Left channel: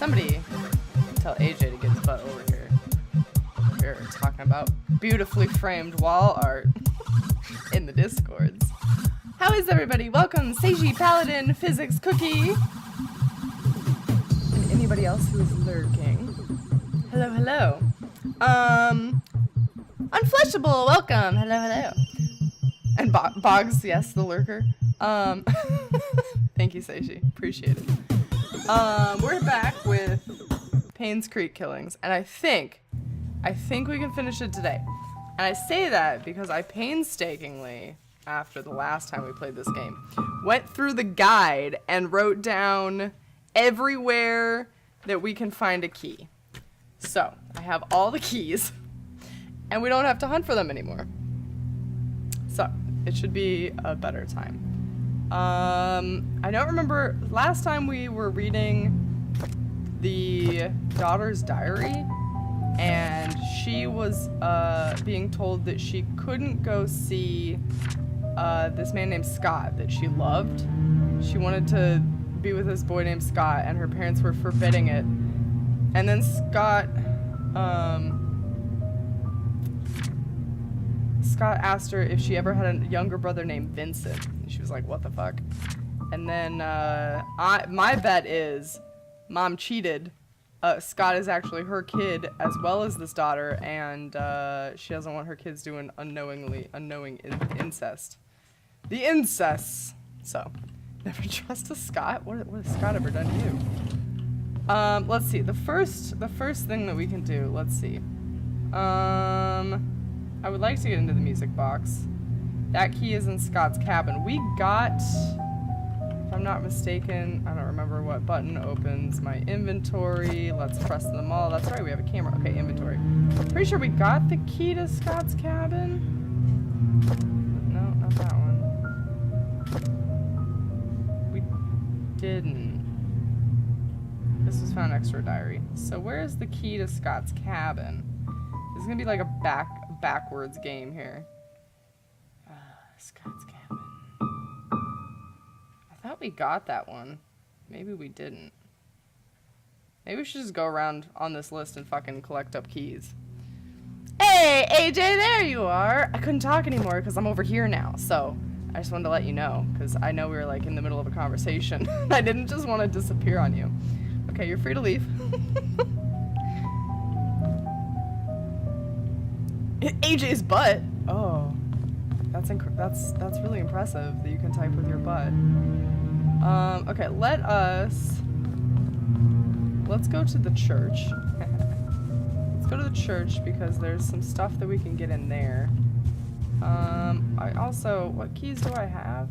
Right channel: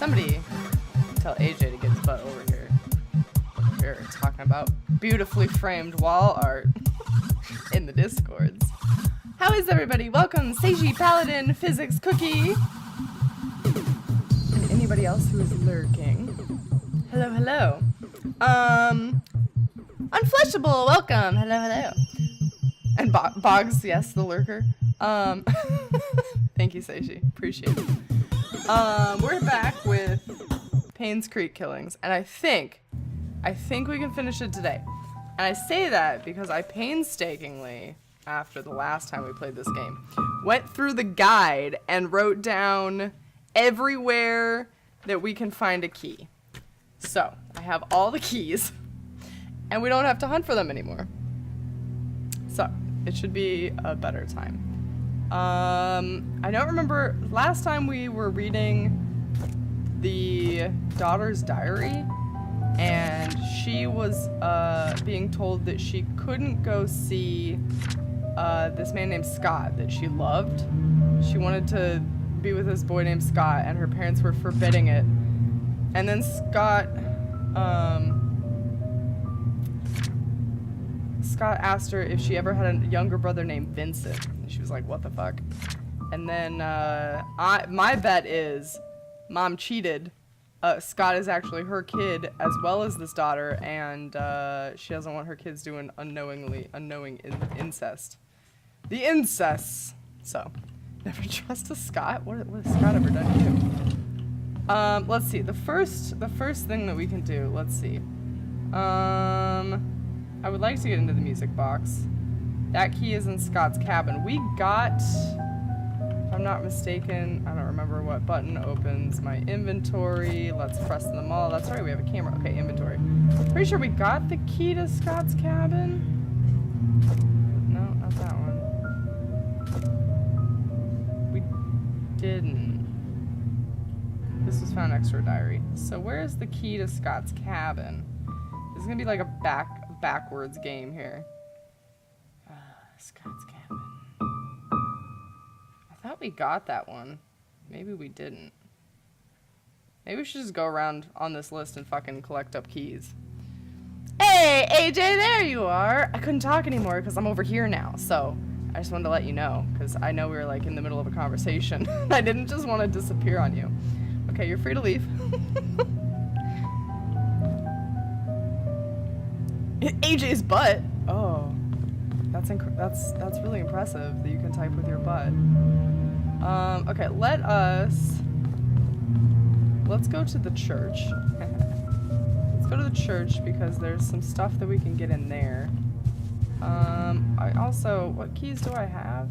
Somebody tell AJ to get his butt over here. Over here, talking about beautifully framed wall art in the Discords. How is everybody? Welcome, Seiji, Paladin, Physics, Cookie, and anybody else who is lurking. Hello, hello. Unfleshable, welcome. Hello, hello. And Boggs, yes, the lurker. Thank you, Seiji. Appreciate it. We're back with Painscreek Killings, and I think we can finish it today. And I say that because I painstakingly, after the last time we played this game, went through the guide and wrote down everywhere that we can find a key. So, I have all the keys, and we don't have to hunt for them anymore. So, it should be a better time. I don't remember, last time we were reading the daughter's diary, and she was being told that she couldn't go see this man named Scott that she loved. She wanted to be with this boy named Scott, and her parents were forbidding it. And then Scott asked her if she ever had a younger brother named Vincent. And she was like, what the fuck? And then my bet is mom cheated. Scott is actually her kid as well as this daughter, and she doesn't want her kids doing unknowing incest. The incest. So, never trust a Scott. What has Scott ever done to you? Let's see. The first thing that we can do. Let's see. I would like to get into the music box. That key is in Scott's cabin. We got, if I'm not mistaken, I don't remember what button opens my inventory. Let's press them all. That's right, we have a camera. Okay, inventory. Pretty sure we got the key to Scott's cabin. No, not that one. We didn't. This was found next to her diary. So where's the key to Scott's cabin? This is gonna be like a backwards game here. Scott's cabin. I thought we got that one. Maybe we didn't. Maybe we should just go around on this list and fucking collect up keys. Hey, AJ, there you are! I couldn't talk anymore because I'm over here now, so I just wanted to let you know, because I know we were like in the middle of a conversation. I didn't just want to disappear on you. Okay, you're free to leave. AJ's butt. Oh, that's really impressive that you can type with your butt. Okay, let's go to the church. Let's go to the church because there's some stuff that we can get in there. I also, what keys do I have?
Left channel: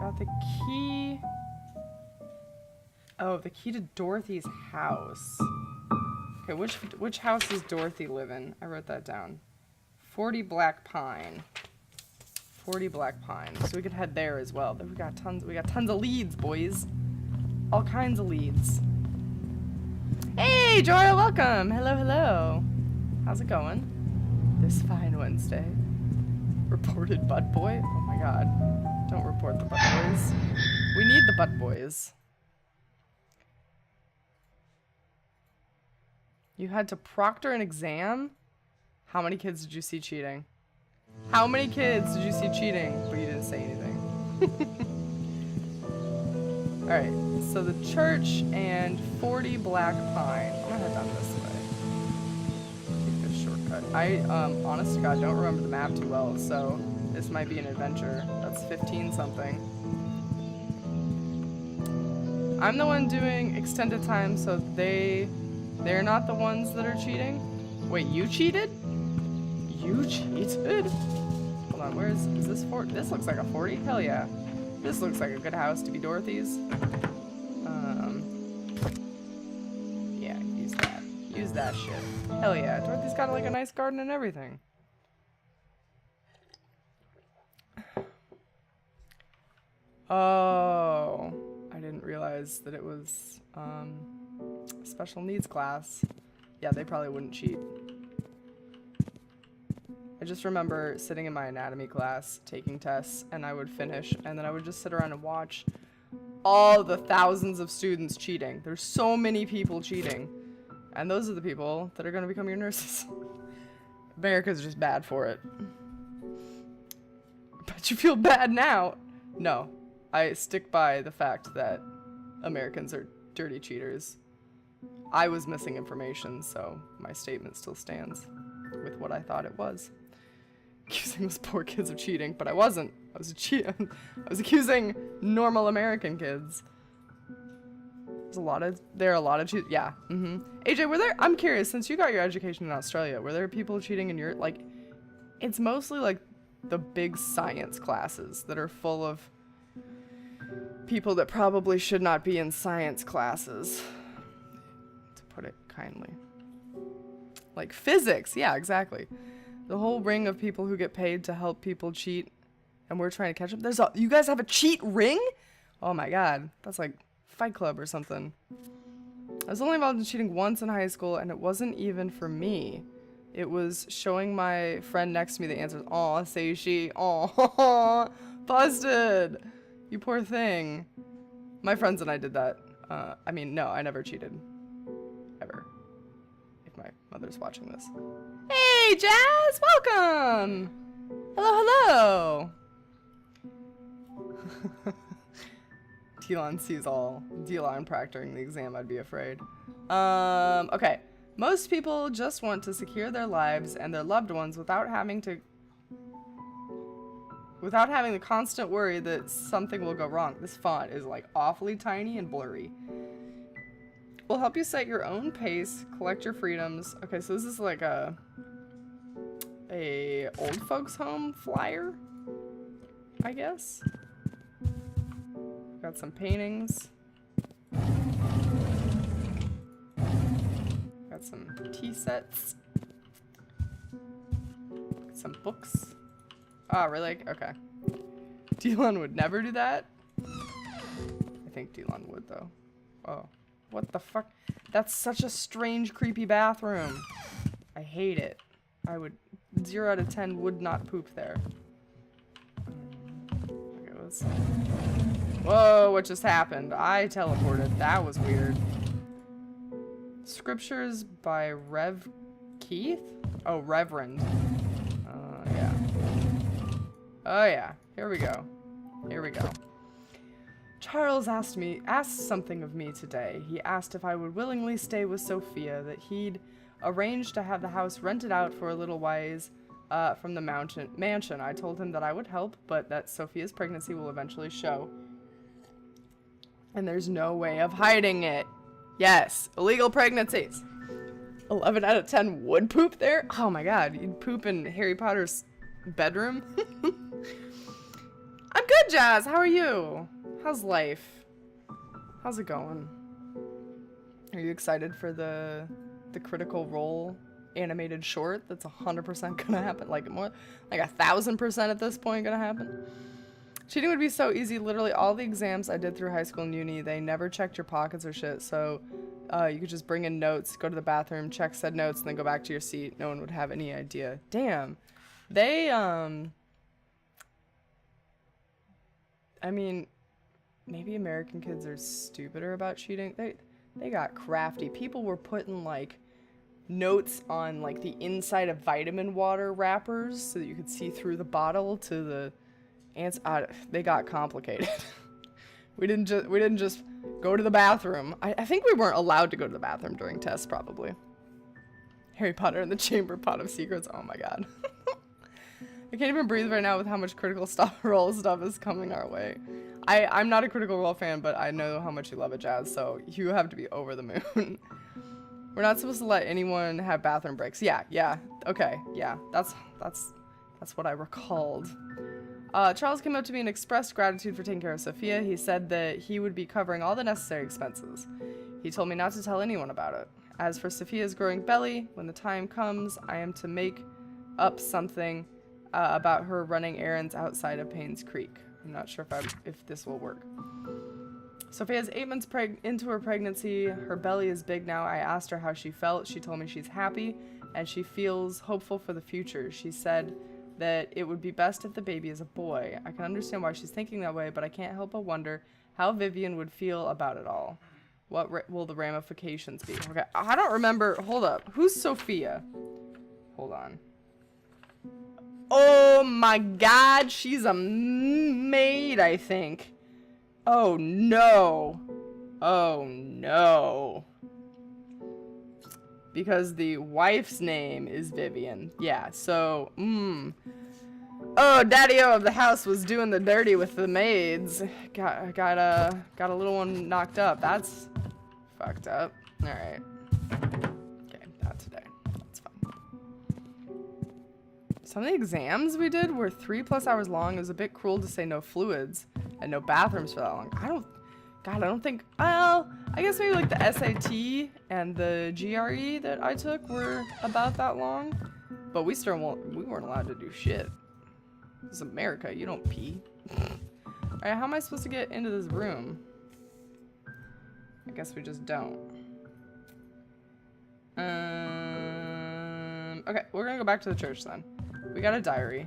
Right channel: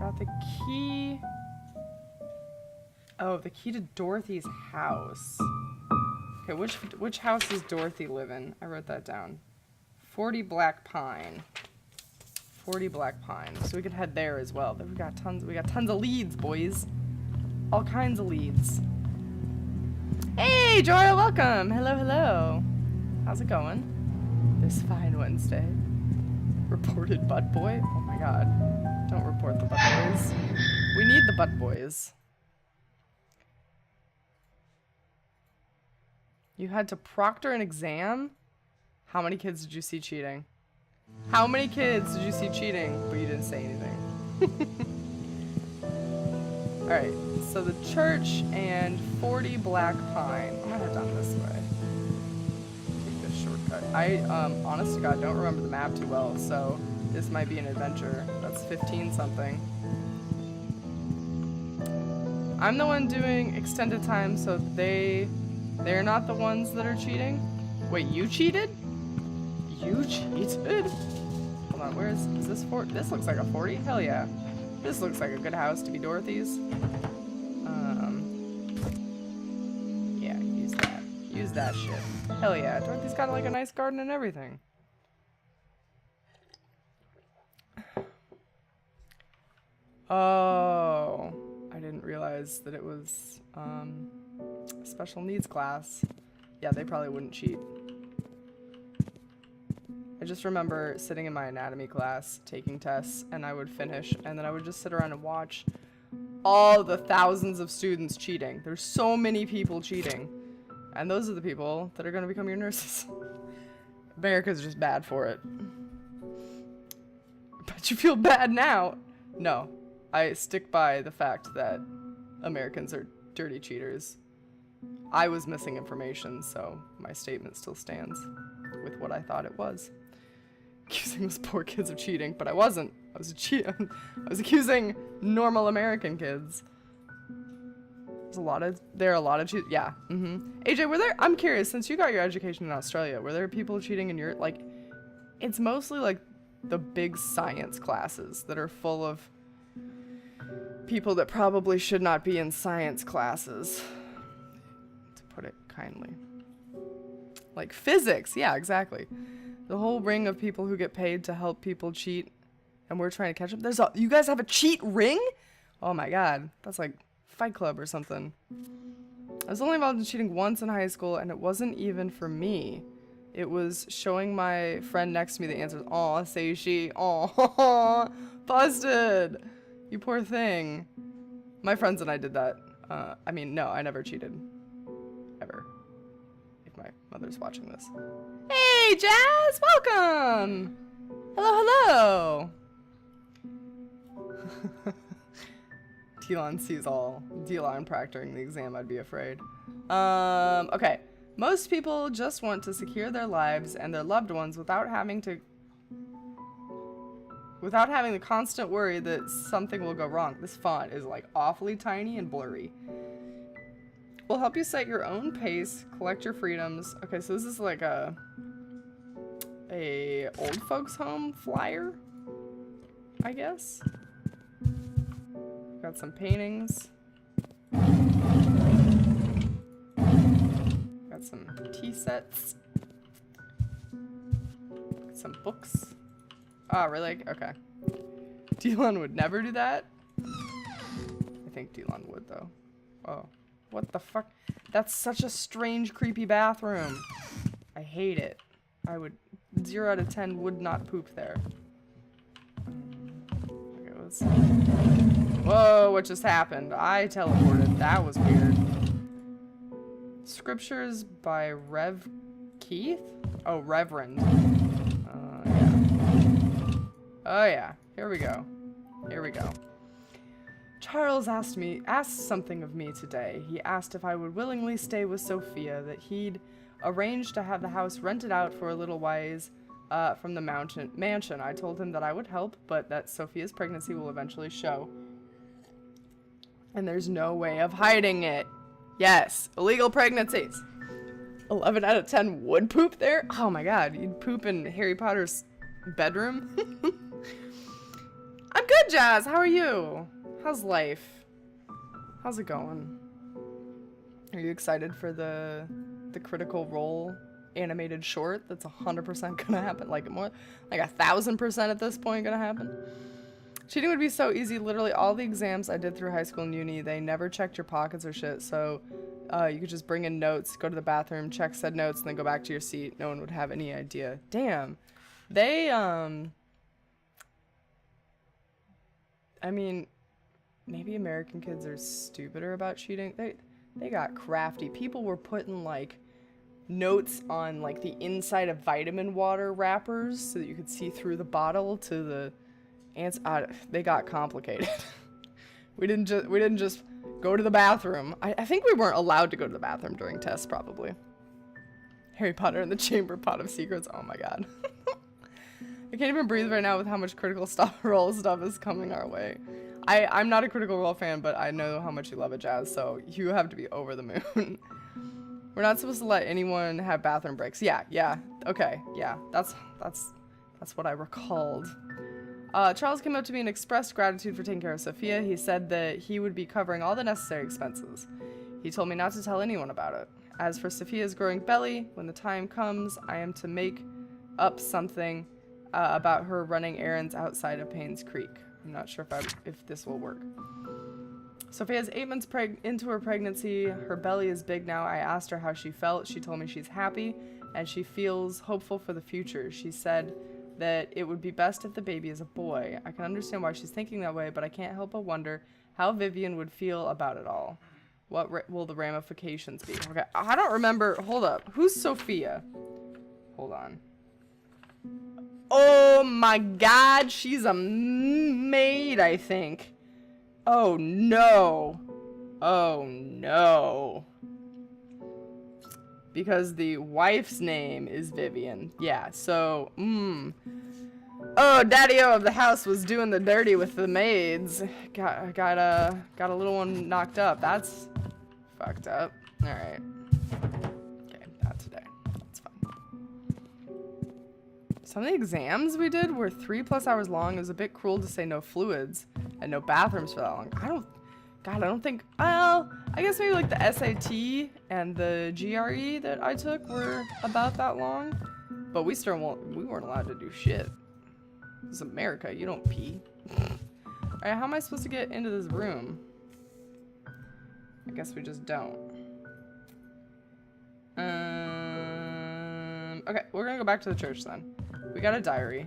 Got the key. Oh, the key to Dorothy's house. Okay, which house does Dorothy live in? I wrote that down. 40 Black Pine. 40 Black Pine. So we could head there as well. We got tons of leads, boys. All kinds of leads. Hey, Joya, welcome. Hello, hello. How's it going? This fine Wednesday. Reported butt boy? Oh my god. Don't report the butt boys. We need the butt boys. You had to proctor an exam? How many kids did you see cheating? How many kids did you see cheating, but you didn't say anything? Alright, so the church and 40 Black Pine. I'm gonna head down this way. Take this shortcut. I, honest to God, don't remember the map too well, so this might be an adventure. That's 15 something. I'm the one doing extended time, so they're not the ones that are cheating? Wait, you cheated? You cheated? Hold on, is this 40? This looks like a 40? Hell yeah. This looks like a good house to be Dorothy's. Yeah, use that. Use that shit. Hell yeah, Dorothy's got like a nice garden and everything. Oh, I didn't realize that it was, special needs class. Yeah, they probably wouldn't cheat. I just remember sitting in my anatomy class, taking tests, and I would finish, and then I would just sit around and watch all the thousands of students cheating. There's so many people cheating. And those are the people that are going to become your nurses. America's just bad for it. But you feel bad now. No. I stick by the fact that Americans are dirty cheaters. I was missing information, so my statement still stands with what I thought it was. Accusing those poor kids of cheating, but I wasn't. I was accusing normal American kids. There are a lot of cheat. Yeah. AJ, I'm curious, since you got your education in Australia, were there people cheating in your, like, it's mostly like the big science classes that are full of people that probably should not be in science classes, to put it kindly. Like physics. Yeah, exactly. The whole ring of people who get paid to help people cheat, and we're trying to catch up. You guys have a cheat ring? Oh my god. That's like Fight Club or something. I was only involved in cheating once in high school, and it wasn't even for me. It was showing my friend next to me the answers. Aw, say she. Aw, busted. You poor thing. My friends and I did that. I mean, no, I never cheated. Ever. If my mother's watching this. Hey, Jazz! Welcome! Hello, hello! Telon sees all. Delon proctoring the exam, I'd be afraid. Okay. Most people just want to secure their lives and their loved ones without having the constant worry that something will go wrong. This font is like awfully tiny and blurry. We'll help you set your own pace, collect your freedoms. Okay, so this is like a old folks home flyer, I guess. Got some paintings. Got some tea sets. Some books. Oh, really? Okay. Delon would never do that. I think Delon would, though. Oh. What the fuck? That's such a strange, creepy bathroom. I hate it. I would... 0 out of 10 would not poop there. Okay, let's see. Whoa, what just happened? I teleported. That was weird. Scriptures by Rev Keith? Oh, Reverend. Yeah. Oh, yeah. Here we go. Here we go. Charles asked something of me today. He asked if I would willingly stay with Sophia, that he'd arranged to have the house rented out for a little while from the mansion. I told him that I would help, but that Sophia's pregnancy will eventually show. And there's no way of hiding it. Yes, illegal pregnancies. 11 out of 10 would poop there? Oh my god, you'd poop in Harry Potter's bedroom? I'm good, Jazz. How are you? How's life? How's it going? Are you excited for the Critical Role animated short that's 100% gonna happen? Like more, like 1,000% at this point gonna happen? Cheating would be so easy. Literally all the exams I did through high school and uni, they never checked your pockets or shit. So you could just bring in notes, go to the bathroom, check said notes, and then go back to your seat. No one would have any idea. Damn. They, I mean, maybe American kids are stupider about cheating. They got crafty. People were putting, like, notes on, like, the inside of vitamin water wrappers so that you could see through the bottle to the ants. They got complicated. we didn't just go to the bathroom. I think we weren't allowed to go to the bathroom during tests, probably. Harry Potter and the Chamber Pot of Secrets. Oh my god. I can't even breathe right now with how much Critical Role stuff is coming our way. I'm not a Critical Role fan, but I know how much you love it, Jazz, so you have to be over the moon. We're not supposed to let anyone have bathroom breaks. Yeah, okay, yeah, that's what I recalled. Charles came up to me and expressed gratitude for taking care of Sophia. He said that he would be covering all the necessary expenses. He told me not to tell anyone about it. As for Sophia's growing belly, when the time comes, I am to make up something about her running errands outside of Painscreek. I'm not sure if this will work. Sophia's 8 months into her pregnancy. Her belly is big now. I asked her how she felt. She told me she's happy and she feels hopeful for the future. She said that it would be best if the baby is a boy. I can understand why she's thinking that way, but I can't help but wonder How Vivian would feel about it all. What will the ramifications be? Okay, I don't remember. Hold up. Who's Sophia? Hold on. Oh my god, she's a maid, I think. Oh no. Oh no. Because the wife's name is Vivian. Yeah, so, Oh, Daddy-O of the house was doing the dirty with the maids. Got a little one knocked up. That's fucked up. Alright. Okay, not today. That's fine. Some of the exams we did were 3+ hours long. It was a bit cruel to say no fluids and no bathrooms for that long. I don't think, well, I guess maybe like the SAT and the GRE that I took were about that long. But we weren't allowed to do shit. This is America, you don't pee. Alright, how am I supposed to get into this room? I guess we just don't. Okay, we're gonna go back to the church then. We got a diary.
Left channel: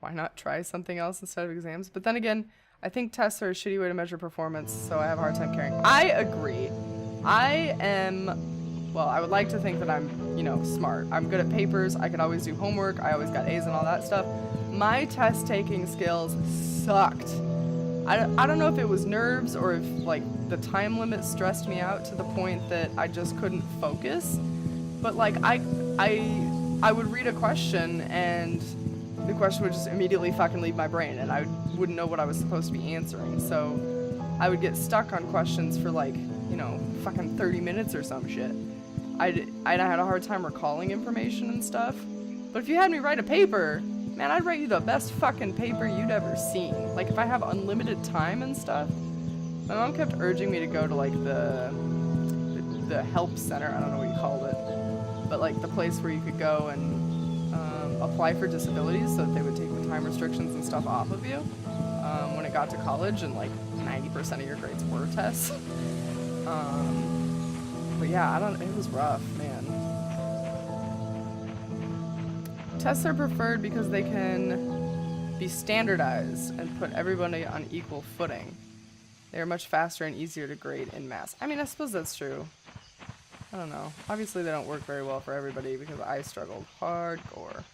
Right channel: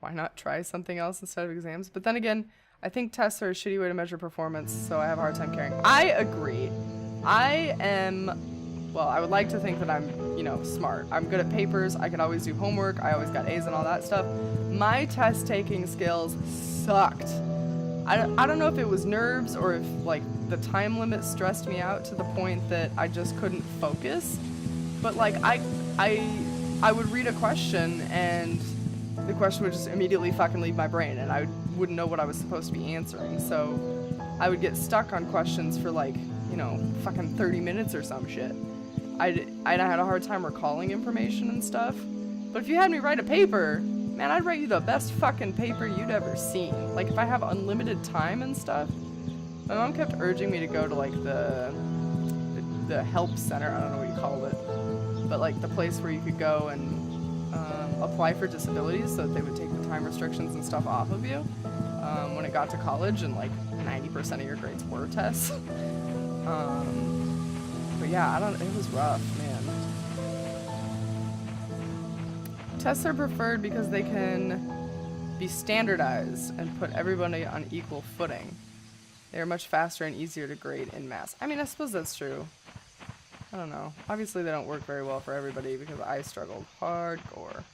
Why not try something else instead of exams? But then again, I think tests are a shitty way to measure performance, so I have a hard time caring. I agree. I am, well, I would like to think that I'm, you know, smart. I'm good at papers. I could always do homework. I always got A's and all that stuff. My test taking skills sucked. I don't know if it was nerves or if, like, the time limit stressed me out to the point that I just couldn't focus. But, like, I would read a question and the question would just immediately fucking leave my brain and I wouldn't know what I was supposed to be answering. So I would get stuck on questions for, like, you know, fucking 30 minutes or some shit. I had a hard time recalling information and stuff. But if you had me write a paper, man, I'd write you the best fucking paper you'd ever seen. Like, if I have unlimited time and stuff. My mom kept urging me to go to, like, the help center. I don't know what you called it. But, like, the place where you could go and apply for disabilities so that they would take the time restrictions and stuff off of you when it got to college, and, like, 90% of your grades were tests. But yeah, it was rough, man. Tests are preferred because they can be standardized and put everybody on equal footing. They are much faster and easier to grade in mass. I mean, I suppose that's true. I don't know. Obviously, they don't work very well for everybody because I struggled hardcore.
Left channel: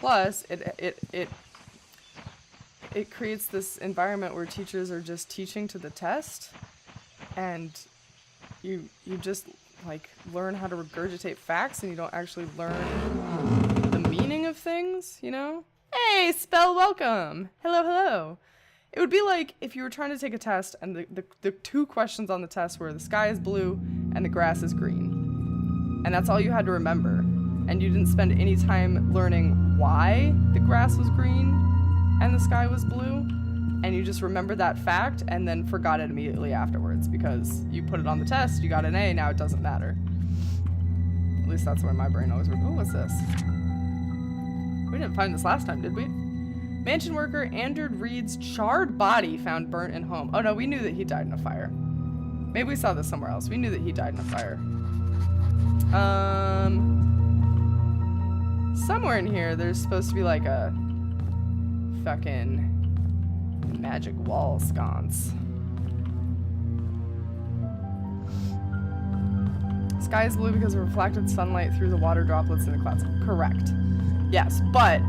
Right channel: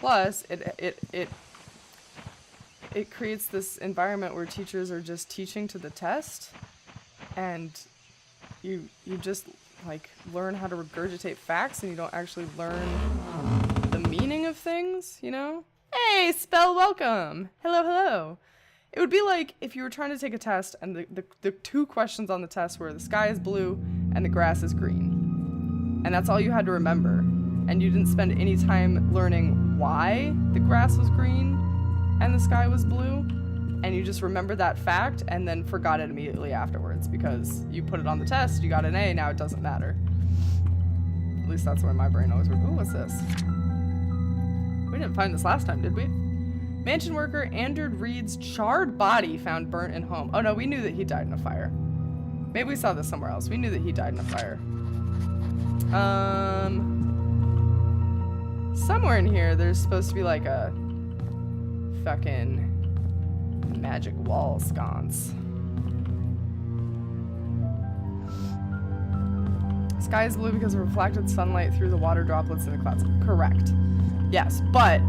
Plus, it creates this environment where teachers are just teaching to the test, and you just, like, learn how to regurgitate facts and you don't actually learn the meaning of things, you know? Hey, spell welcome! Hello, hello! It would be like if you were trying to take a test and the two questions on the test were the sky is blue and the grass is green. And that's all you had to remember. And you didn't spend any time learning why the grass was green and the sky was blue. And you just remembered that fact and then forgot it immediately afterwards because you put it on the test, you got an A, now it doesn't matter. At least that's where my brain always works. Oh, what's this? We didn't find this last time, did we? Mansion worker Andrew Reed's charred body found burnt in home. Oh no, we knew that he died in a fire. Maybe we saw this somewhere else. We knew that he died in a fire. Somewhere in here, there's supposed to be like a fucking magic wall sconce. Sky is blue because of reflected sunlight through the water droplets in the clouds. Correct. Yes, but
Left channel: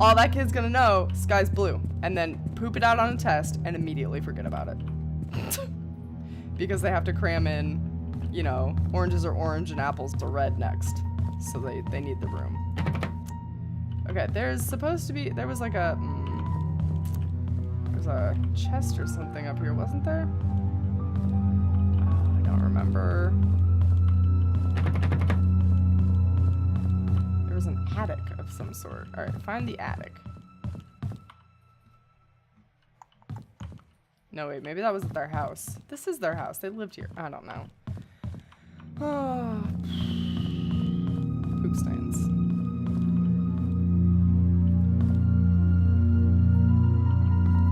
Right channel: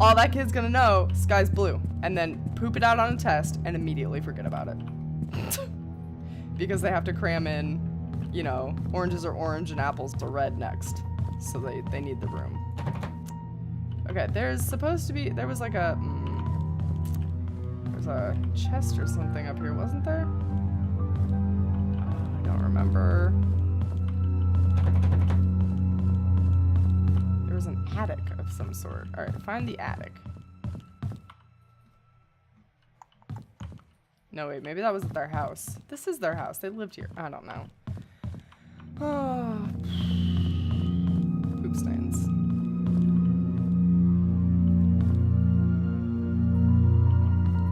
all that kid's gonna know, sky's blue, and then poop it out on a test and immediately forget about it. Because they have to cram in, you know, oranges are orange and apples are red next. So they need the room. Okay, there's supposed to be, there was like a, there's a chest or something up here, wasn't there? Oh, I don't remember. There was an attic of some sort. All right, find the attic. No, wait, maybe that was their house. This is their house. They lived here. I don't know. Oh. Poop stains.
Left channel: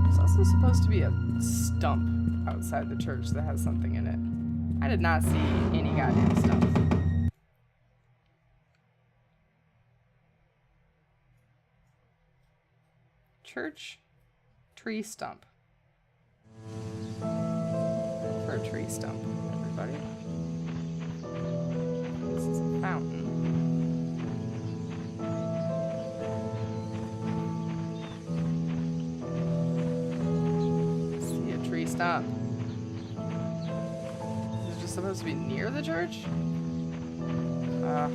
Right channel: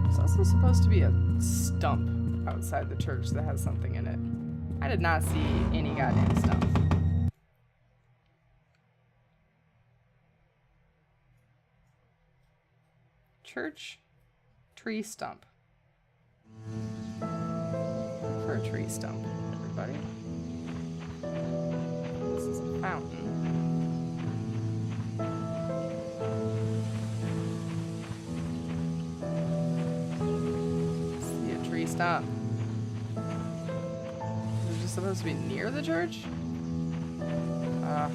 There's also supposed to be a stump outside the church that has something in it. I did not see any goddamn stump. Church tree stump. Look for a tree stump, everybody. This is a fountain. See a tree stump. Is it just supposed to be near the church? Oh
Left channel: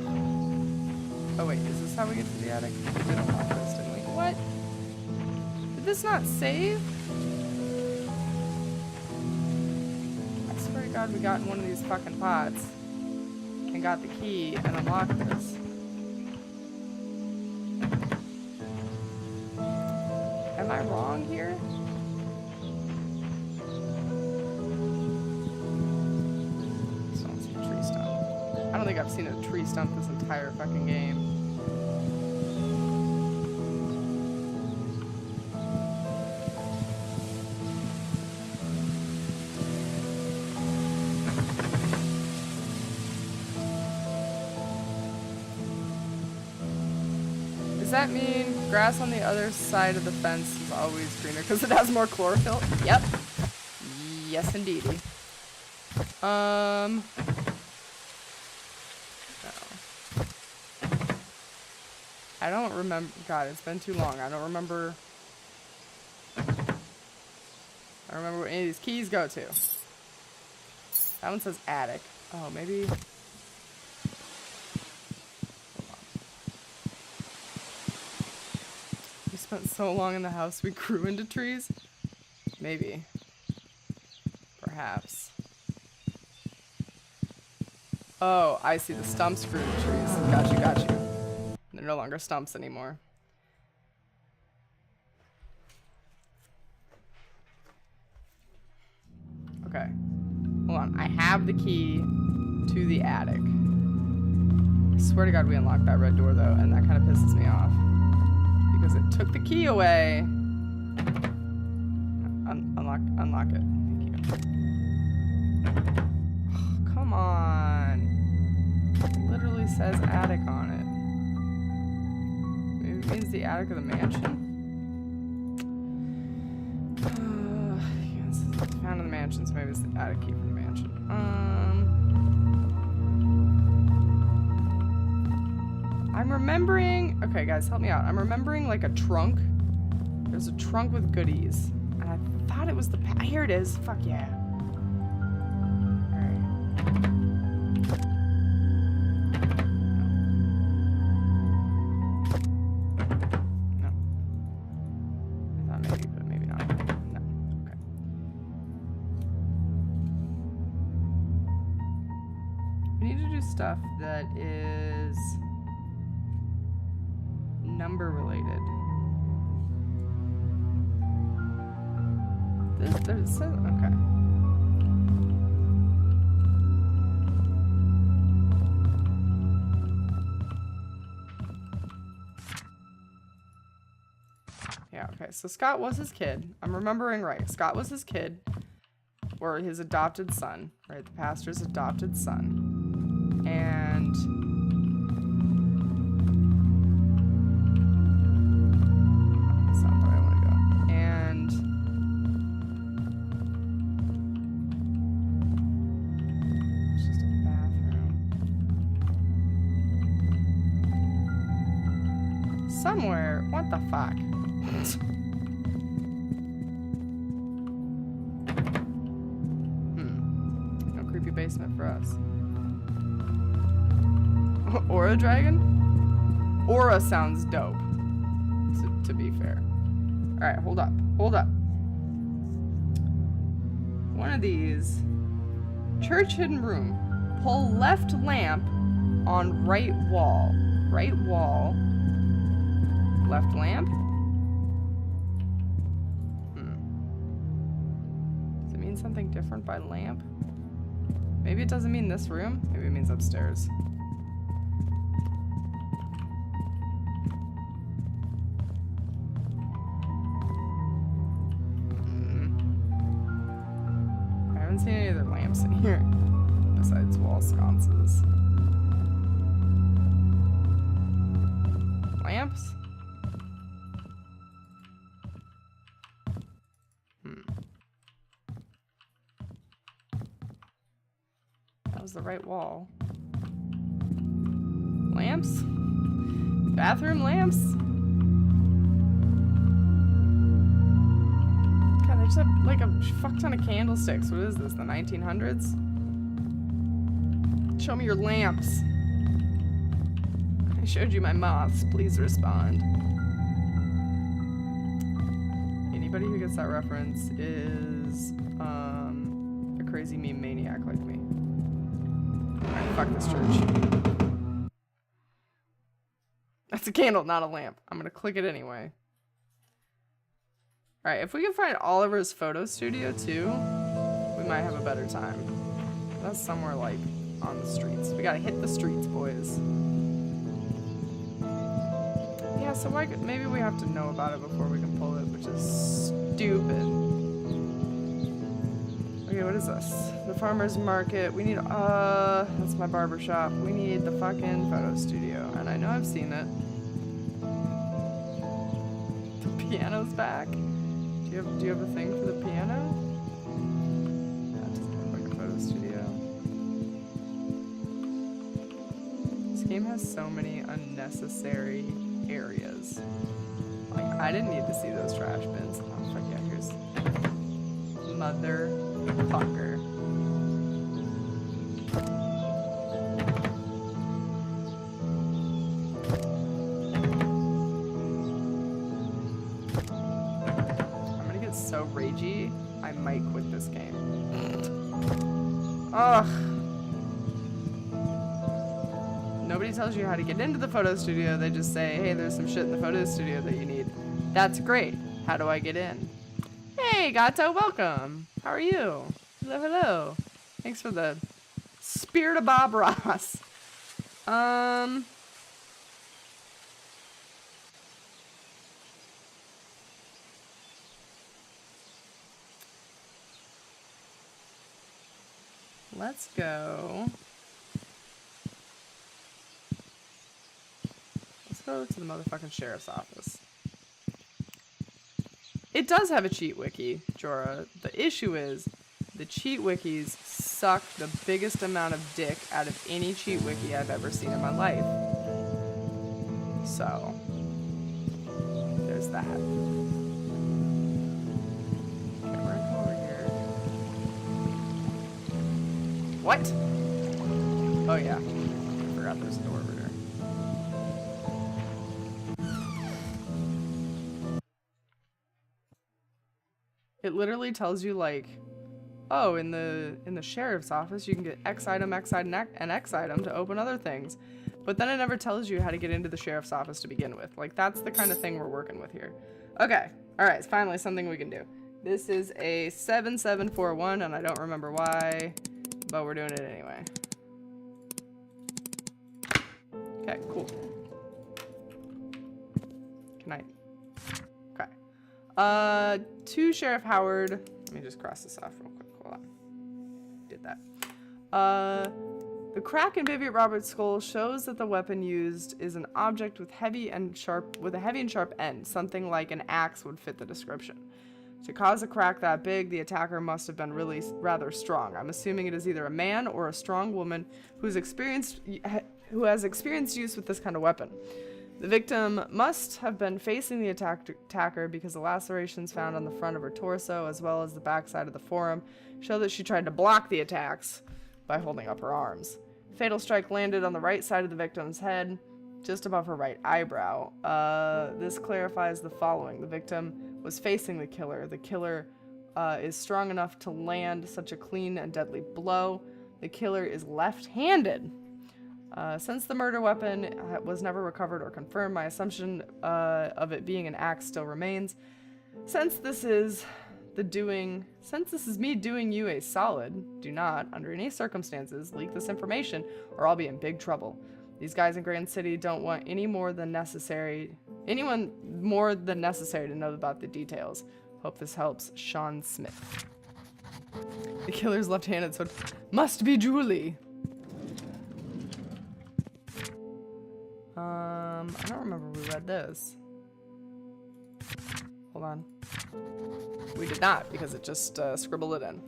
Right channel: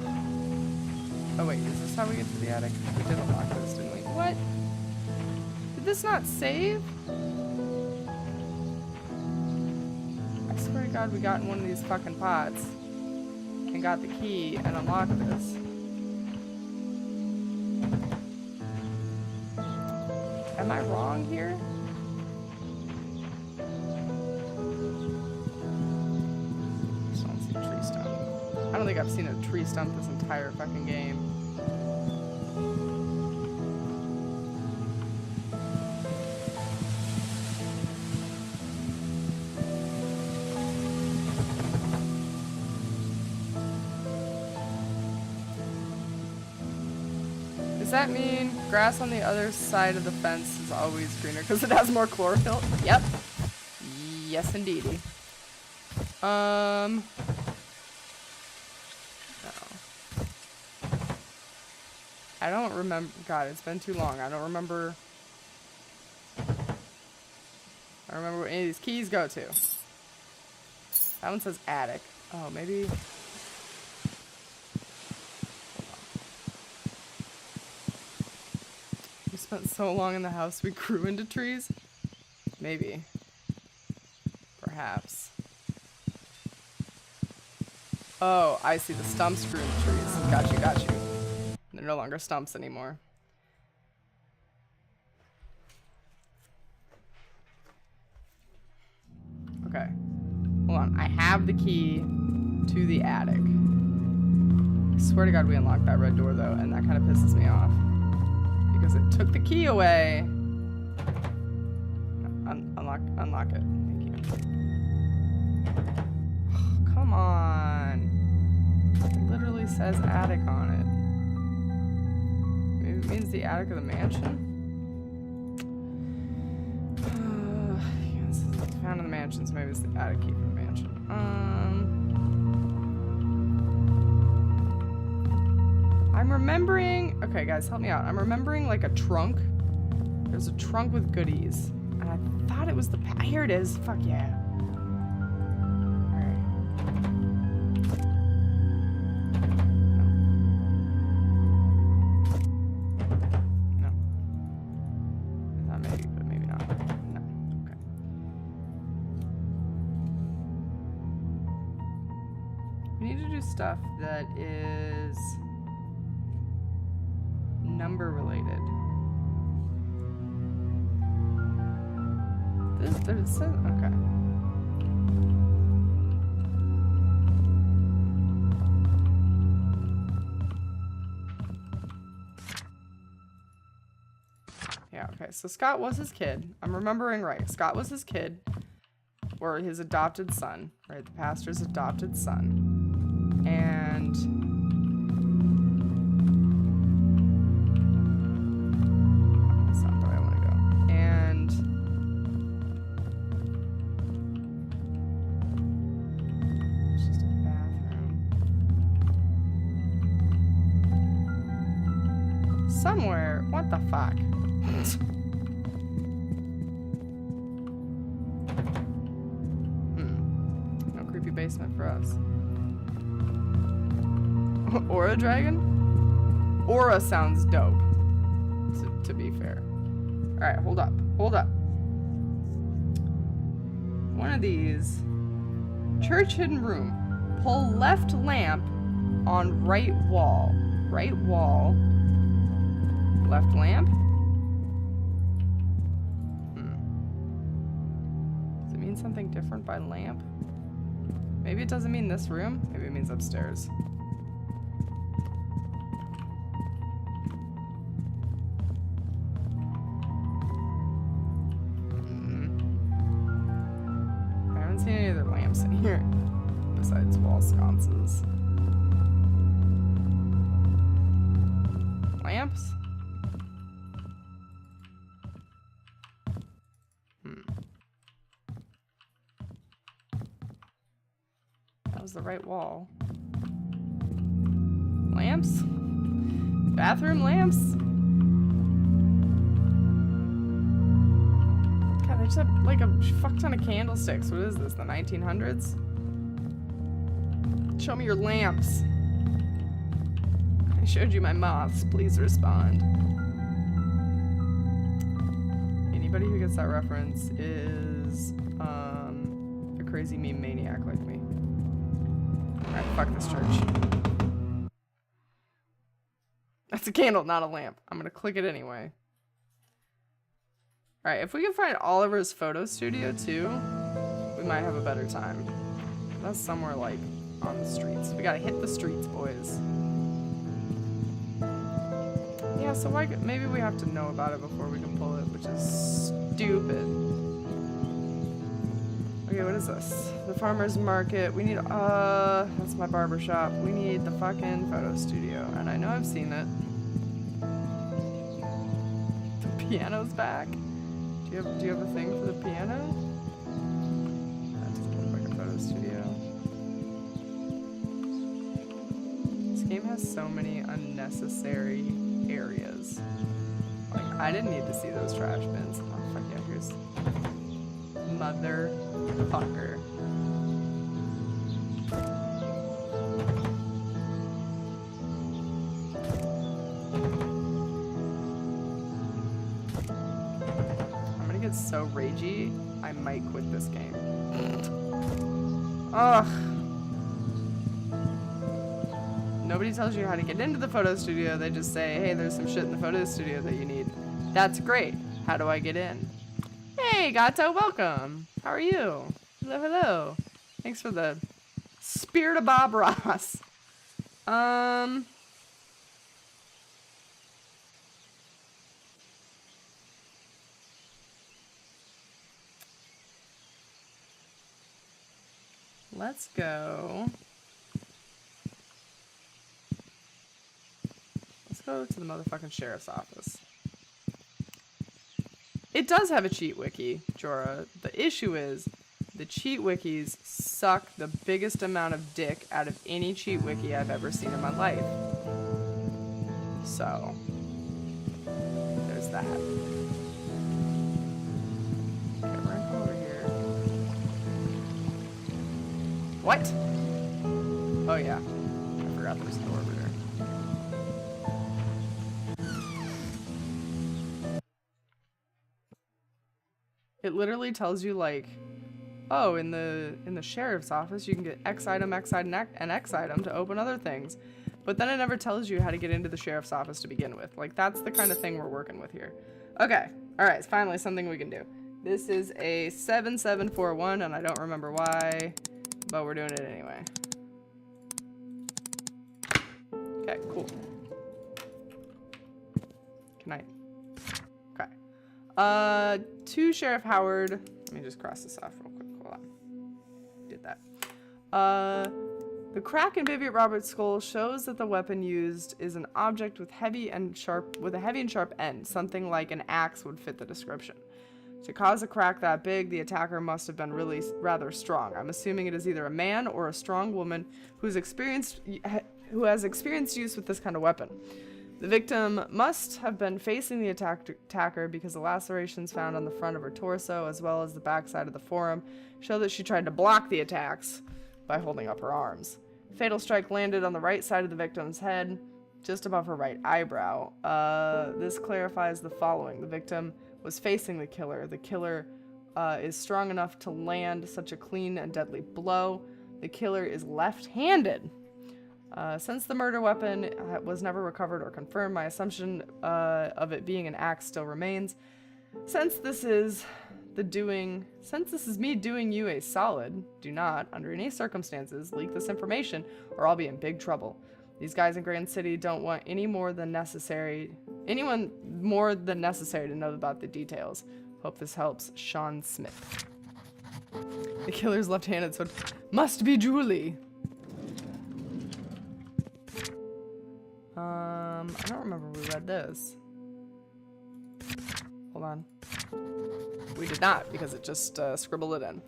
wait, is this how we get to the attic? We did unlock this, didn't we? What? Did this not save? I swear to God we got in one of these fucking pots and got the key and unlocked this. Am I wrong here? Still don't see a tree stump. I don't think I've seen a tree stump this entire fucking game. Does that mean grass on the other side of the fence is always greener because it has more chlorophyll? Yep. Yes, indeedy. No. I don't remember. God, it's been too long. I don't remember. I don't remember where any of these keys go to. That one says attic. Oh, maybe. Hold on. We spent so long in the house we grew into trees. Maybe. Perhaps. Oh, I see. The stumps grew into trees. Got you, got you. They're no longer stumps anymore. Okay. Hold on. I have the key to the attic. I swear to God we unlocked that red door though, and that kind of pisses me off. Because it took the key away. Unlock it. Thank you. Oh, come on. It literally says attic on it. Maybe it means the attic of the mansion? Yeah, this is found in the mansion, so maybe it's the attic key for the mansion. I'm remembering... Okay, guys, help me out. I'm remembering, like, a trunk. There's a trunk with goodies. And I thought it was the... Here it is. Fuck yeah. Alright. No. I thought maybe, but maybe not. No. Okay. We need to do stuff that is... number related. It says, okay. Yeah, okay. So Scott was his kid. I'm remembering right. Scott was his kid, or his adopted son, right? The pastor's adopted son. And that's not the way I want to go. And it's just a bathroom. Somewhere. What the fuck? No creepy basement for us. Aura dragon? Aura sounds dope. To be fair. Alright, hold up. Hold up. One of these. Church hidden room. Pull left lamp on right wall. Right wall. Left lamp? Does it mean something different by lamp? Maybe it doesn't mean this room. Maybe it means upstairs. I haven't seen any other lamps in here besides wall sconces. Lamps? That was the right wall. Lamps? Bathroom lamps? God, they just have like a fuck ton of candlesticks. What is this, the 1900s? Show me your lamps. I showed you my moths. Please respond. Anybody who gets that reference is a crazy meme maniac like me. Alright, fuck this church. That's a candle, not a lamp. I'm gonna click it anyway. Alright, if we can find Oliver's photo studio too, we might have a better time. That's somewhere like on the streets. We gotta hit the streets, boys. Yeah, so why, maybe we have to know about it before we can pull it, which is stupid. Okay, what is this? The farmer's market. We need, that's my barber shop. We need the fucking photo studio. And I know I've seen it. The piano's back? Do you have a thing for the piano? That doesn't look like a photo studio. This game has so many unnecessary areas. Like, I didn't need to see those trash bins. Oh, fuck yeah, here's... Motherfucker. I'm gonna get so ragey, I might quit this game. Ugh. Nobody tells you how to get into the photo studio. They just say, hey, there's some shit in the photo studio that you need. That's great. How do I get in? Hey, Gato, welcome. How are you? Hello, hello. Thanks for the spirit of Bob Ross. Let's go. Let's go to the motherfucking sheriff's office. It does have a cheat wiki, Jorah. The issue is the cheat wikis suck the biggest amount of dick out of any cheat wiki I've ever seen in my life. So, there's that. Okay, we're gonna come over here. What? Oh yeah, I forgot there's a door over there. It literally tells you like, oh, in the sheriff's office you can get X item, and X item to open other things. But then it never tells you how to get into the sheriff's office to begin with. Like, that's the kind of thing we're working with here. Okay. Alright, it's finally something we can do. This is a 7741, and I don't remember why, but we're doing it anyway. Okay, cool. Can I... Okay. To Sheriff Howard. Let me just cross this off real quick. Hold on. Did that. The crack in Vivian Roberts' skull shows that the weapon used is an object with a heavy and sharp end. Something like an axe would fit the description. To cause a crack that big, the attacker must have been really rather strong. I'm assuming it is either a man or a strong woman who has experienced use with this kind of weapon. The victim must have been facing the attacker because the lacerations found on the front of her torso as well as the backside of the forearm show that she tried to block the attacks by holding up her arms. Fatal strike landed on the right side of the victim's head, just above her right eyebrow. This clarifies the following. The victim was facing the killer. The killer is strong enough to land such a clean and deadly blow. The killer is left-handed. Since the murder weapon was never recovered or confirmed, my assumption of it being an axe still remains. Since this is me doing you a solid, do not, under any circumstances, leak this information or I'll be in big trouble. These guys in Grand City don't want anyone more than necessary to know about the details. Hope this helps. Sean Smith. The killer's left-handed, so it must be Julie. I don't remember we read this. Hold on. We did not, because it just scribbled it in.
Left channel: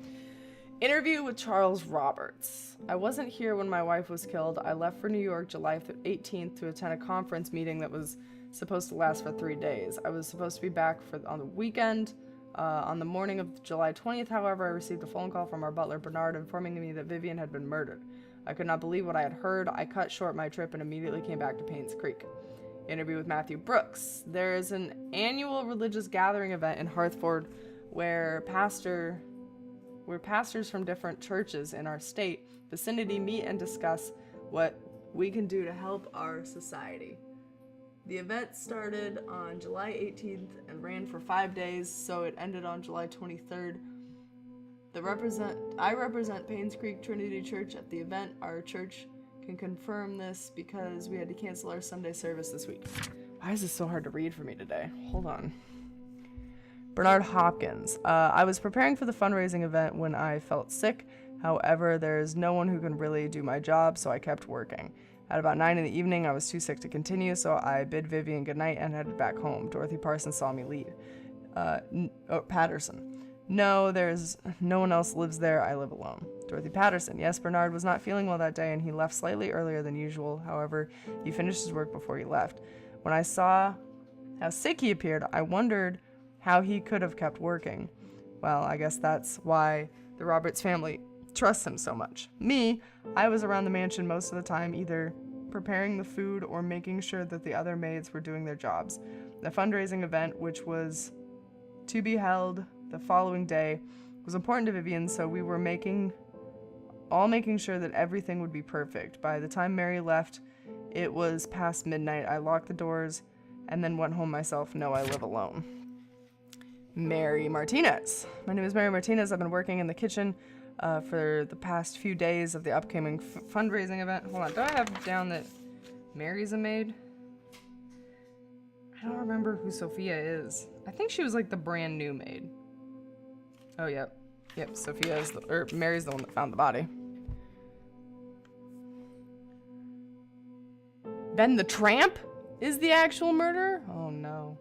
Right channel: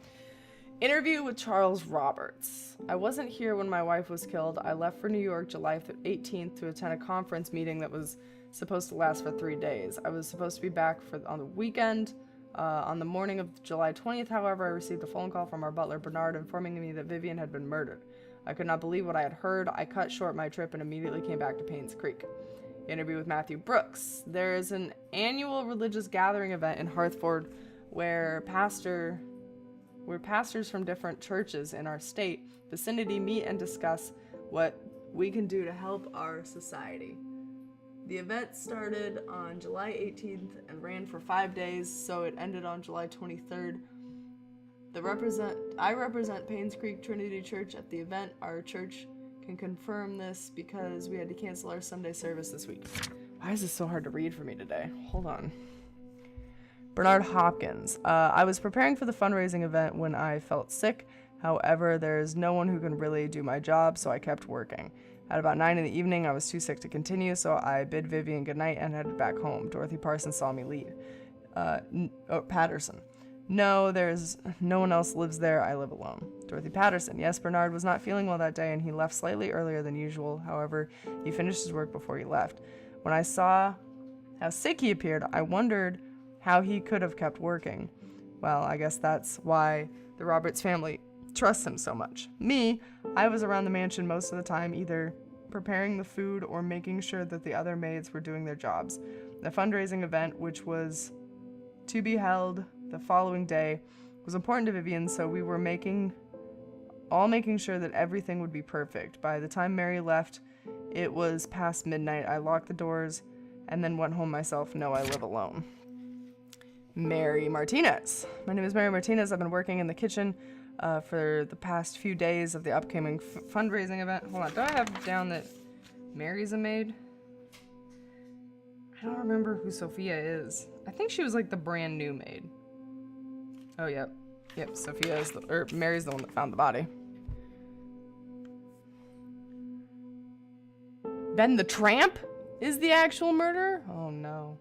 Interview with Charles Roberts. I wasn't here when my wife was killed. I left for New York July 18th to attend a conference meeting that was supposed to last for 3 days. I was supposed to be back on the weekend. On the morning of July 20th, however, I received a phone call from our butler, Bernard, informing me that Vivian had been murdered. I could not believe what I had heard. I cut short my trip and immediately came back to Painscreek. Interview with Matthew Brooks. There is an annual religious gathering event in Hartford where pastors from different churches in our state vicinity meet and discuss what we can do to help our society. The event started on July 18th and ran for 5 days, so it ended on July 23rd. I represent Painscreek Trinity Church at the event. Our church can confirm this because we had to cancel our Sunday service this week. Why is this so hard to read for me today? Hold on. Bernard Hopkins. I was preparing for the fundraising event when I felt sick. However, there is no one who can really do my job, so I kept working. At about 9 in the evening, I was too sick to continue, so I bid Vivian goodnight and headed back home. Dorothy Parsons saw me leave. Patterson. No, there's no one else lives there. I live alone. Dorothy Patterson. Yes, Bernard was not feeling well that day, and he left slightly earlier than usual. However, he finished his work before he left. When I saw how sick he appeared, I wondered how he could have kept working. Well, I guess that's why the Roberts family trusts him so much. Me, I was around the mansion most of the time, either preparing the food or making sure that the other maids were doing their jobs. The fundraising event, which was to be held the following day, was important to Vivian, so we were making sure that everything would be perfect. By the time Mary left, it was past midnight. I locked the doors and then went home myself. No, I live alone. Mary Martinez. My name is Mary Martinez. I've been working in the kitchen for the past few days of the upcoming fundraising event. Hold on, do I have down that Mary's a maid? I don't remember who Sophia is. I think she was like the brand new maid. Oh, yep. Yep, Sophia is Mary's the one that found the body. Ben the Tramp is the actual murderer? Oh, no.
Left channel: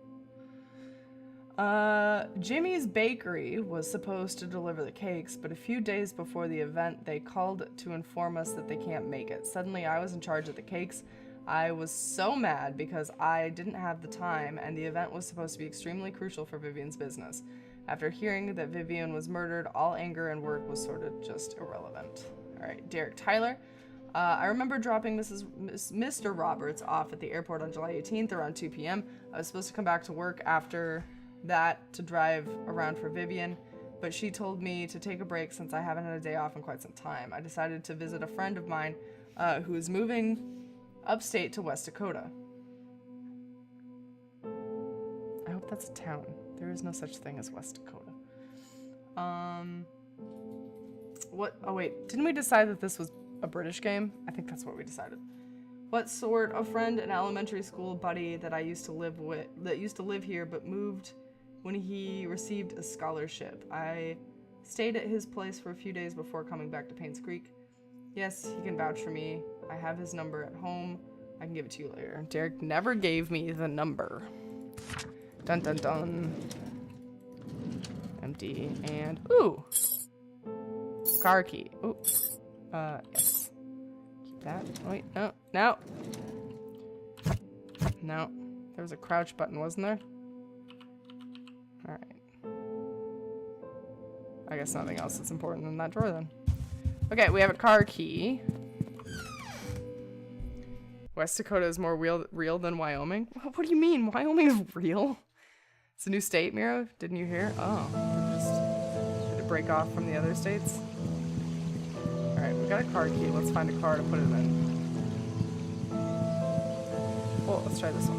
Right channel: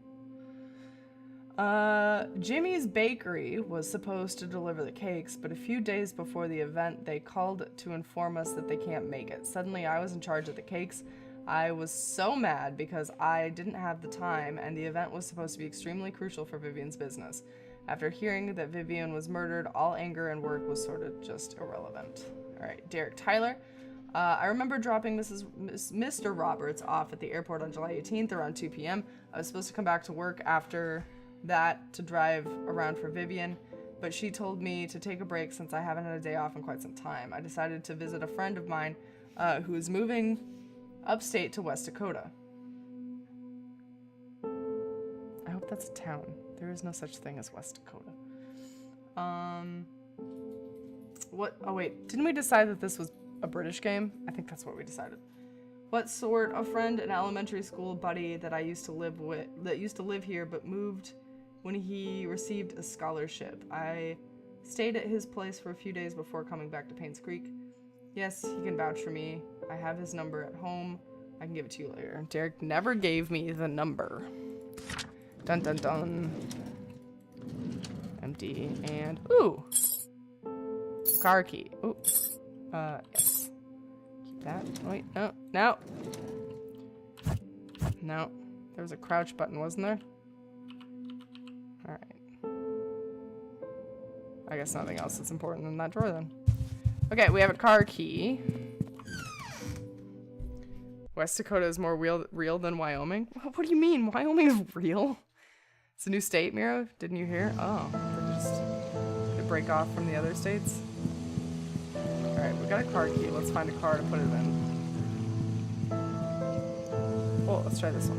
Jimmy's Bakery was supposed to deliver the cakes, but a few days before the event, they called to inform us that they can't make it. Suddenly, I was in charge of the cakes. I was so mad because I didn't have the time, and the event was supposed to be extremely crucial for Vivian's business. After hearing that Vivian was murdered, all anger and work was sort of just irrelevant. All right, Derek Tyler. I remember dropping Mr. Roberts off at the airport on July 18th around 2 p.m. I was supposed to come back to work after that to drive around for Vivian, but she told me to take a break since I haven't had a day off in quite some time. I decided to visit a friend of mine who is moving upstate to West Dakota. I hope that's a town. There is no such thing as West Dakota. What? Oh wait, didn't we decide that this was a British game? I think that's what we decided. What sort of friend? An elementary school buddy that I used to live with, that used to live here but moved when he received a scholarship. I stayed at his place for a few days before coming back to Painscreek. Yes, he can vouch for me. I have his number at home. I can give it to you later. Derek never gave me the number. Dun dun dun. Empty and ooh. Car key. Ooh. Yes. Keep that. Wait, no. No. No. There was a crouch button, wasn't there? Alright. I guess nothing else is important in that drawer then. Okay, we have a car key. West Dakota is more real than Wyoming? What do you mean? Wyoming is real? It's a new state, Miro? Didn't you hear? Oh, did it break off from the other states? Alright, we got a car key. Let's find a car to put it in. Oh, let's try this one.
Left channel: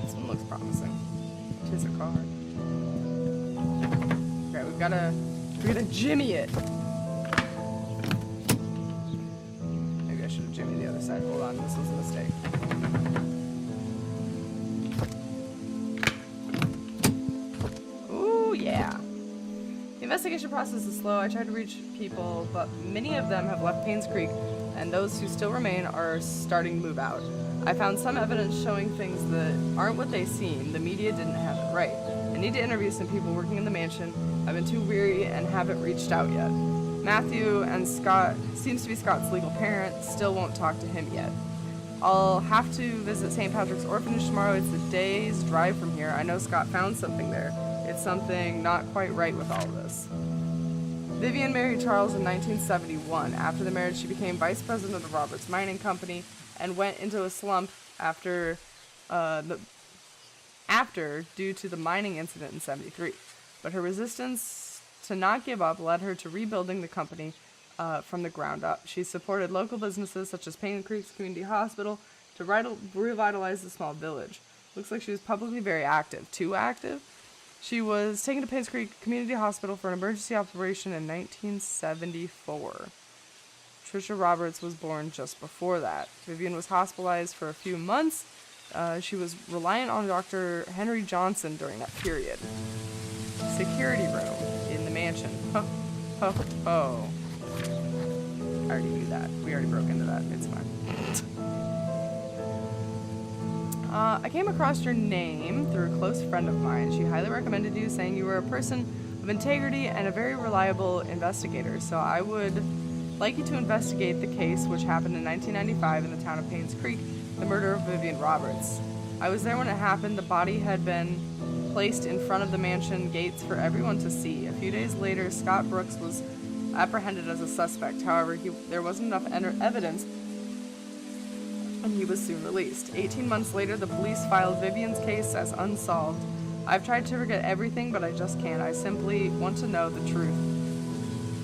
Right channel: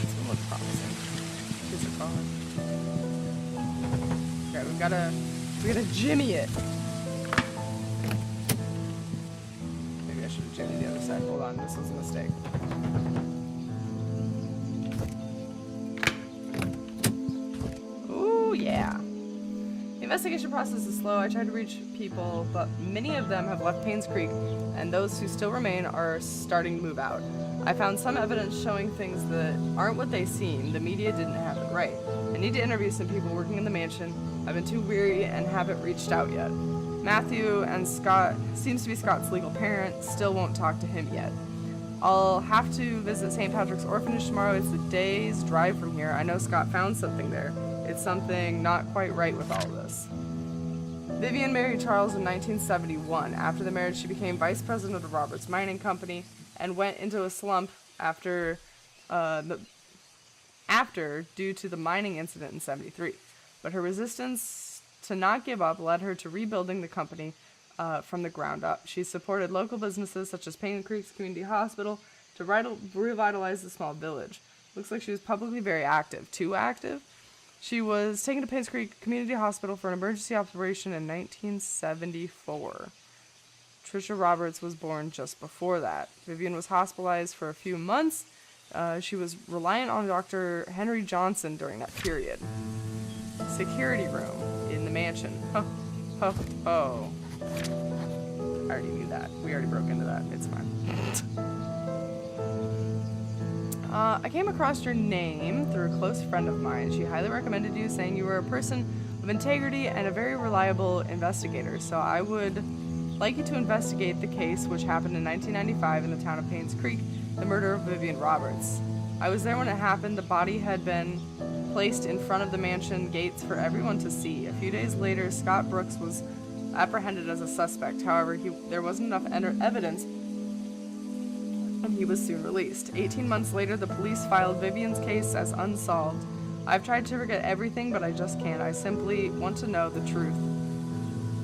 This one looks promising. Here's a car. Okay, we're gonna jimmy it. Maybe I should have jimmied the other side. Hold on, this was a mistake. Ooh, yeah. The investigation process is slow. I tried to reach people, but many of them have left Painscreek, and those who still remain are starting to move out. I found some evidence showing things that aren't what they seem. The media didn't have it right. I need to interview some people working in the mansion. I've been too weary and haven't reached out yet. Matthew and Scott, seems to be Scott's legal parent, still won't talk to him yet. I'll have to visit St. Patrick's Orphanage tomorrow. It's a day's drive from here. I know Scott found something there. It's something not quite right with all this. Vivian married Charles in 1971. After the marriage, she became vice president of Roberts Mining Company and went into a slump after due to the mining incident in 73. But her resistance to not give up led her to rebuilding the company from the ground up. She supported local businesses such as Painscreek Community Hospital to revitalize the small village. Looks like she was publicly very active. Too active? She was taken to Painscreek Community Hospital for an emergency operation in 1974. Trisha Roberts was born just before that. Vivian was hospitalized for a few months. She was reliant on Dr. Henry Johnson during that period. Security room in the mansion. Ho, ho, ho. I already knew that. We already broke into that. It's fine. I came across your name through a close friend of mine. She highly recommended you, saying you were a person of integrity and a very reliable investigator. So I would like you to investigate the case which happened in 1995 in the town of Painscreek, the murder of Vivian Roberts. I was there when it happened. The body had been placed in front of the mansion gates for everyone to see. A few days later, Scott Brooks was apprehended as a suspect. However, there wasn't enough evidence, and he was soon released. 18 months later, the police filed Vivian's case as unsolved. I've tried to forget everything, but I just can't. I simply want to know the truth.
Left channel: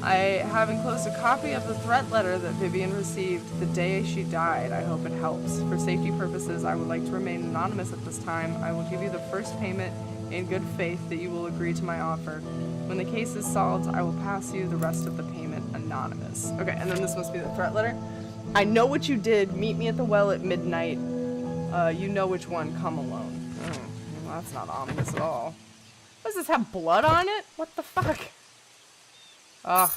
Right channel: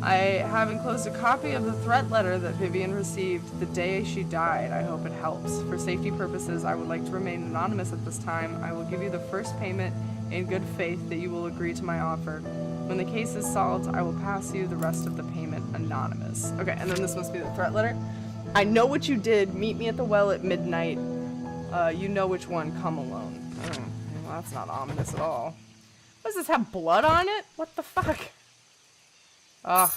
I have enclosed a copy of the threat letter that Vivian received the day she died. I hope it helps. For safety purposes, I would like to remain anonymous at this time. I will give you the first payment in good faith that you will agree to my offer. When the case is solved, I will pass you the rest of the payment anonymous. Okay, and then this must be the threat letter. I know what you did. Meet me at the well at midnight. You know which one. Come alone. Oh, well, that's not ominous at all. What does this have? Blood on it? What the fuck? Ugh.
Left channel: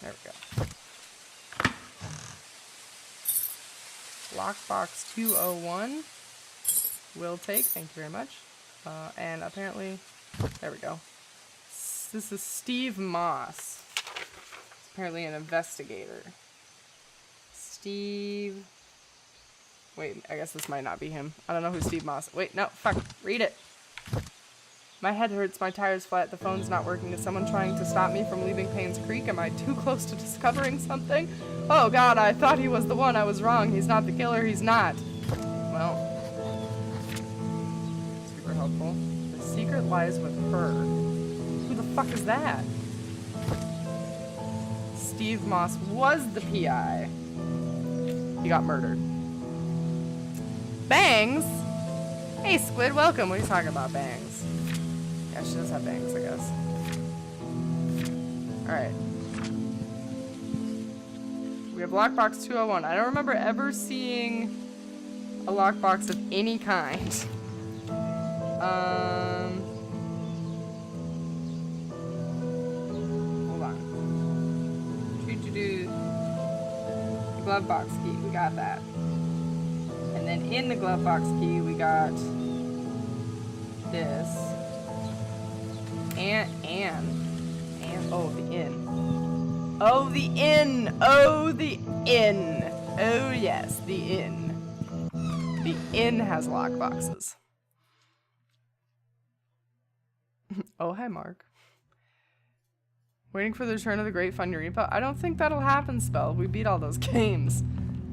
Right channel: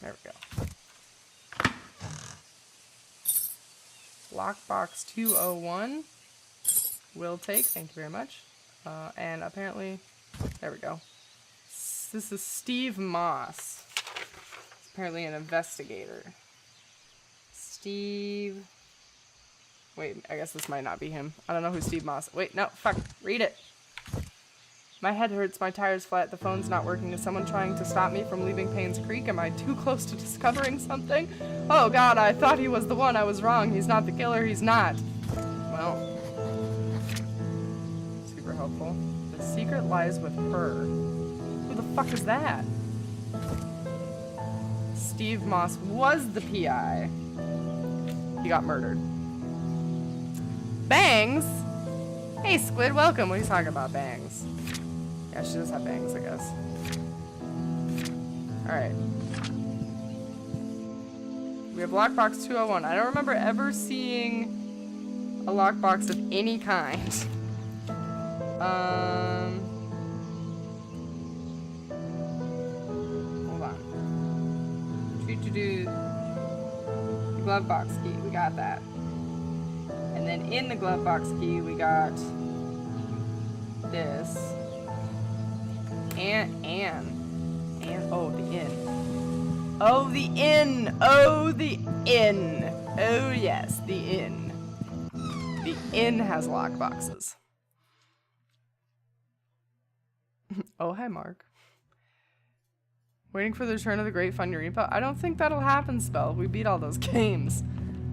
There we go. Lockbox 201. Will take. Thank you very much. And apparently, there we go. This is Steve Moss. He's apparently an investigator. Steve. Wait, I guess this might not be him. I don't know who Steve Moss. Wait, no, fuck. Read it. My head hurts, my tire's flat, the phone's not working. Is someone trying to stop me from leaving Painscreek? Am I too close to discovering something? Oh god, I thought he was the one. I was wrong. He's not the killer. He's not. Well. Super helpful. The secret lies with her. Who the fuck is that? Steve Moss was the PI. He got murdered. Bangs? Hey, Squid, welcome. What are you talking about, Bangs? Yeah, she does have bangs, I guess. Alright. We have lockbox 201. I don't remember ever seeing a lockbox of any kind. Hold on. The glove box key. We got that. And then in the glove box key, we got this. And oh, the inn. Oh, the inn. Oh, the inn. Oh, yes, the inn. The inn has lockboxes. Oh, hi, Mark. Waiting for the return of the Great Funny-Reaper. I don't think that'll happen, Spell. We beat all those games.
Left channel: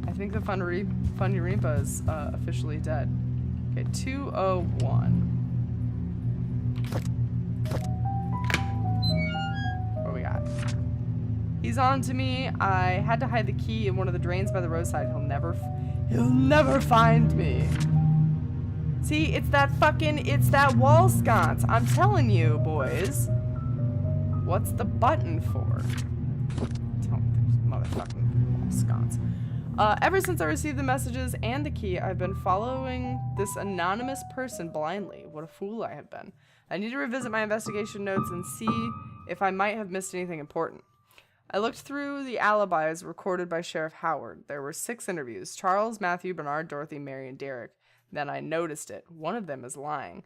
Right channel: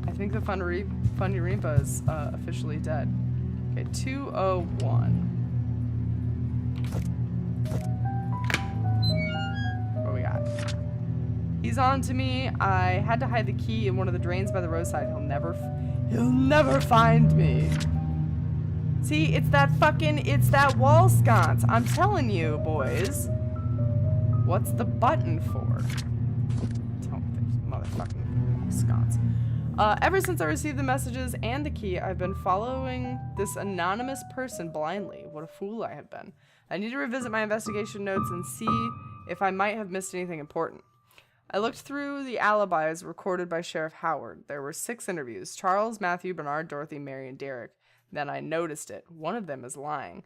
I think the Funny-Reaper is officially dead. Okay, 201. What we got? He's on to me. I had to hide the key in one of the drains by the roadside. He'll never find me. See, it's that wall sconce. I'm telling you, boys. What's the button for? Tell me there's motherfucking wall sconce. Ever since I received the messages and the key, I've been following this anonymous person blindly. What a fool I have been. I need to revisit my investigation notes and see if I might have missed anything important. I looked through the alibis recorded by Sheriff Howard. There were 6 interviews. Charles, Matthew, Bernard, Dorothy, Mary, and Derek. Then I noticed it. One of them is lying.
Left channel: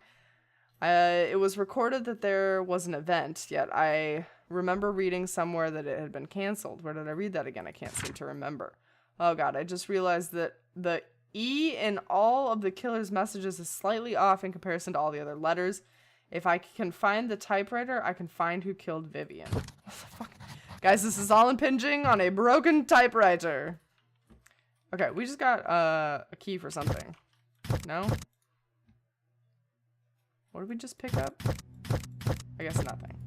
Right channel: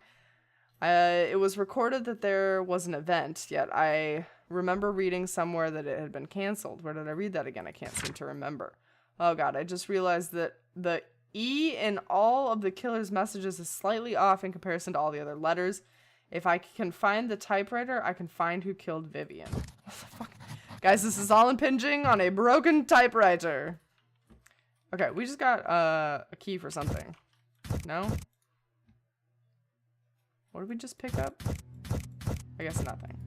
It was recorded that there was an event, yet I remember reading somewhere that it had been canceled. Where did I read that again? I can't seem to remember. Oh god, I just realized that the E in all of the killer's messages is slightly off in comparison to all the other letters. If I can find the typewriter, I can find who killed Vivian. What the fuck? Guys, this is all impinging on a broken typewriter. Okay, we just got a key for something. No? What did we just pick up? I guess nothing.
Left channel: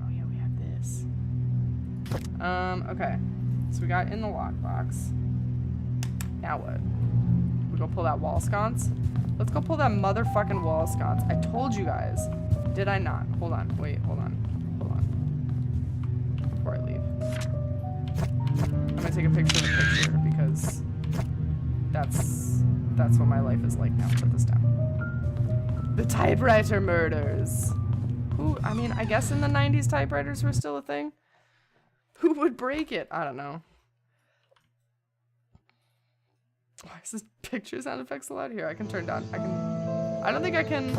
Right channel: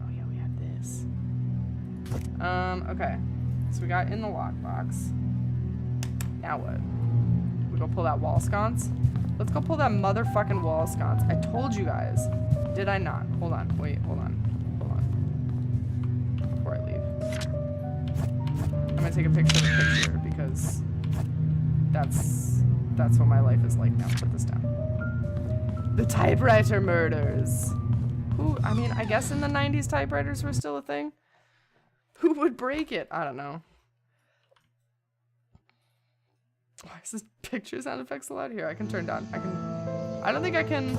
Oh yeah, we have this. Okay. So we got in the lockbox. Now what? We go pull that wall sconce? Let's go pull that motherfucking wall sconce. I told you guys. Did I not? Hold on. Wait, hold on. Hold on. Before I leave. I'm gonna take a picture of the picture because that's what my life is like now. Put this down. The typewriter murders. Who, I mean, I guess in the 90s typewriters were still a thing. Who would break it? I don't know. Why is this picture sound effects allowed? Here, I can turn down. I don't think I can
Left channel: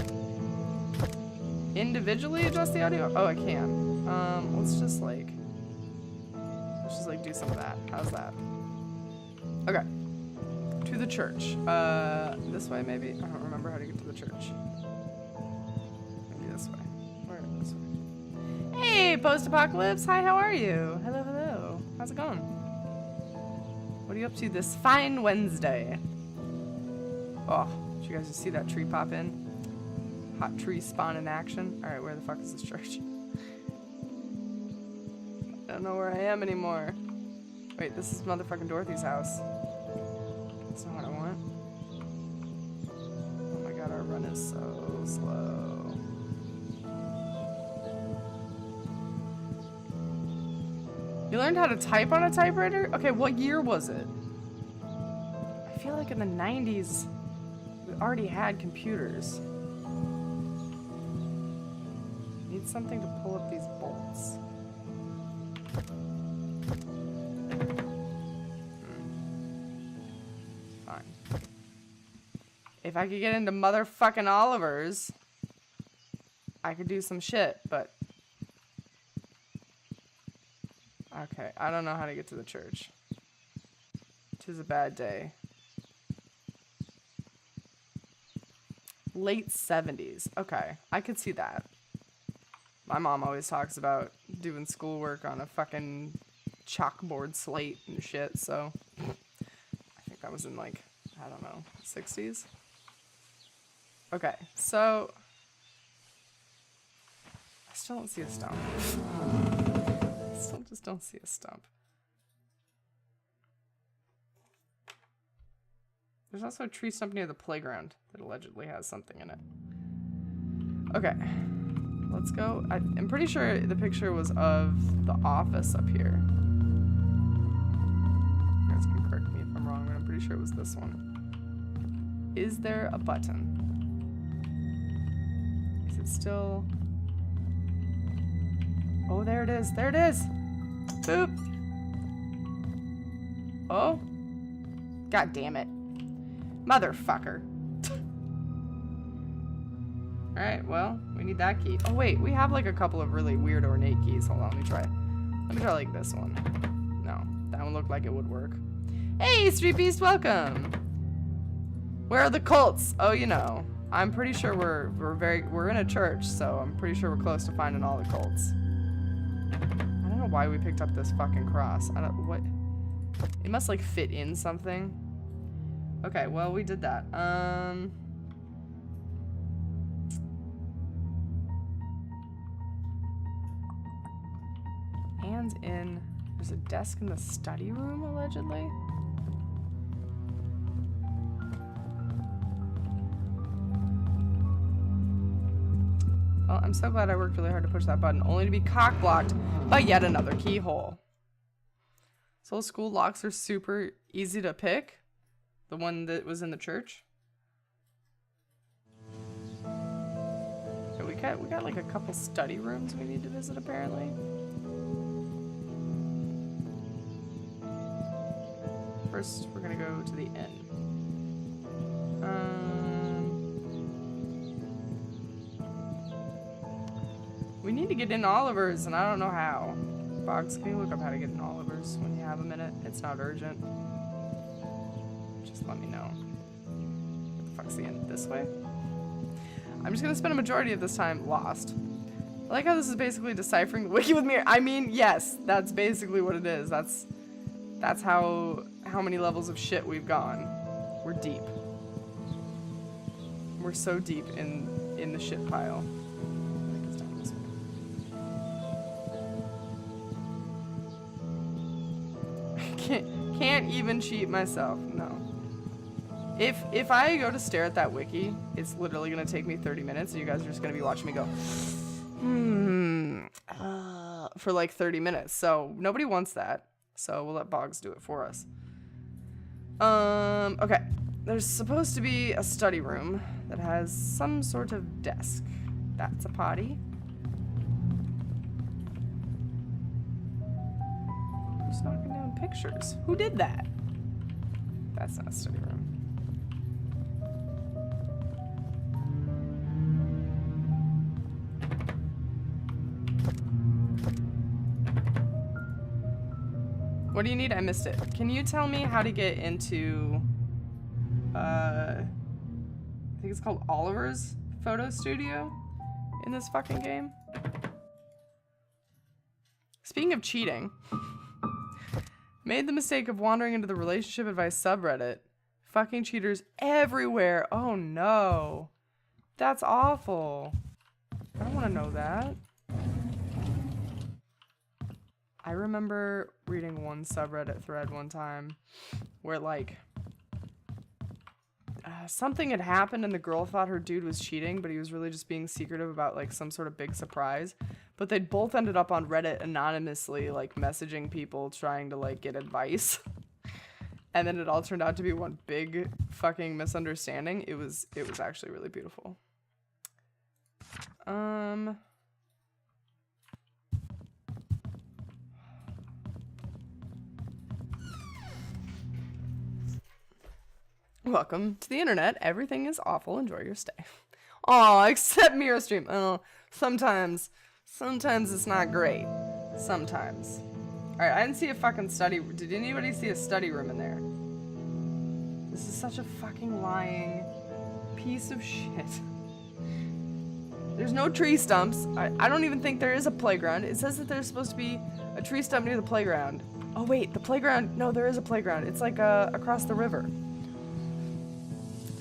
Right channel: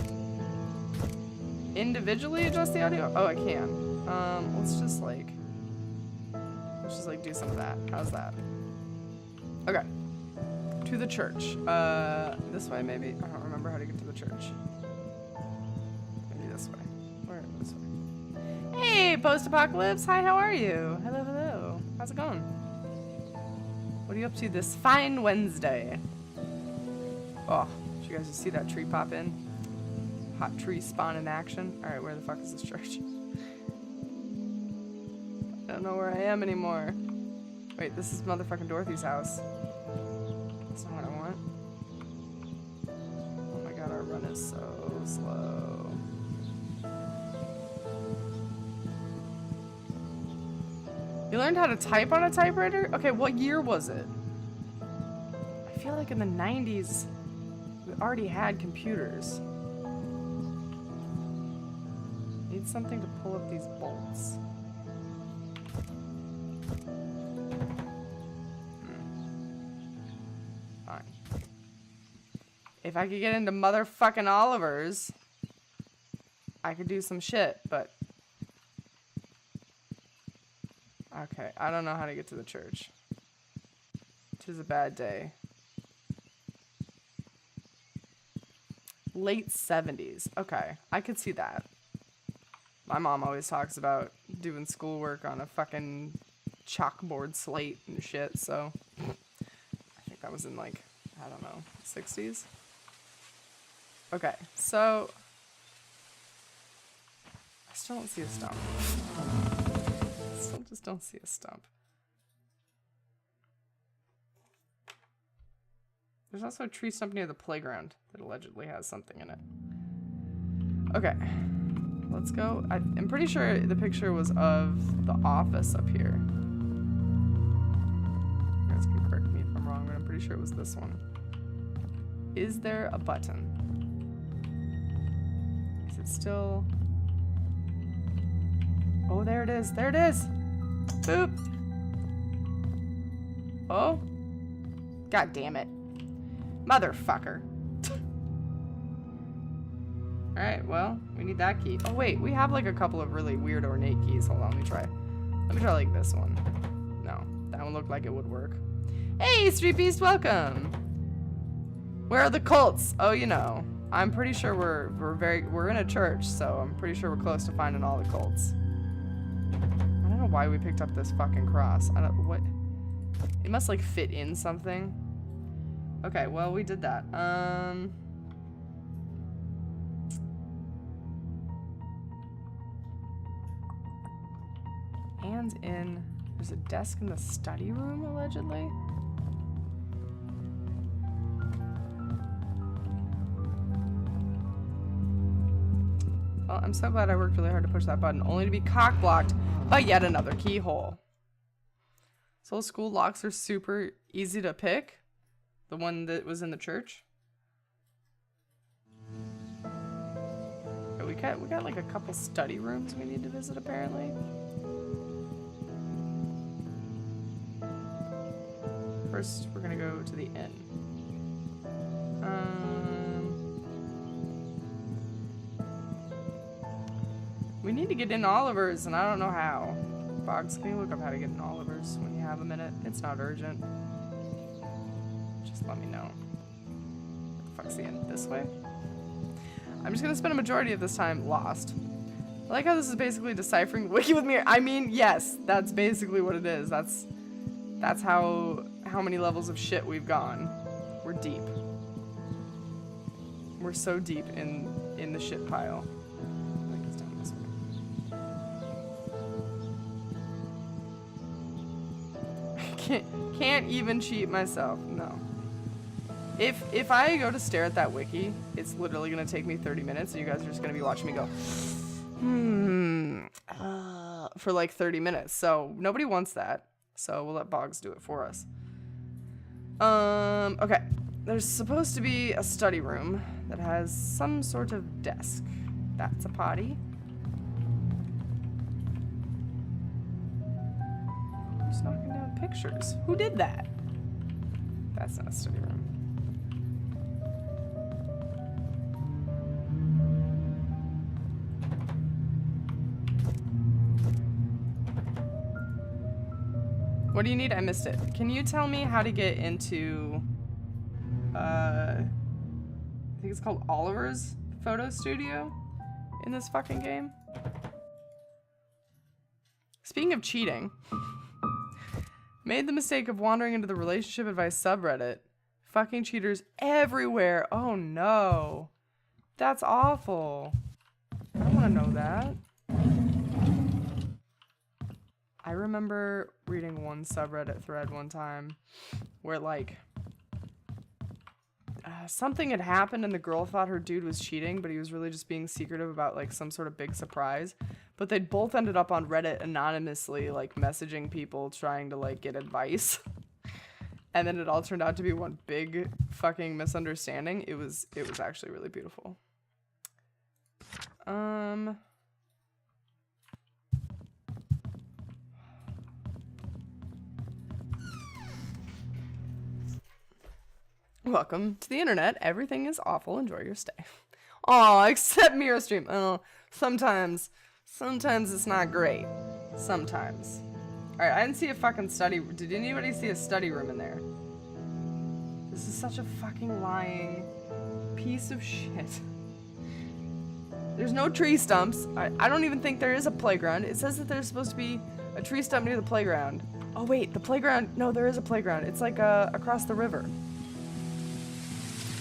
individually adjust the audio. Oh, I can. Let's just like do some of that. How's that? Okay. To the church. This way maybe? I don't remember how to get to the church. Maybe this way. Or this way. Hey, post-apocalypse. Hi, how are you? Hello, hello. How's it going? What are you up to this fine Wednesday? Oh, did you guys just see that tree pop in? Hot tree spawn in action. Alright, where the fuck is this church? I don't know where I am anymore. Wait, this is motherfucking Dorothy's house. That's not what I want. Oh my god, our run is so slow. You learned how to type on a typewriter? Okay, what year was it? I feel like in the 90s, we already had computers. Need something to pull up these bolts. Fine. If I could get into motherfucking Oliver's, I could do some shit, but... Okay, I don't know how to get to the church. 'Tis a bad day. Late 70s. Okay, I could see that. My mom always talks about doing schoolwork on a fucking chalkboard slate and shit, so... I think that was in, like, I don't know, 60s? Okay, so... I still don't see a stump. Still just don't see a stump. There's also a tree stump near the playground that allegedly has something in it. Okay. Let's go. I'm pretty sure the picture was of the office up here. You guys can correct me if I'm wrong, but I'm pretty sure it was this one. Is there a button? Is it still... Oh, there it is. There it is. Boop. Oh. God damn it. Motherfucker. Alright, well, we need that key. Oh, wait. We have, like, a couple of really weird ornate keys. Hold on. Let me try. Let me try, like, this one. No. That one looked like it would work. Hey, Street Beast. Welcome. Where are the cults? Oh, you know. I'm pretty sure we're in a church, so I'm pretty sure we're close to finding all the cults. I don't know why we picked up this fucking cross. I don't, what? It must like fit in something. Okay, well, we did that. Hands in. There's a desk in the study room, allegedly. Well, I'm so glad I worked really hard to push that button, only to be cock-blocked by yet another keyhole. So school locks are super easy to pick. The one that was in the church. Okay, Okay, we got like a couple study rooms we need to visit apparently. First, we're gonna go to the inn. We need to get in Oliver's, and I don't know how. Boggs, can you look up how to get in Oliver's when you have a minute? It's not urgent. Just let me know. Where the fuck's the inn? This way? I'm just gonna spend a majority of this time lost. I like how this is basically deciphering the wiki with me. I mean, yes, that's basically what it is. That's how many levels of shit we've gone. We're deep. We're so deep in the shit pile. I think it's down this way. Can't even cheat myself. No. If I go to stare at that wiki, it's literally gonna take me 30 minutes, and you guys are just gonna be watching me go, for like 30 minutes. So nobody wants that. So we'll let Boggs do it for us. Okay. There's supposed to be a study room that has some sort of desk. That's a potty. Who's knocking down pictures? Who did that? That's not a study room. What do you need? I missed it. Can you tell me how to get into, I think it's called Oliver's photo studio in this fucking game? Speaking of cheating, made the mistake of wandering into the relationship advice subreddit. Fucking cheaters everywhere. Oh no. That's awful. I don't want to know that. I remember reading one subreddit thread one time where like something had happened and the girl thought her dude was cheating, but he was really just being secretive about like some sort of big surprise. But they'd both ended up on Reddit anonymously, like messaging people trying to like get advice. And then it all turned out to be one big fucking misunderstanding. It was actually really beautiful. Welcome to the internet. Everything is awful. Enjoy your stay. Aw, except Mirror Stream. Oh, sometimes it's not great. Sometimes. Alright, I didn't see a fucking study. Did anybody see a study room in there? This is such a fucking lying piece of shit. There's no tree stumps. I don't even think there is a playground. It says that there's supposed to be a tree stump near the playground. Oh wait, the playground. No, there is a playground. It's like across the river.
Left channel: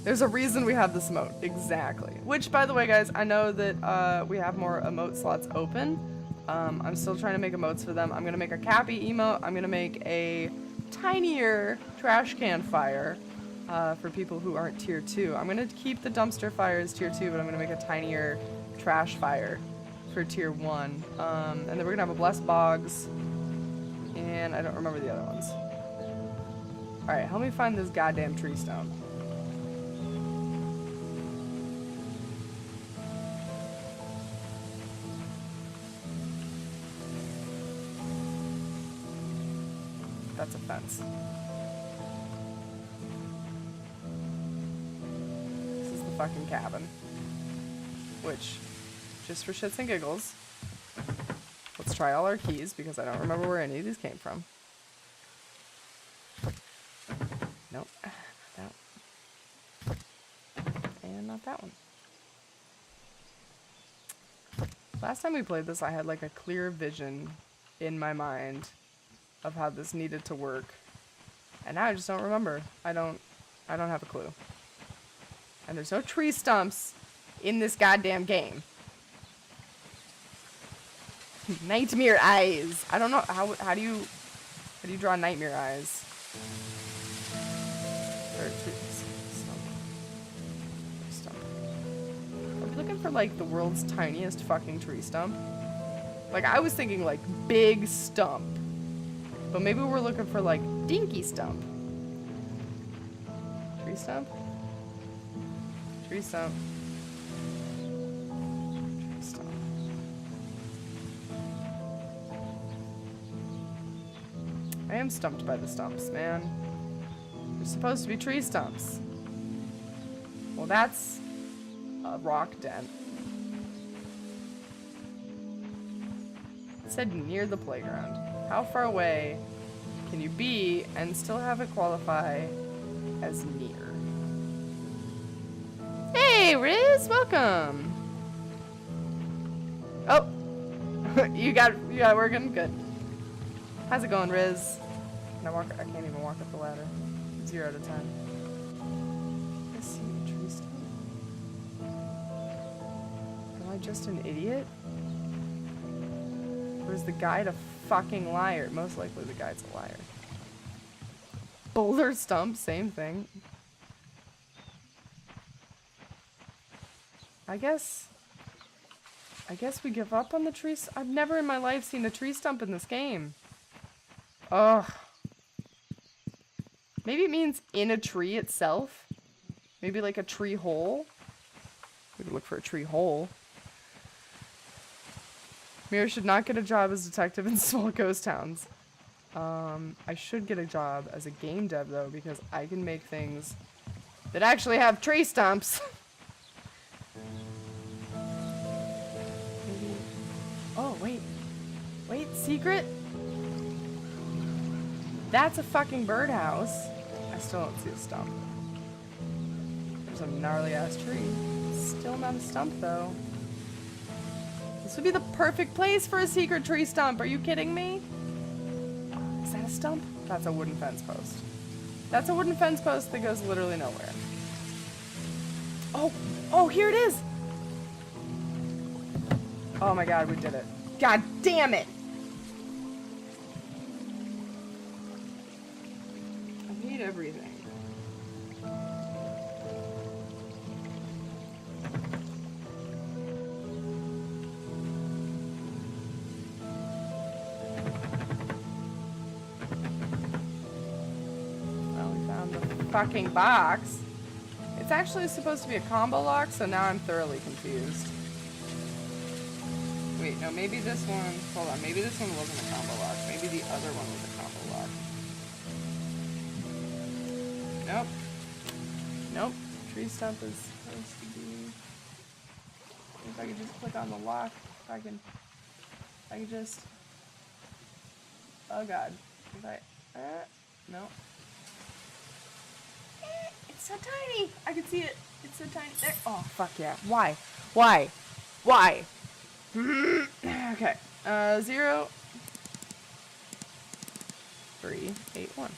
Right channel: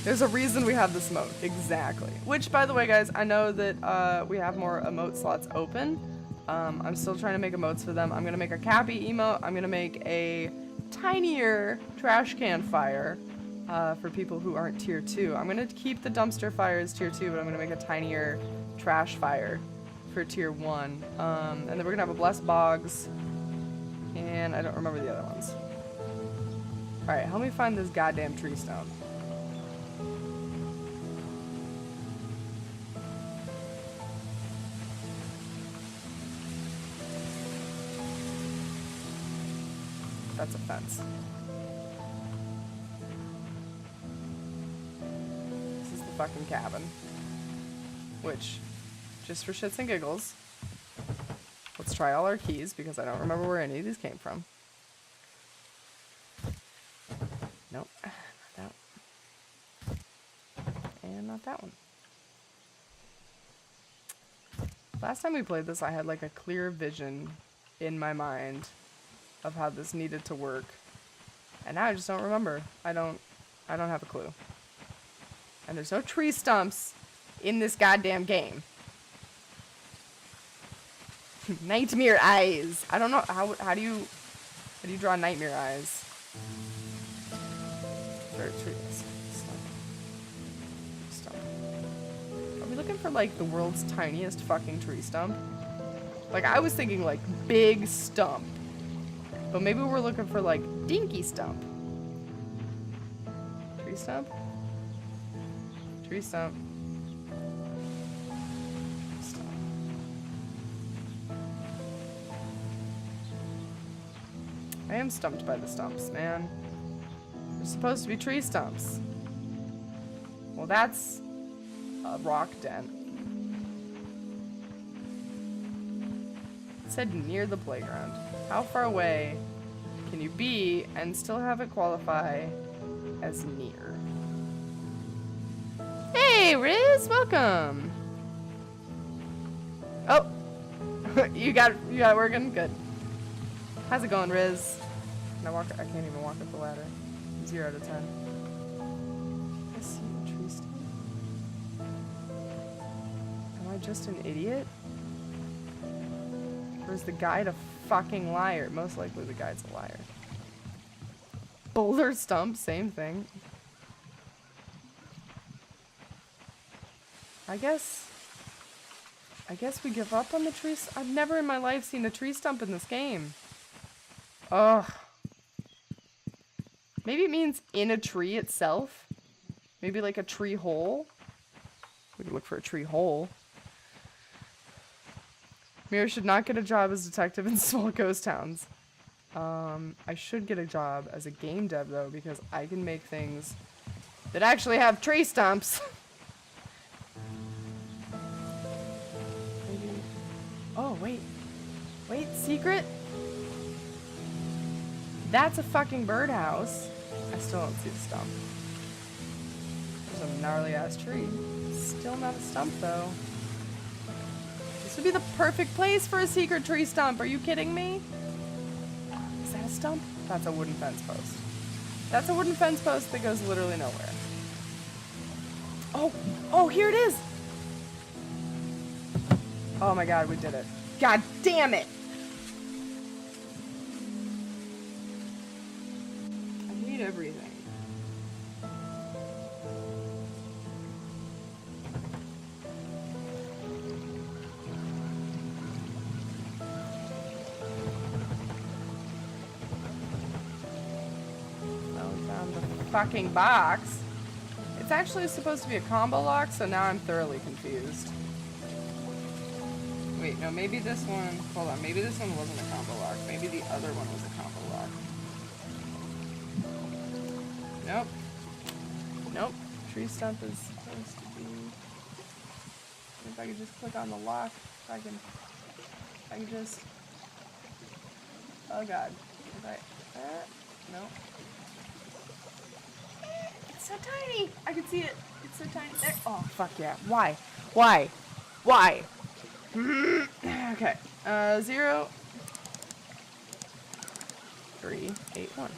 There's a reason we have this emote. Exactly. Which, by the way, guys, I know that we have more emote slots open. I'm still trying to make emotes for them. I'm going to make a Cappy emote. I'm going to make a tinier trash can fire for people who aren't tier 2. I'm going to keep the dumpster fire as tier 2, but I'm going to make a tinier trash fire for tier 1. And then we're going to have a blessed Boggs. And I don't remember the other ones. Alright, help me find this goddamn tree stump. That's a fence. This is the fucking cabin. Which, just for shits and giggles, let's try all our keys because I don't remember where any of these came from. Nope, not that one. And not that one. Last time we played this, I had like a clear vision in my mind of how this needed to work. And now I just don't remember. I don't have a clue. And there's no tree stumps in this goddamn game. Nightmare eyes. I don't know how do you draw nightmare eyes? For a tree stump. Stump. Are we looking for like the world's tiniest fucking tree stump? Like I was thinking like big stump. But maybe we're looking for like dinky stump. Tree stump? Tree stump. I am stumped by the stumps, man. They're supposed to be tree stumps. Well, that's a rock dent. It said near the playground. How far away can you be and still have it qualify as near? Hey, Riz, welcome. Oh, you got it working? Good. How's it going, Riz? Can I walk? I can't even walk up the ladder. 0 out of 10. I see a tree stump. Am I just an idiot? Or is the guide a fucking liar? Most likely the guide's a liar. Boulder stump, same thing. I guess we give up on the trees. I've never in my life seen a tree stump in this game. Ugh. Maybe it means in a tree itself. Maybe like a tree hole. We could look for a tree hole. Mira should not get a job as detective in small ghost towns. I should get a job as a game dev though, because I can make things that actually have tree stumps. Maybe. Oh, wait. Wait, secret? That's a fucking birdhouse. I still don't see a stump. There's a gnarly ass tree. Still not a stump though. This would be the perfect place for a secret tree stump. Are you kidding me? Is that a stump? That's a wooden fence post. That's a wooden fence post that goes literally nowhere. Oh, oh, here it is. Oh my god, we did it. God damn it. I hate everything. Well, we found the fucking box. It's actually supposed to be a combo lock, so now I'm thoroughly confused. Wait, no, maybe this one... Hold on, maybe this one wasn't a combo lock. Maybe the other one was a combo lock. Nope. Nope. Tree stump is supposed to be... If I could just click on the lock, if I could just... Oh god. If I... no. It's so tiny! I can see it. It's so tiny. There. Oh, fuck yeah. Why? Why? Why? Okay. 0 3 8 1.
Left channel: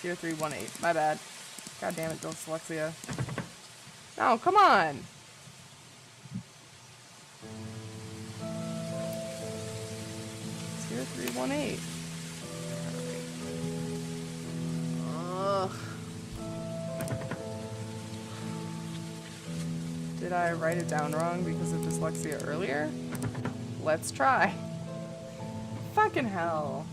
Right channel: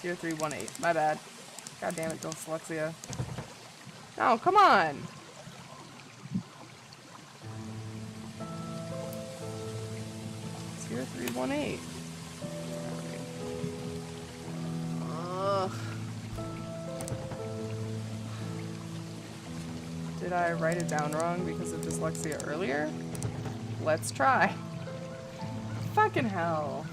0 3 1 8. My bad. God damn it, dyslexia. No, come on. Zero 3 1 8. Ugh. Did I write it down wrong because of dyslexia earlier? Let's try. Fucking hell.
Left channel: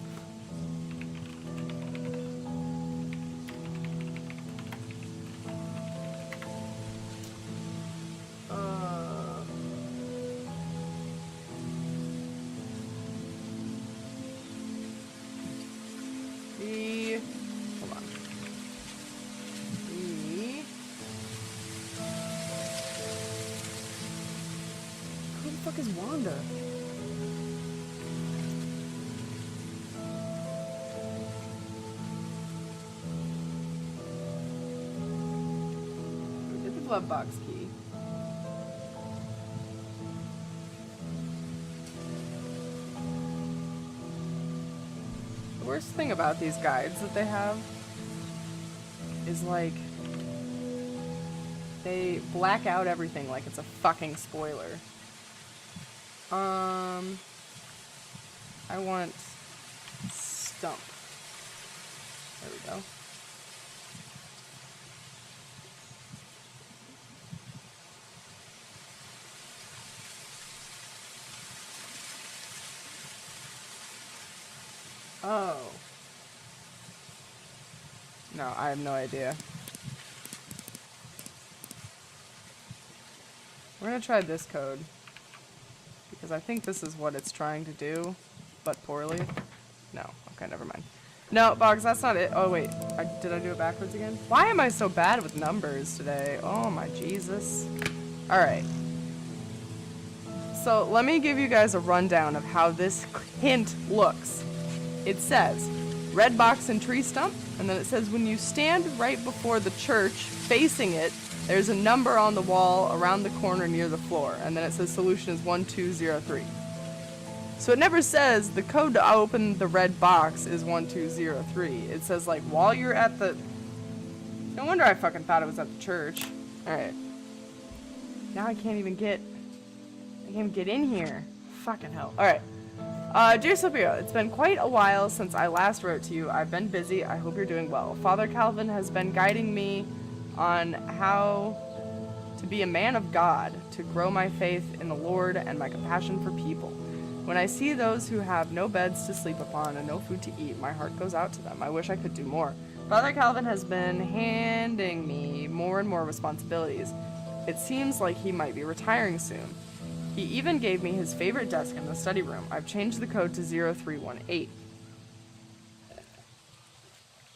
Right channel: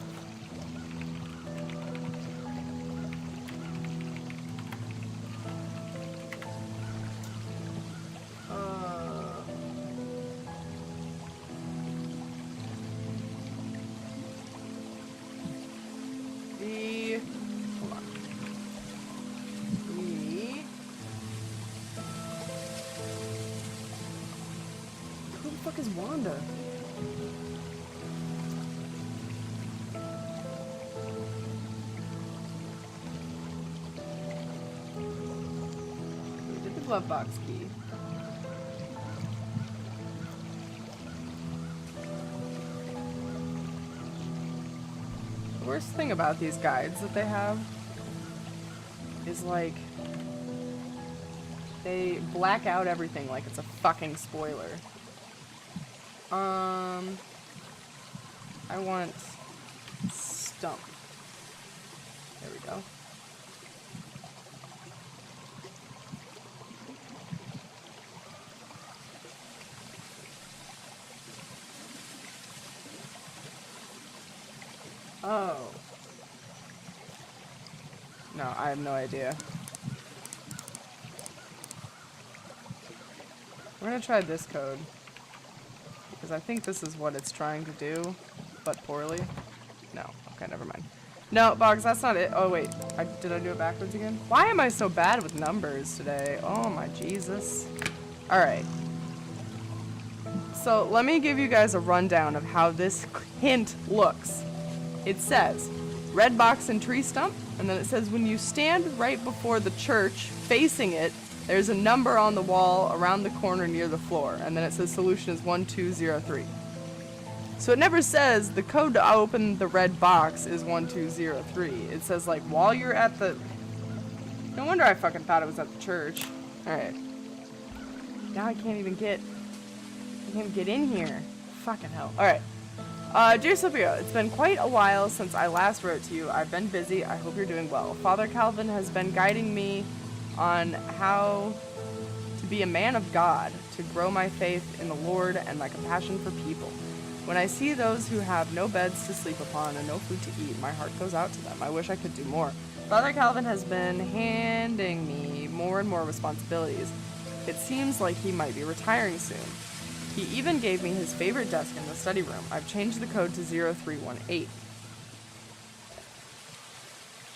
Hold on. Who the fuck is Wanda? We did the glove box key. The worst thing about these guides that they have is like they black out everything like it's a fucking spoiler. I want stump. There we go. Oh. No, I have no idea. We're gonna try this code. Because because I think this is what it's trying to do, but poorly. No. Okay, never mind. No, Boggs, that's not it. Oh, wait. Did I do it backwards again? Why am I so bad with numbers today? Oh, my Jesus. Alright. So, let me give you guys a rundown of how this hint looks. It says, red box and tree stump, and then it says, when you stand right before the church, facing it, there's a number on the wall around the corner near the floor, and then it says solution is 1203. So it never says the code to open the red box is 1203. It says, like, while you're at the... No wonder I fucking thought it was at the church. Alright. Now I can't even get in here. Fucking hell. Alright. Dear Sophia, it's been quite a while since I last wrote to you. I've been busy. I hope you're doing well. Father Calvin has been guiding me on how to be a man of God, to grow my faith in the Lord and my compassion for people. When I see those who have no beds to sleep upon and no food to eat, my heart goes out to them. I wish I could do more. Father Calvin has been handing me more and more responsibilities. It seems like he might be retiring soon. He even gave me his favorite desk in the study room. I've changed the code to 0318.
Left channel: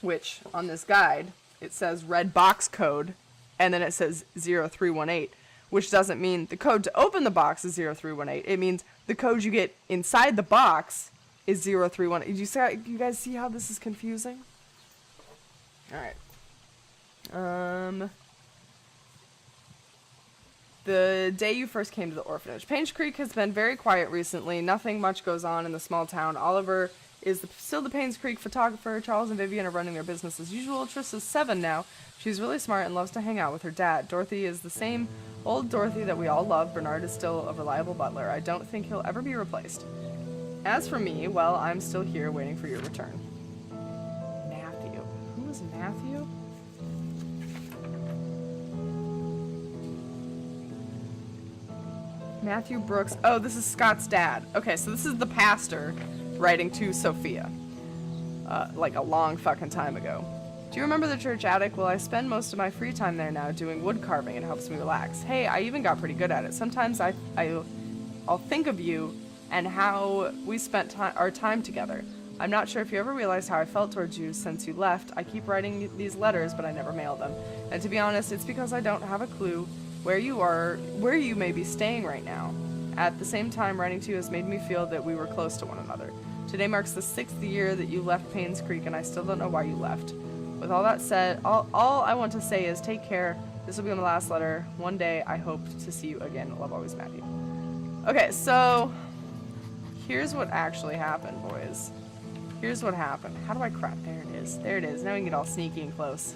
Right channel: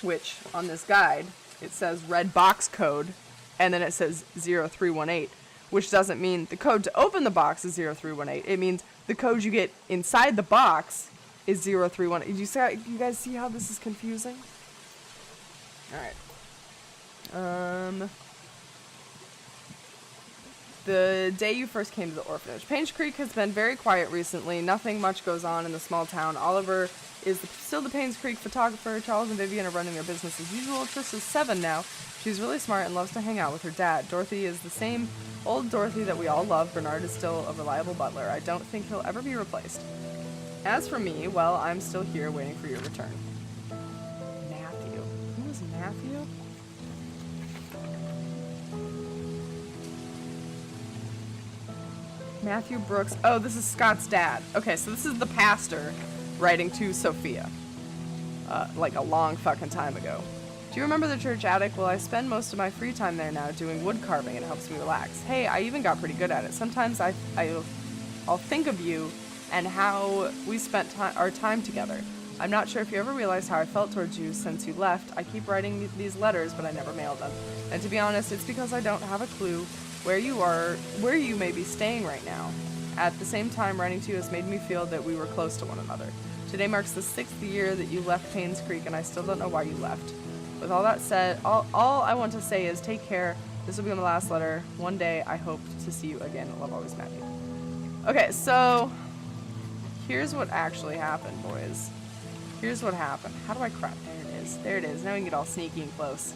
Which, on this guide, it says red box code, and then it says 0318. Which doesn't mean the code to open the box is 0318. It means the code you get inside the box is 0318. You guys see how this is confusing? Alright. The day you first came to the orphanage. Painscreek has been very quiet recently. Nothing much goes on in the small town. Oliver is still the Painscreek photographer. Charles and Vivian are running their business as usual. Triss is 7 now. She's really smart and loves to hang out with her dad. Dorothy is the same old Dorothy that we all love. Bernard is still a reliable butler. I don't think he'll ever be replaced. As for me, well, I'm still here waiting for your return. Matthew. Who was Matthew? Matthew Brooks. Oh, this is Scott's dad. Okay, so this is the pastor writing to Sophia. Like a long fucking time ago. Do you remember the church attic? Well, I spend most of my free time there now doing wood carving. It helps me relax. Hey, I even got pretty good at it. Sometimes I'll think of you and how we spent our time together. I'm not sure if you ever realized how I felt towards you since you left. I keep writing these letters, but I never mail them. And to be honest, it's because I don't have a clue where you may be staying right now. At the same time, writing to you has made me feel that we were close to one another. Today marks the 6th year that you left Painscreek, and I still don't know why you left. With all that said, all I want to say is take care. This will be my last letter. One day, I hope to see you again. Love always, Matthew. Okay, so here's what actually happened, boys. Here's what happened. How do I crap? There it is. There it is. Now we can get all sneaky and close.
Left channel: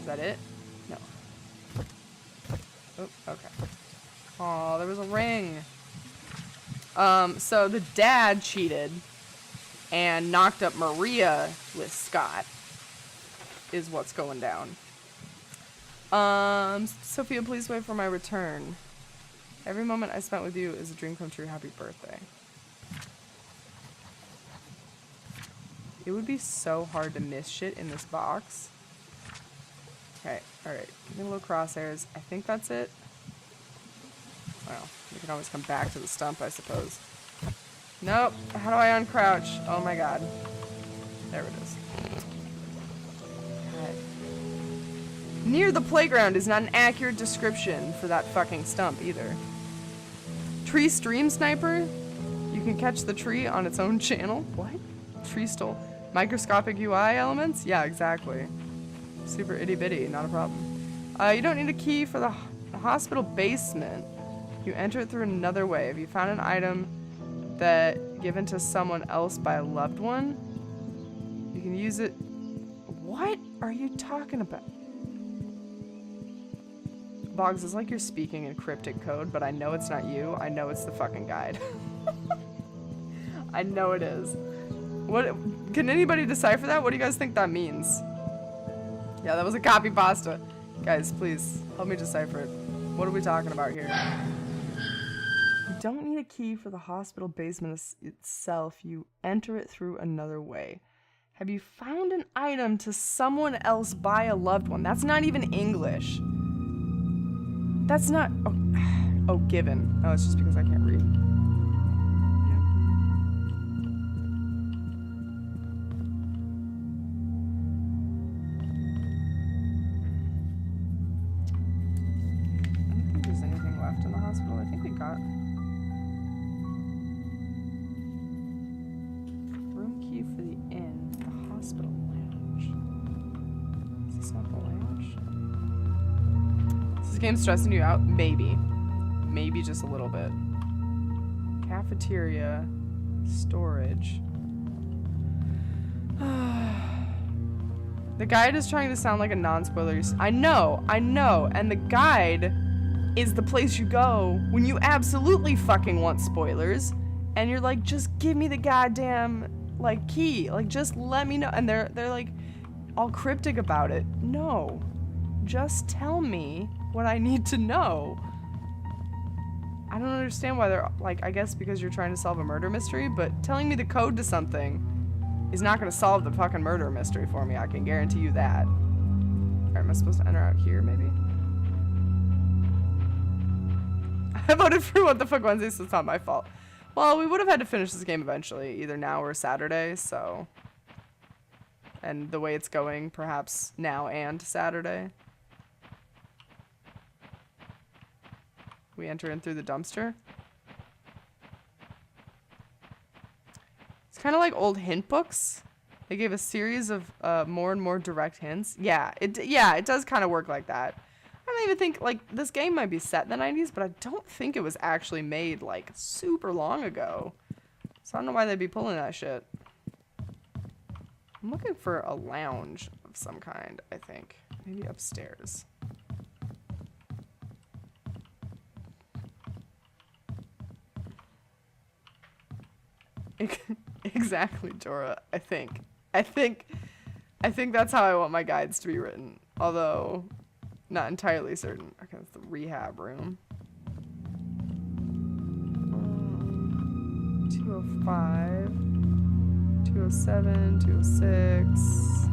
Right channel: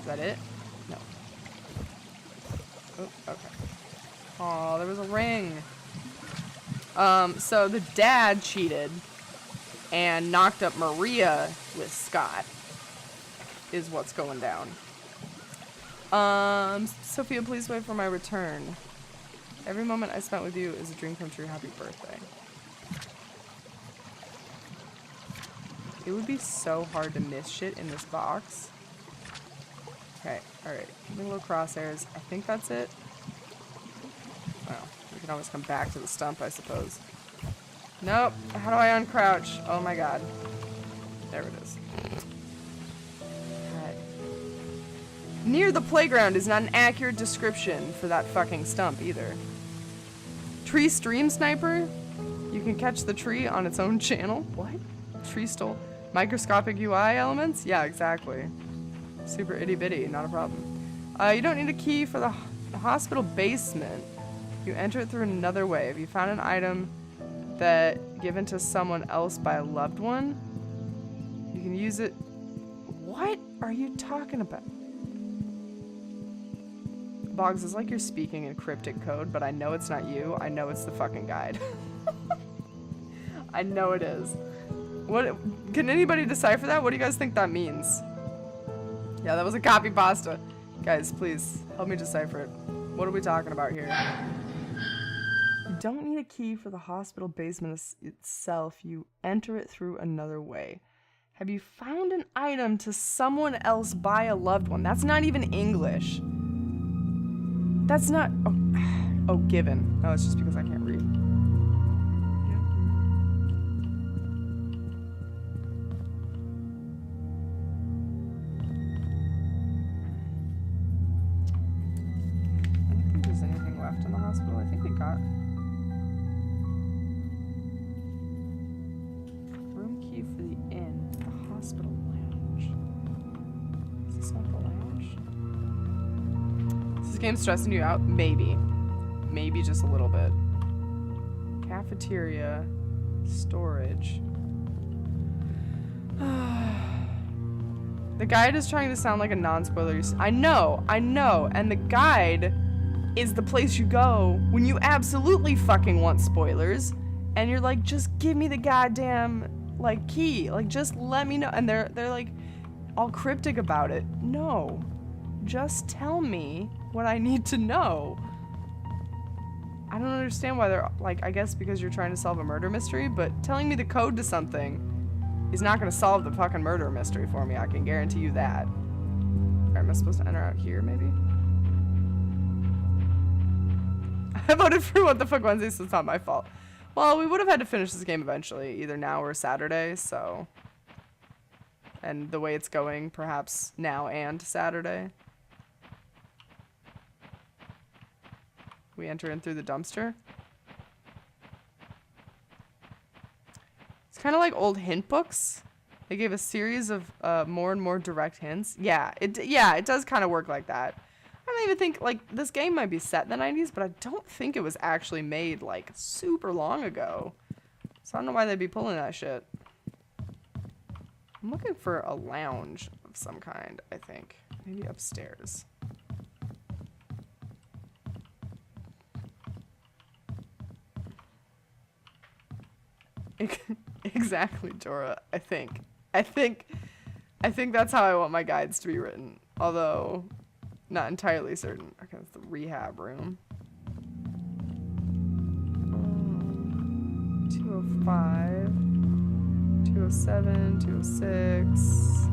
Is that it? No. Oh, okay. Oh, there was a ring. So the dad cheated and knocked up Maria with Scott. Is what's going down. Sophia, please wait for my return. Every moment I spent with you is a dream come true. Happy birthday. It would be so hard to miss shit in this box. Okay, alright. Give me a little crosshairs. I think that's it. Well, we can always come back to the stump, I suppose. Nope. How do I uncrouch? Oh my god. There it is. God. Near the playground is not an accurate description for that fucking stump either. Tree stream sniper? You can catch the tree on its own channel? What? Tree stole microscopic UI elements? Yeah, exactly. Super itty bitty, not a problem. You don't need a key for the hospital basement. You enter it through another way. Have you found an item that given to someone else by a loved one? You can use it. What are you talking about? Boggs, it's like you're speaking in cryptic code, but I know it's not you. I know it's the fucking guide. I know it is. What? Can anybody decipher that? What do you guys think that means? Yeah, that was a copy pasta. Guys, please help me decipher it. What are we talking about here? You don't need a key for the hospital basement itself. You enter it through another way. Have you found an item to someone else by a loved one? That's not even English. That's not... Oh, given. Oh, it's just because I can't read. think there's anything left in the hospital. I think we got room key for the inn, the hospital lounge. Is this not the lounge? Is this game stressing you out? Maybe. Maybe just a little bit. Cafeteria, storage. The guide is trying to sound like a non-spoiler. I know, and the guide is the place you go when you absolutely fucking want spoilers, and you're like, just give me the goddamn, like, key, like, just let me know, and they're like, all cryptic about it. No, just tell me what I need to know. I don't understand why they're, like, I guess because you're trying to solve a murder mystery, but telling me the code to something is not going to solve the fucking murder mystery for me. I can guarantee you that. Alright, am I supposed to enter out here, maybe? I voted for What the Fuck Wednesday, so it's not my fault. Well, we would have had to finish this game eventually, either now or Saturday, so... And the way it's going, perhaps now and Saturday. We enter in through the dumpster. It's kind of like old hint books. They gave a series of more and more direct hints. Yeah, it does kind of work like that. I don't even think, like, this game might be set in the 90s, but I don't think it was actually made, like, super long ago. So I don't know why they'd be pulling that shit. I'm looking for a lounge of some kind, I think. Maybe upstairs. Exactly, Jorah. I think that's how I want my guides to be written. Although, not entirely certain. Okay, that's the rehab room. 205, 207, 206.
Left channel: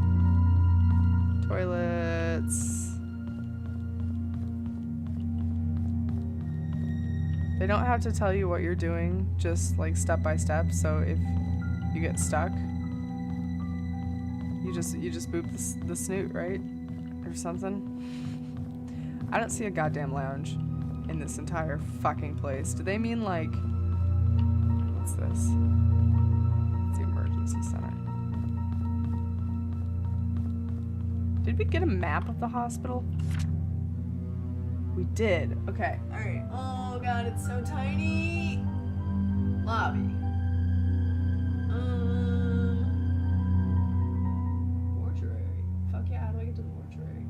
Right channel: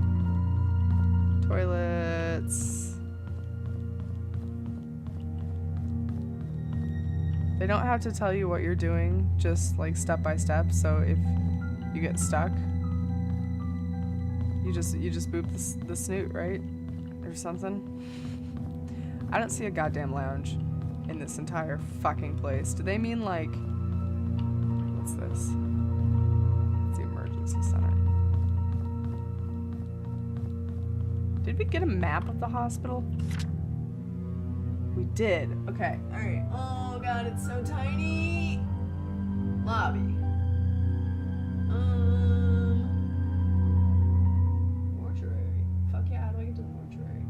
Toilets. They don't have to tell you what you're doing, just like step by step. So if you get stuck, you just boop the snoot, right? Or something. I don't see a goddamn lounge in this entire fucking place. Do they mean like, what's this? It's the emergency center. Did we get a map of the hospital? We did. Okay. Alright. Oh god, it's so tiny. Lobby. Mortuary. Fuck yeah, how do I get to the mortuary?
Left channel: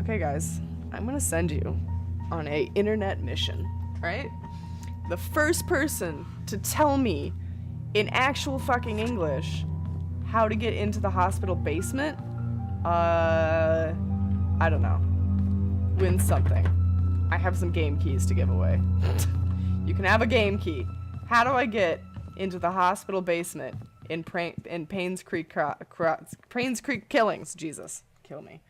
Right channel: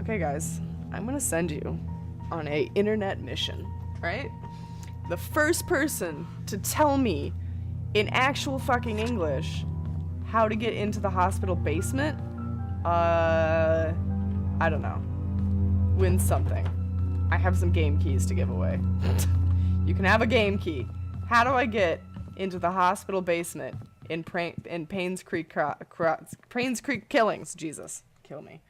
Okay guys, I'm gonna send you on a internet mission, right? The first person to tell me in actual fucking English how to get into the hospital basement, I don't know, wins something. I have some game keys to give away. You can have a game key. How do I get into the hospital basement in Painscreek Killings? Jesus, kill me.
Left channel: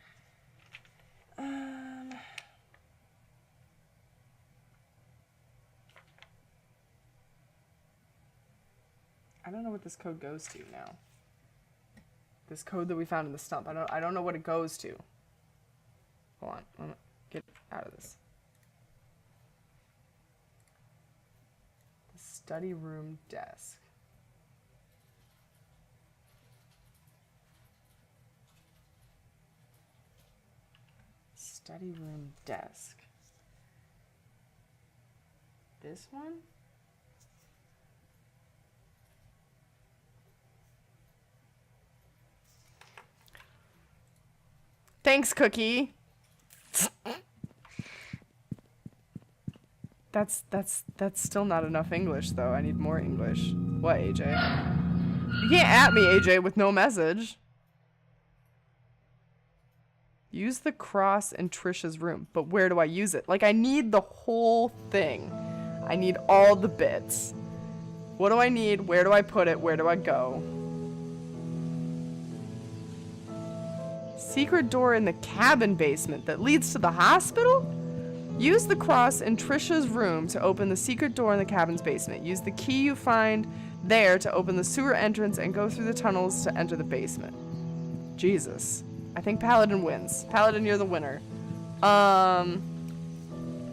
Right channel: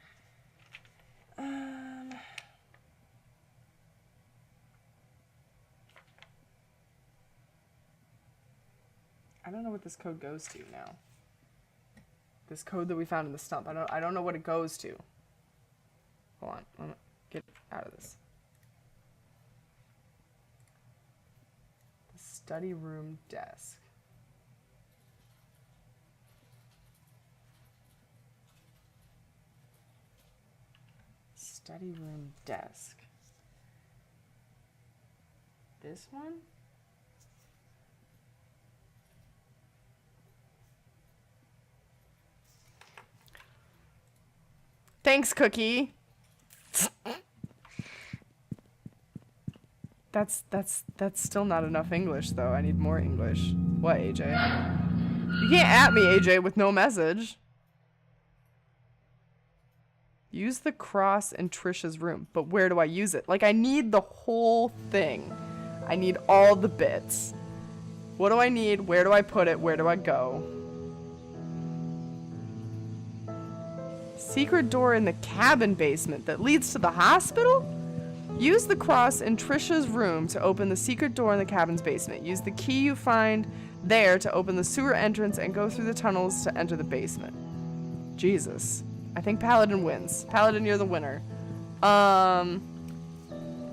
I don't know what this code goes to now. This code that we found in the stump. I don't know what it goes to. Hold on. I'm gonna get out of this. The study room desk. Study room desk. This one? Thanks, Cookie. That's still not enough English, though. I need more English. What, AJ? You can't at me, AJ, with no message. Use the cross in Trisha's room. But where do I use it? Like, I need the whole thing. I need all the bits. What do I need? Where do I put it? Where do I go? Secret door in the cabin basement that leads to the hospital? Use the cross in Trisha's room to open the secret door in the cabin's basement. Use the key you find there to open the sewer entrance and go through the tunnels to enter the basement. Jesus. I think Paladin wins. Paladin, you're the winner.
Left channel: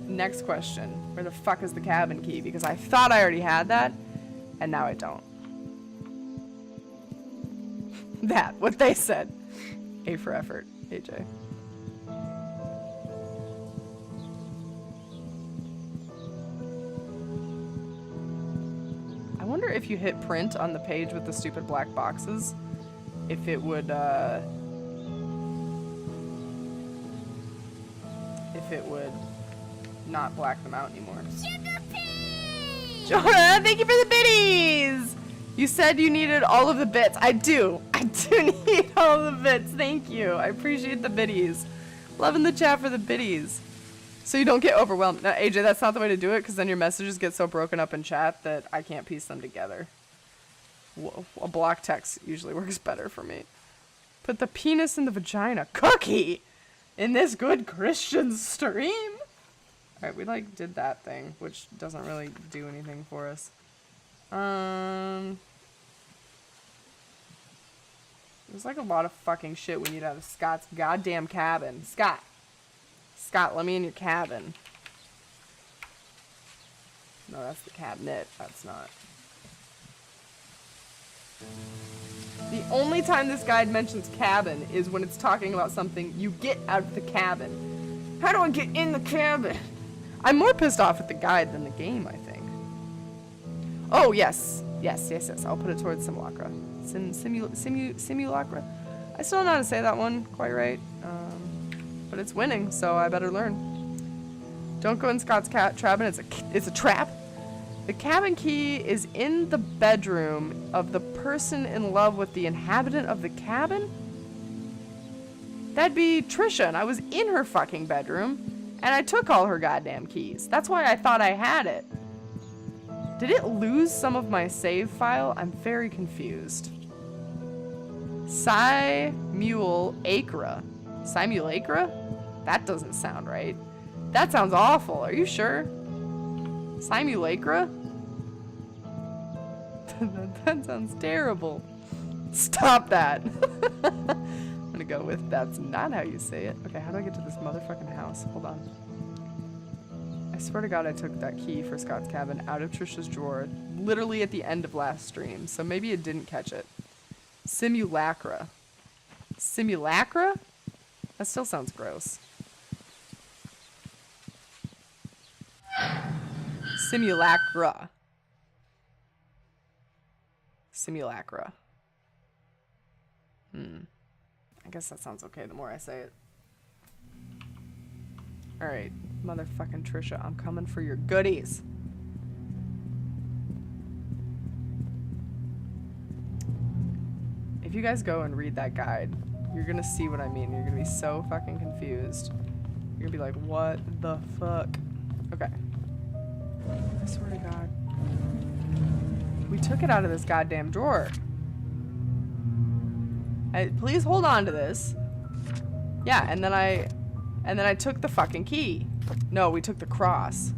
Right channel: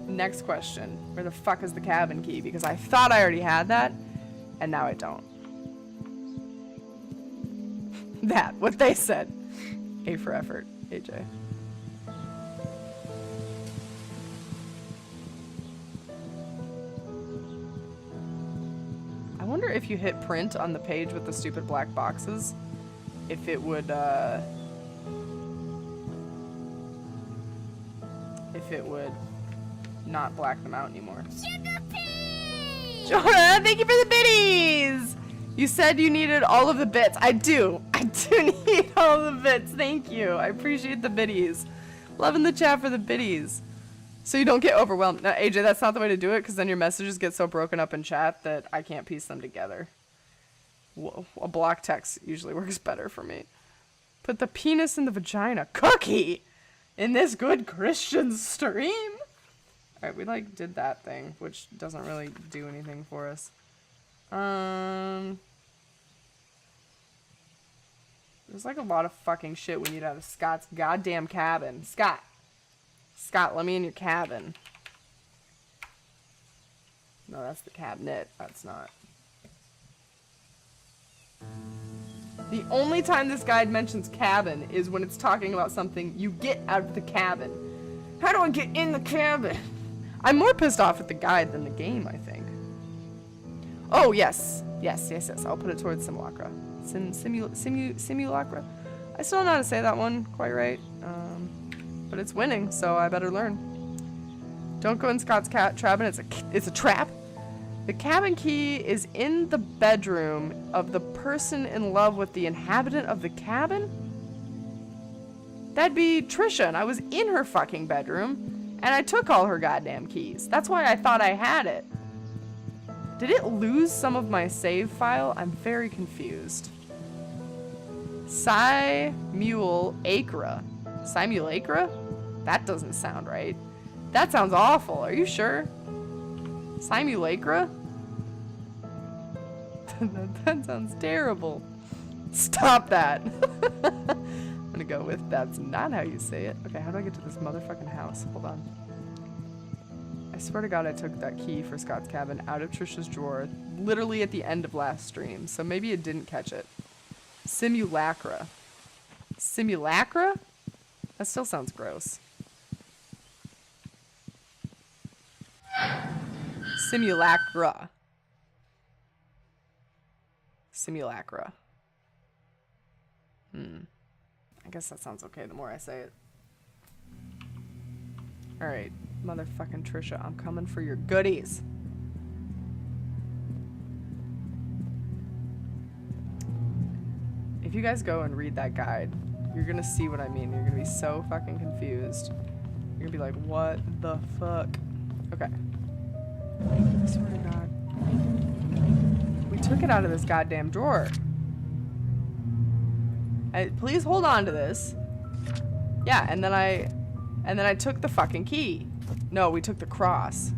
Next question. Where the fuck is the cabin key? Because I thought I already had that, and now I don't. That, what they said. A for effort, AJ. I wonder if you hit print on the page with the stupid black boxes, if it would not black them out anymore. Sugar pea! Jonah, thank you for the biddies! You said you needed all of the bits. I do need all the bits. Thank you. I appreciate the biddies. Loving the chat for the biddies. So you don't get overwhelmed. Now, AJ, that's not the way to do it, because then your messages get so broken up in chat that I can't piece them together. Whoa, a block text usually works better for me. Put the penis in the vagina. Cookie! In this good Christian stream? Alright, we like did that thing, which doesn't really do anything for us. There's like a lot of fucking shit we need out of Scott's goddamn cabin. Scott, let me in your cabin. No, that's the cabinet. That's not. The only time this guide mentions cabin is when it's talking about something you get out of the cabin. How do I get in the cabin? I'm more pissed off at the guide than the game, I think. Oh, yes. Yes. I'll put it towards simulacra. Simulacra? I still don't know how to say that one quite right. But it's winning, so I better learn. Don't go in Scott's cabin. It's a trap. The cabin key is in the bedroom of the person in love with the inhabitant of the cabin? That'd be Trisha, and I was in her fucking bedroom, and I took all her goddamn keys. That's why I thought I had it. Did it lose some of my save file? I'm very confused. Simulacra? Simulacra? That doesn't sound right. That sounds awful. Are you sure? Simulacra? That sounds terrible. Stop that. I'm gonna go with that's not how you say it. Okay, how do I get to this motherfucking house? Hold on. I swear to God I took that key for Scott's cabin out of Trisha's drawer literally at the end of last stream, so maybe it didn't catch it. Simulacra. Simulacra? That still sounds gross. Simulacra. Simulacra. I guess that sounds okay the more I say it. Alright, motherfucking Trisha, I'm coming for your goodies. If you guys go and read that guide, you're gonna see what I mean. You're gonna be so fucking confused. You're gonna be like, what the fuck? Okay. I swear to God. We took it out of this goddamn drawer. Please hold on to this. Yeah, and then I took the fucking key. No, we took the cross.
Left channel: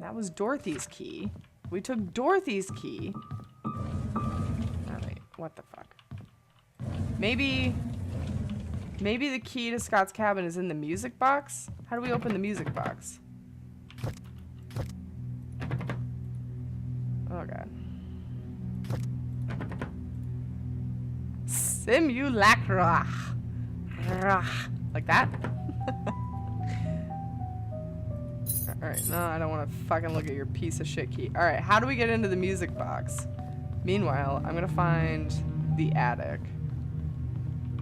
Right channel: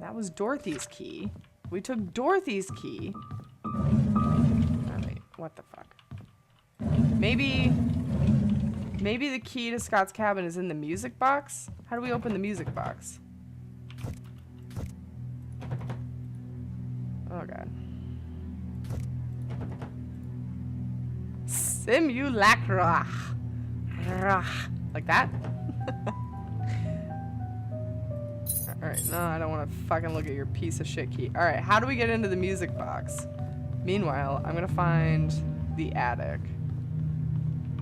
That was Dorothy's key. We took Dorothy's key. Alright, what the fuck? Maybe the key to Scott's cabin is in the music box? How do we open the music box? Oh god. Simulacra. Like that? Alright, no, I don't want to fucking look at your piece of shit key. Alright, how do we get into the music box? Meanwhile, I'm gonna find the attic.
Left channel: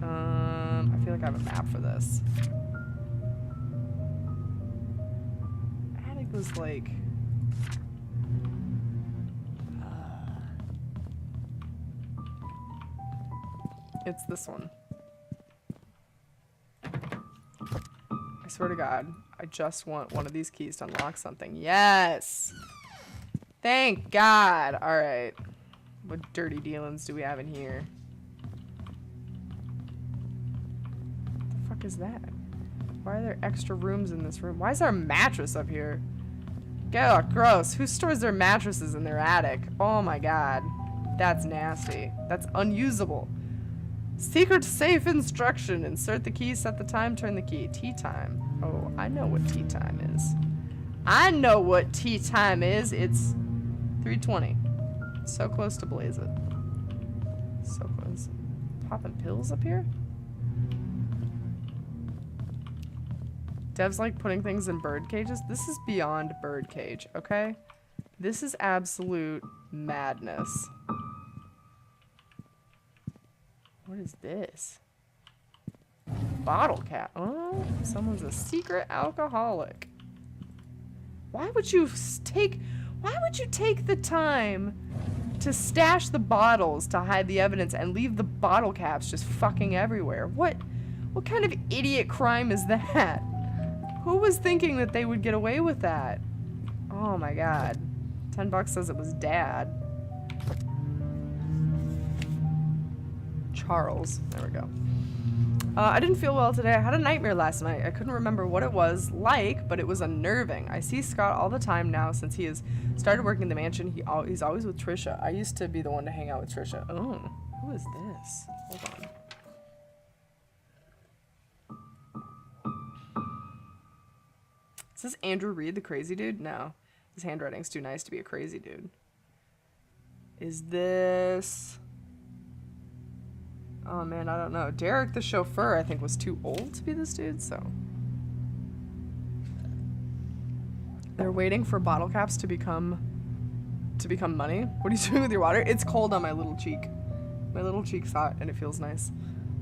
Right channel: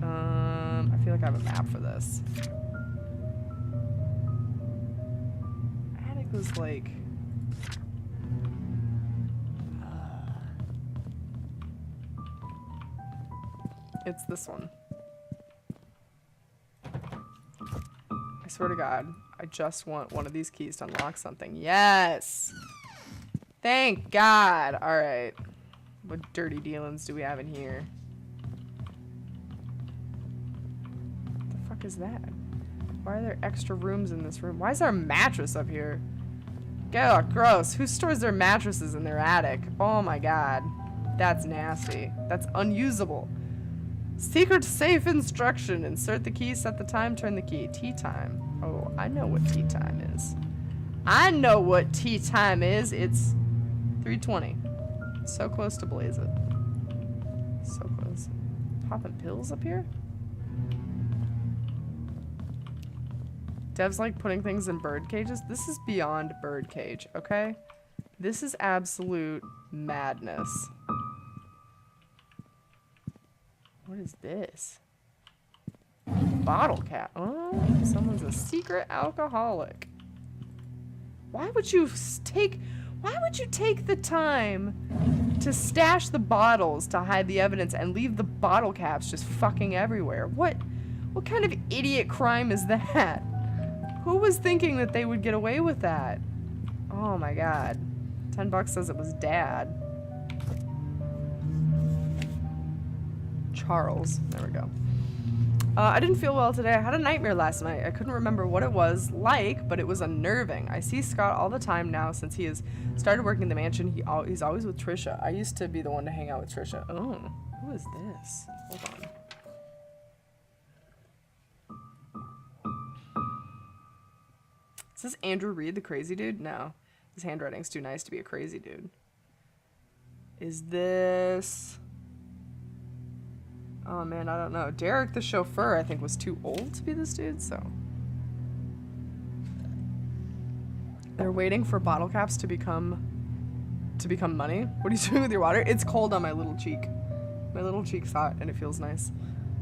I feel like I have a map for this. Attic was like... It's this one. I swear to God, I just want one of these keys to unlock something. Yes! Thank God! Alright. What dirty dealings do we have in here? What the fuck is that? Why are there extra rooms in this room? Why is there a mattress up here? Ugh, gross. Who stores their mattresses in their attic? Oh my God. That's nasty. That's unusable. Secret safe instruction. Insert the key, set the time, turn the key. Tea time. Oh, I know what tea time is. I know what tea time is. It's 3:20. So close to blaze it. So close. Popping pills up here? Dev's like putting things in bird cages. This is beyond bird cage, okay? This is absolute madness. What is this? Bottle cap. Oh, someone's a secret alcoholic. Why would you take the time to stash the bottles to hide the evidence and leave the bottle caps just fucking everywhere? What kind of idiot crime is that? Who was thinking that they would get away with that? Oh my god. $10 says it was Dad. Charles. There we go. I didn't feel well today. I had a nightmare last night. I couldn't remember what it was like, but it was unnerving. I see Scott all the time now since he has started working in the mansion. He's always with Trisha. I used to be the one to hang out with Trisha. Oh, who is this? Hold on. Is this Andrew Reed, the crazy dude? No. His handwriting's too nice to be a crazy dude. Is this... Oh man, I don't know. Derek the chauffeur, I think, was too old to be this dude, so. They're waiting for bottle caps to become money. What are you doing with your water? It's cold on my little cheek. My little cheek's hot and it feels nice.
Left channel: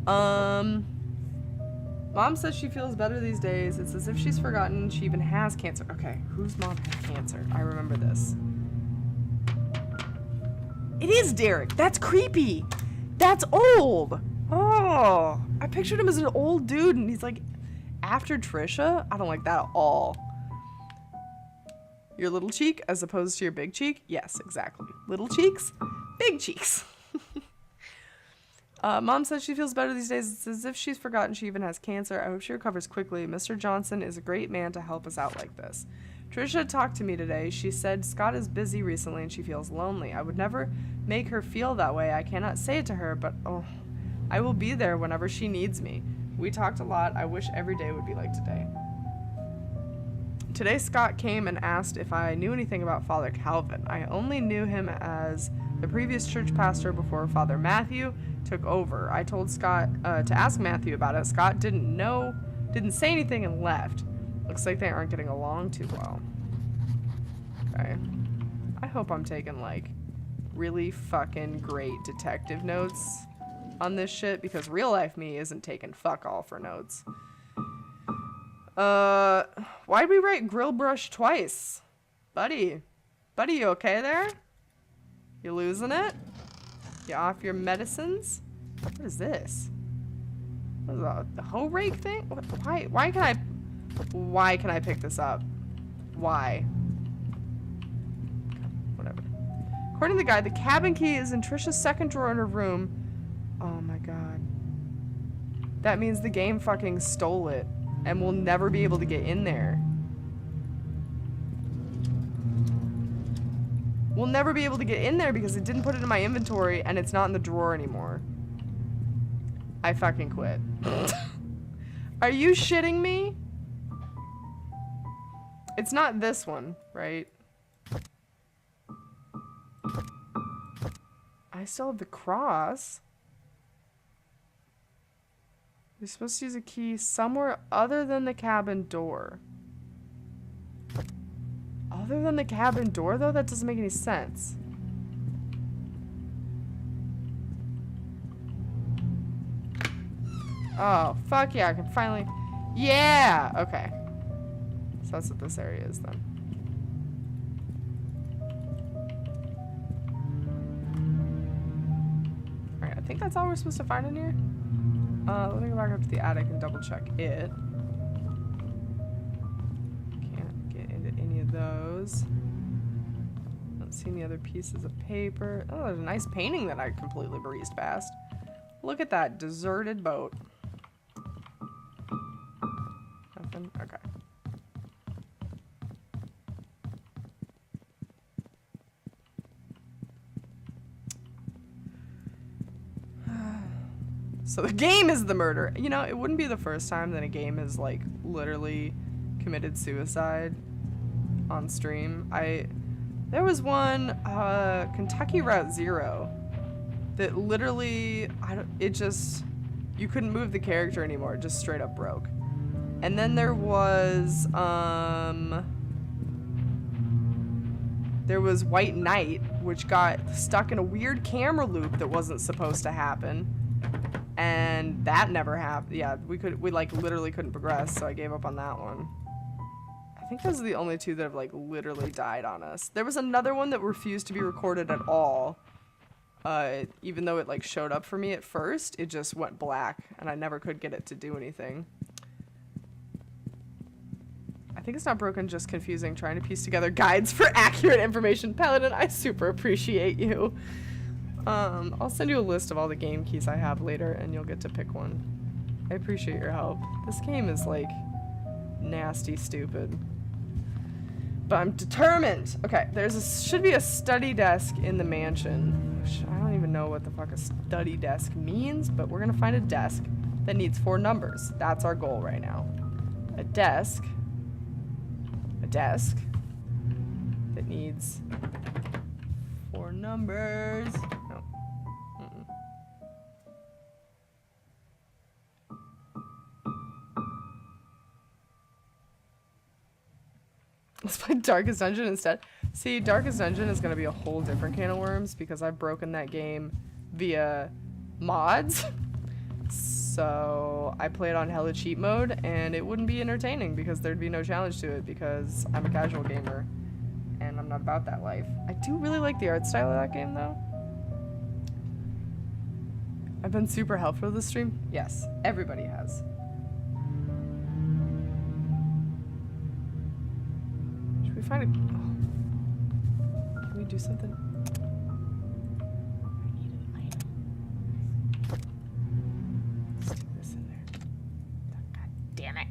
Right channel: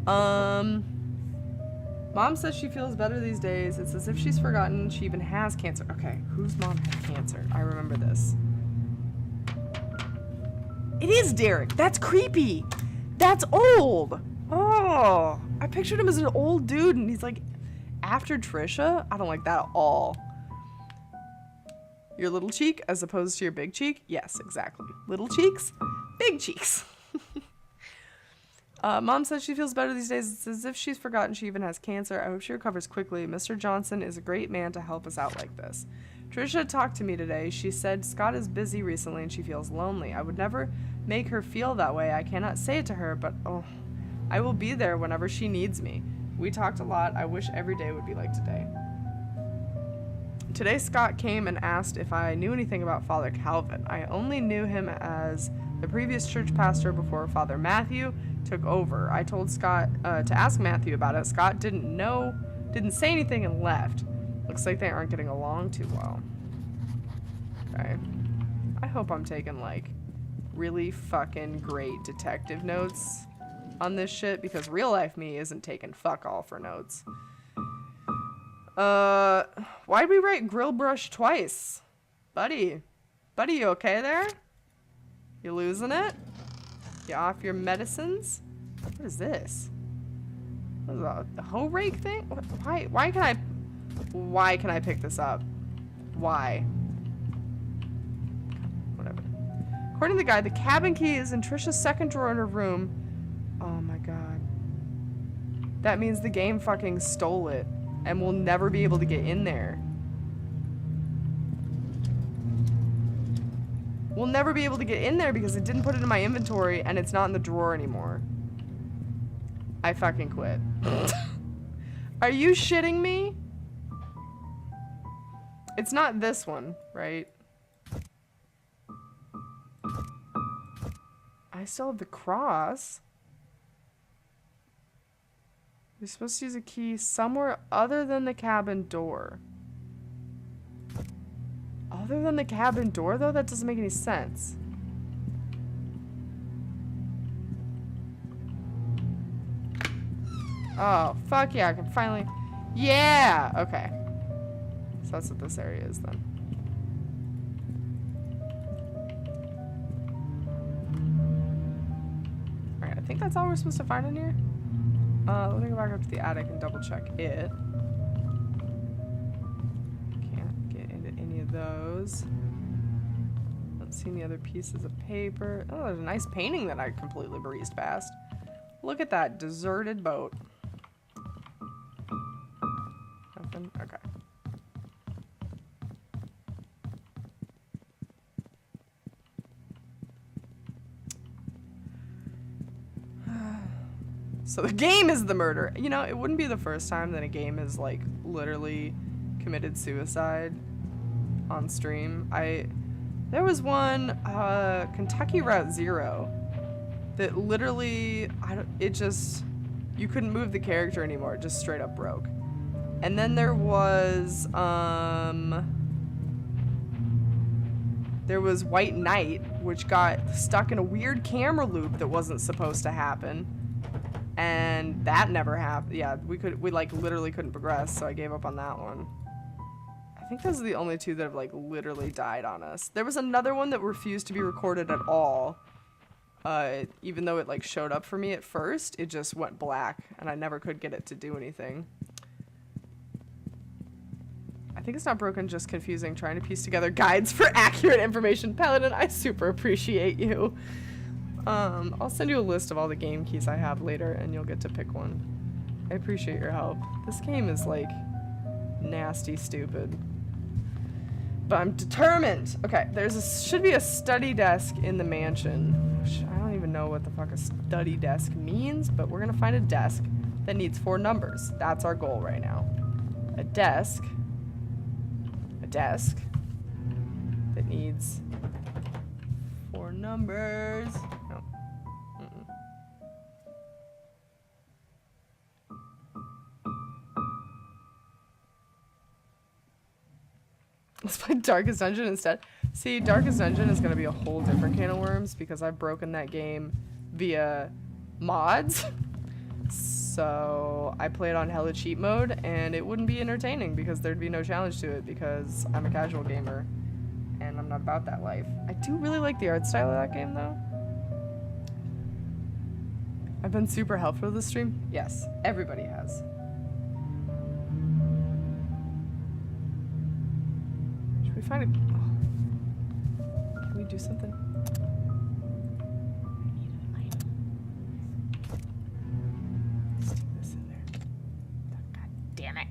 Mom says she feels better these days. It's as if she's forgotten she even has cancer. Okay, whose mom had cancer? I remember this. It is Derek. That's creepy. That's old. Oh, I pictured him as an old dude and he's like after Trisha. I don't like that at all. Your little cheek as opposed to your big cheek? Yes, exactly. Little cheeks, big cheeks. Mom says she feels better these days. It's as if she's forgotten she even has cancer. I hope she recovers quickly. Mr. Johnson is a great man to help us out like this. Trisha talked to me today. She said Scott is busy recently and she feels lonely. I would never make her feel that way. I cannot say it to her, but oh, I will be there whenever she needs me. We talked a lot. I wish every day would be like today. Today Scott came and asked if I knew anything about Father Calvin. I only knew him as the previous church pastor before Father Matthew took over. I told Scott to ask Matthew about it. Scott didn't say anything and left. Looks like they aren't getting along too well. Okay. I hope I'm taking like really fucking great detective notes on this shit because real life me isn't taking fuck all for notes. Why'd we write grill brush twice? Buddy, you okay there? You losing it? You off your medicines? What is this? What is that? The hoe rake thing? What, why can I pick this up? Why? Whatever. According to the guy, the cabin key is in Trisha's second drawer in her room. Oh my god. That means the game fucking stole it. And we'll never be able to get in there. We'll never be able to get in there because it didn't put it in my inventory and it's not in the drawer anymore. I fucking quit. Are you shitting me? It's not this one, right? I still have the cross. You're supposed to use a key somewhere other than the cabin door. Other than the cabin door, though? That doesn't make any sense. Oh, fuck yeah, I can finally... Yeah! Okay. So that's what this area is, then. Alright, I think that's all we're supposed to find in here. Let me go back up to the attic and double check it. Can't get into any of those. Don't see any other pieces of paper. Oh, there's a nice painting that I completely breezed past. Look at that deserted boat. Nothing? Okay. So the game is the murder. You know, it wouldn't be the first time that a game has, like, literally committed suicide on stream. There was one, Kentucky Route Zero, that literally, you couldn't move the character anymore. It just straight up broke. And then there was White Knight, which got stuck in a weird camera loop that wasn't supposed to happen. And that never happened. Yeah, we like literally couldn't progress, so I gave up on that one. I think those are the only two that have like literally died on us. There was another one that refused to be recorded at all. Even though it like showed up for me at first, it just went black and I never could get it to do anything. I think it's not broken, just confusing, trying to piece together guides for accurate information. Paladin, I super appreciate you. I'll send you a list of all the game keys I have later and you'll get to pick one. I appreciate your help. This game is like nasty stupid. But I'm determined. Okay, should be a study desk in the mansion. Which I don't even know what the fuck a study desk means, but we're gonna find a desk that needs 4 numbers. That's our goal right now. A desk that needs 4 numbers. No. Let's play Darkest Dungeon instead. See, Darkest Dungeon is going to be a whole different can of worms because I've broken that game via mods. So I play it on hella cheat mode and it wouldn't be entertaining because there'd be no challenge to it because I'm a casual gamer and I'm not about that life. I do really like the art style of that game though. I've been super helpful this stream. Yes, everybody has. Should we find a... Oh. Can we do something? I need an item. Stick this in there. God damn it.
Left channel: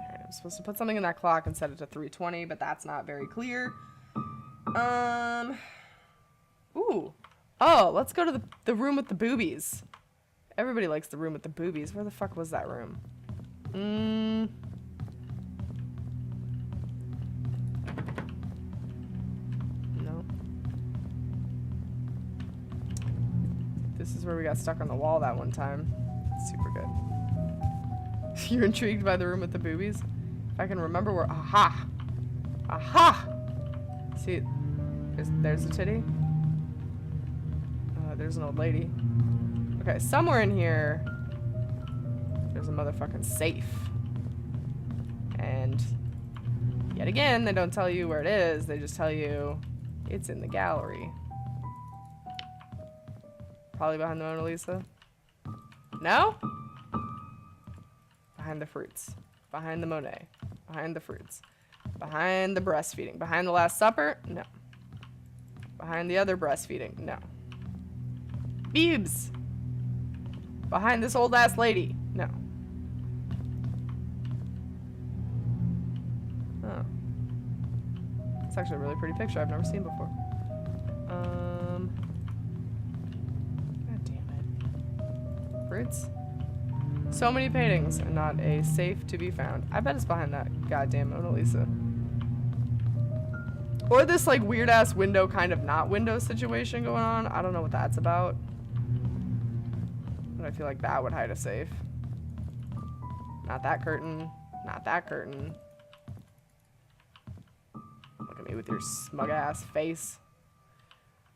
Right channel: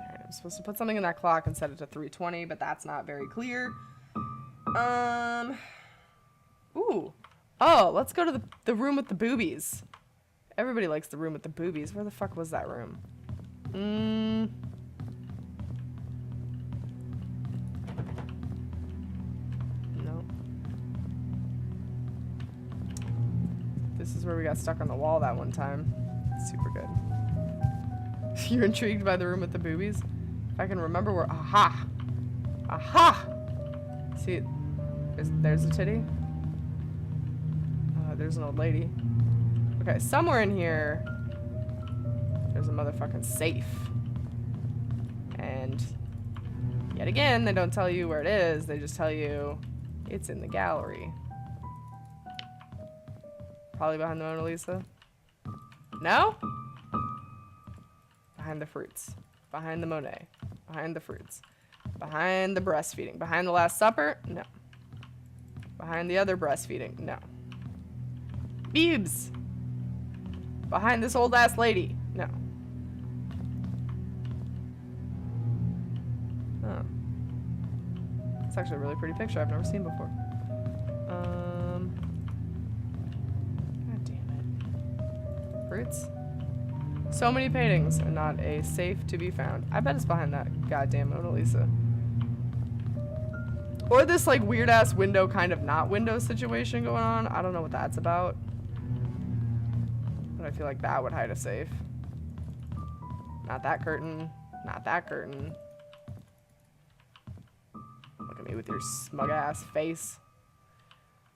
Alright, I'm supposed to put something in that clock and set it to 3:20, but that's not very clear. Ooh. Oh, let's go to the room with the boobies. Everybody likes the room with the boobies. Where the fuck was that room? No. This is where we got stuck on the wall that one time. Super good. You're intrigued by the room with the boobies? If I can remember where... Aha! Aha! See, there's a titty. There's an old lady. Okay, somewhere in here, there's a motherfucking safe. And yet again, they don't tell you where it is. They just tell you it's in the gallery. Probably behind the Mona Lisa. No? Behind the fruits. Behind the Monet. Behind the fruits. Behind the breastfeeding. Behind the Last Supper? No. Behind the other breastfeeding? No. Boobs. Behind this old ass lady? No. Oh. It's actually a really pretty picture I've never seen before. God damn it. Fruits? So many paintings and not a safe to be found. I bet it's behind that goddamn Mona Lisa. Or this like weird ass window kind of not window situation going on. I don't know what that's about. But I feel like that would hide a safe. Not that curtain. Not that curtain. Look at me with your smug ass face.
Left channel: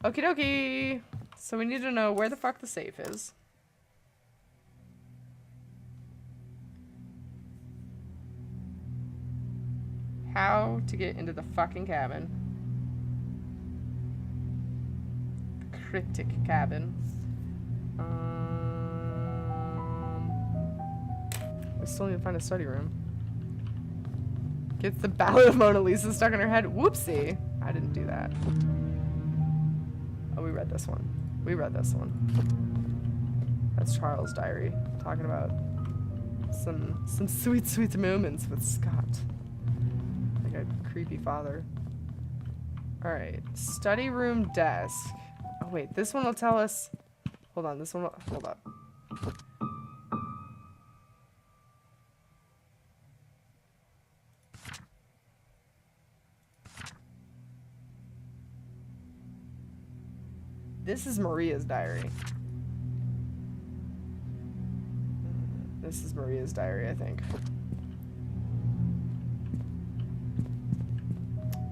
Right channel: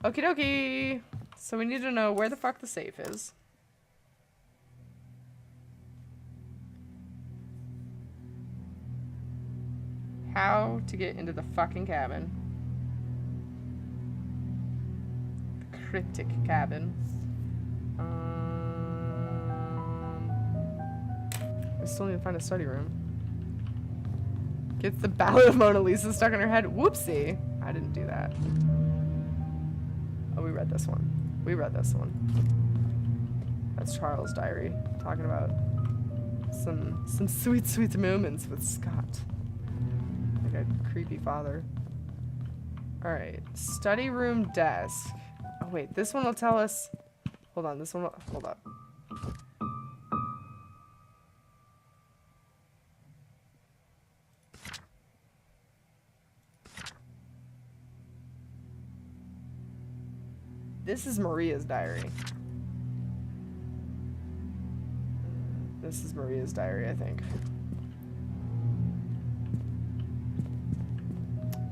Okie dokie. So we need to know where the fuck the safe is. How to get into the fucking cabin. The cryptic cabin. We still need to find a study room. Gets the Ballad of Mona Lisa stuck in her head. Whoopsie. I didn't do that. Oh, we read this one. We read this one. That's Charles' diary. Talking about some sweet, sweet moments with Scott. Like a creepy father. Alright. Study room desk. Oh, wait. This one will tell us Hold on, this one. Hold up. This is Maria's diary. This is Maria's diary, I think.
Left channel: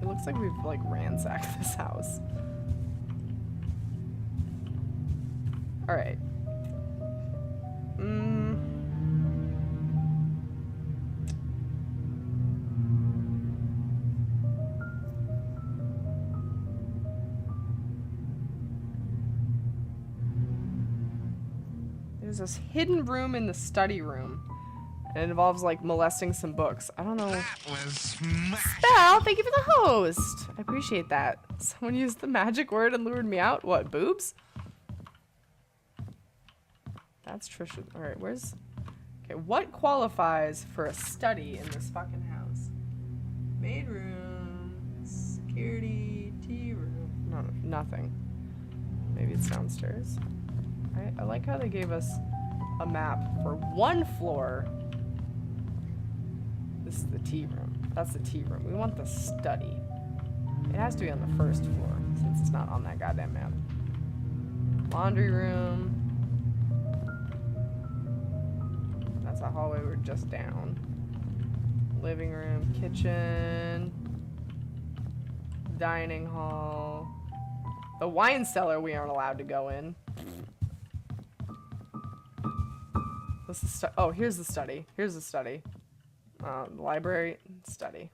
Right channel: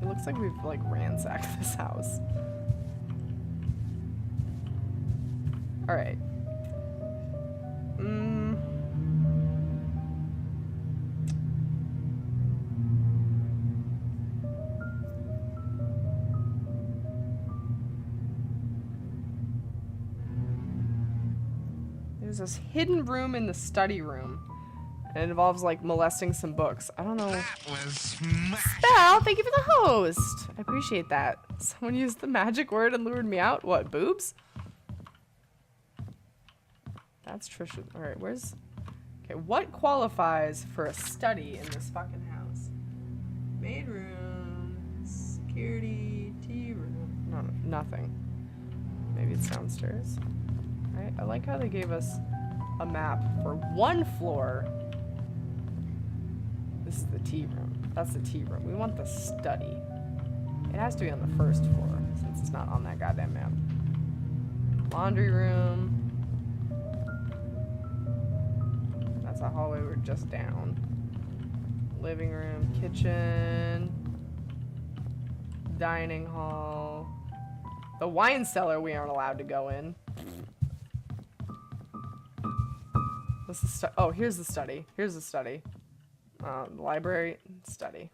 It looks like we've, like, ransacked this house. Alright. There's this hidden room in the study room. And it involves, like, molesting some books. I don't know. That was smash. Spell, thank you for the host. I appreciate that. Someone used the magic word and lured me out. What, boobs? That's Trisha. Alright, where's... Okay, what qualifies for a study in this fucking house? Maid room, security, tea room. No, nothing. Maybe it's downstairs. I like how they gave us a map for one floor. This is the tea room. That's the tea room. We want the study. It has to be on the first floor since it's not on that goddamn map. Laundry room. That's a hallway we're just down. Living room, kitchen, dining hall. The wine cellar we aren't allowed to go in. What's the oh, here's the study. Here's the study. Library, study.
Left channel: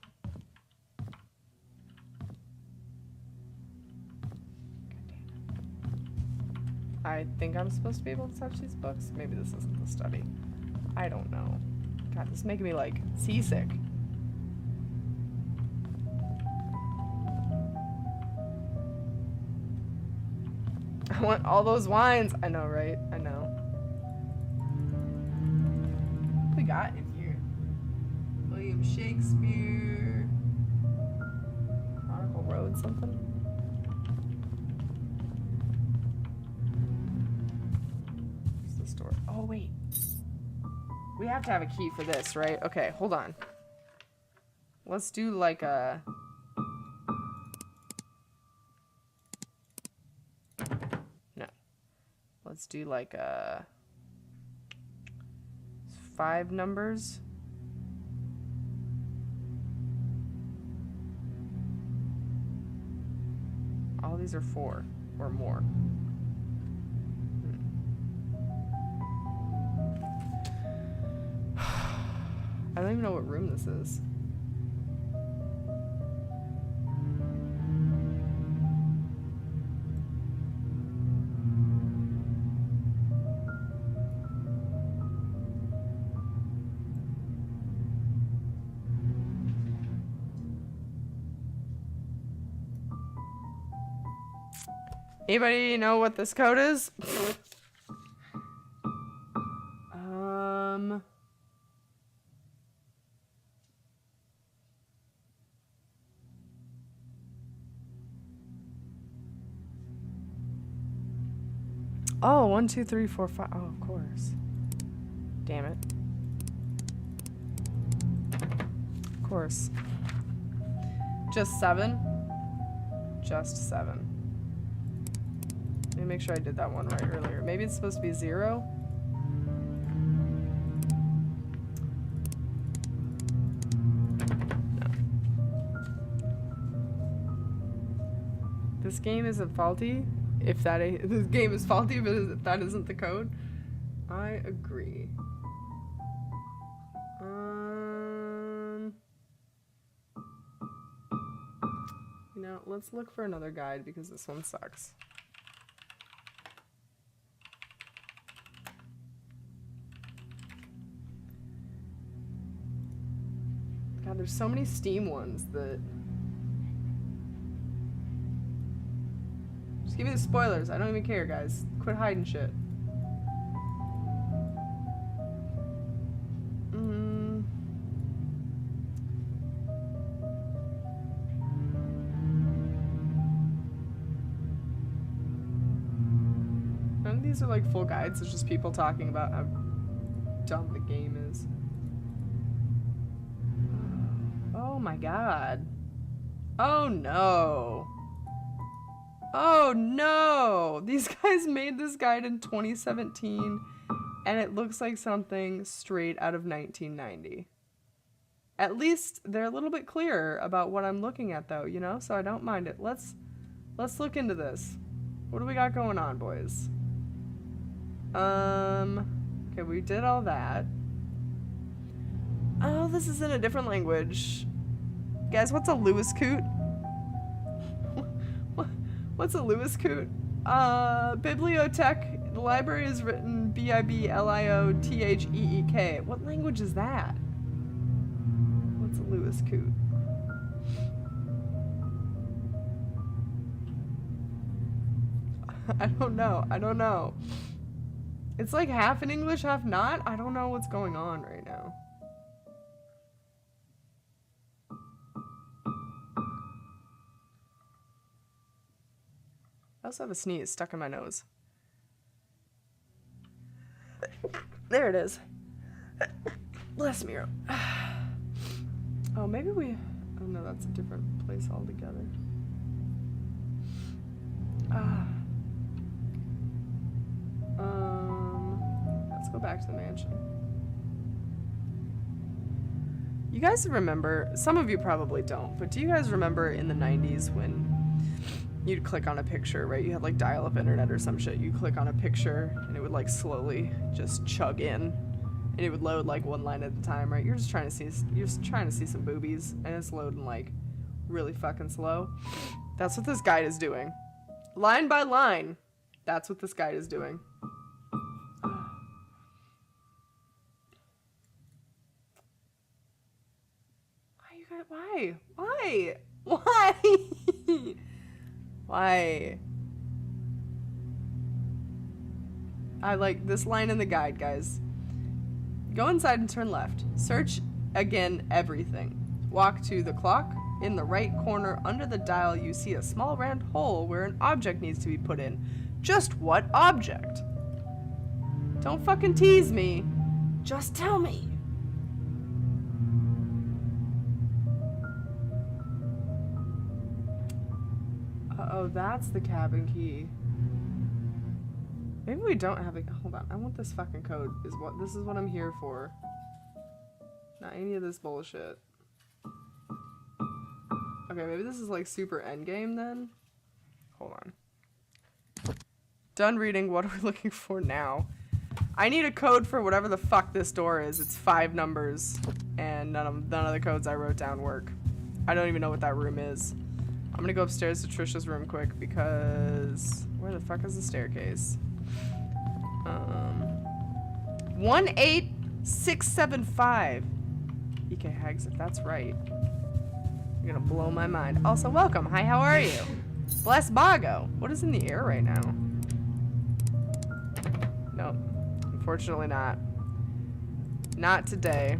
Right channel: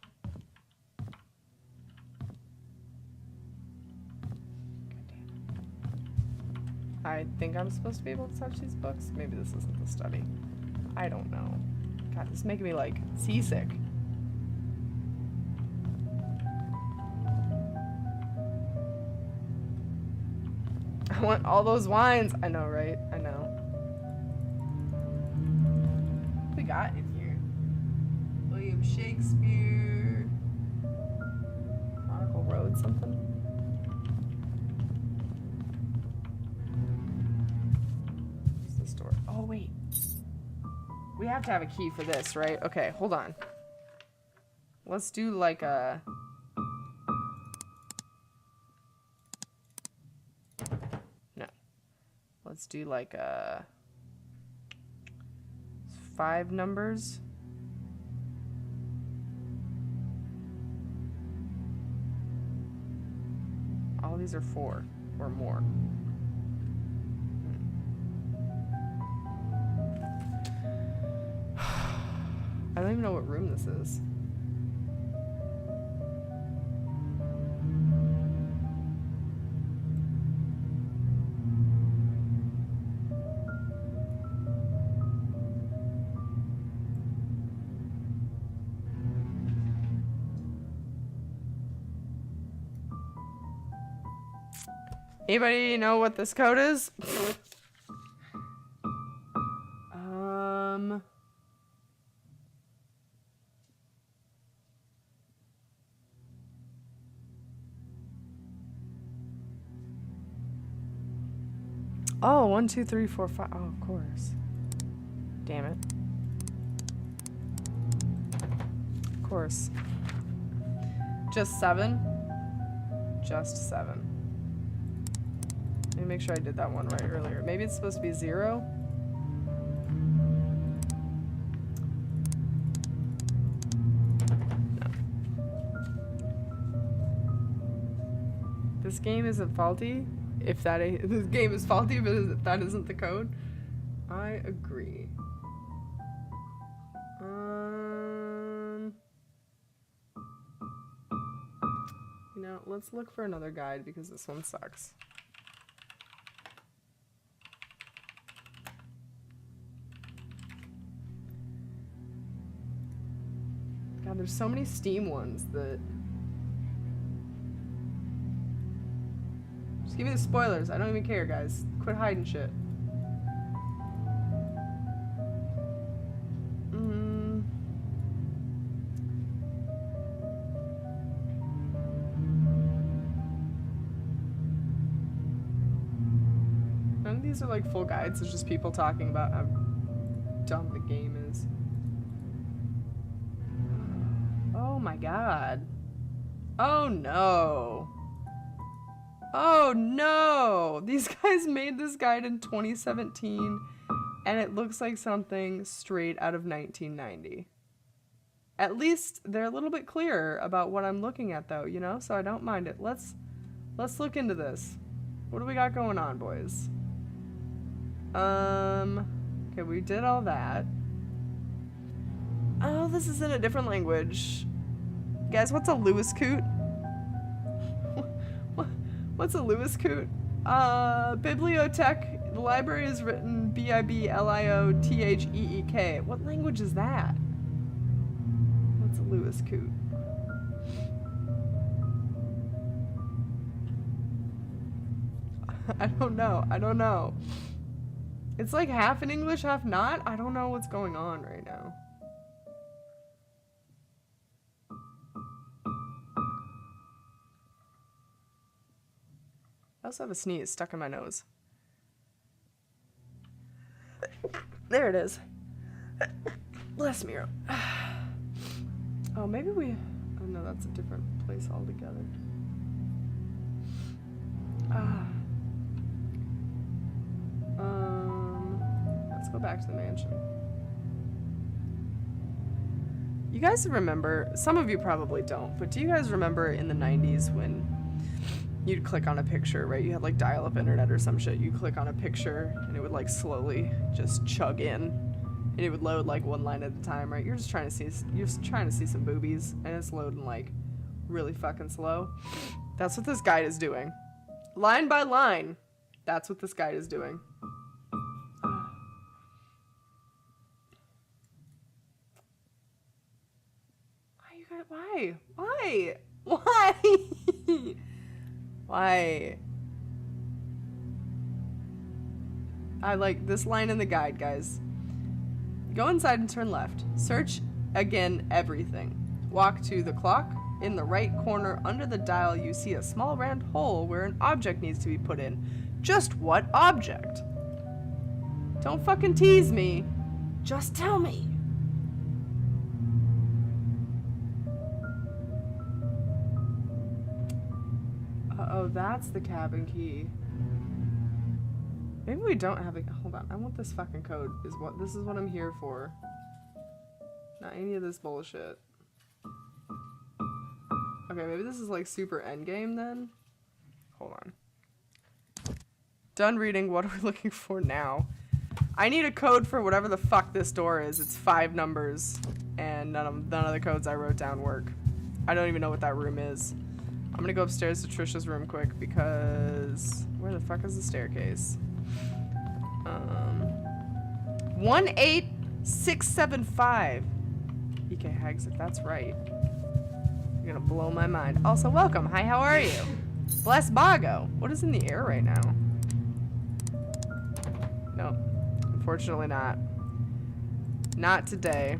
God damn it. I think I'm supposed to be able to touch these books. Maybe this isn't the study. I don't know. God, this is making me, like, seasick. I want all those wines. I know, right? I know. What we got in here? William Shakespeare. Chronicle Road, something? Where's this door? Oh, wait. We have to have a key for this, right? Okay, hold on. Let's do like a... No. Let's do like a... 5 numbers. All these are 4 or more. I don't even know what room this is. Anybody know what this code is? Oh, 1, 2, 3, 4, 5. Oh, of course. Damn it. Of course. Just 7? Just 7. Let me make sure I did that one right earlier. Maybe it's supposed to be 0? No. This game isn't faulty. If that this game is faulty, but if that isn't the code. I agree. You know, let's look for another guide because this one sucks. God, there's so many Steam ones that... Just give me the spoilers. I don't even care, guys. Quit hiding shit. None of these are like full guides. It's just people talking about how dumb the game is. Oh my god. Oh no. Oh no! These guys made this guide in 2017 and it looks like something straight out of 1990. At least they're a little bit clearer about what I'm looking at though, you know? So I don't mind it. Let's look into this. What do we got going on, boys? Okay, we did all that. Oh, this is in a different language. Guys, what's a Lewis coot? What's a Lewis coot? Bibliotech. The library is written Bibliotheek. What language is that? What's a Lewis coot? I don't know. I don't know. It's like half in English, half not. I don't know what's going on right now. I also have a sneeze stuck in my nose. There it is. Bless me. Oh, maybe we... Oh no, that's a different place altogether. Let's go back to the mansion. You guys remember, some of you probably don't, but do you guys remember in the 90s when you'd click on a picture, right? You had like dial-up internet or some shit. You click on a picture and it would like slowly just chug in and it would load like one line at a time, right? You're just trying to see some boobies and it's loading like really fucking slow. That's what this guide is doing. Line by line. That's what this guide is doing. Why? Why? Why? Why? I like this line in the guide, guys. Go inside and turn left. Search again everything. Walk to the clock. In the right corner under the dial, you see a small round hole where an object needs to be put in. Just what object? Don't fucking tease me. Just tell me. Uh-oh, that's the cabin key. Maybe we don't have a... Hold on, I want this fucking code. This is what I'm here for. Not any of this bullshit. Okay, maybe this is like super endgame then? Hold on. Done reading, what are we looking for now? I need a code for whatever the fuck this door is. It's 5 numbers, and none of the codes I wrote down work. I don't even know what that room is. I'm gonna go upstairs to Trisha's room quick because... Where the fuck is the staircase? 18675. EK Hags, if that's right. You're gonna blow my mind. Also, welcome. Hi, how are you? Bless Bago. What is in the air right now? Nope. Unfortunately not. Not today.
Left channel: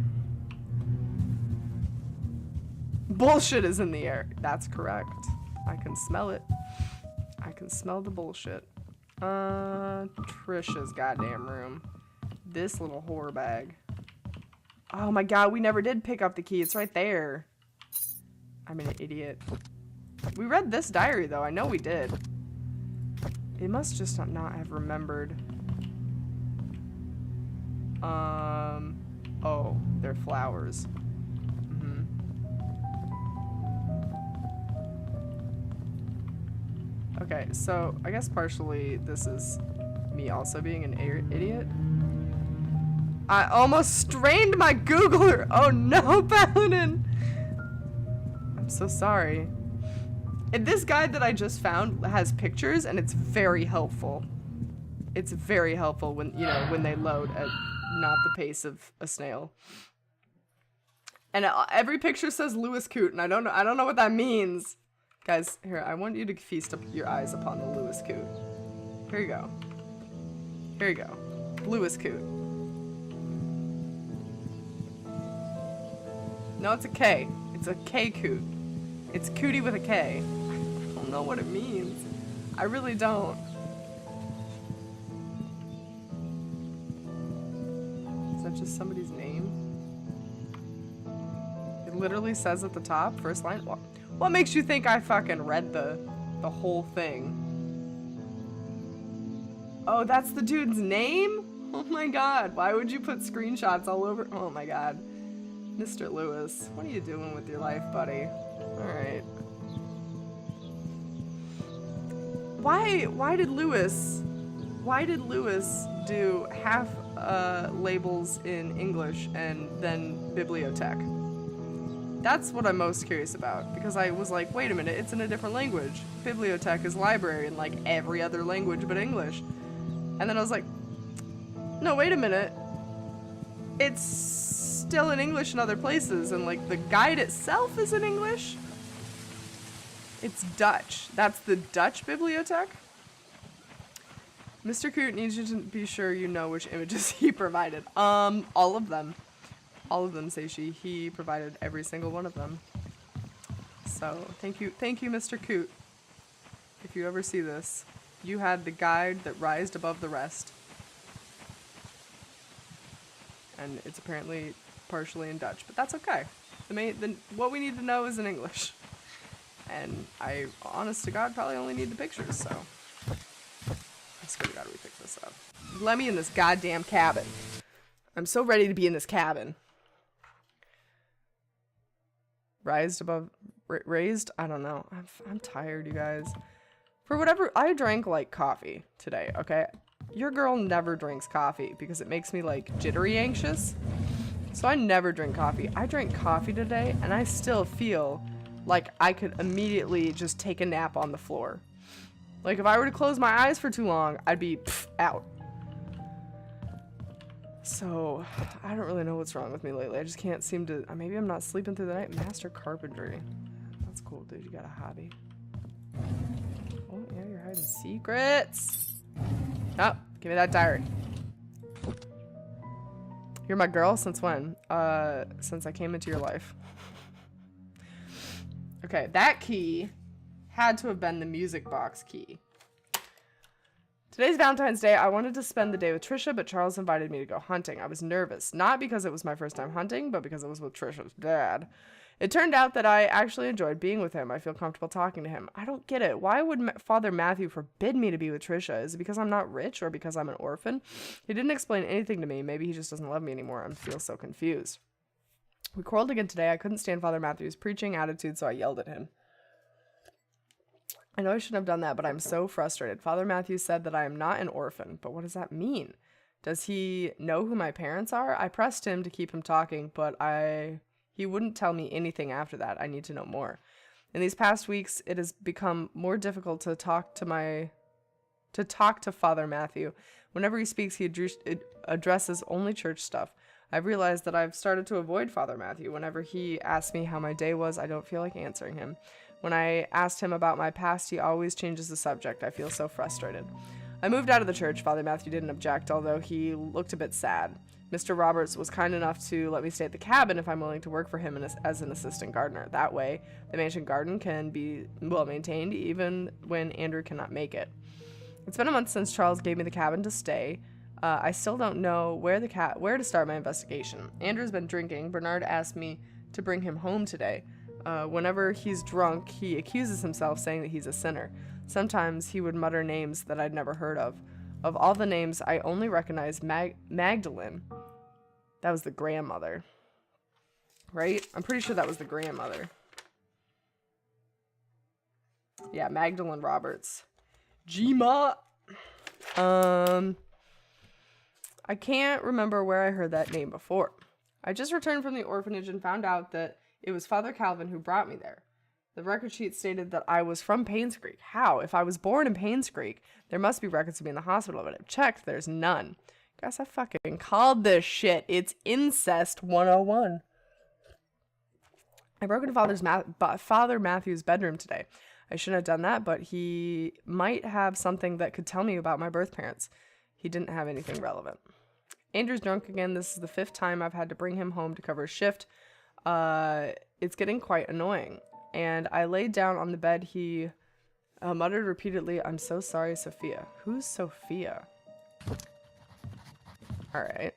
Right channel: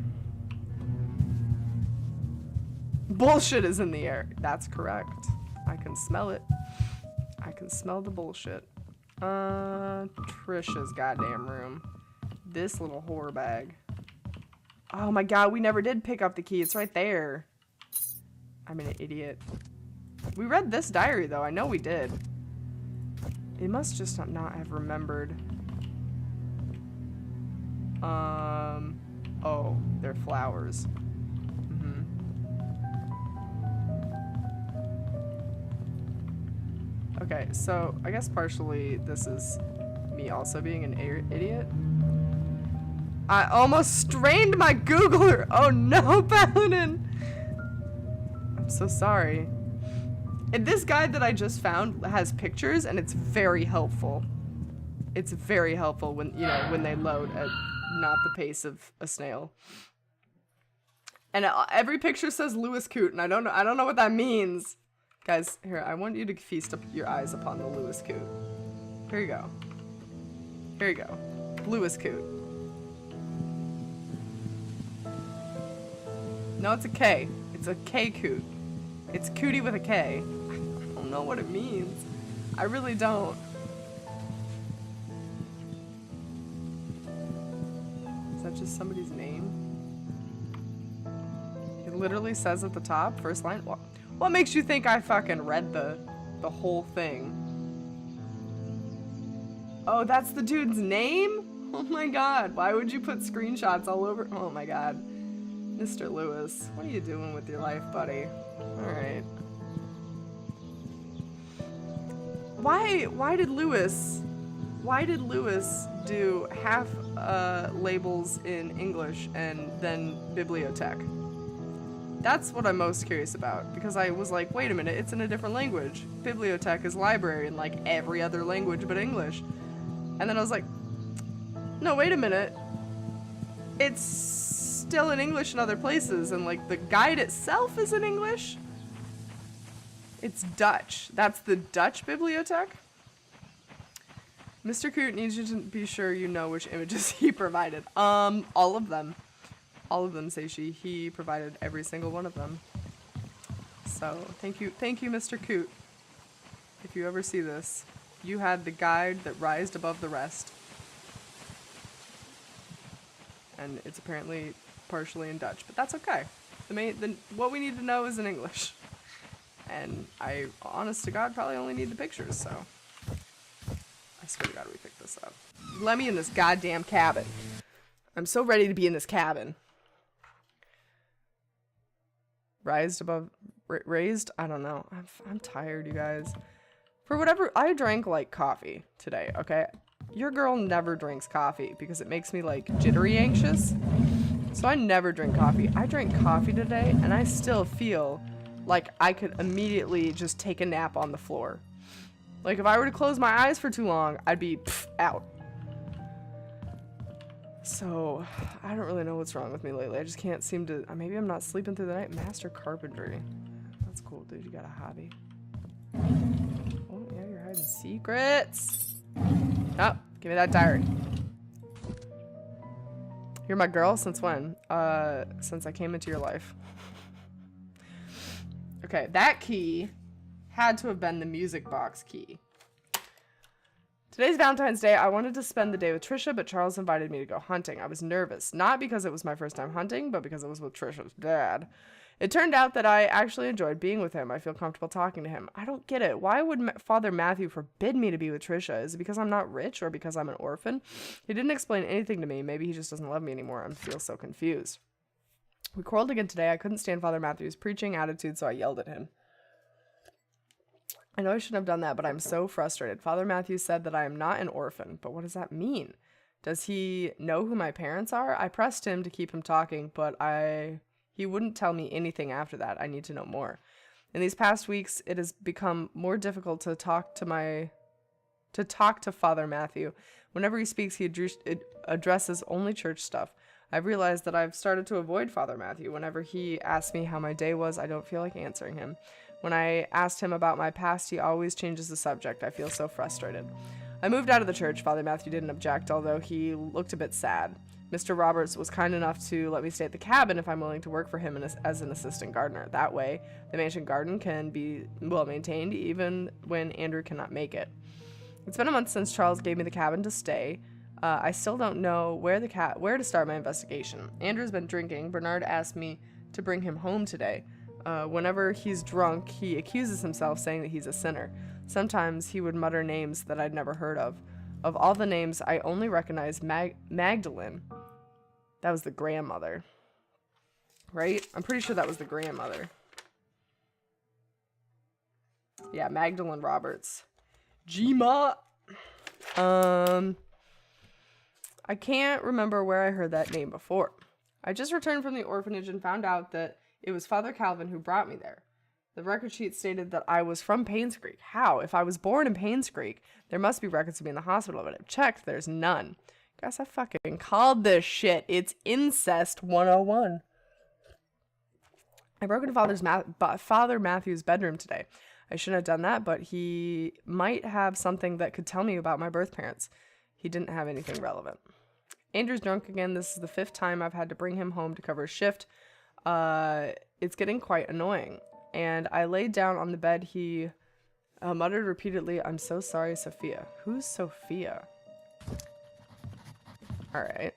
Bullshit is in the air. That's correct. I can smell it. I can smell the bullshit. Trisha's goddamn room. This little whore bag. Oh my god, we never did pick up the key. It's right there. I'm an idiot. We read this diary though. I know we did. It must just not have remembered. Oh, they're flowers. Mm-hmm. Okay, so I guess partially this is me also being an idiot. I almost strained my Googler. Oh no, Paladin. I'm so sorry. And this guide that I just found has pictures and it's very helpful. It's very helpful when, you know, when they load at not the pace of a snail. And every picture says Lewis Coot and I don't know what that means. Guys, here, I want you to feast up your eyes upon the Lewis Coot. Here you go. Here you go. Lewis Coot. No, it's a K. It's a K Coot. It's Cootie with a K. I don't know what it means. I really don't. Is that just somebody's name? It literally says at the top, first line. What makes you think I fucking read the whole thing? Oh, that's the dude's name? Oh my god, why would you put screenshots all over? Oh my god. Mr. Lewis, what are you doing with your life, buddy? Alright. Why did Lewis do half labels in English and then bibliothèque? That's what I'm most curious about, because I was like, wait a minute, it's in a different language. Bibliothèque is library in like every other language but English. And then I was like, no, wait a minute. It's still in English in other places, and like the guide itself is in English. It's Dutch. That's the Dutch bibliothèque. Mr. Coot needs you to be sure you know which images he provided. All of them. All of them, say she. He provided every single one of them. So, thank you, Mr. Coot. If you ever see this, you had the guide that rised above the rest. And it's apparently partially in Dutch, but that's okay. What we need to know is in English. And I, honest to God, probably only need the pictures, so. I swear to God we picked this up. Let me in this goddamn cabin. I'm so ready to be in this cabin. Raised? I don't know. I'm tired, you guys. For whatever, I drank like coffee today, okay? Your girl never drinks coffee because it makes me like jittery anxious. So I never drink coffee. I drank coffee today and I still feel like I could immediately just take a nap on the floor. Like if I were to close my eyes for too long, I'd be out. So I don't really know what's wrong with me lately. I just can't seem to, maybe I'm not sleeping through the night. Master carpentry. That's cool, dude. You got a hobby. Oh yeah, you're hiding secrets. Oh, give me that diary. You're my girl? Since when? Since I came into your life. Okay, that key had to have been the music box key. Today's Valentine's Day. I wanted to spend the day with Trisha, but Charles invited me to go hunting. I was nervous, not because it was my first time hunting, but because it was with Trisha's dad. It turned out that I actually enjoyed being with him. I feel comfortable talking to him. I don't get it. Why would Father Matthew forbid me to be with Trisha? Is it because I'm not rich or because I'm an orphan? He didn't explain anything to me. Maybe he just doesn't love me anymore. I feel so confused. We quarreled again today. I couldn't stand Father Matthew's preaching attitude, so I yelled at him. I know I shouldn't have done that, but I'm so frustrated. Father Matthew said that I am not an orphan, but what does that mean? Does he know who my parents are? I pressed him to keep him talking, but he wouldn't tell me anything after that. I need to know more. In these past weeks, it has become more difficult to talk to Father Matthew. Whenever he speaks, he addresses only church stuff. I've realized that I've started to avoid Father Matthew. Whenever he asks me how my day was, I don't feel like answering him. When I asked him about my past, he always changes the subject. I feel so frustrated. I moved out of the church. Father Matthew didn't object, although he looked a bit sad. Mr. Roberts was kind enough to let me stay at the cabin if I'm willing to work for him as an assistant gardener. That way, the mansion garden can be well maintained even when Andrew cannot make it. It's been a month since Charles gave me the cabin to stay. I still don't know where to start my investigation. Andrew's been drinking. Bernard asked me to bring him home today. Whenever he's drunk, he accuses himself, saying that he's a sinner. Sometimes he would mutter names that I'd never heard of. Of all the names, I only recognize Magdalene. That was the grandmother. Right? I'm pretty sure that was the grandmother. Yeah, Magdalene Roberts. Gma. I can't remember where I heard that name before. I just returned from the orphanage and found out that it was Father Calvin who brought me there. The record sheet stated that I was from Painscreek. How? If I was born in Painscreek, there must be records of me in the hospital, but I've checked, there's none. Guess I fucking called this shit. It's incest 101. I broke into Father Matthew's bedroom today. I shouldn't have done that, but he might have something that could tell me about my birth parents. He didn't have anything relevant. Andrew's drunk again. This is the 5th time I've had to bring him home to cover his shift. It's getting quite annoying. And I laid down on the bed. He muttered repeatedly, "I'm so sorry, Sophia." Who's Sophia? Alright.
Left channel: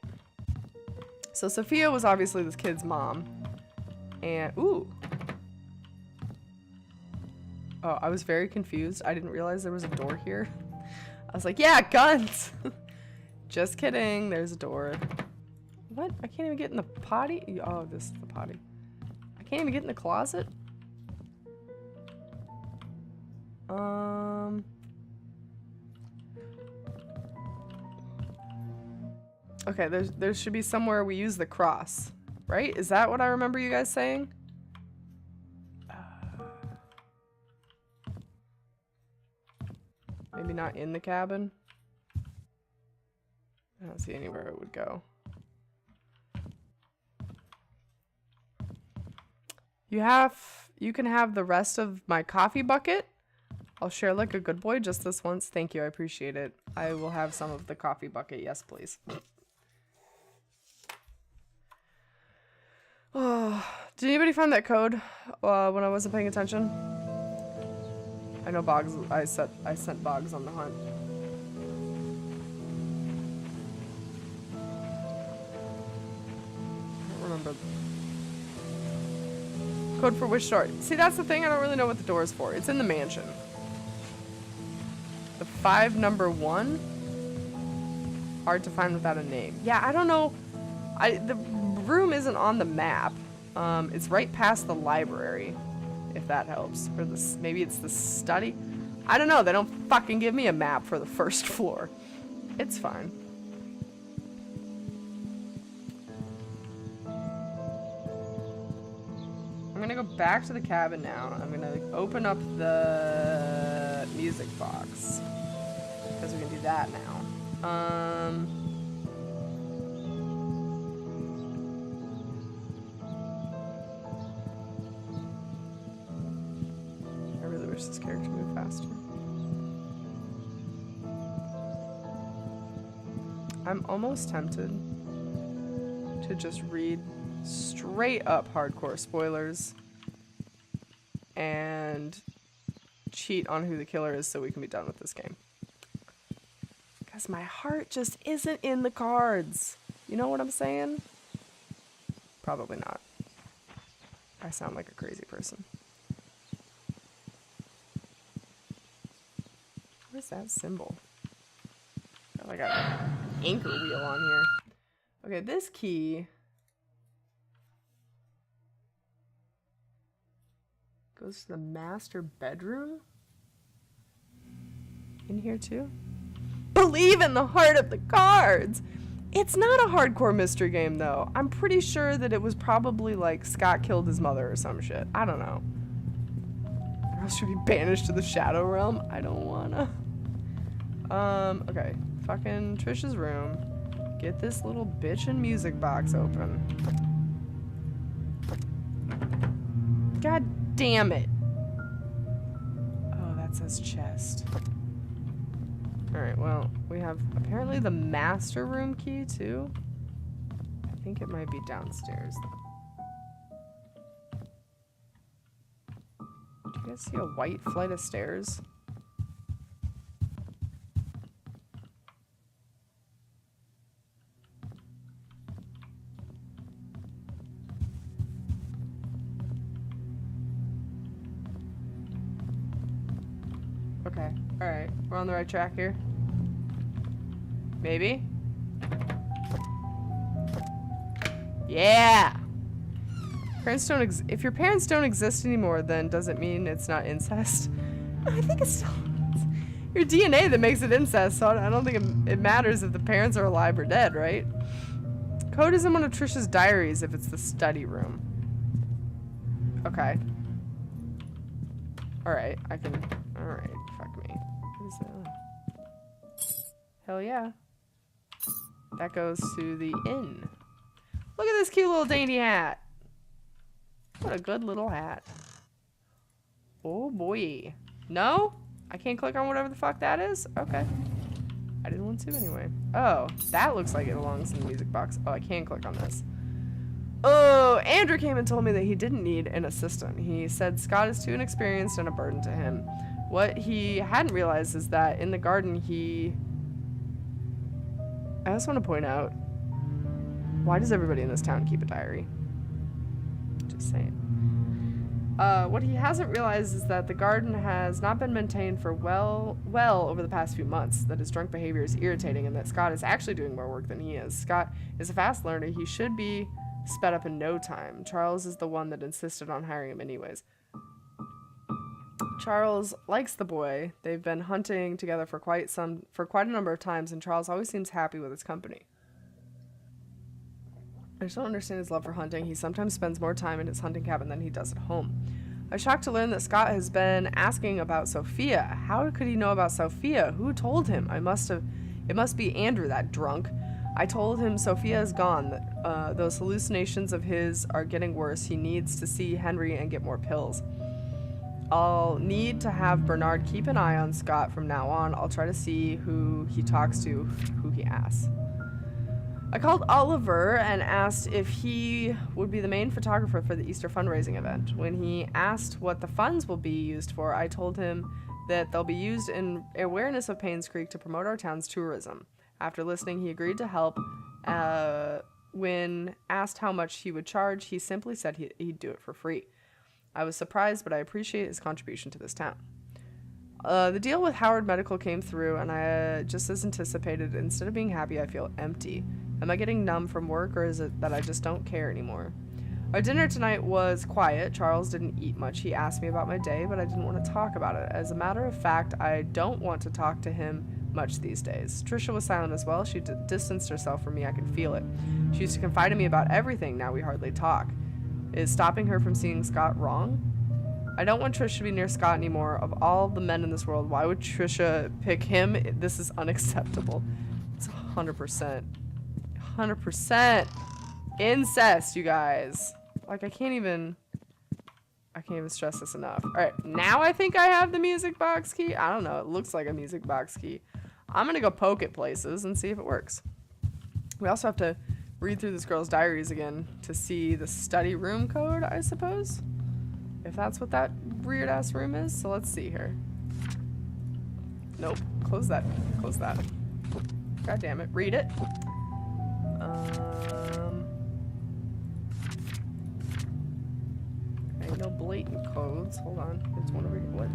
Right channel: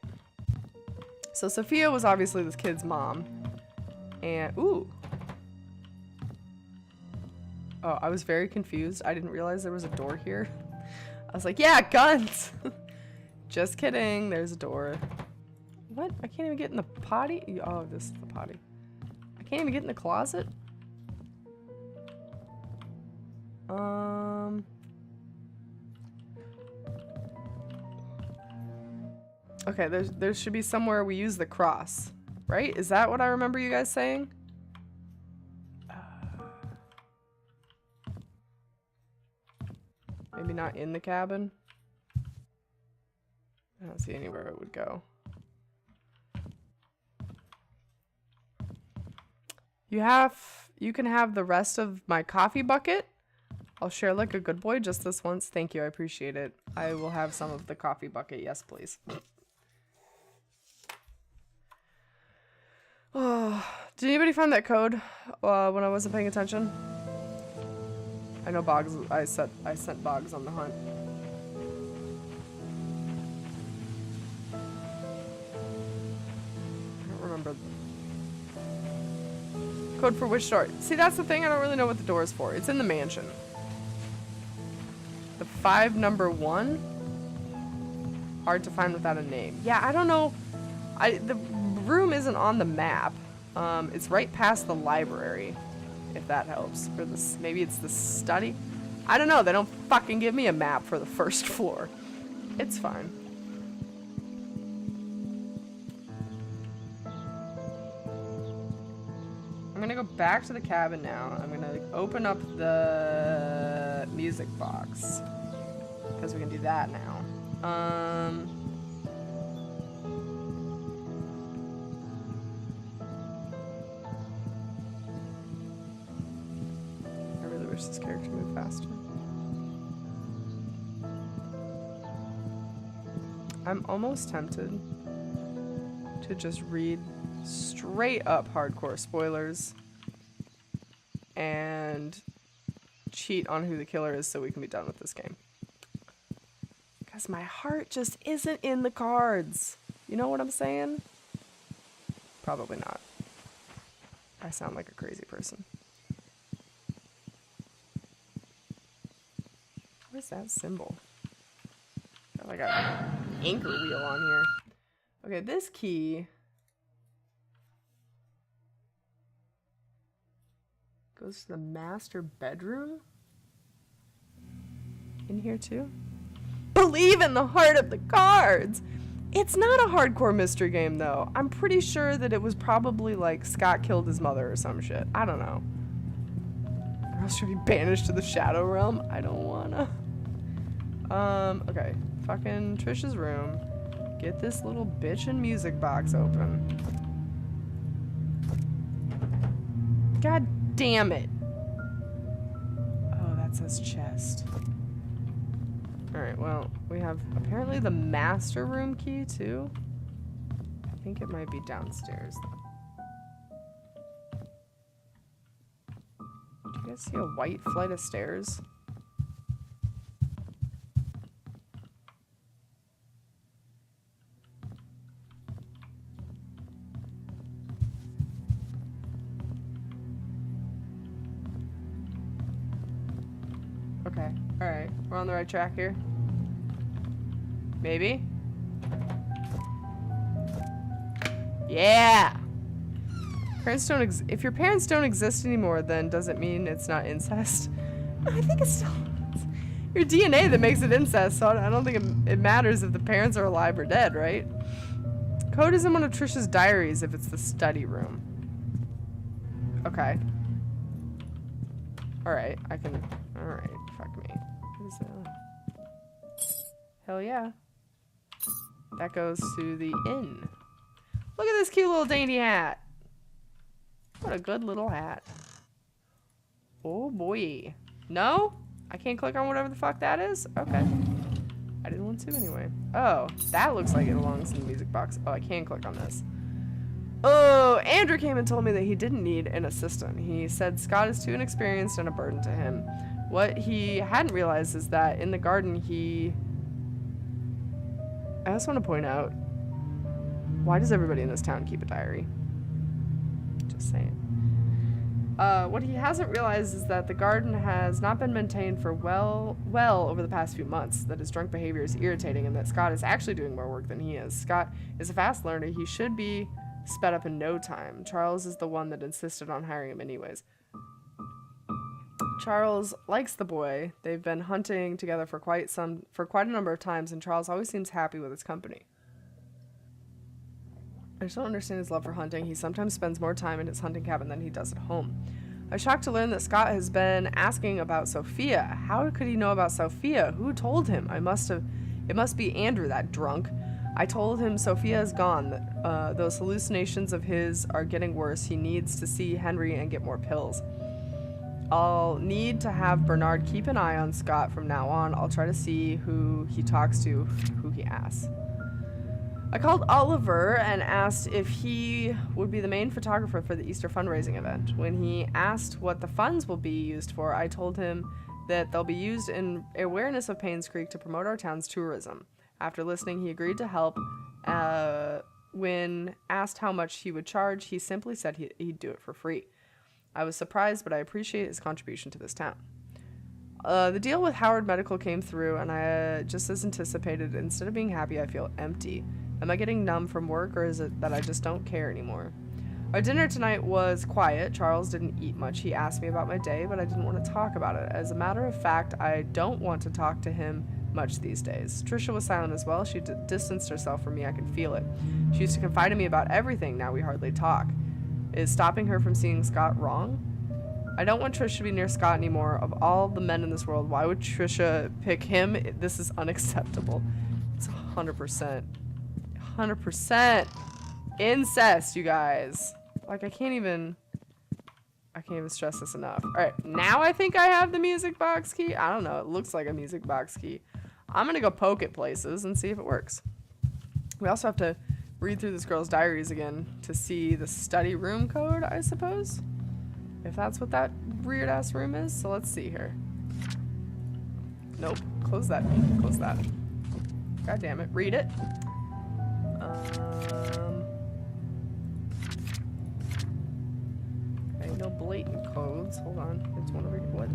So Sophia was obviously this kid's mom. And, ooh. Oh, I was very confused. I didn't realize there was a door here. I was like, yeah, guns! Just kidding. There's a door. What? I can't even get in the potty? Oh, this is the potty. I can't even get in the closet? Okay, there should be somewhere we use the cross, right? Is that what I remember you guys saying? Maybe not in the cabin? I don't see anywhere it would go. You can have the rest of my coffee bucket. I'll share like a good boy just this once. Thank you, I appreciate it. I will have some of the coffee bucket. Yes, please. Oh, did anybody find that code when I wasn't paying attention? I know Boggs. I sent Boggs on the hunt. I don't remember. Code for which door? See, that's the thing. I don't really know what the door is for. It's in the mansion. The 5 number 1. Hard to find without a name. Yeah, I don't know. The room isn't on the map. It's right past the library, if that helps. Or this, maybe it's the study. I don't know. They don't fucking give me a map for the first floor. It's fine. I'm gonna go back to the cabin now. I'm gonna open up the music box because we can do that now. I really wish this character moved faster. I'm almost tempted to just read straight up hardcore spoilers and cheat on who the killer is so we can be done with this game. Because my heart just isn't in the cards. You know what I'm saying? Probably not. I sound like a crazy person. What is that symbol? Got like a anchor wheel on here. Okay, this key goes to the master bedroom. In here too? Believe in the heart of the cards! It's not a hardcore mystery game though. I'm pretty sure that it was probably like Scott killed his mother or some shit. I don't know. Or else should be banished to the Shadow Realm. I don't wanna. Okay. Fucking Trisha's room. Get this little bitchin' music box open. God damn it. Oh, that says chest. Alright, well, we have apparently the master room key too. I think it might be downstairs though. Do you guys see a white flight of stairs? Okay, alright. We're on the right track here. Maybe? Yeah! Parents don't if your parents don't exist anymore, then does it mean it's not incest? I think it's still it's your DNA that makes it incest, so I don't think it matters if the parents are alive or dead, right? Code is in one of Trisha's diaries if it's the study room. Okay. Alright, I can... Alright, fuck me. What is that? Hell yeah. That goes to the inn. Look at this cute little dainty hat. What a good little hat. Oh boy. No? I can't click on whatever the fuck that is? Okay. I didn't want to anyway. Oh, that looks like it belongs in the music box. Oh, I can click on this. Oh, Andrew came and told me that he didn't need an assistant. He said Scott is too inexperienced and a burden to him. What he hadn't realized is that in the garden I just want to point out, Why does everybody in this town keep a diary? Just saying. What he hasn't realized is that the garden has not been maintained for well over the past few months, that his drunk behavior is irritating, and that Scott is actually doing more work than he is. Scott is a fast learner. He should be sped up in no time. Charles is the one that insisted on hiring him anyways. Charles likes the boy. They've been hunting together for quite a number of times, and Charles always seems happy with his company. I just don't understand his love for hunting. He sometimes spends more time in his hunting cabin than he does at home. I was shocked to learn that Scott has been asking about Sophia. How could he know about Sophia? Who told him? It must be Andrew, that drunk. I told him Sophia is gone, that those hallucinations of his are getting worse. He needs to see Henry and get more pills. I'll need to have Bernard keep an eye on Scott from now on. I'll try to see who he talks to, who he asks. I called Oliver and asked if he would be the main photographer for the Easter fundraising event. When he asked what the funds will be used for, I told him that they'll be used in awareness of Painscreek to promote our town's tourism. After listening, he agreed to help. When asked how much he would charge, he simply said he'd do it for free. I was surprised, but I appreciate his contribution to this town. The deal with Howard Medical came through, and I just as anticipated. Instead of being happy, I feel empty. Am I getting numb from work, or is it that I just don't care anymore? Our dinner tonight was quiet. Charles didn't eat much. He asked me about my day, but I didn't want to talk about it. As a matter of fact, I don't want to talk to him much these days. Trisha was silent as well. She distanced herself from me. I can feel it. She used to confide in me about everything. Now we hardly talk. Is stopping her from seeing Scott wrong? I don't want Trisha to be near Scott anymore. Of all the men in this world, why would Trisha pick him? This is unacceptable. It's 100%. 100% incest, you guys. Like, I can't even stress this enough. All right, now I think I have the music box key. I don't know. It looks like a music box key. I'm going to go poke at places and see if it works. We also have to read through this girl's diaries again to see the study room code, I suppose. If that's what that weird-ass room is. So let's see here. Nope. Close that. Close that. God damn it. Read it. Okay, no blatant codes. Hold on. There's one over here. What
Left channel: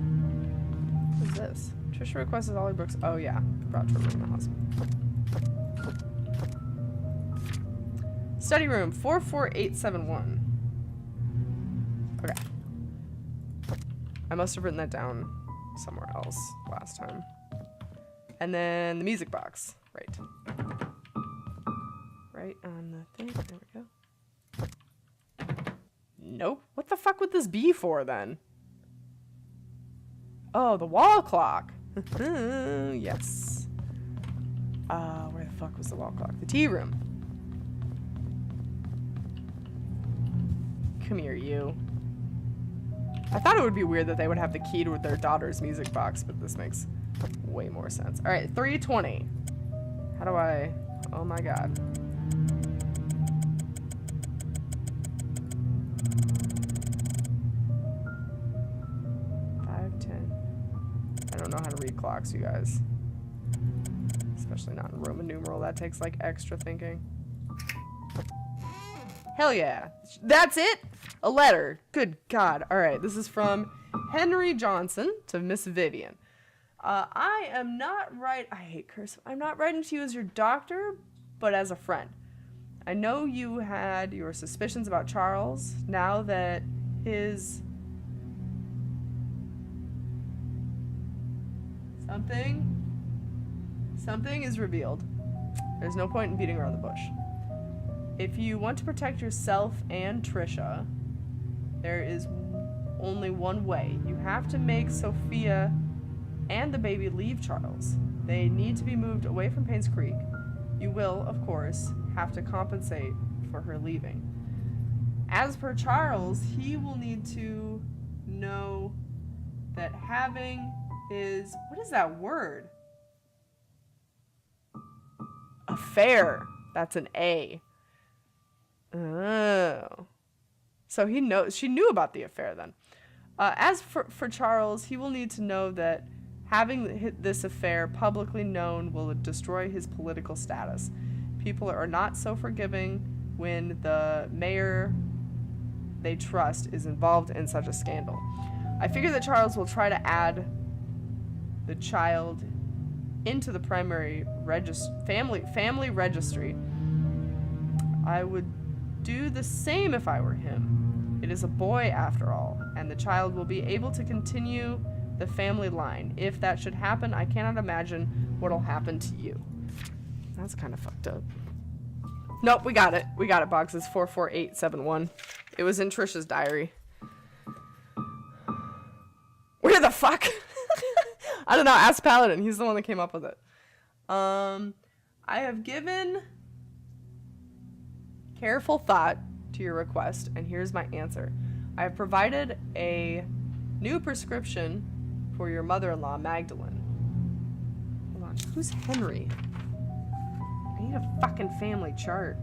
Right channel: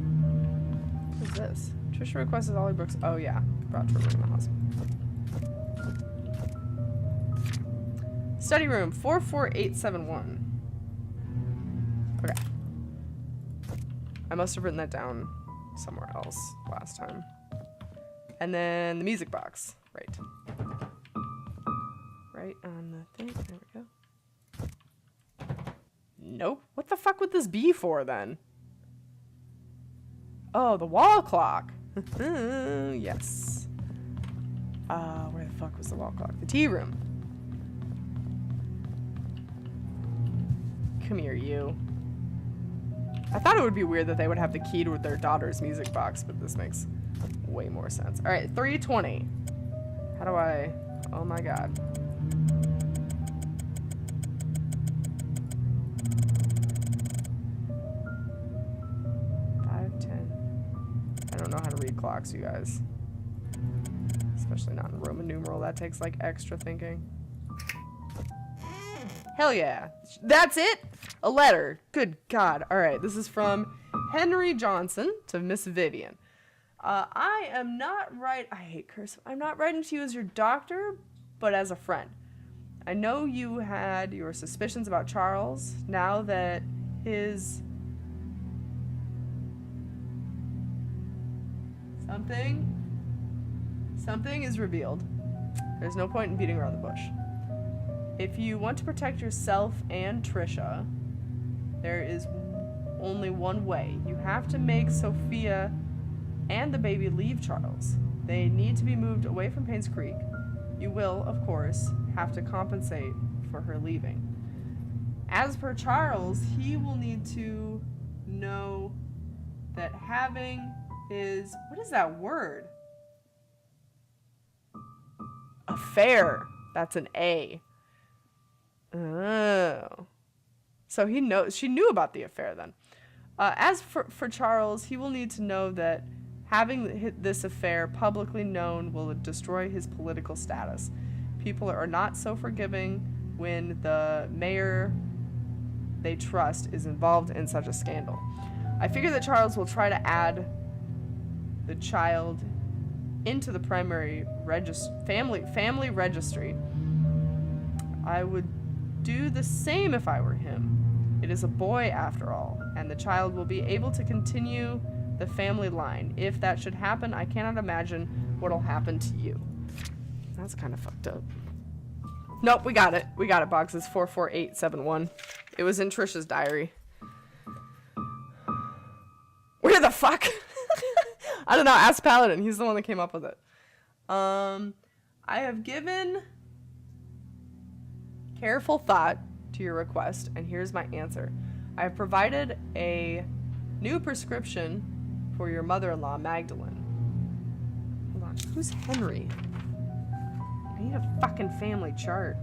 is this? Trisha requested all her books. Oh, yeah. Brought to her room in the house. Study room 44871. Okay. I must have written that down somewhere else last time. And then the music box. Right. Right on the thing. There we go. Nope. What the fuck would this be for then? Oh, the wall clock. Yes. Where the fuck was the wall clock? The tea room. Come here, you. I thought it would be weird that they would have the key to their daughter's music box, but this makes way more sense. All right, 320. How do I... Oh my god. I don't know how to read clocks, you guys. Especially not in Roman numeral. That takes like extra thinking. Hell yeah. That's it? A letter. Good God. All right. This is from Henry Johnson to Miss Vivian. I am not I hate cursive. I'm not writing to you as your doctor, but as a friend. I know you had your suspicions about Charles. Now that his... Something is revealed. There's no point in beating around the bush. If you want to protect yourself and Trisha, there is only one way. You have to make Sophia and the baby leave Charles. They need to be moved away from Painscreek. You will, of course, have to compensate for her leaving. As for Charles, he will need to know that having his... What is that word? Affair. That's an A. Oh. So he knows. She knew about the affair then. As for Charles, he will need to know that having this affair publicly known will destroy his political status. People are not so forgiving when the mayor they trust is involved in such a scandal. I figure that Charles will try to add the child into the primary family registry. I would do the same if I were him. It is a boy after all, and the child will be able to continue the family line. If that should happen, I cannot imagine what'll happen to you. That's kind of fucked up. Nope, we got it. We got it, Boggs. It's 44871. It was in Trisha's diary. Where the fuck? I don't know. Ask Paladin. He's the one that came up with it. I have given careful thought to your request, and here's my answer. I have provided a new prescription for your mother-in-law, Magdalene. Hold on. Who's Henry? I need a fucking family chart.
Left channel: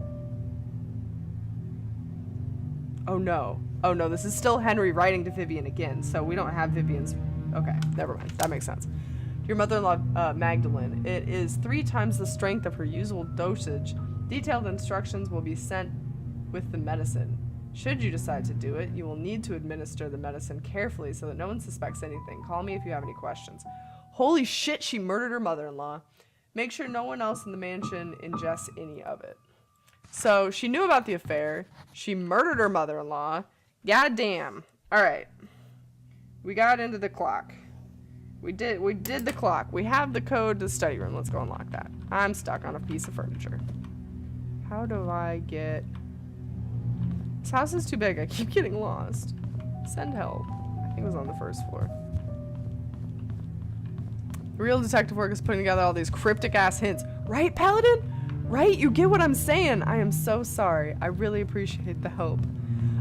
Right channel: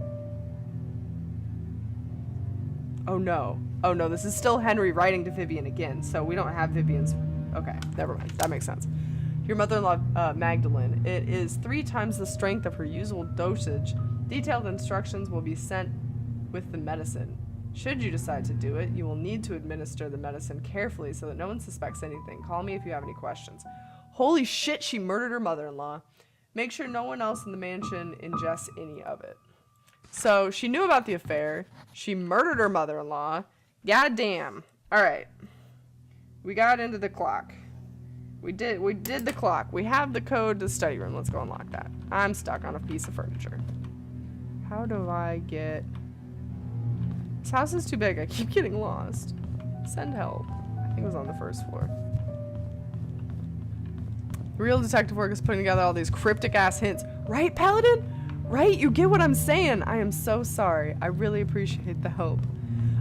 Oh no. Oh no, this is still Henry writing to Vivian again, so we don't have Vivian's... Okay, never mind. That makes sense. Your mother-in-law, Magdalene. It is 3 times the strength of her usual dosage. Detailed instructions will be sent with the medicine. Should you decide to do it, you will need to administer the medicine carefully so that no one suspects anything. Call me if you have any questions. Holy shit, she murdered her mother-in-law. Make sure no one else in the mansion ingests any of it. So, she knew about the affair. She murdered her mother-in-law. God damn. Alright. We got into the clock. We did the clock. We have the code to the study room. Let's go unlock that. I'm stuck on a piece of furniture. How do I get... This house is too big. I keep getting lost. Send help. I think it was on the first floor. Real detective work is putting together all these cryptic ass hints. Right, Paladin? Right? You get what I'm saying. I am so sorry. I really appreciate the help.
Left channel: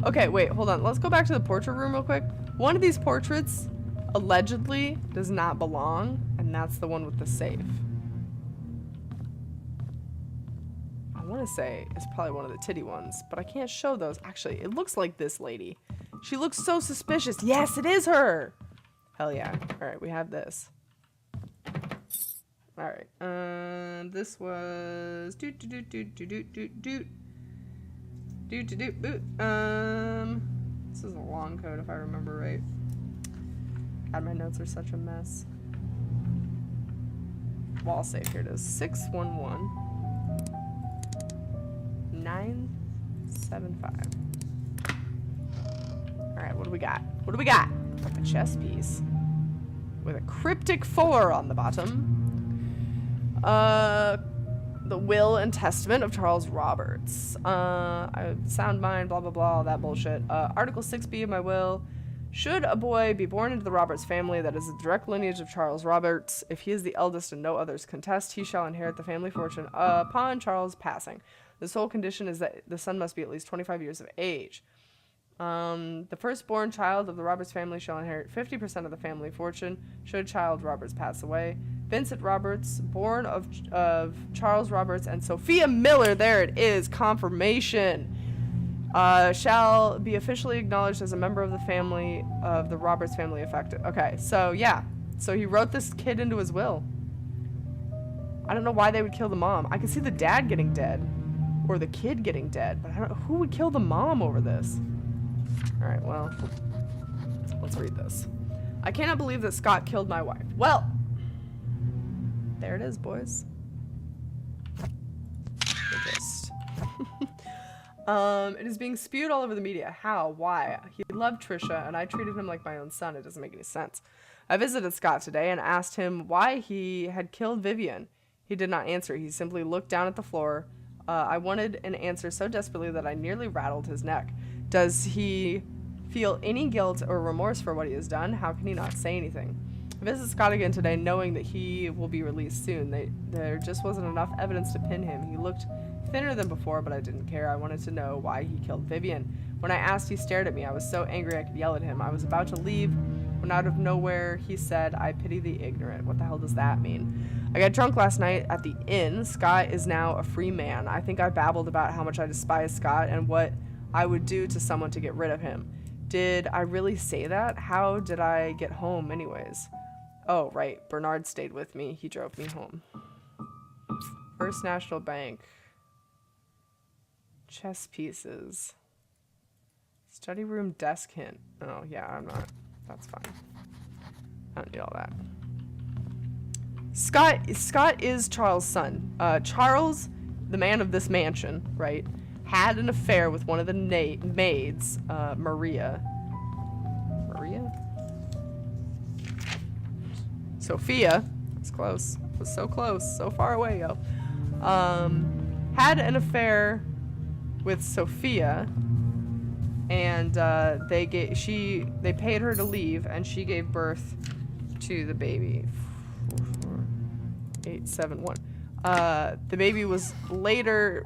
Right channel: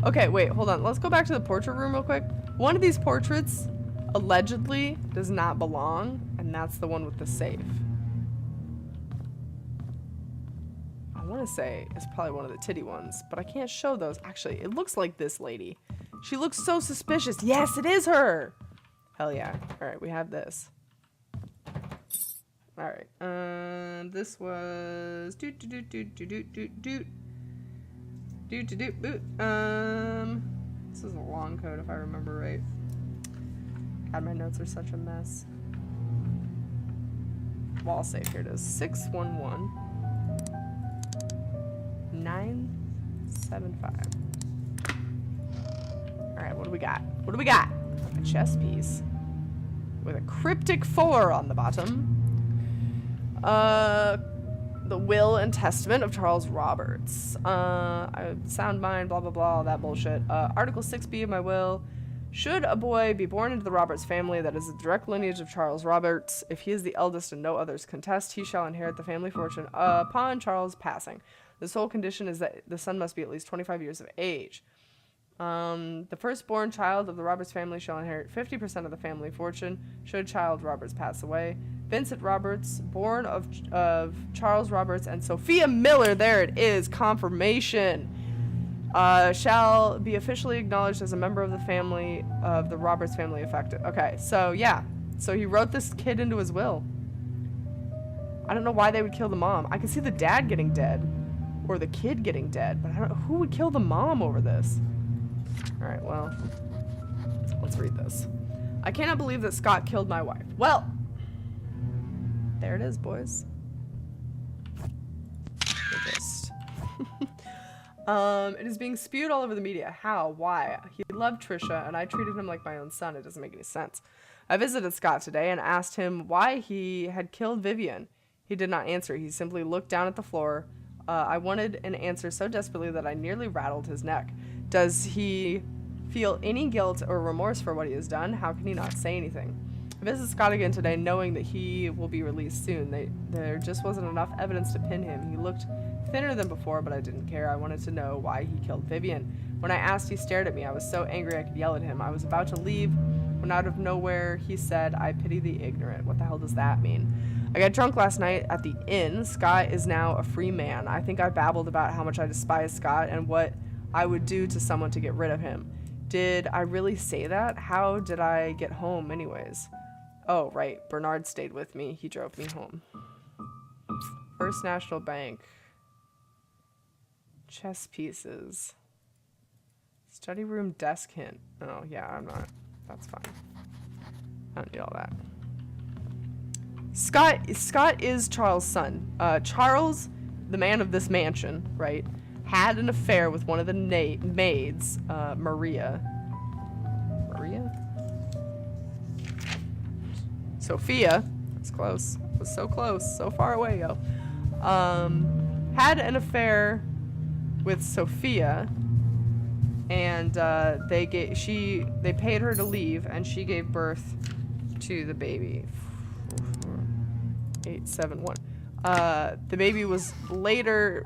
Okay, wait, hold on. Let's go back to the portrait room real quick. One of these portraits allegedly does not belong, and that's the one with the safe. I want to say it's probably one of the titty ones, but I can't show those. Actually, it looks like this lady. She looks so suspicious. Yes, it is her. Hell yeah. All right, we have this. All right. This was this is a long code if I remember right. God, my notes are such a mess. Wall safe. Here it is. 611 975. All right, what do we got? What do we got? A chess piece with a cryptic 4 on the bottom. The will and testament of Charles Roberts. Sound mind, blah, blah, blah, all that bullshit. Article 6B of my will. Should a boy be born into the Roberts family that is the direct lineage of Charles Roberts, if he is the eldest and no others contest, he shall inherit the family fortune upon Charles' passing. The sole condition is that the son must be at least 25 years of age. The firstborn child of the Roberts family shall inherit 50% of the family fortune should child Roberts pass away. Vincent Roberts, born of Charles Roberts and Sophia Miller, there it is, confirmation, shall be officially acknowledged as a member of the family of the Roberts family affected. Okay, so yeah. So he wrote this kid into his will. I don't know why they would kill the mom. I could see the dad getting dead. Or the kid getting dead. But I don't know. Who would kill the mom over this? Alright, well. Let's read this. I cannot believe that Scott killed my wife. Well. There it is, boys. The gist. It is being spewed all over the media. How? Why? He loved Trisha, and I treated him like my own son. It doesn't make any sense. I visited Scott today and asked him why he had killed Vivian. He did not answer. He simply looked down at the floor. I wanted an answer so desperately that I nearly rattled his neck. Does he feel any guilt or remorse for what he has done? How can he not say anything? I visited Scott again today, knowing that he will be released soon. There just wasn't enough evidence to pin him. He looked thinner than before, but I didn't care. I wanted to know why he killed Vivian. When I asked, he stared at me. I was so angry I could yell at him. I was about to leave when out of nowhere he said, "I pity the ignorant." What the hell does that mean? I got drunk last night at the inn. Scott is now a free man. I think I babbled about how much I despise Scott and what I would do to someone to get rid of him. Did I really say that? How did I get home anyways? Oh, right. Bernard stayed with me. He drove me home. First National Bank. Chess pieces. Study room desk hint. Oh, yeah, I'm not. That's fine. I don't need all that. Scott is Charles' son. Charles, the man of this mansion, right, had an affair with one of the maids, Maria. Maria? Sophia. That's close. It was so close. So far away, yo. Had an affair with Sophia, and they paid her to leave, and she gave birth to the baby. 871. The baby was later.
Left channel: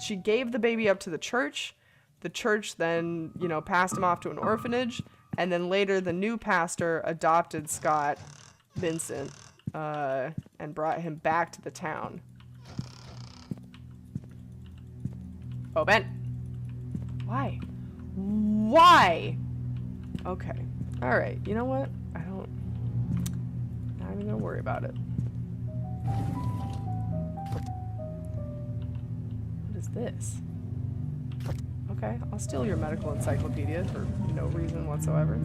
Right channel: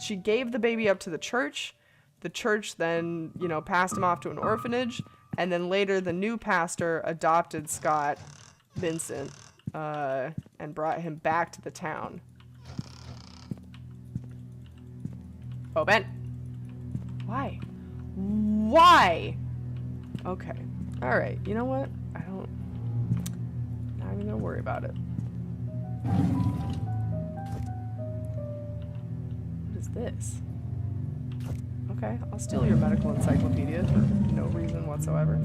She gave the baby up to the church. The church then, passed him off to an orphanage, and then later the new pastor adopted Scott Vincent and brought him back to the town. Oh, Ben. Why? Okay. All right. You know what? Not even gonna worry about it. What is this? Okay, I'll steal your medical encyclopedia for no reason whatsoever.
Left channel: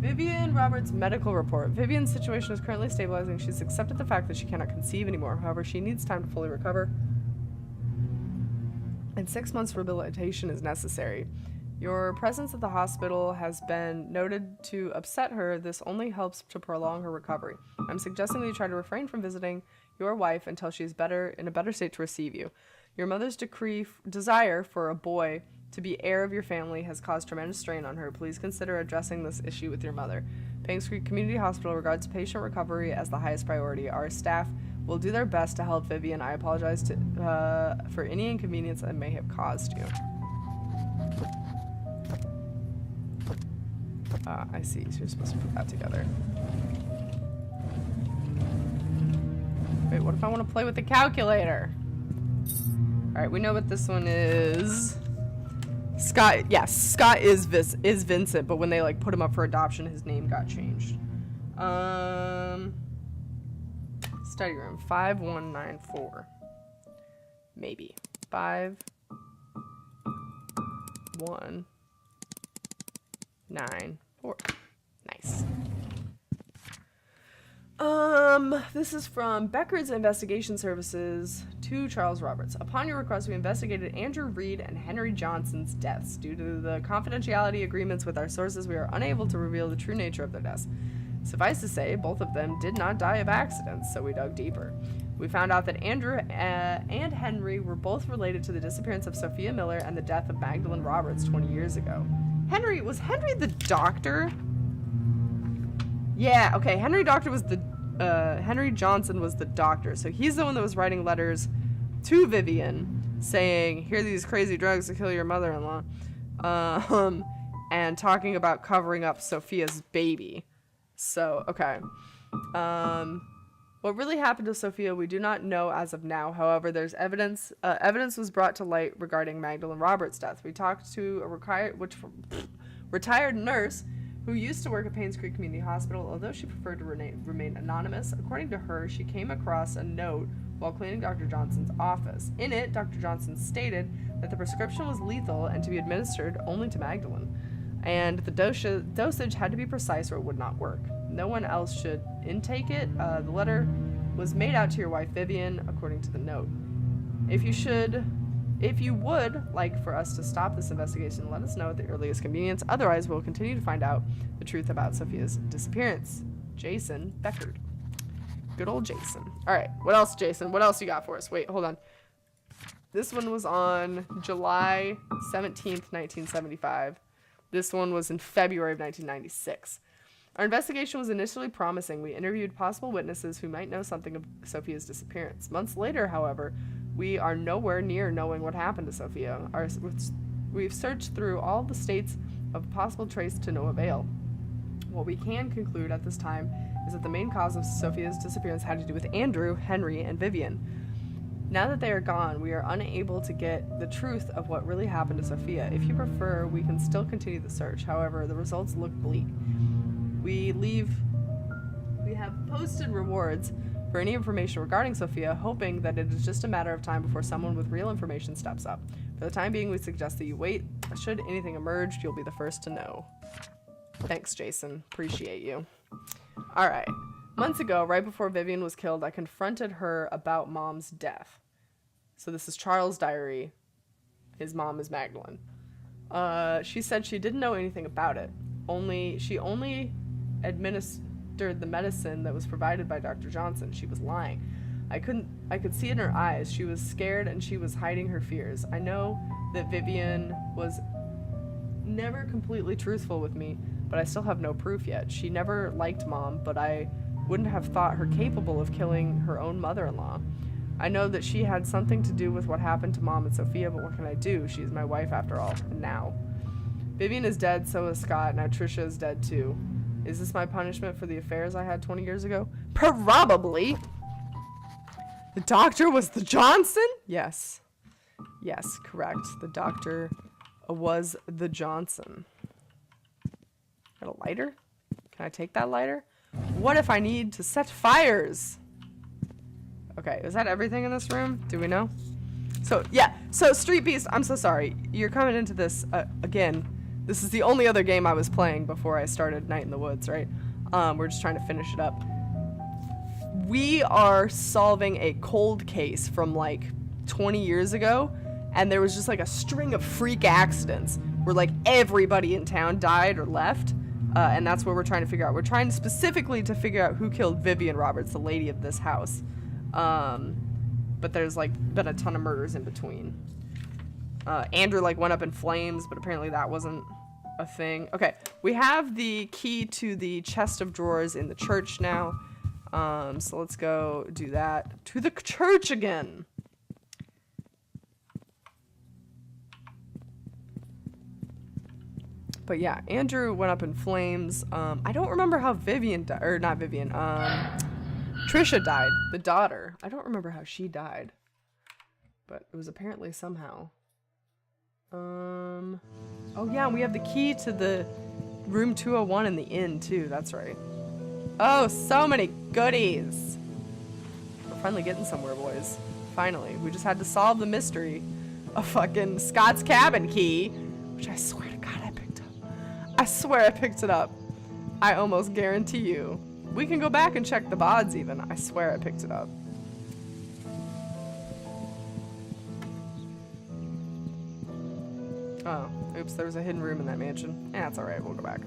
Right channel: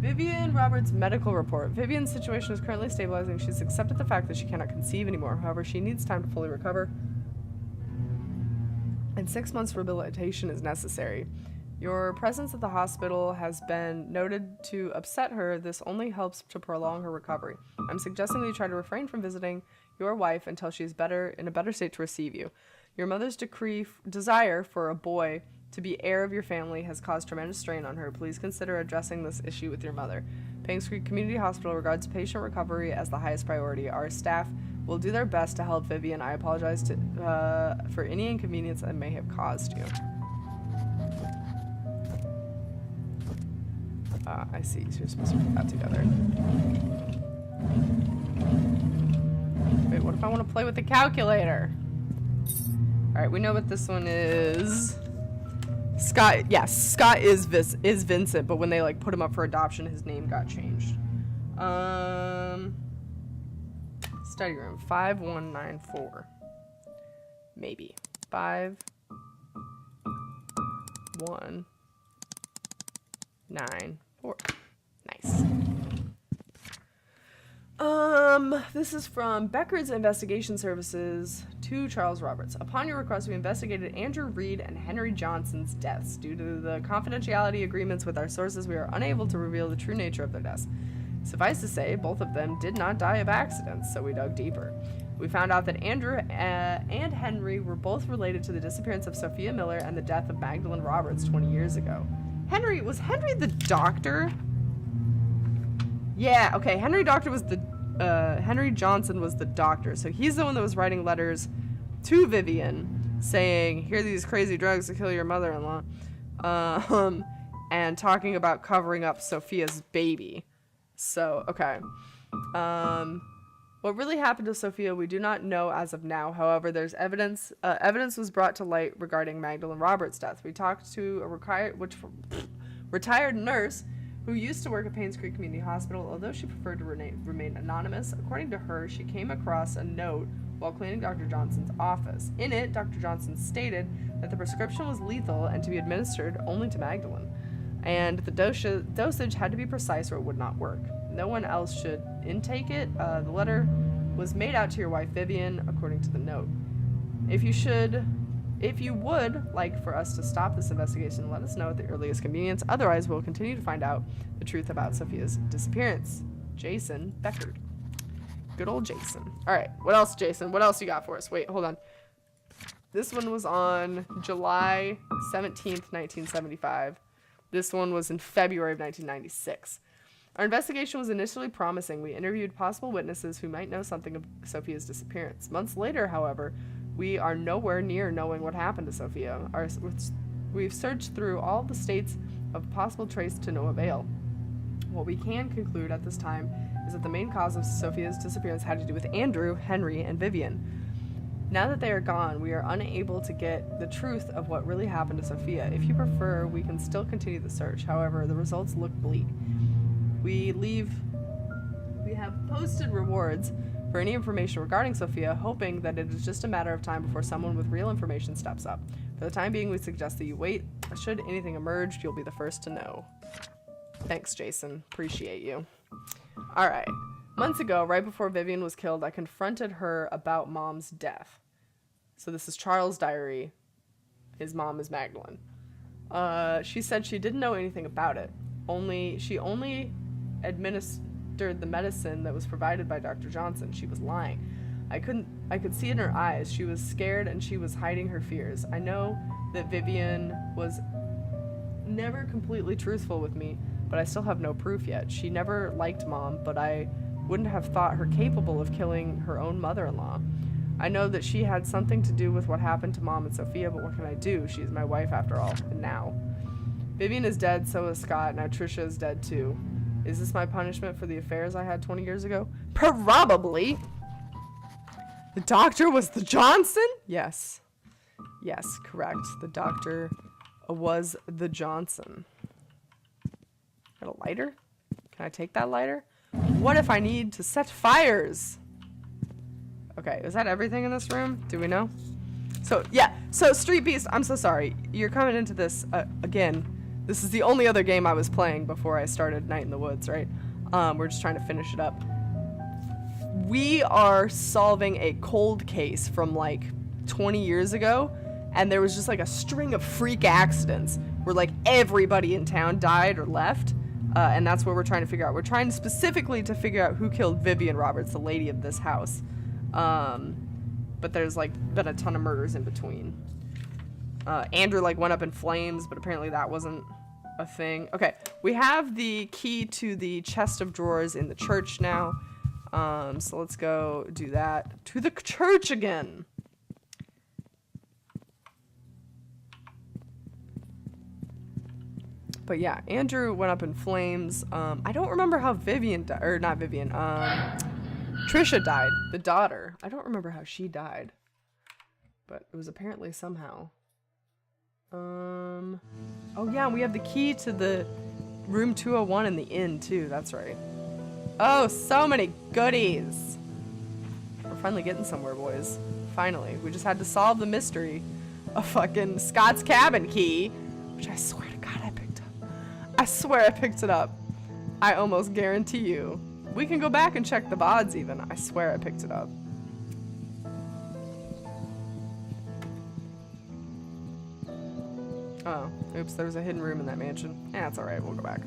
Vivian Roberts' medical report. Vivian's situation is currently stabilizing. She's accepted the fact that she cannot conceive anymore. However, she needs time to fully recover, and 6 months rehabilitation is necessary. Your presence at the hospital has been noted to upset her. This only helps to prolong her recovery. I'm suggesting that you try to refrain from visiting your wife until she is in a better state to receive you. Your mother's desire for a boy to be heir of your family has caused tremendous strain on her. Please consider addressing this issue with your mother. Painscreek Community Hospital regards patient recovery as the highest priority. Our staff will do their best to help Vivian. I apologize for any inconvenience I may have caused you. I see. So you're supposed to put that together. Wait, what if I want to play with the calculator? Alright, we know what this one is. Scott, yes, Scott is Vincent, but when they put him up for adoption, his name got changed. Study room 5194. Maybe 5194. Nice. This is from Becker's Investigation Services to Charles Roberts. Upon your request, we investigated Andrew Reed and Henry Johnson's deaths. Due to the confidentiality agreements with our sources, we are unable to reveal the true nature of their deaths. Suffice to say, both of them did not die of accidents, so we dug deeper. We found out that Andrew and Henry were both related to the disappearance of Sophia Miller and the death of Magdalene Roberts 20 years ago. Was Henry the doctor? Yeah, okay, Henry Johnson was the doctor, so he's the one that was writing letters to Vivian saying, here are these crazy drugs to kill your mother-in-law, and talking about covering up Sophia's baby. So, okay. What really happened to Sophia, we do not know as of now. However, there's evidence was brought to light regarding Magdalene Roberts' death. We talked to a retired nurse who used to work at Painscreek Community Hospital, although she preferred to remain anonymous. According to her, she came across a note while cleaning Dr. Johnson's office. In it, Dr. Johnson stated that the prescription was lethal and to be administered only to Magdalene, and the dosage had to be precise or it would not work. No one else should intake it. The letter was made out to your wife, Vivian, according to the note. If you would like for us to stop this investigation, let us know at the earliest convenience. Otherwise, we'll continue to find out the truth about Sophia's disappearance. Jason Beckard. Good old Jason. All right. What else, Jason? What else you got for us? Wait, hold on. This one was on July 17th, 1975. This one was in February of 1996. Our investigation was initially promising. We interviewed possible witnesses who might know something of Sophia's disappearance. Months later, however, we are nowhere near knowing what happened to Sophia. We've searched through all the states of possible trace to no avail. What we can conclude at this time is that the main cause of Sophia's disappearance had to do with Andrew, Henry, and Vivian. Now that they are gone, we are unable to get the truth of what really happened to Sophia. If you prefer, we can still continue the search. However, the results look bleak. We have posted rewards for any information regarding Sophia, hoping that it is just a matter of time before someone with real information steps up. For the time being, we suggest that you wait. Should anything emerge, you'll be the first to know. Thanks, Jason. Appreciate you. All right. Months ago, right before Vivian was killed, I confronted her about Mom's death. So this is Charles' diary. His mom is Magdalene. She said she didn't know anything about it. She only administered the medicine that was provided by Dr. Johnson. She was lying. I could see it in her eyes. She was scared and she was hiding her fears. I know that Vivian was never completely truthful with me, but I still have no proof yet. She never liked Mom, but I wouldn't have thought her capable of killing her own mother-in-law. I know that she had something to do with what happened to Mom and Sophia, but what can I do? She is my wife after all, and now. Vivian is dead, so is Scott. Now Trisha is dead too. Is this my punishment for the affairs I had 20 years ago? Probably. The doctor was the Johnson? Yes. Yes, correct. The doctor was the Johnson. Got a lighter? Can I take that lighter? What if I need to set fires? Okay, is that everything in this room? Do we know? So, yeah. So, Street Beast, I'm so sorry. You're coming into this, again. This is the only other game I was playing before I started Night in the Woods, right? We're just trying to finish it up. We are solving a cold case from, like, 20 years ago. And there was just, like, a string of freak accidents where, like, everybody in town died or left. And that's what we're trying to figure out. We're trying specifically to figure out who killed Vivian Roberts, the lady of this house. But there's like been a ton of murders in between. Andrew like went up in flames, but apparently that wasn't a thing. Okay, we have the key to the chest of drawers in the church now. So let's go do that. To the church again. But yeah, Andrew went up in flames. I don't remember how Vivian died, or not Vivian, Trisha died, the daughter. I don't remember how she died, but it was apparently somehow. Oh yeah, we have the key to the room 201 in the inn too, that's right. Oh, so many goodies. We're finally getting somewhere, boys. Finally, we just had to solve the mystery of fucking Scott's cabin key, which I swear to God I picked up. I swear I picked it up. I almost guarantee you. We can go back and check the VODs even. I swear I picked it up. Oh, oops, there was a hidden room in that mansion. That's alright, we'll go back.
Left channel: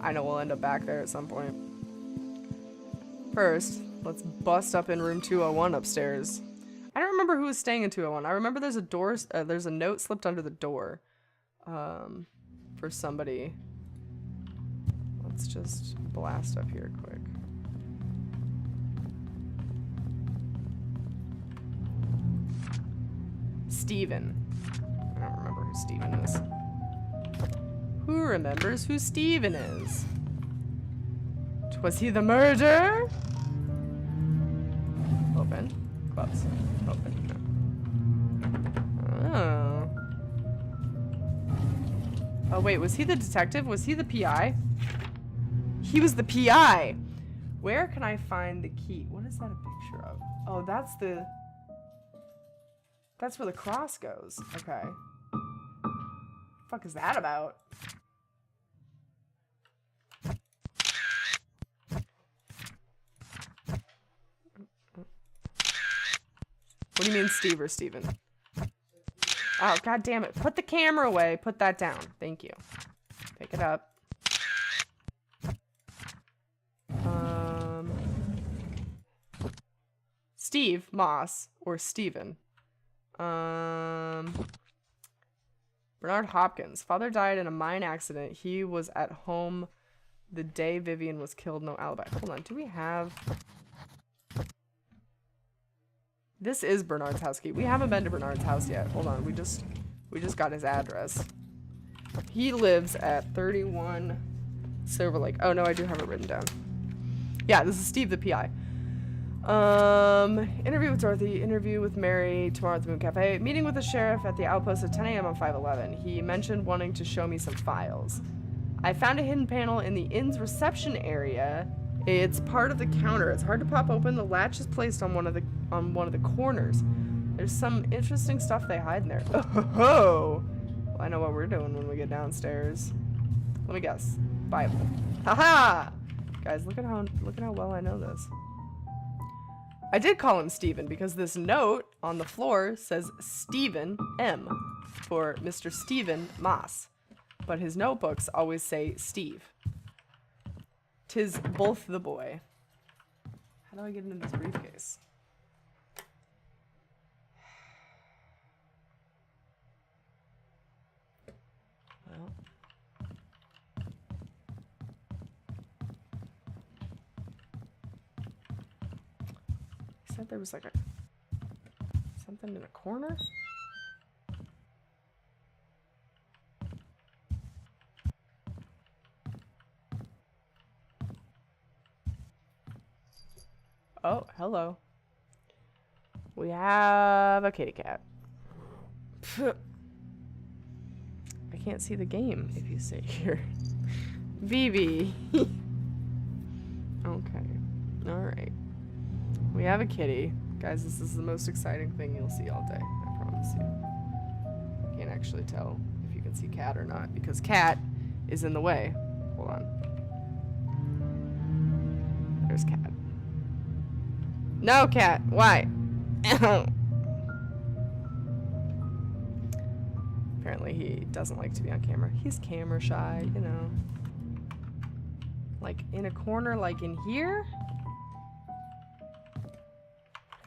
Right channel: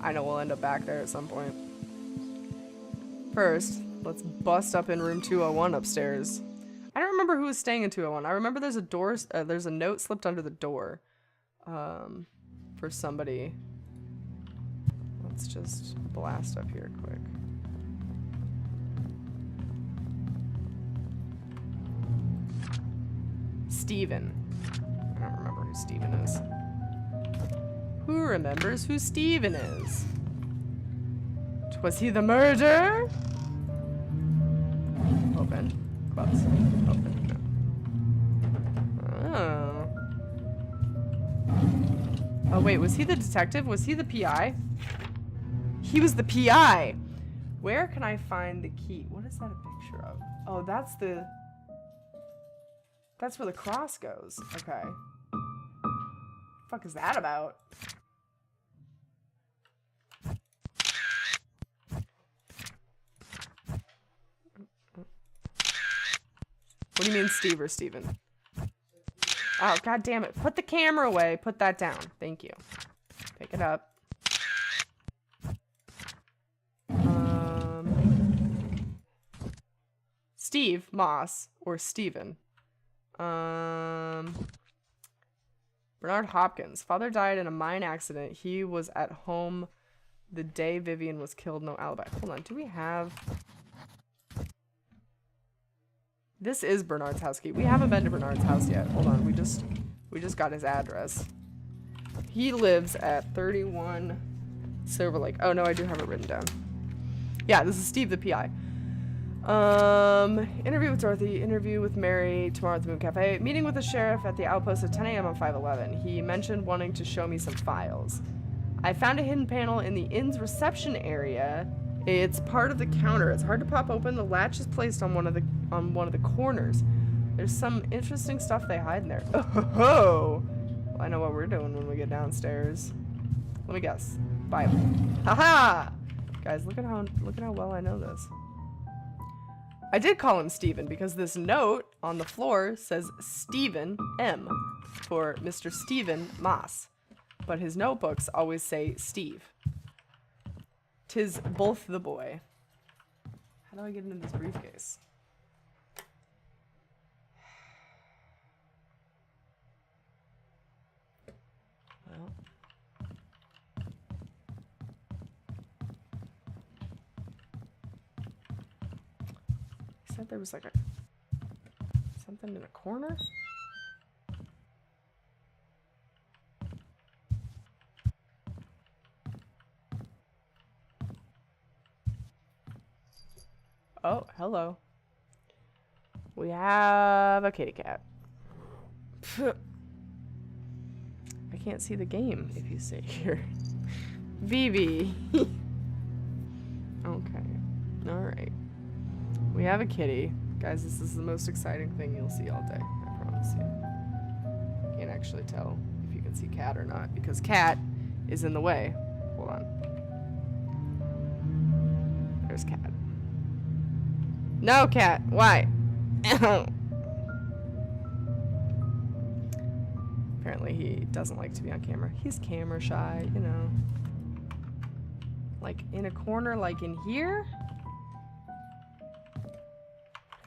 I know we'll end up back there at some point. First, let's bust up in room 201 upstairs. I don't remember who was staying in 201. I remember there's a door, there's a note slipped under the door. For somebody. Let's just blast up here quick. Steven. I don't remember who Steven is. Who remembers who Steven is? Was he the murderer? Open. Close. Open. No. Oh. Oh wait, was he the detective? Was he the PI? He was the PI! Where can I find the key? What is that a picture of? Oh, that's the... That's where the cross goes. Okay. Fuck is that about? What do you mean Steve or Steven? Oh, god damn it. Put the camera away. Put that down. Thank you. Pick it up. Steve Moss or Steven. Bernard Hopkins. Father died in a mine accident. He was at home the day Vivian was killed. No alibi. Hold on. Do we have... This is Bernard's house key. We haven't been to Bernard's house yet. Hold on. We just got his address. He lives at 31 Silver Lake. Oh no, I do have it written down. Yeah, this is Steve the PI. Interview with Dorothy, interview with Mary tomorrow at the Moon Cafe, meeting with the sheriff at the outpost at 10 a.m. on 511. He mentioned wanting to show me some files. I found a hidden panel in the inn's reception area It's part of the counter. It's hard to pop open. The latch is placed on one of the corners. There's some interesting stuff they hide in there. Oh, well, I know what we're doing when we get downstairs. Let me guess. Bible. Haha! Guys, look at how well I know this. I did call him Steven because this note on the floor says Stephen M for Mr. Stephen Moss. But his notebooks always say Steve. 'Tis both the boy. How do I get into this briefcase? Well. He said there was like something in a corner? Oh, hello. We have a kitty cat. I can't see the game if you sit here. Vivi. Okay. Alright. We have a kitty. Guys, this is the most exciting thing you'll see all day. I promise you. I can't actually tell if you can see cat or not because cat is in the way. Hold on. There's cat. No, cat. Why? Apparently he doesn't like to be on camera. He's camera shy, you know. Like in a corner, like in here? What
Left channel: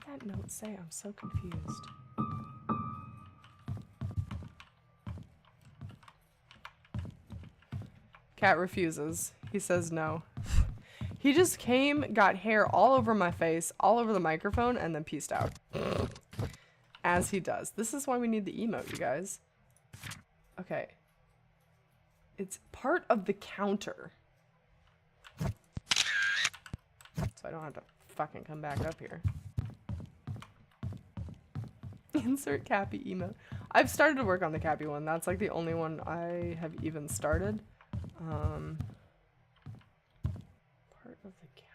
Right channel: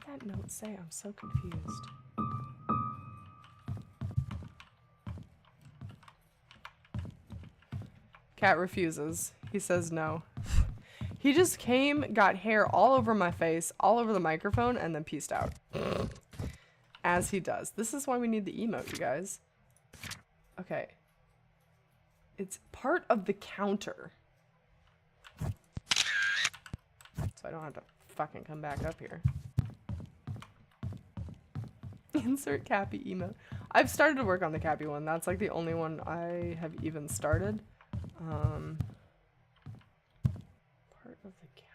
did that note say? I'm so confused. Cat refuses. He says no. He just came, got hair all over my face, all over the microphone, and then peaced out. As he does. This is why we need the emote, you guys. Okay. It's part of the counter. So I don't have to fucking come back up here. Insert Cappy emote. I've started to work on the Cappy one. That's like the only one I have even started. Part of the counter.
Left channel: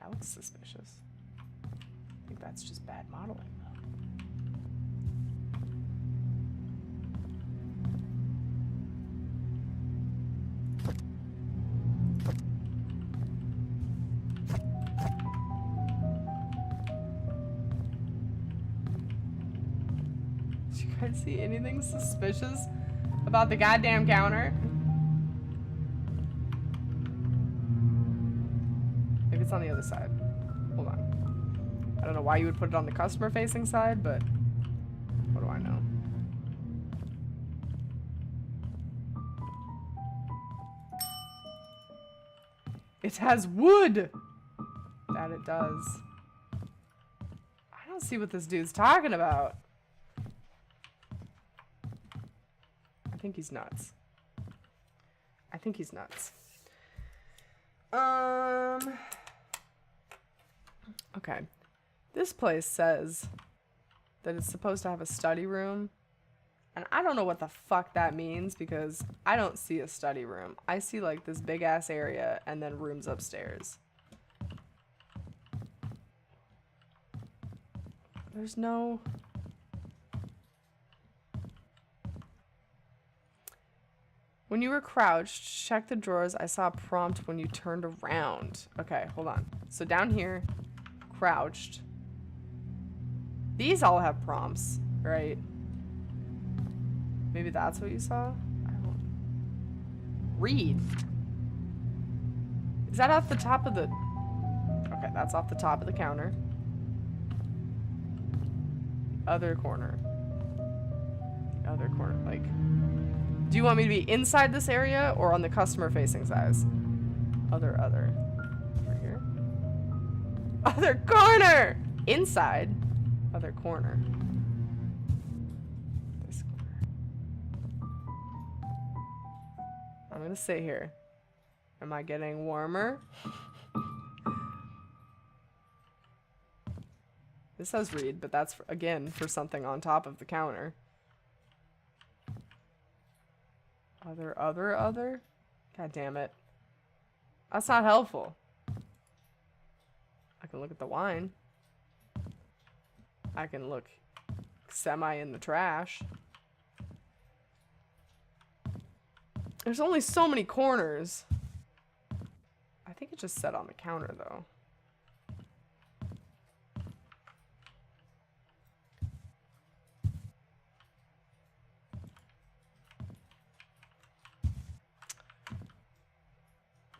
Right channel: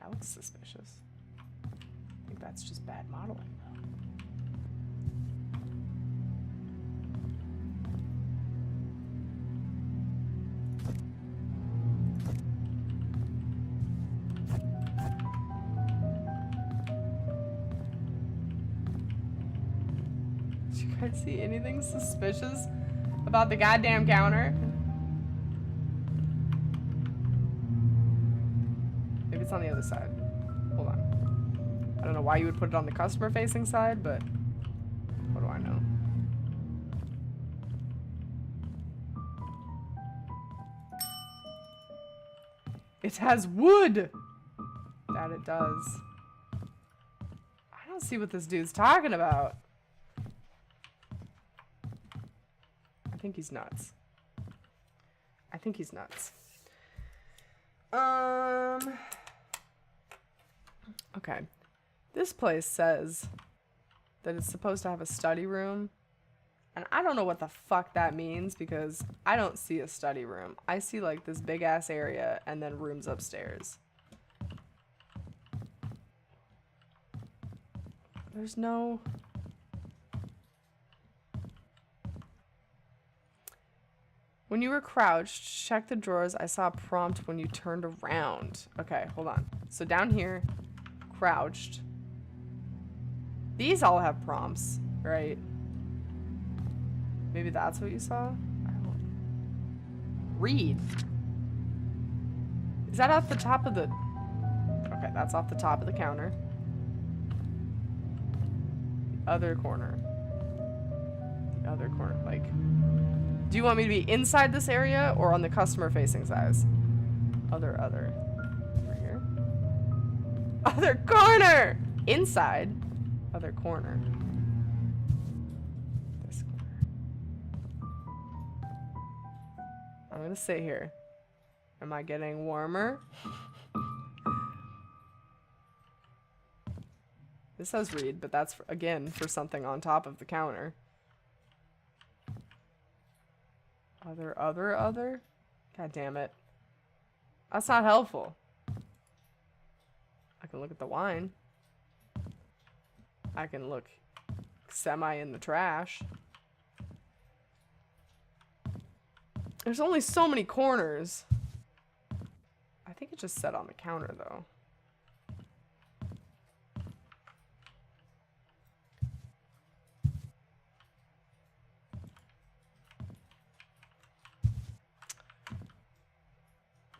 That looks suspicious. I think that's just bad modeling, though. Did you guys see anything suspicious about the goddamn counter? Maybe it's on the other side. Hold on. I don't know why you would put it on the customer facing side, but what do I know? It has wood! That it does. I don't see what this dude's talking about. I think he's nuts. I think he's nuts. Okay. This place says that it's supposed to have a study room. And I don't know what the fuck that means because I don't see a study room. I see like this big ass area and then rooms upstairs. There's no... When you were crouched, check the drawers. I saw a prompt when you turned around. Okay, hold on. So down here, crouched. These all have prompts, right? Maybe that's what you saw? I don't... Read. Is that off the top of the... Okay, that's off the top of the counter. The other corner. The other corner, like... Do you want me to be inside this area or on the customer facing side? Other. Over here. Other corner! Inside. Other corner. This corner. I'm gonna sit here. Am I getting warmer? This says read, but that's, again, for something on top of the counter. Other? God damn it. That's not helpful. I can look at the wine. I can look semi in the trash. There's only so many corners. I think it just said on the counter though.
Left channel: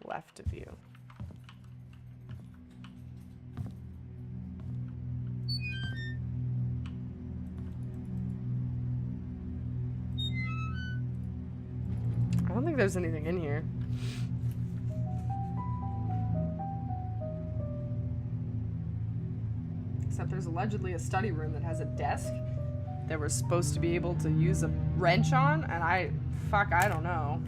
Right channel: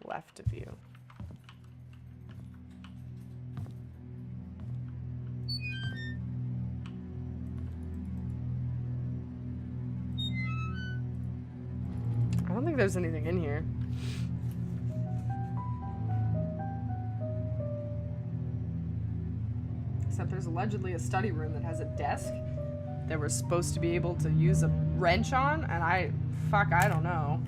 Left of you. I don't think there's anything in here. Except there's allegedly a study room that has a desk that we're supposed to be able to use a wrench on, and I don't know.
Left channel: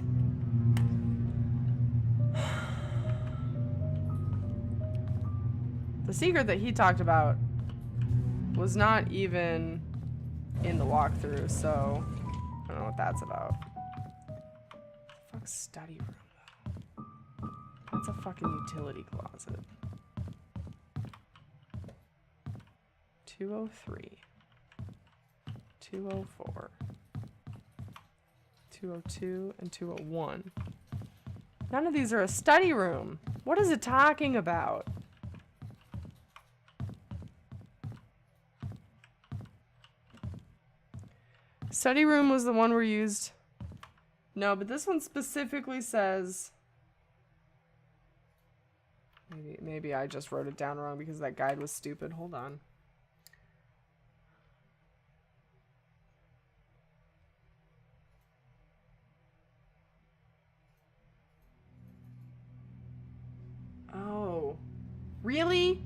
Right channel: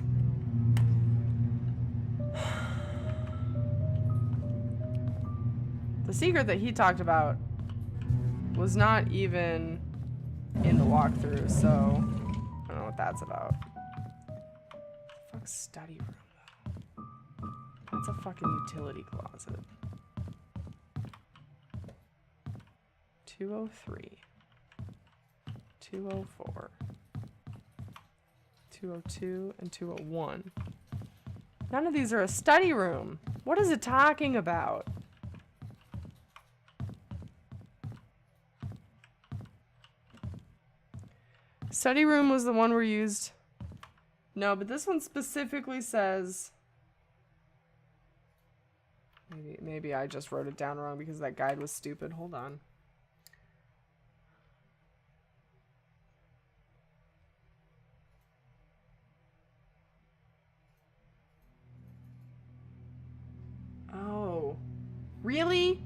The secret that he talked about was not even in the walkthrough, so I don't know what that's about. Fuck study room though. That's a fucking utility closet. 203. 204. 202 and 201. None of these are a study room. What is it talking about? Study room was the one we used. No, but this one specifically says. Maybe I just wrote it down wrong because that guide was stupid. Hold on. Oh. Really?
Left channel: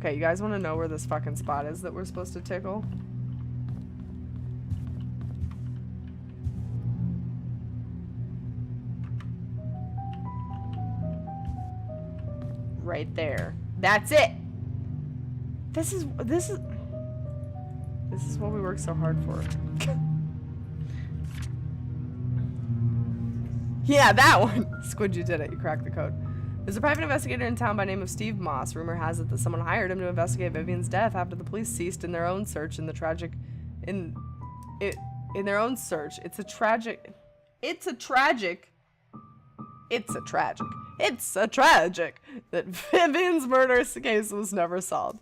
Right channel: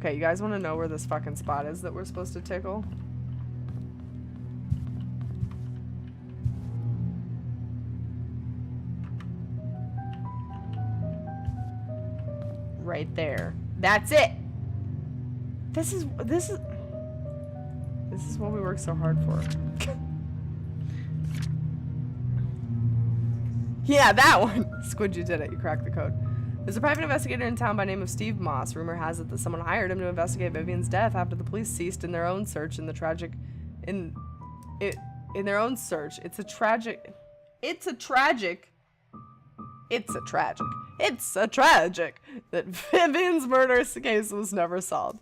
Okay, you guys want to know where this fucking spot is that we're supposed to tickle? Right there. That's it. This is what we work so hard for. Yeah, that one. Squid, you did it. You cracked the code. There's a private investigator in town by the name of Steve Moss. Rumor has it that someone hired him to investigate Vivian's death after the police ceased in their own search in the tragic in their own search. It's a tragic that Vivian's murder case was never solved.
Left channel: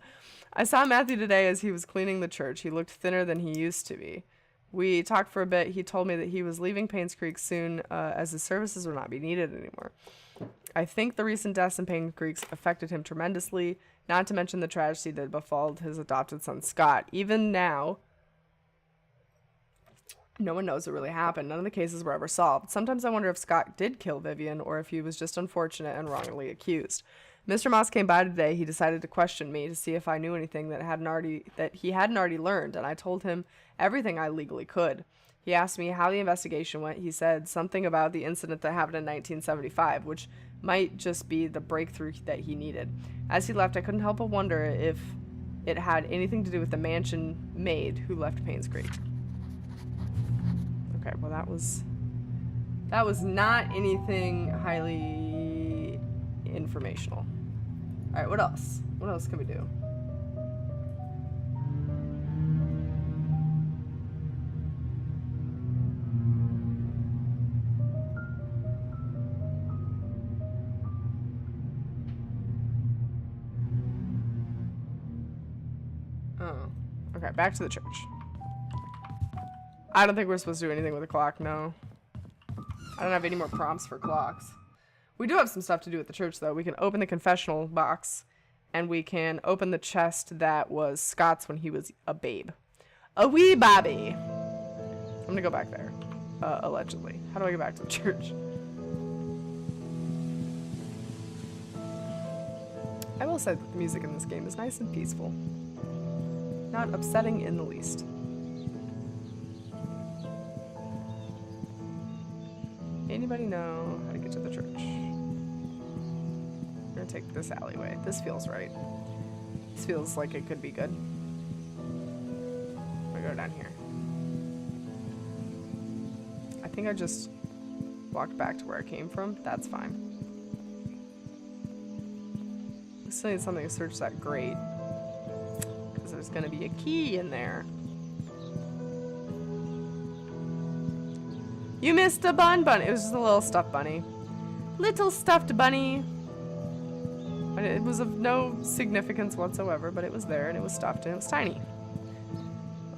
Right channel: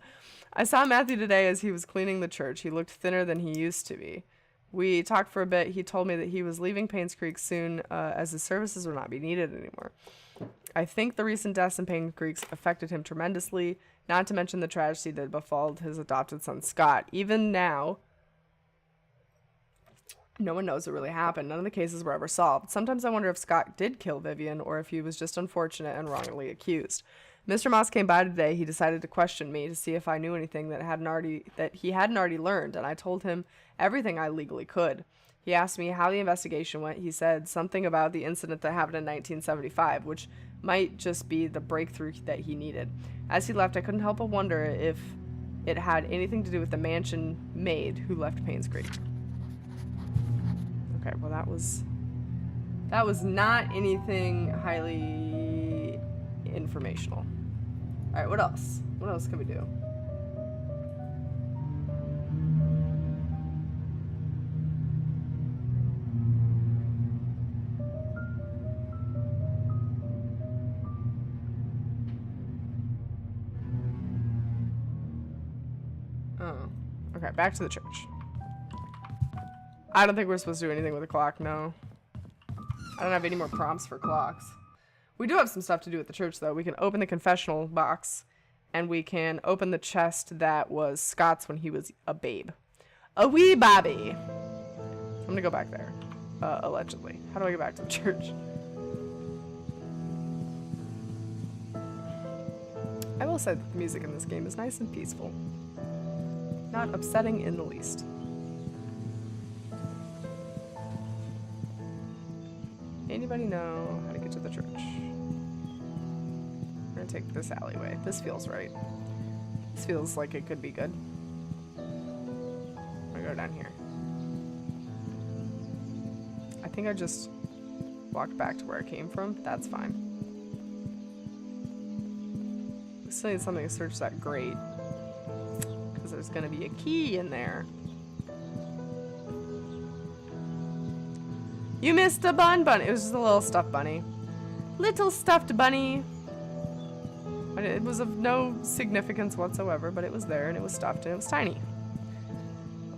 I saw Matthew today as he was cleaning the church. He looked thinner than he used to be. We talked for a bit. He told me that he was leaving Painscreek soon as his services would not be needed anymore. I think the recent deaths in Painscreek affected him tremendously, not to mention the tragedy that befalled his adopted son Scott. Even now, no one knows what really happened. None of the cases were ever solved. Sometimes I wonder if Scott did kill Vivian or if he was just unfortunate and wrongly accused. Mr. Moss came by today. He decided to question me to see if I knew anything that he hadn't already learned, and I told him everything I legally could. He asked me how the investigation went. He said something about the incident that happened in 1975, which might just be the breakthrough that he needed. As he left, I couldn't help but wonder if it had anything to do with the mansion maid who left Painscreek. Okay, well that was not anything highly informational. All right, what else? What else can we do? Oh, okay, back to the church. I don't think we're supposed to do anything with the clock, no. I don't have any more prompts for clocks. We do have some stuff to do at the church, though. We can open the confessional box, and we can open the chest that was Scott's when he was a babe. A wee babby. I'm gonna go back there, allegedly. How do I get back to the church? I will say that the music in this game is nice and peaceful. Not upsetting in the least. Anybody know how to get to the church? We're gonna take this alleyway. This feels right. This feels like it could be good. I'm gonna go down here. I think I just walked back to where I came from. That's fine. I still need something to search that grate. Because there's going to be a key in there. You missed a bunny. It was just a little stuffed bunny. Little stuffed bunny. It was of no significance whatsoever, but it was there and it was stuffed and it was tiny.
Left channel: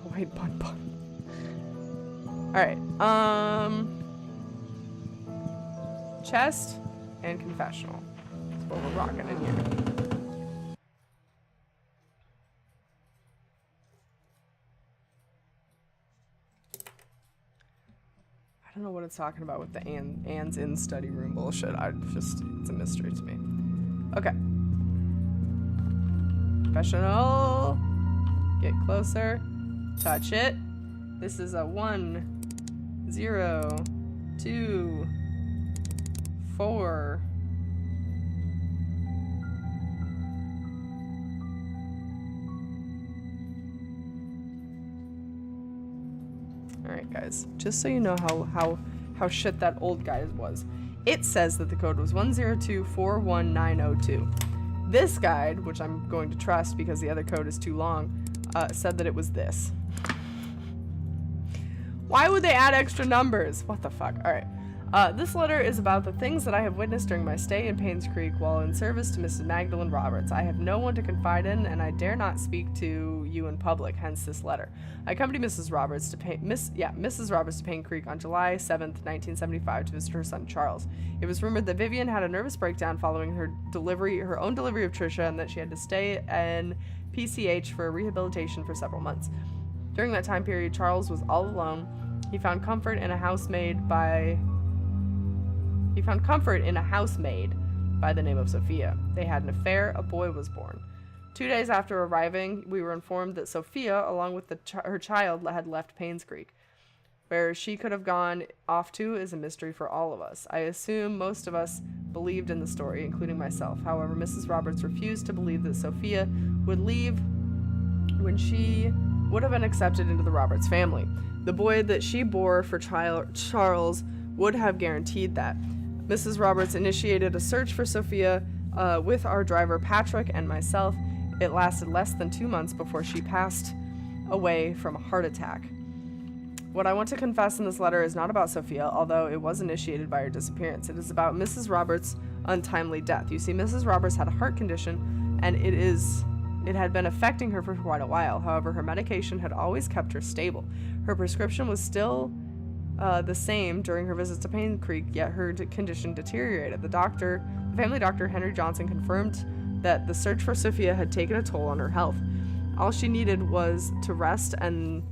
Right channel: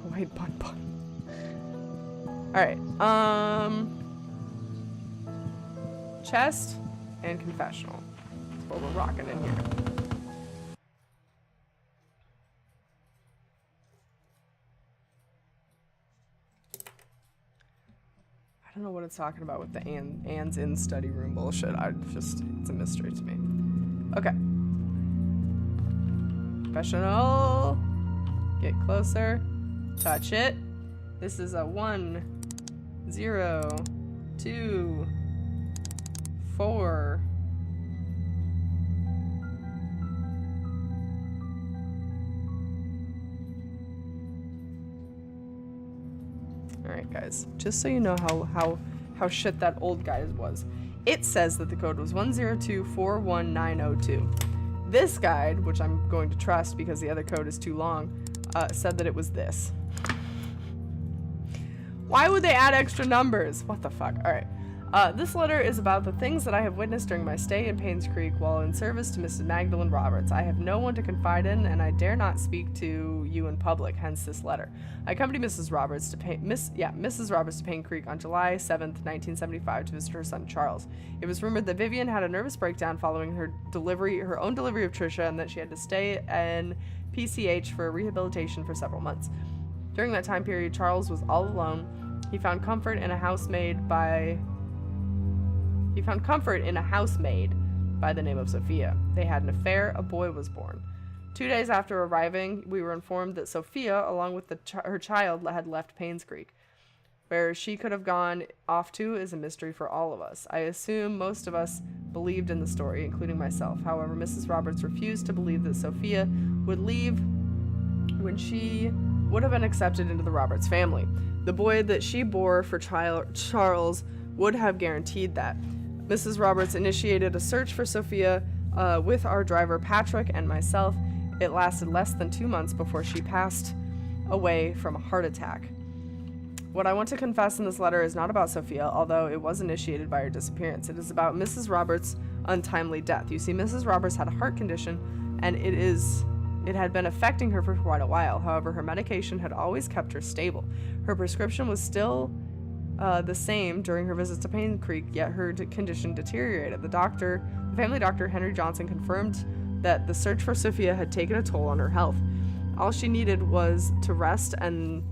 Oh wait, bun. Alright, chest and confessional. That's what we're rocking in here. I don't know what it's talking about with the Anne's in study room bullshit. It's a mystery to me. Okay. Confessional. Get closer. Touch it. This is a 1, 0, 2, 4. Alright guys, just so you know how shit that old guy was. It says that the code was 102419902. This guide, which I'm going to trust because the other code is too long, said that it was this. Why would they add extra numbers? What the fuck? Alright. This letter is about the things that I have witnessed during my stay in Painscreek while in service to Mrs. Magdalene Roberts. I have no one to confide in, and I dare not speak to you in public, hence this letter. I accompanied Mrs. Roberts to Painscreek on July 7th, 1975 to visit her son Charles. It was rumored that Vivian had a nervous breakdown following her own delivery of Trisha, and that she had to stay in PCH for rehabilitation for several months. During that time period, Charles was all alone. He found comfort in a housemaid by the name of Sophia. They had an affair. A boy was born. 2 days after arriving, we were informed that Sophia, along with her child, had left Painscreek. Where she could have gone off to is a mystery for all of us. I assume most of us believed in the story, including myself. However, Mrs. Roberts refused to believe that Sophia would leave when she would have been accepted into the Roberts family. The boy that she bore for Charles would have guaranteed that. Mrs. Roberts initiated a search for Sophia with our driver Patrick and myself. It lasted less than 2 months before she passed away from a heart attack. What I want to confess in this letter is not about Sophia, although it was initiated by her disappearance. It is about Mrs. Roberts' untimely death. You see, Mrs. Roberts had a heart condition, and it had been affecting her for quite a while. However, her medication had always kept her stable. Her prescription was still the same during her visits to Painscreek, yet her condition deteriorated. The family doctor, Henry Johnson, confirmed that the search for Sophia had taken a toll on her health. All she needed was to rest and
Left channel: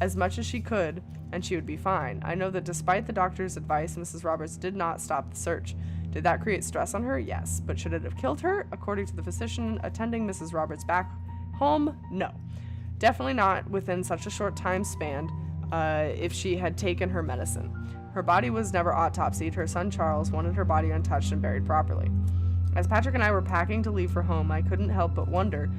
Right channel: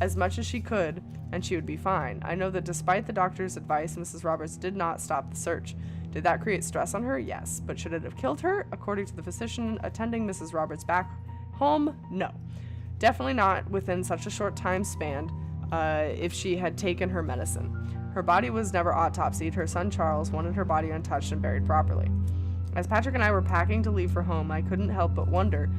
as much as she could, and she would be fine. I know that despite the doctor's advice, Mrs. Roberts did not stop the search. Did that create stress on her? Yes. But should it have killed her? According to the physician attending Mrs. Roberts back home, no. Definitely not within such a short time span if she had taken her medicine. Her body was never autopsied. Her son Charles wanted her body untouched and buried properly. As Patrick and I were packing to leave for home, I couldn't help but wonder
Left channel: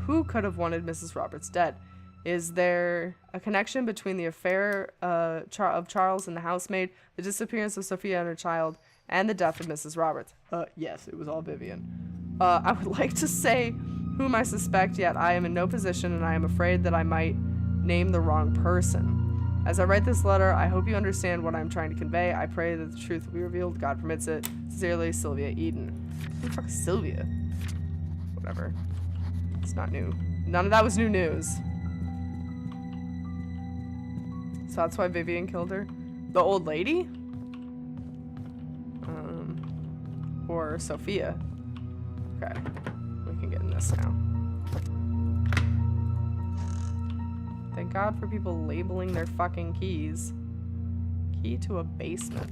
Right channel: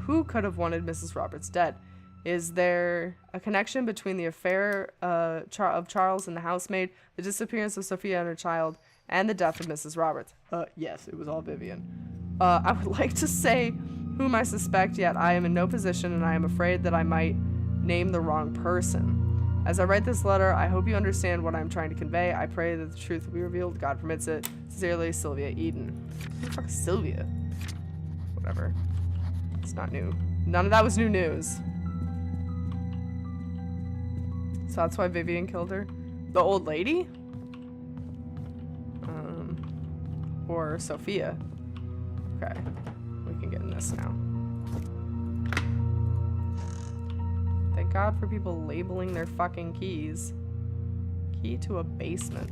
who could have wanted Mrs. Roberts dead. Is there a connection between the affair of Charles and the housemaid, the disappearance of Sophia and her child, and the death of Mrs. Roberts? Yes, it was all Vivian. I would like to say whom I suspect, yet I am in no position, and I am afraid that I might name the wrong person. As I write this letter, I hope you understand what I'm trying to convey. I pray that the truth will be revealed. God permits it. Sincerely, Sylvia Eden. Who the fuck is Sylvia? Whatever. It's not new. None of that was new news. So that's why Vivian killed her? The old lady? Or Sophia. Okay. We can get in this now. Thank God for people labeling their fucking keys. Key to a basement.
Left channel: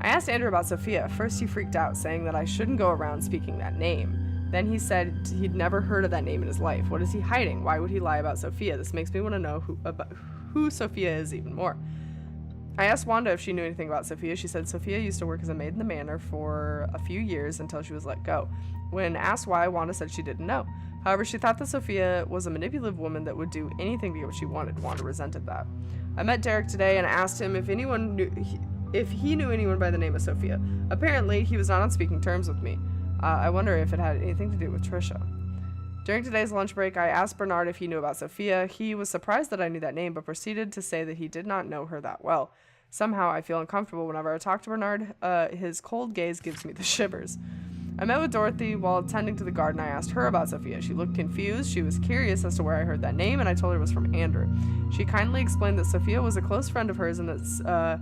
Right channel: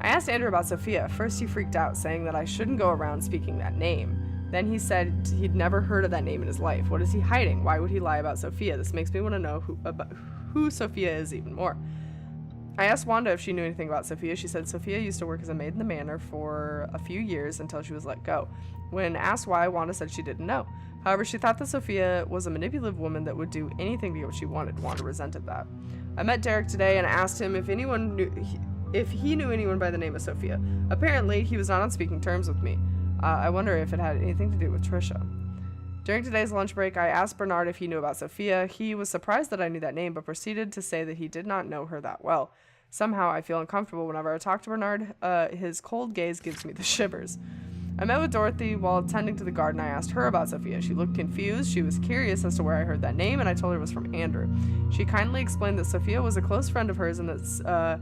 I asked Andrew about Sophia. First he freaked out, saying that I shouldn't go around speaking that name. Then he said he'd never heard of that name in his life. What is he hiding? Why would he lie about Sophia? This makes me want to know who Sophia is even more. I asked Wanda if she knew anything about Sophia. She said Sophia used to work as a maid in the manor for a few years until she was let go. When asked why, Wanda said she didn't know. However, she thought that Sophia was a manipulative woman that would do anything to get what she wanted. Wanda resented that. I met Derek today and asked him if he knew anyone by the name of Sophia. Apparently, he was not on speaking terms with me. I wonder if it had anything to do with Trisha. During today's lunch break, I asked Bernard if he knew about Sophia. He was surprised that I knew that name, but proceeded to say that he did not know her that well. Somehow, I feel uncomfortable whenever I talk to Bernard. His cold gaze gives me the shivers. I met with Dorothy while tending to the garden. I asked her about Sophia. She looked confused. She was curious as to where I heard that name, and I told her it was from Andrew. She kindly explained that Sophia was a close friend of hers and that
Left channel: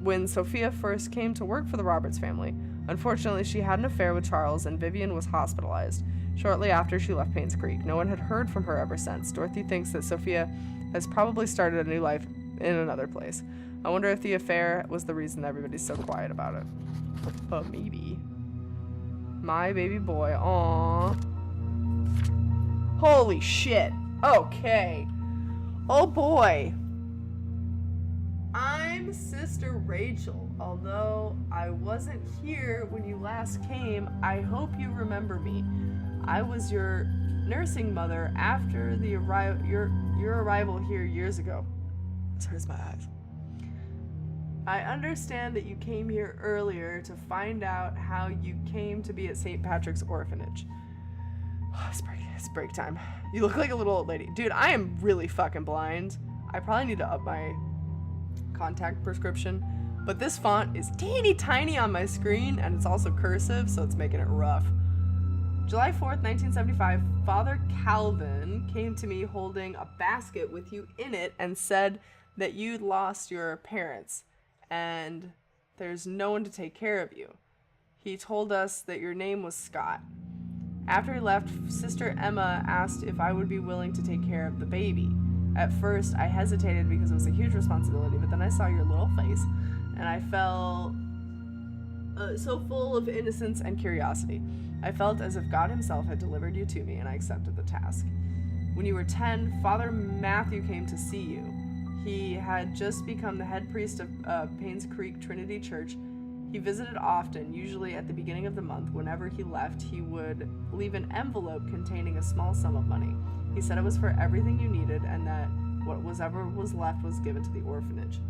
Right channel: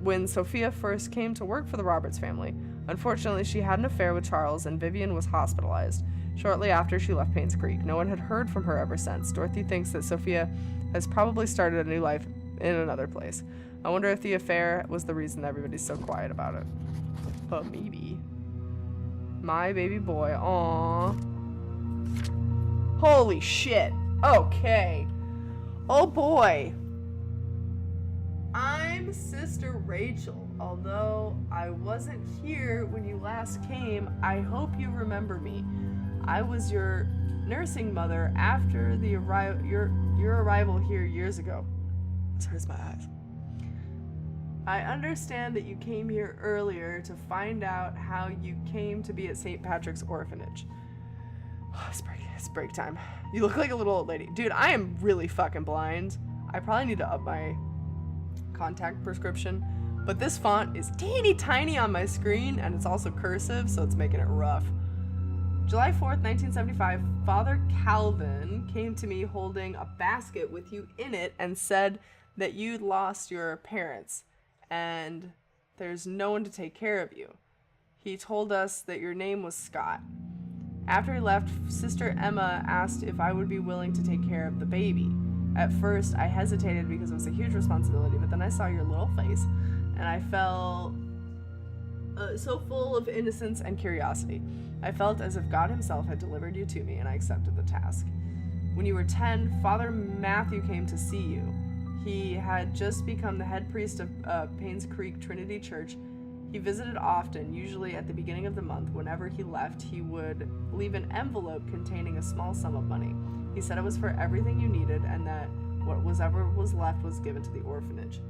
when Sophia first came to work for the Roberts family. Unfortunately, she had an affair with Charles, and Vivian was hospitalized. Shortly after, she left Painscreek. No one had heard from her ever since. Dorothy thinks that Sophia has probably started a new life in another place. I wonder if the affair was the reason everybody's so quiet about it. Maybe. My baby boy. Aww. Holy shit. Okay. Oh boy. I'm Sister Rachel. Although I wasn't here when you last came, I hope you remember me. I was your nursing mother after the your arrival here years ago. This hurts my eyes. I understand that you came here earlier to find out how you came to be at St. Patrick's Orphanage. It's break time. You look like a little old lady. Dude, I am really fucking blind. I probably need to up my contact prescription. But this font is teeny tiny on my screen, and it's also cursive, so it's making it rough. July 4th, 1975, Father Calvin came to me holding a basket with you in it and said that you'd lost your parents and there's no one to take care of you. He told us that your name was Scott. After he left, Sister Emma asked if I would be willing to take care of the baby. At first, I hesitated because it was a huge responsibility, but then I saw your little face and I felt so full of innocence and curiosity. I felt as if God himself had delivered you to me, and I accepted the task. When you were 10, Father Matthew came to see you. He had just become the head priest of Painscreek Trinity Church. He visited often, usually at the beginning of the month. Whenever he left, he would leave an envelope containing a small sum of money. He said it was for everything you needed, and that whatever was left was given to the orphanage.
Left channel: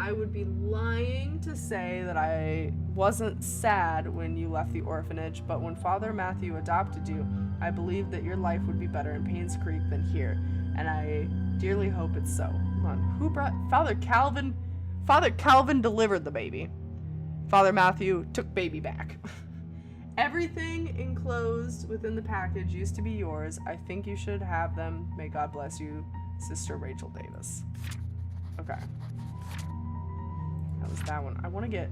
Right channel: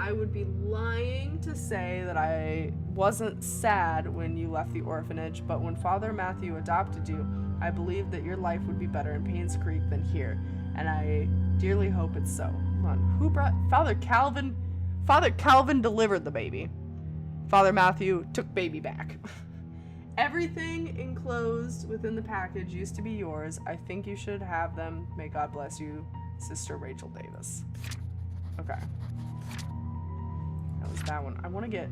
I would be lying to say that I wasn't sad when you left the orphanage, but when Father Matthew adopted you, I believed that your life would be better in Painscreek than here, and I dearly hope it's so. Hold on. Who brought Father Calvin? Father Calvin delivered the baby. Father Matthew took baby back. Everything enclosed within the package used to be yours. I think you should have them. May God bless you, Sister Rachel Davis. Okay. That was that one. I want to get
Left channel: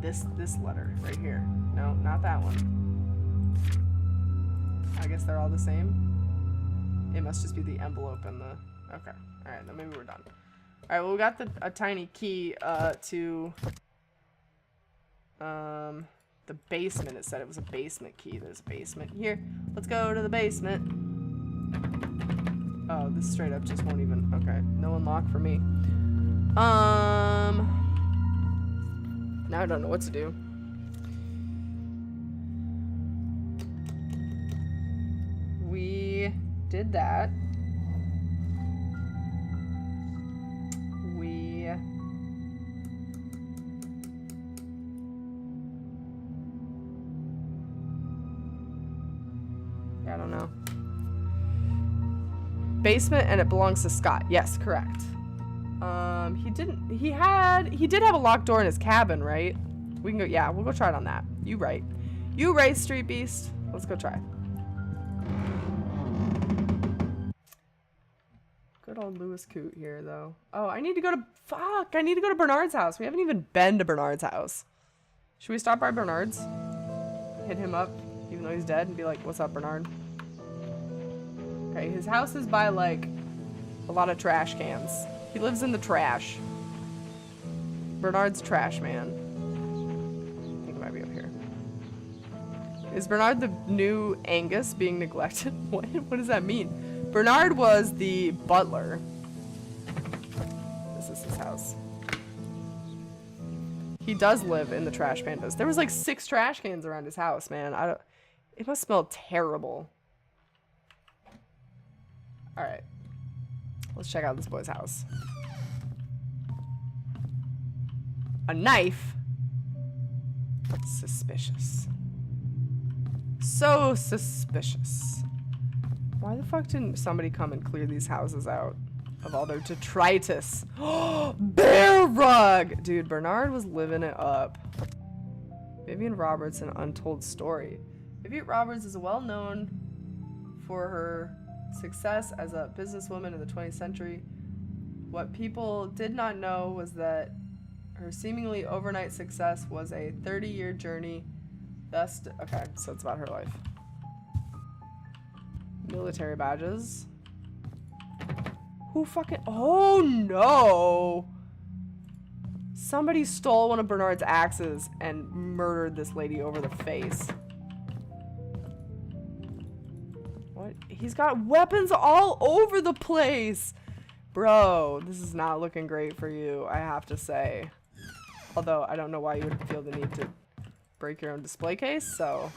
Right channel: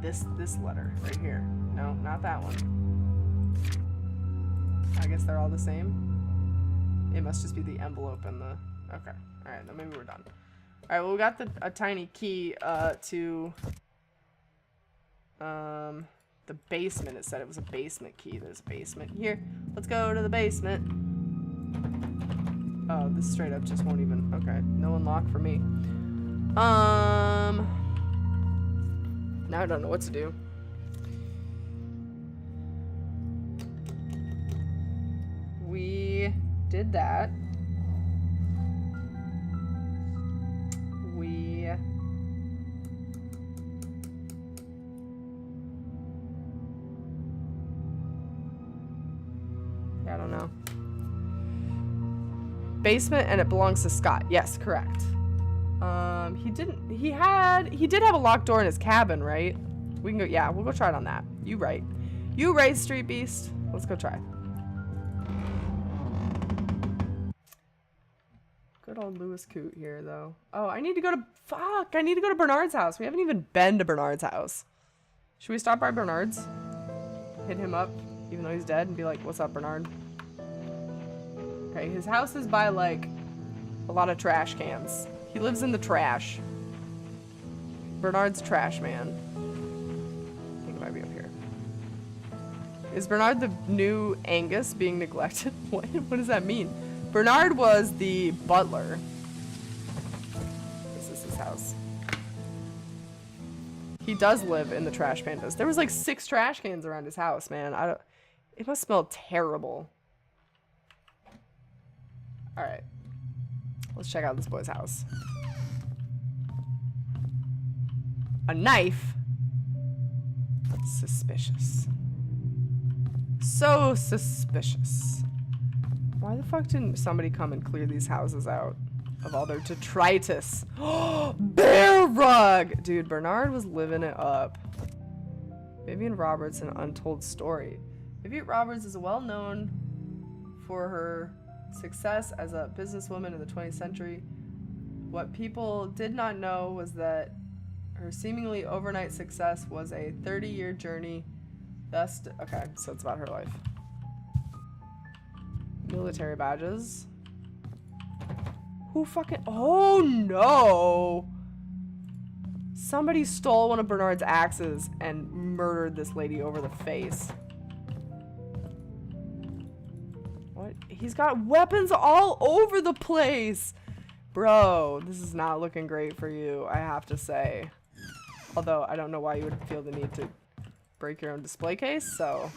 this letter right here. No, not that one. I guess they're all the same. It must just be the envelope and the... Okay. Alright, then maybe we're done. Alright, well, we got a tiny key to the basement. It said it was a basement key. There's a basement here. Let's go to the basement. Oh, this straight up just won't even... Okay, no unlock for me. Now I don't know what to do. We did that. I don't know. Basement, and it belongs to Scott. Yes, correct. He did have a locked door in his cabin, right? We can go, yeah, we'll go try it on that. You right, Street Beast. Let's go try. Good old Lewis Coot here, though. Oh, I need to go to Bernard's house. We haven't even been to Bernard's house. Should we stop by Bernard's? Hit him up, even though he's dead, and be like, what's up, Bernard? Okay, his house is by, like, a lot of trash cans. He lives in the trash. Bernard's trash man. I think it might be up here. Is Bernard the new Angus being neglected? What does that mean? Bernard was the butler. This is his house. He does live in the trash pandas. There was like 6 trash cans around his house, man. It must smell terrible. Alright. Let's check out this boy's house. A knife? Suspicious. So suspicious. Why the fuck didn't somebody come and clear these houses out of all their detritus? Bear rug! Dude, Bernard was living it up. Vivian Roberts, an untold story. Vivian Roberts is well known for her success as a businesswoman in the 20th century. What people did not know was that her seemingly overnight success was a 30-year journey. Okay, so it's about her life. Military badges. Who fucking... Oh, no! Somebody stole one of Bernard's axes and murdered this lady over the face. What? He's got weapons all over the place! Bro, this is not looking great for you, I have to say. Although, I don't know why you would feel the need to break your own display case, so...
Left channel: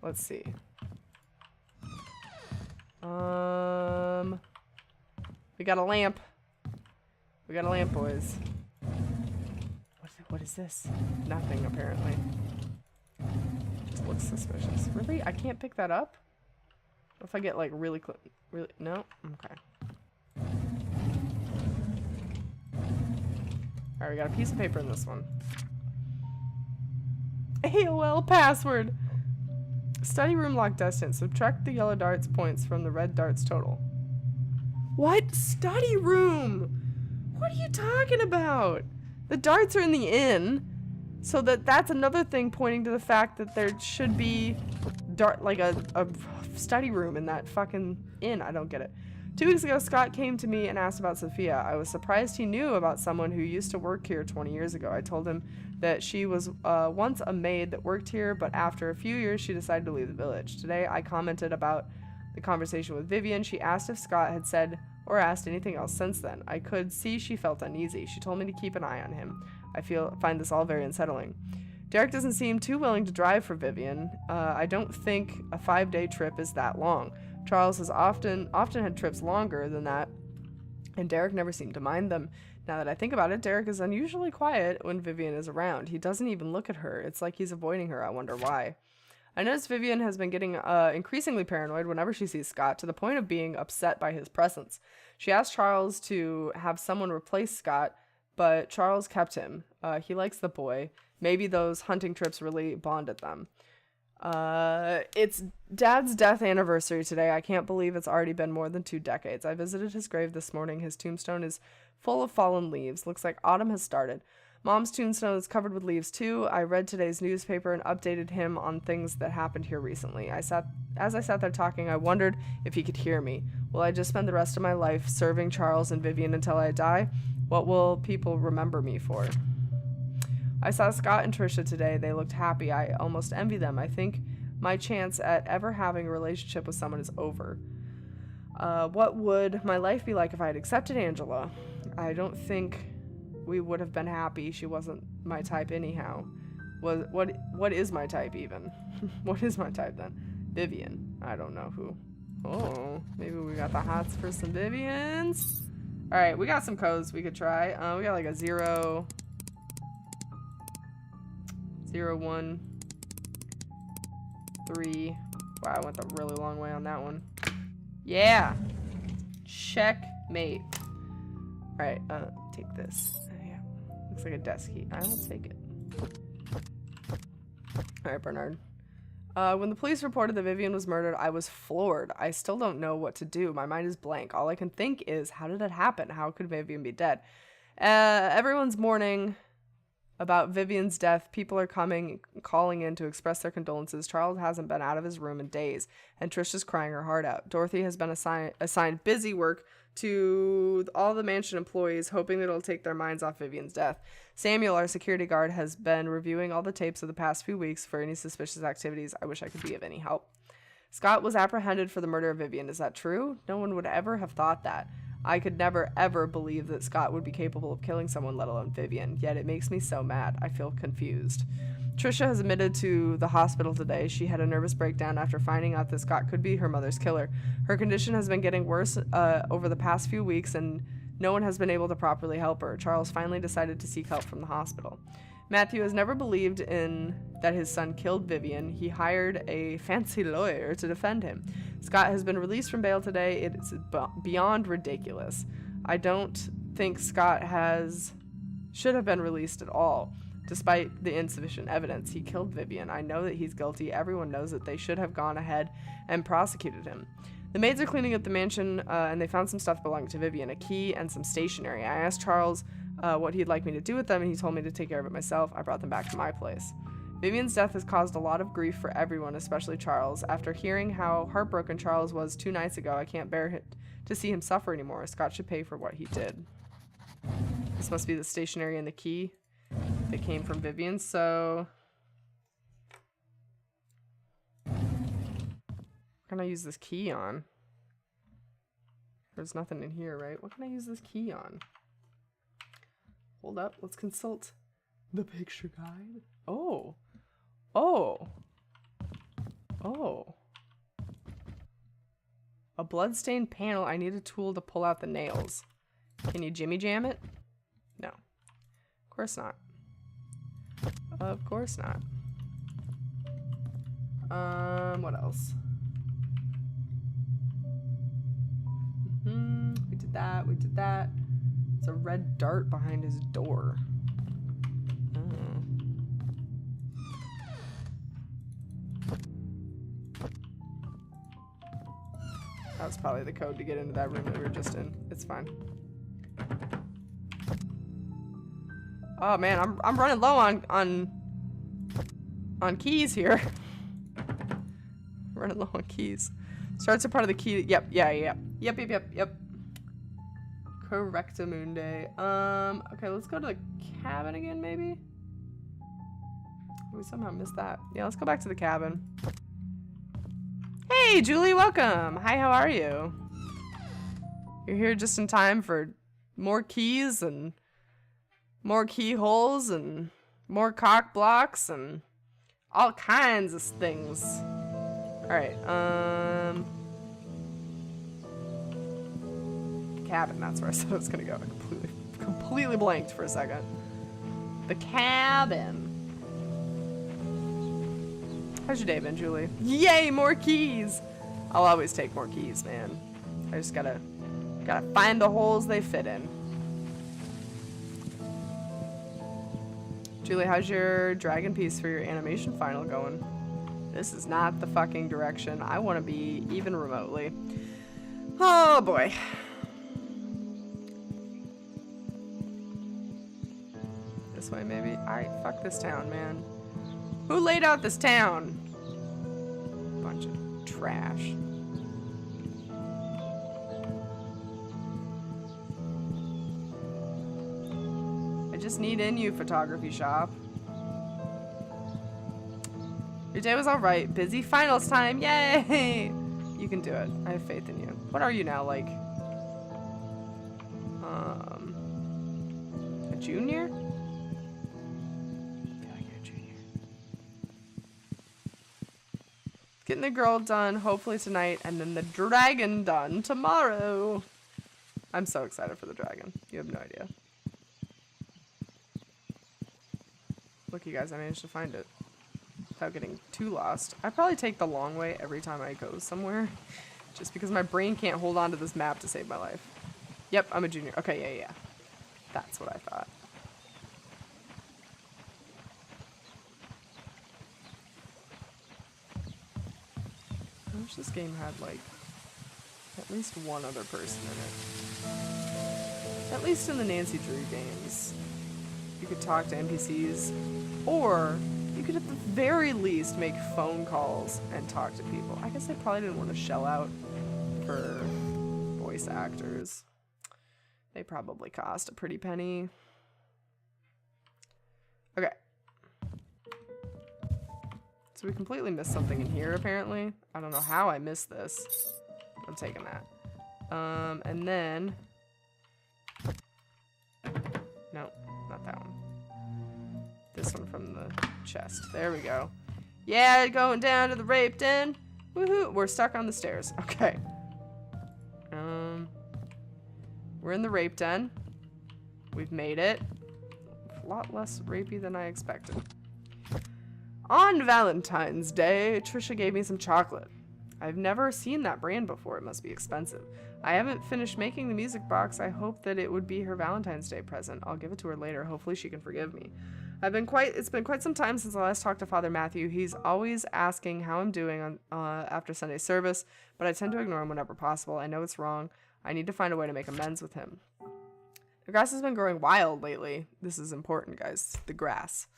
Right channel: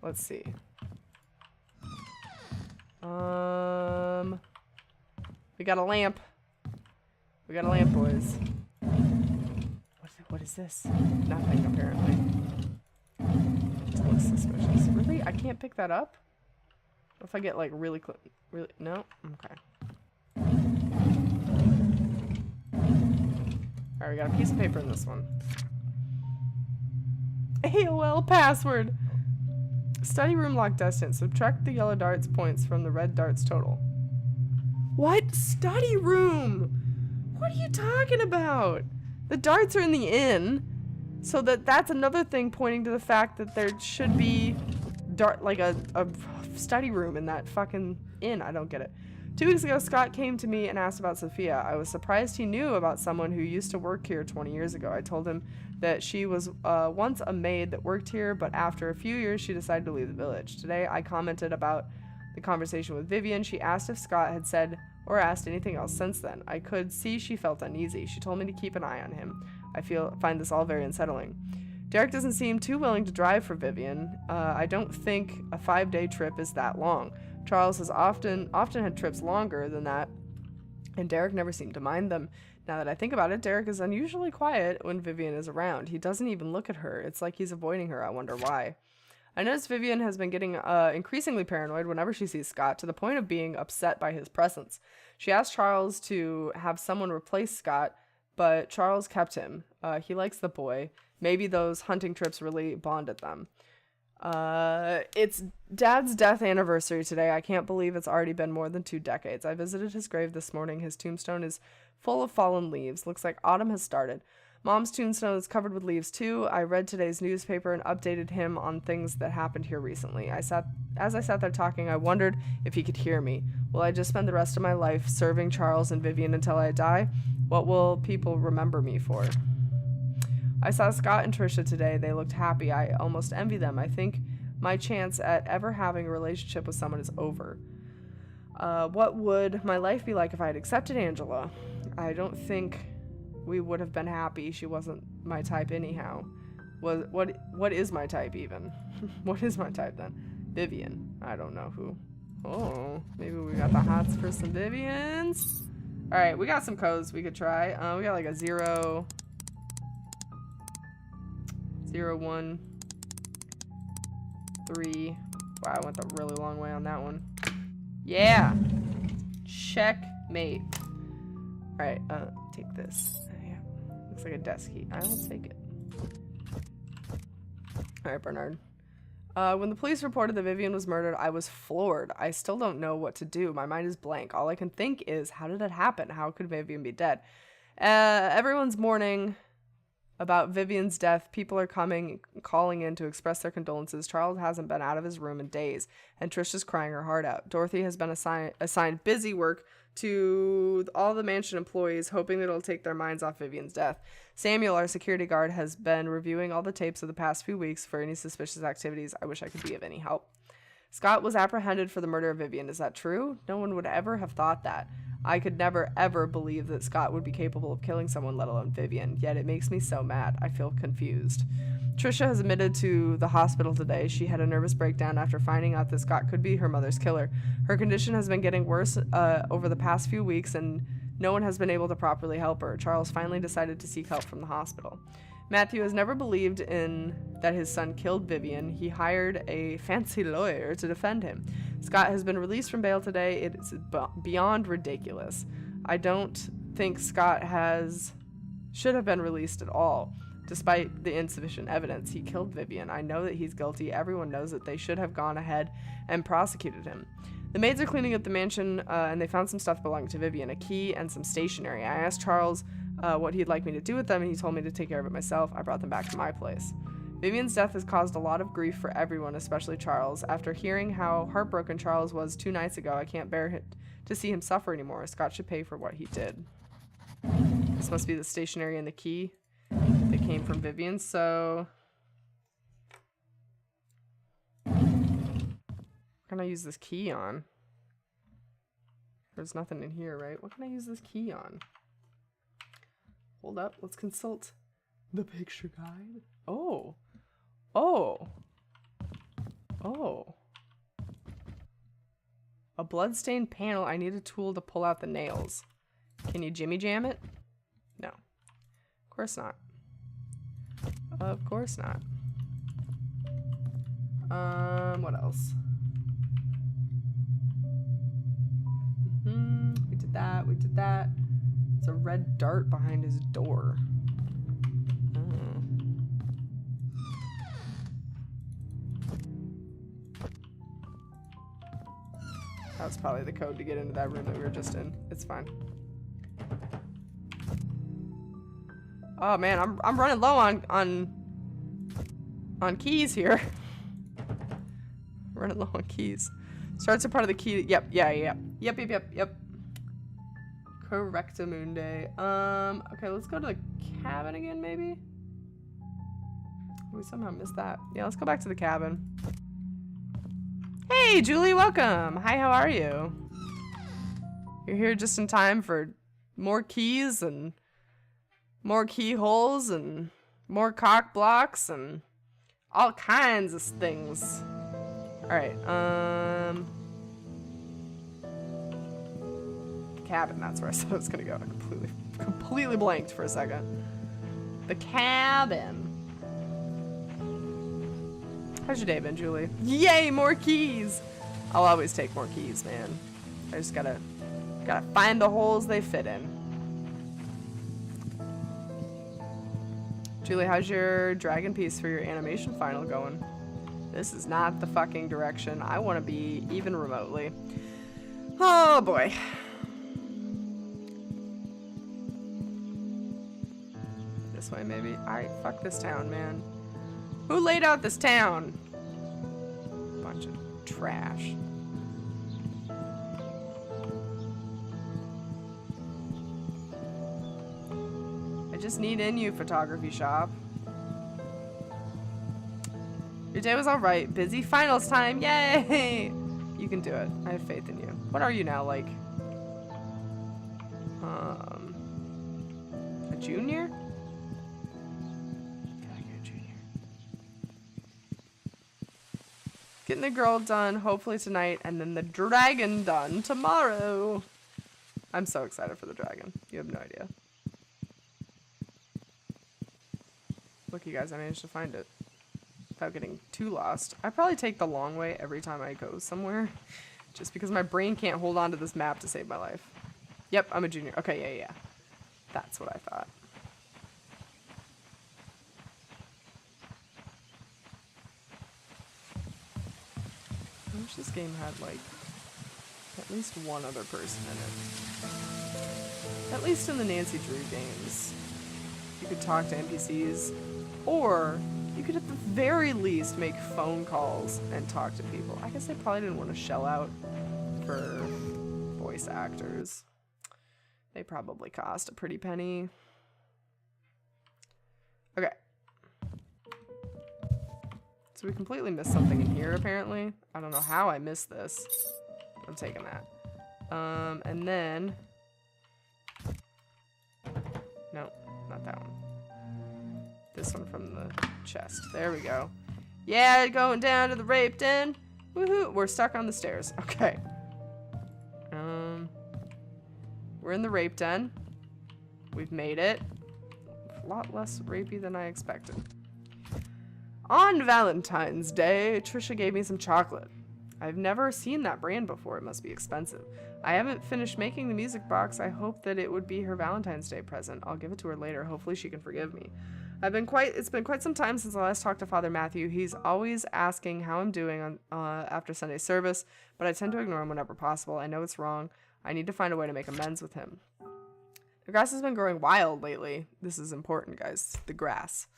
Let's see. We got a lamp. We got a lamp, boys. What is this? Nothing, apparently. Just looks suspicious. Really? I can't pick that up? What if I get, like, really close? Really? No? Okay. Alright, we got a piece of paper in this one. AOL password! Study room lock distance. Subtract the yellow dart's points from the red dart's total. What? Study room? What are you talking about? The darts are in the inn. So that's another thing pointing to the fact that there should be a study room in that fucking inn. I don't get it. 2 weeks ago, Scott came to me and asked about Sophia. I was surprised he knew about someone who used to work here 20 years ago. I told him that she was once a maid that worked here, but after a few years, she decided to leave the village. Today, I commented about the conversation with Vivian. She asked if Scott had said or asked anything else since then. I could see she felt uneasy. She told me to keep an eye on him. I find this all very unsettling. Derek doesn't seem too willing to drive for Vivian. I don't think a 5-day trip is that long. Charles has often had trips longer than that, and Derek never seemed to mind them. Now that I think about it, Derek is unusually quiet when Vivian is around. He doesn't even look at her. It's like he's avoiding her. I wonder why. I noticed Vivian has been getting increasingly paranoid whenever she sees Scott, to the point of being upset by his presence. She asked Charles to have someone replace Scott, but Charles kept him. He likes the boy. Maybe those hunting trips really bonded them. It's Dad's death anniversary today. I can't believe it's already been more than 2 decades. I visited his grave this morning. His tombstone is full of fallen leaves. Looks like autumn has started. Mom's tombstone is covered with leaves too. I read today's newspaper and updated him on things that happened here recently. As I sat there talking, I wondered if he could hear me. Will I just spend the rest of my life serving Charles and Vivian until I die? What will people remember me for? I saw Scott and Trisha today. They looked happy. I almost envy them. I think my chance at ever having a relationship with someone is over. What would my life be like if I had accepted Angela? I don't think we would have been happy. She wasn't my type anyhow. What is my type even? What is my type then? Vivian. I don't know who. Oh, maybe we got the hots for some Vivians. All right, we got some codes we could try. We got like a 0, 0, 1, 3. Wow, I went the really long way on that one. Yeah. Checkmate. All right, take this. Yeah, looks like a desk key. I will take it. All right, Bernard. When the police reported that Vivian was murdered, I was floored. I still don't know what to do. My mind is blank. All I can think is, how did it happen? How could Vivian be dead? Everyone's mourning about Vivian's death. People are calling in to express their condolences. Charles hasn't been out of his room in days, and Trisha's crying her heart out. Dorothy has been assigned busy work to all the mansion employees, hoping that it'll take their minds off Vivian's death. Samuel, our security guard, has been reviewing all the tapes of the past few weeks for any suspicious activities. I wish I could be of any help. Scott was apprehended for the murder of Vivian. Is that true? No one would ever have thought that. I could never ever believe that Scott would be capable of killing someone, let alone Vivian. Yet it makes me so mad. I feel confused. Trisha has admitted to the hospital today. She had a nervous breakdown after finding out that Scott could be her mother's killer. Her condition has been getting worse over the past few weeks, and no one has been able to properly help her. Charles finally decided to seek help from the hospital. Matthew has never believed in that his son killed Vivian. He hired a fancy lawyer to defend him. Scott has been released from bail today. It is beyond ridiculous. I don't think Scott should have been released at all. Despite the insufficient evidence, he killed Vivian. I know that he's guilty. Everyone knows that they should have gone ahead and prosecuted him. The maids are cleaning up the mansion, and they found some stuff belonging to Vivian, a key and some stationery. I asked Charles what he'd like me to do with them, and he told me to take care of it myself. I brought them back to my place. Vivian's death has caused a lot of grief for everyone, especially Charles. After hearing how heartbroken Charles was 2 nights ago, I can't bear to see him suffer anymore. Scott should pay for what he did. This must be the stationery and the key that came from Vivian, so what can I use this key on? There's nothing in here, right? What can I use this key on? Hold up, let's consult the picture guide. Oh. A bloodstained panel. I need a tool to pull out the nails. Can you jimmy jam it? No. Of course not. Of course not. What else? We did that. We did that. It's a red dart behind his door. Oh. That was probably the code to get into that room that we were just in. It's fine. Oh man, I'm running low on keys here. Running low on keys. Starts a part of the key. Yep. Yep. Correctamundi. Okay, let's go to the cabin again, maybe? We somehow missed that. Yeah, let's go back to the cabin. Hey, Julie, welcome. Hi, how are you? You're here just in time for more keys and more keyholes and more cock blocks and all kinds of things. Alright, cabin, that's where I said I was gonna go. I completely blanked for a second. The cabin. How's your day been, Julie? Yay, more keys! I'll always take more keys, man. I just gotta find the holes they fit in. Julie, how's your dragon piece for your animation final going? This is not the fucking direction I want to be, even remotely. Oh boy. This way, maybe? Alright, fuck this town, man. Who laid out this town? Bunch of trash. I just need in you, photography shop. Your day was alright. Busy finals time. Yay! You can do it. I have faith in you. What are you now, like? A junior? I feel like you're a junior. Getting the girl done, hopefully tonight, and then the dragon done tomorrow. I'm so excited for the dragon. You have no idea. Look, you guys, I managed to find it without getting too lost. I probably take the long way every time I go somewhere, just because my brain can't hold on to this map to save my life. Yep, I'm a junior. Okay, yeah. That's what I thought. I wish this game had, like, at least one other person in it. At least in the Nancy Drew games. You could talk to NPCs. Or you could at the very least make phone calls and talk to people. I guess they probably didn't want to shell out for voice actors. They probably cost a pretty penny. Okay. So we completely missed something in here, apparently. I don't know how I missed this. I'm taking that. And then not that one. This one from the chest. There we go. Yeah, going down to the rape den. Woohoo! We're stuck on the stairs. Okay. We're in the rape den. We've made it. A lot less rapey than I expected. On Valentine's Day, Trisha gave me some chocolate. I've never seen that brand before. It must be expensive. I haven't finished making the music box. I hope that it would be her Valentine's Day present. I'll give it to her later. Hopefully she can forgive me. It's been quite some time since I last talked to Father Matthew. He's always asking how I'm doing on after Sunday service, but I tend to ignore him whenever possible. I know it's wrong. I need to find a way to make amends with him. The grass has been growing wild lately. This is important, guys. The grass.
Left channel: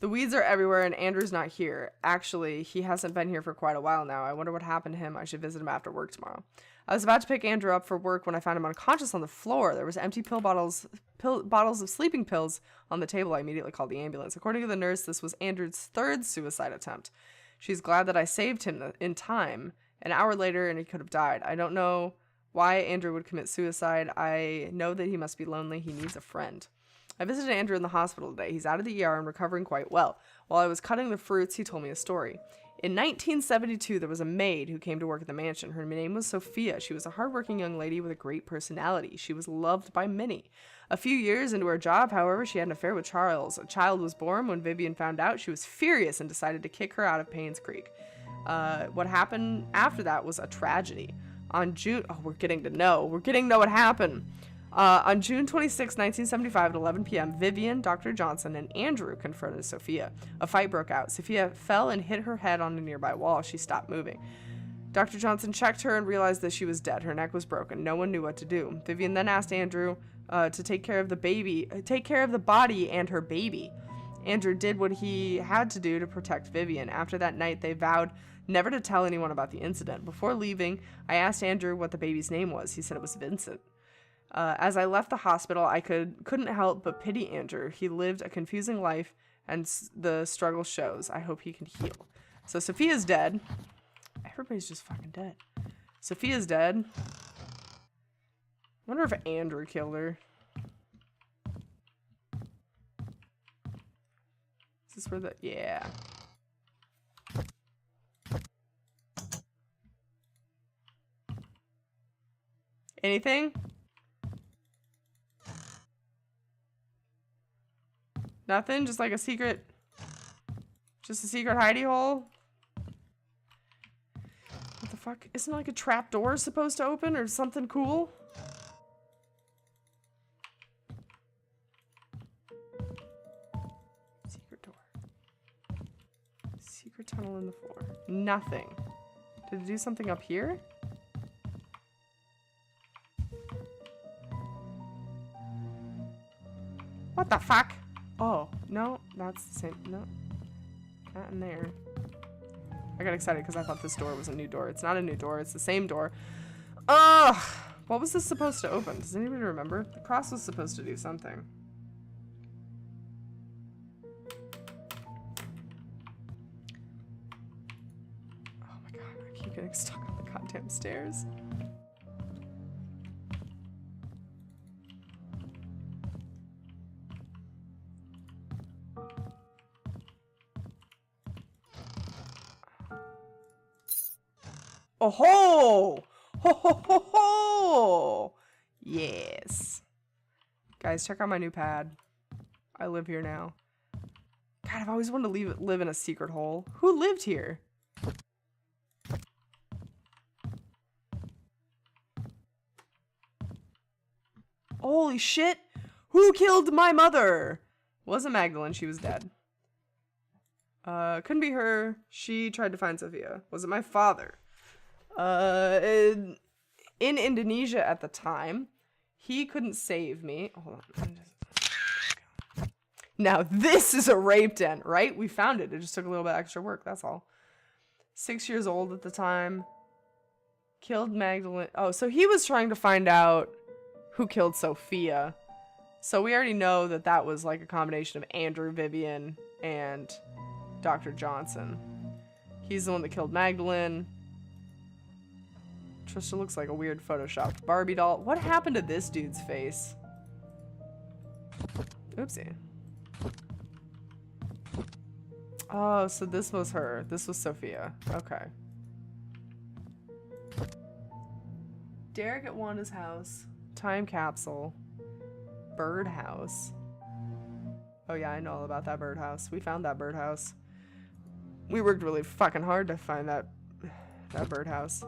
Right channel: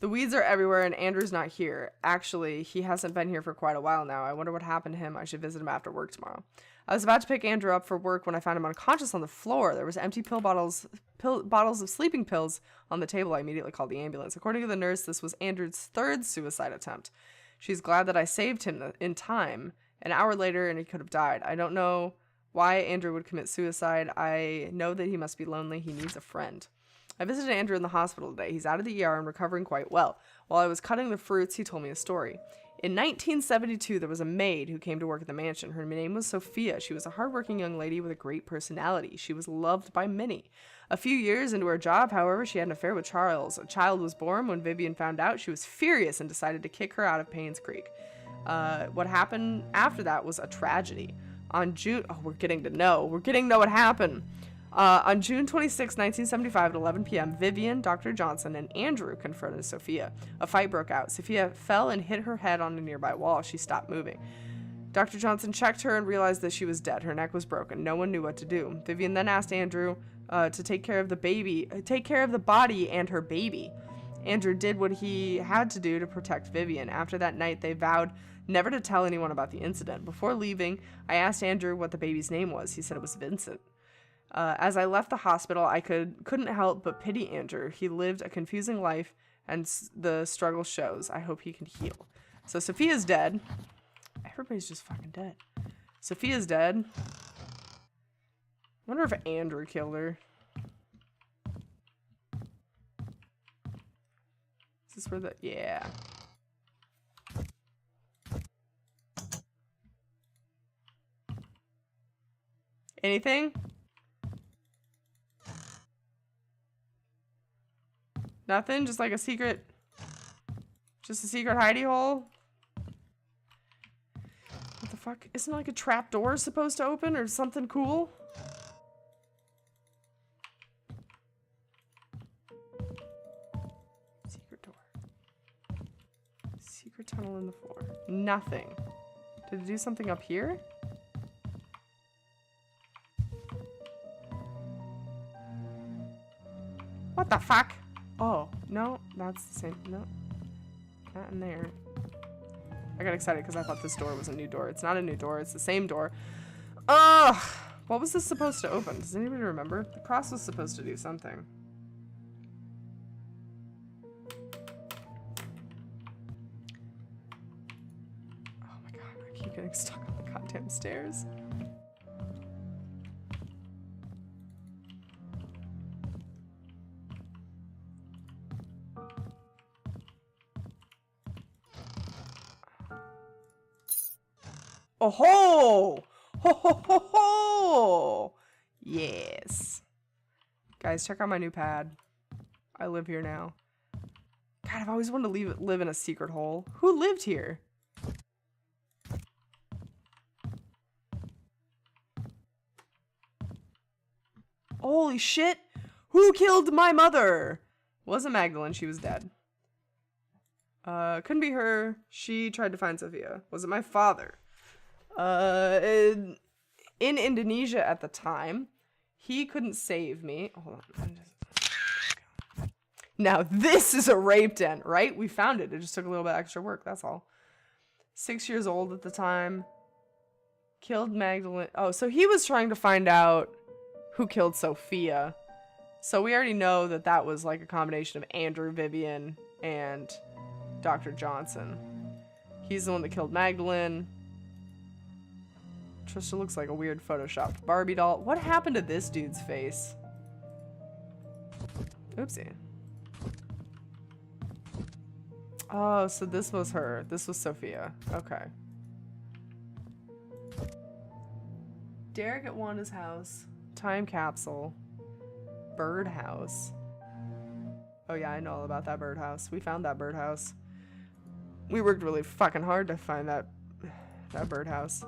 The weeds are everywhere and Andrew's not here. Actually, he hasn't been here for quite a while now. I wonder what happened to him. I should visit him after work tomorrow. I was about to pick Andrew up for work when I found him unconscious on the floor. There was empty bottles of sleeping pills on the table. I immediately called the ambulance. According to the nurse, this was Andrew's third suicide attempt. She's glad that I saved him in time. An hour later and he could have died. I don't know why Andrew would commit suicide. I know that he must be lonely. He needs a friend. I visited Andrew in the hospital today. He's out of the ER and recovering quite well. While I was cutting the fruits, he told me a story. In 1972, there was a maid who came to work at the mansion. Her name was Sophia. She was a hardworking young lady with a great personality. She was loved by many. A few years into her job, however, she had an affair with Charles. A child was born. When Vivian found out, she was furious and decided to kick her out of Painscreek. What happened after that was a tragedy. On June... Oh, we're getting to know what happened. On June 26, 1975 at 11 p.m., Vivian, Dr. Johnson, and Andrew confronted Sophia. A fight broke out. Sophia fell and hit her head on a nearby wall. She stopped moving. Dr. Johnson checked her and realized that she was dead. Her neck was broken. No one knew what to do. Vivian then asked Andrew to take care of the body and her baby. Andrew did what he had to do to protect Vivian. After that night, they vowed never to tell anyone about the incident. Before leaving, I asked Andrew what the baby's name was. He said it was Vincent. As I left the hospital, I couldn't help but pity Andrew. He lived a confusing life, and the struggle shows. I hope he can heal. So Sophia's dead. Everybody's just fucking dead. Sophia's dead. I wonder if Andrew killed her. Is this where the... Yeah. Anything? Nothing? Just like a secret... Just a secret hidey hole? What the fuck? Isn't like a trap door supposed to open or something cool? Secret door. Secret tunnel in the floor. Nothing. Did it do something up here? What the fuck? Oh, no, that's the same. No, not in there. I got excited because I thought this door was a new door. It's not a new door. It's the same door. Ugh! What was this supposed to open? Does anybody remember? The cross was supposed to do something. Oh my god, I keep getting stuck on the goddamn stairs. Oh ho! Ho ho ho ho! Yes. Guys, check out my new pad. I live here now. God, I've always wanted to live in a secret hole. Who lived here? Holy shit! Who killed my mother? Wasn't Magdalene, she was dead. Couldn't be her. She tried to find Sophia. Was it my father? In Indonesia at the time, he couldn't save me. Hold on. Now this is a rape den, right? We found it. It just took a little bit extra work. That's all. 6 years old at the time. Killed Magdalene. Oh, so he was trying to find out who killed Sophia. So we already know that that was like a combination of Andrew, Vivian, and Dr. Johnson. He's the one that killed Magdalene. Trisha looks like a weird photoshopped Barbie doll. What happened to this dude's face? Oopsie. Oh, so this was her. This was Sophia. Okay. Derek at Wanda's house. Time capsule. Birdhouse. Oh yeah, I know all about that birdhouse. We found that birdhouse. We worked really fucking hard to find that birdhouse.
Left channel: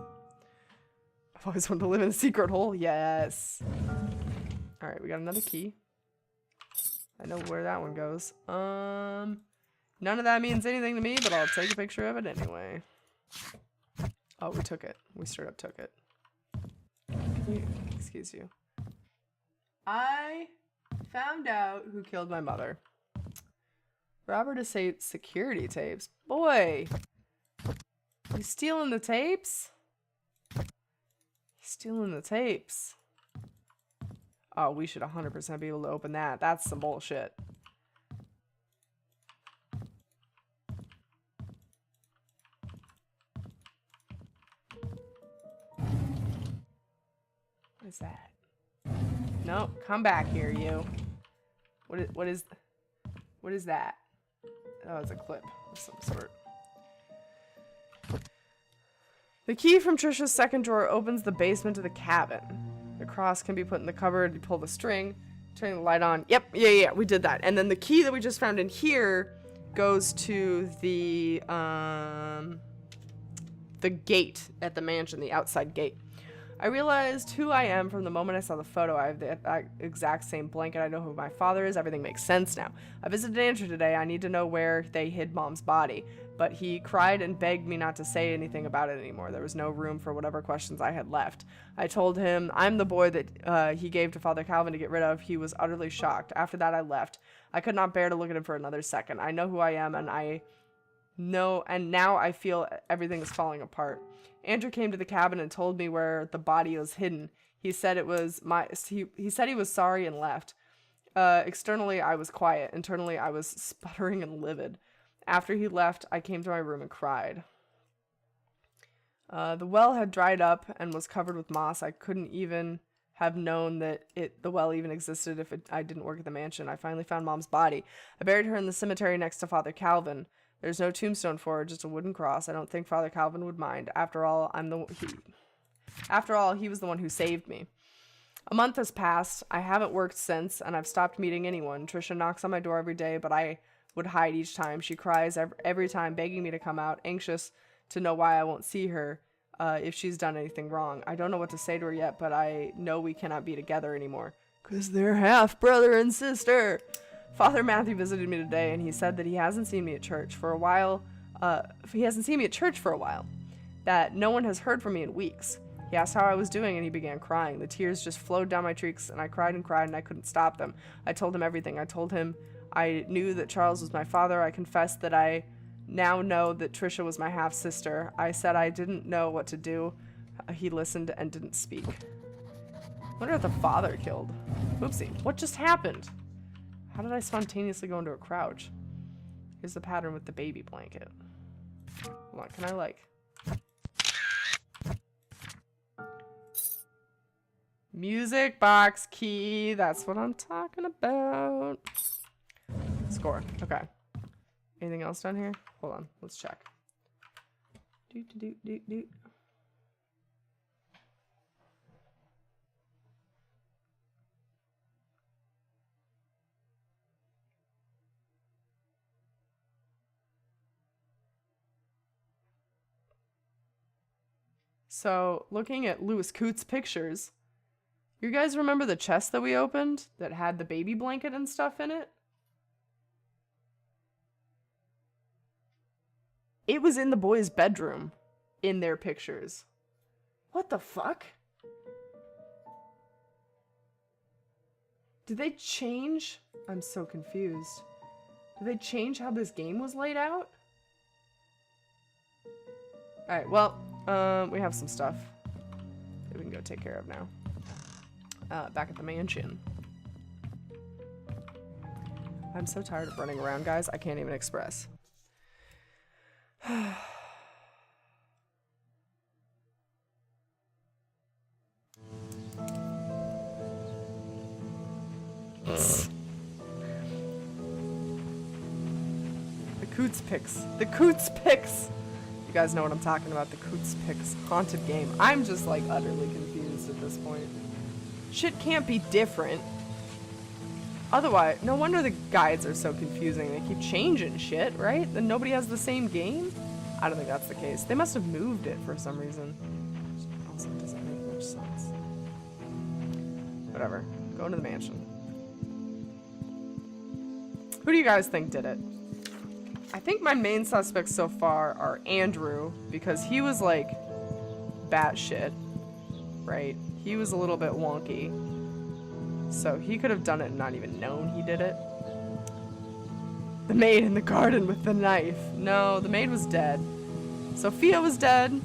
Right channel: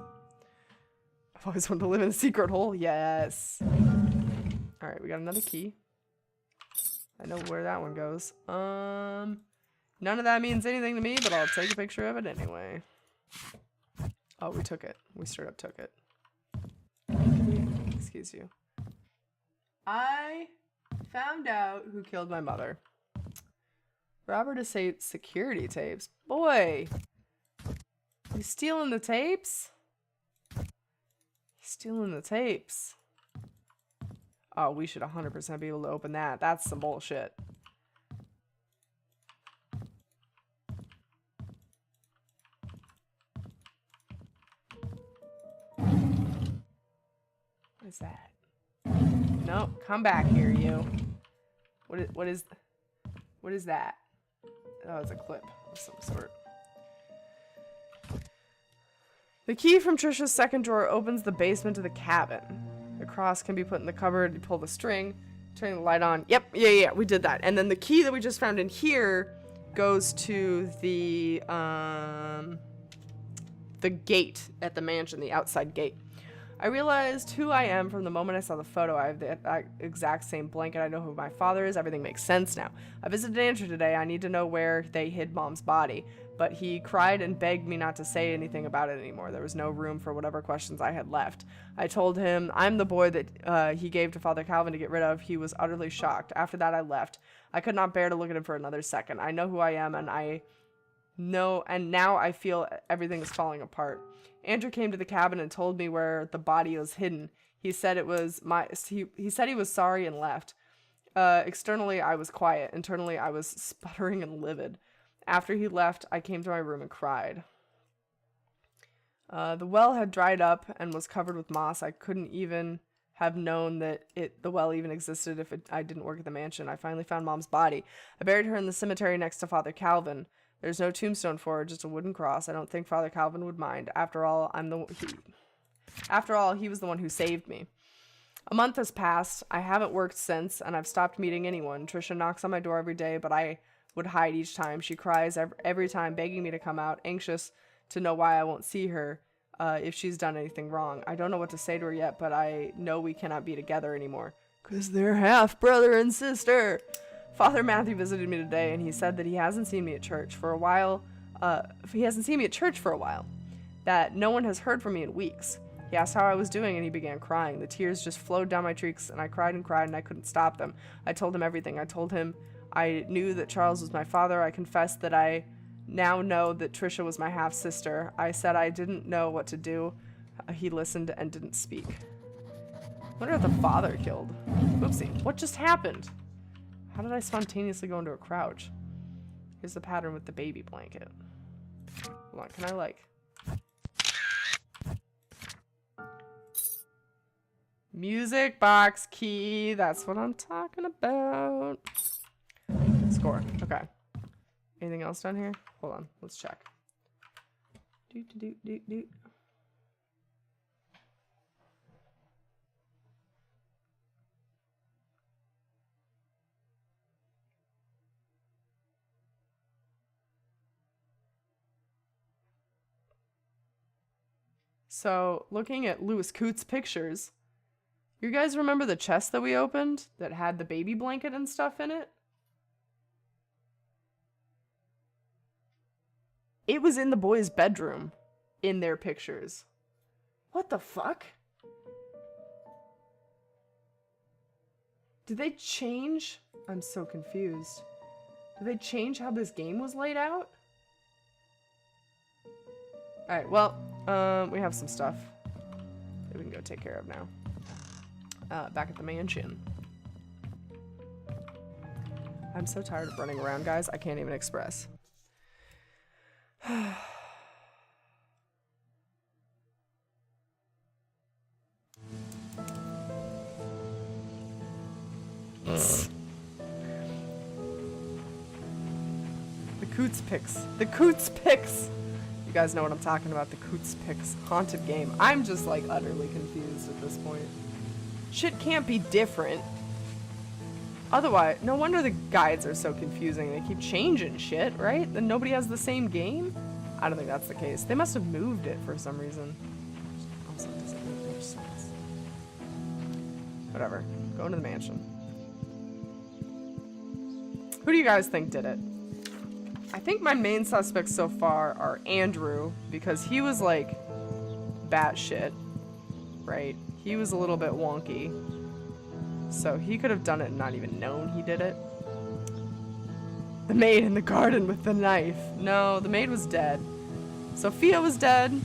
I've always wanted to live in a secret hole. Yes. Alright, we got another key. I know where that one goes. None of that means anything to me, but I'll take a picture of it anyway. Oh, we took it. We straight up took it. Excuse you. I found out who killed my mother. Robert Estate security tapes. Boy! You stealing the tapes? Stealing the tapes. Oh, we should 100% be able to open that. That's some bullshit. What is that? No, come back here, you. What is that? Oh, it's a clip of some sort. The key from Trisha's second drawer opens the basement to the cabin. The cross can be put in the cupboard. You pull the string, turn the light on. Yep, yeah, we did that. And then the key that we just found in here goes to the gate at the mansion, the outside gate. I realized who I am from the moment I saw the photo. I have the exact same blanket. I know who my father is. Everything makes sense now. I visited Andrew today. I need to know where they hid Mom's body. But he cried and begged me not to say anything about it anymore. There was no room for whatever questions I had left. I told him I'm the boy that he gave to Father Calvin to get rid of. He was utterly shocked. After that, I left. I could not bear to look at him for another second. I know who I am, and now I feel everything is falling apart. Andrew came to the cabin and told me where the body was hidden. He said he said he was sorry and left. Externally, I was quiet. Internally, I was sputtering and livid. After he left, I came to my room and cried. The well had dried up and was covered with moss. I couldn't even have known that the well even existed if I didn't work at the mansion. I finally found Mom's body. I buried her in the cemetery next to Father Calvin. There's no tombstone for her, just a wooden cross. I don't think Father Calvin would mind. After all, he was the one who saved me. A month has passed. I haven't worked since, and I've stopped meeting anyone. Trisha knocks on my door every day, but I would hide each time. She cries every time, begging me to come out, anxious to know why I won't see her if she's done anything wrong. I don't know what to say to her yet, but I know we cannot be together anymore. 'Cause they're half brother and sister. Father Matthew visited me today, and he said that he hasn't seen me at church for a while. That no one has heard from me in weeks. He asked how I was doing, and he began crying. The tears just flowed down my cheeks, and I cried, and I couldn't stop them. I told him everything. I told him I knew that Charles was my father. I confessed that I now know that Trisha was my half-sister. I said I didn't know what to do. He listened and didn't speak. I wonder if the father killed. Oopsie. What just happened? How did I spontaneously go into a crouch? Here's the pattern with the baby blanket. Hold on, can I like... Music box key. That's what I'm talking about. Score. Okay. Anything else down here? Hold on. Let's check. Doot. So, looking at Louis Coote's pictures, you guys remember the chest that we opened that had the baby blanket and stuff in it? It was in the boys' bedroom in their pictures. What the fuck? Did they change? I'm so confused. Did they change how this game was laid out? Alright, well, we have some stuff that we can go take care of now. Back at the mansion. I'm so tired of running around, guys. I can't even express. Coots Picks. The Coots Picks! You guys know what I'm talking about. The Coots Picks haunted game. I'm just like utterly confused at this point. Shit can't be different. Otherwise, no wonder the guides are so confusing. They keep changing shit, right? Then nobody has the same game? I don't think that's the case. They must have moved it for some reason. Also doesn't make much sense. Whatever. Go into the mansion. Who do you guys think did it? I think my main suspects so far are Andrew, because he was like batshit, right? He was a little bit wonky. So he could have done it and not even known he did it. The maid in the garden with the knife. No, the maid was dead. Sophia was dead.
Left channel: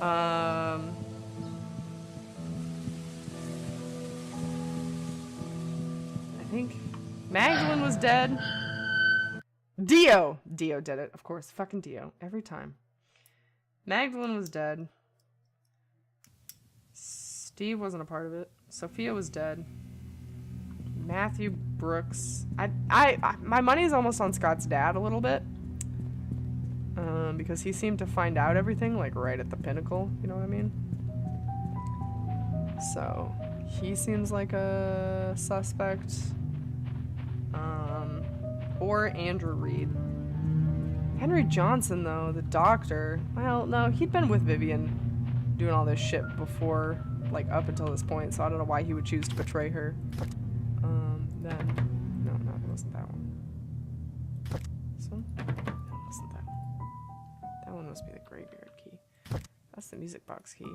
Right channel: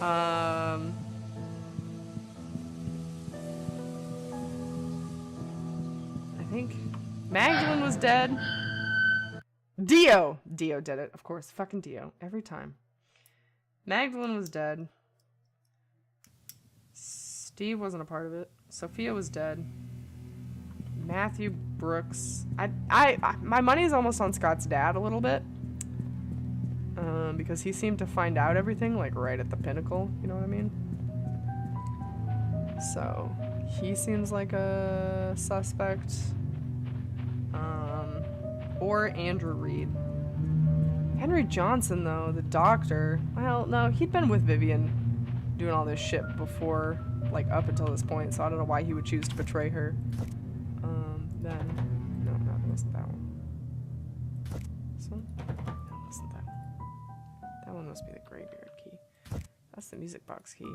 I think Magdalene was dead. Dio did it, of course. Fucking Dio. Every time. Magdalene was dead. Steve wasn't a part of it. Sophia was dead. Matthew Brooks. My money's almost on Scott's dad a little bit. Because he seemed to find out everything, like, right at the pinnacle. You know what I mean? So, he seems like a suspect. Or Andrew Reed. Henry Johnson, though, the doctor. Well, no, he'd been with Vivian doing all this shit before, like, up until this point, so I don't know why he would choose to betray her. Then... No, it wasn't that one. This one? No, it wasn't that one. That one must be the graveyard key. That's the music box key.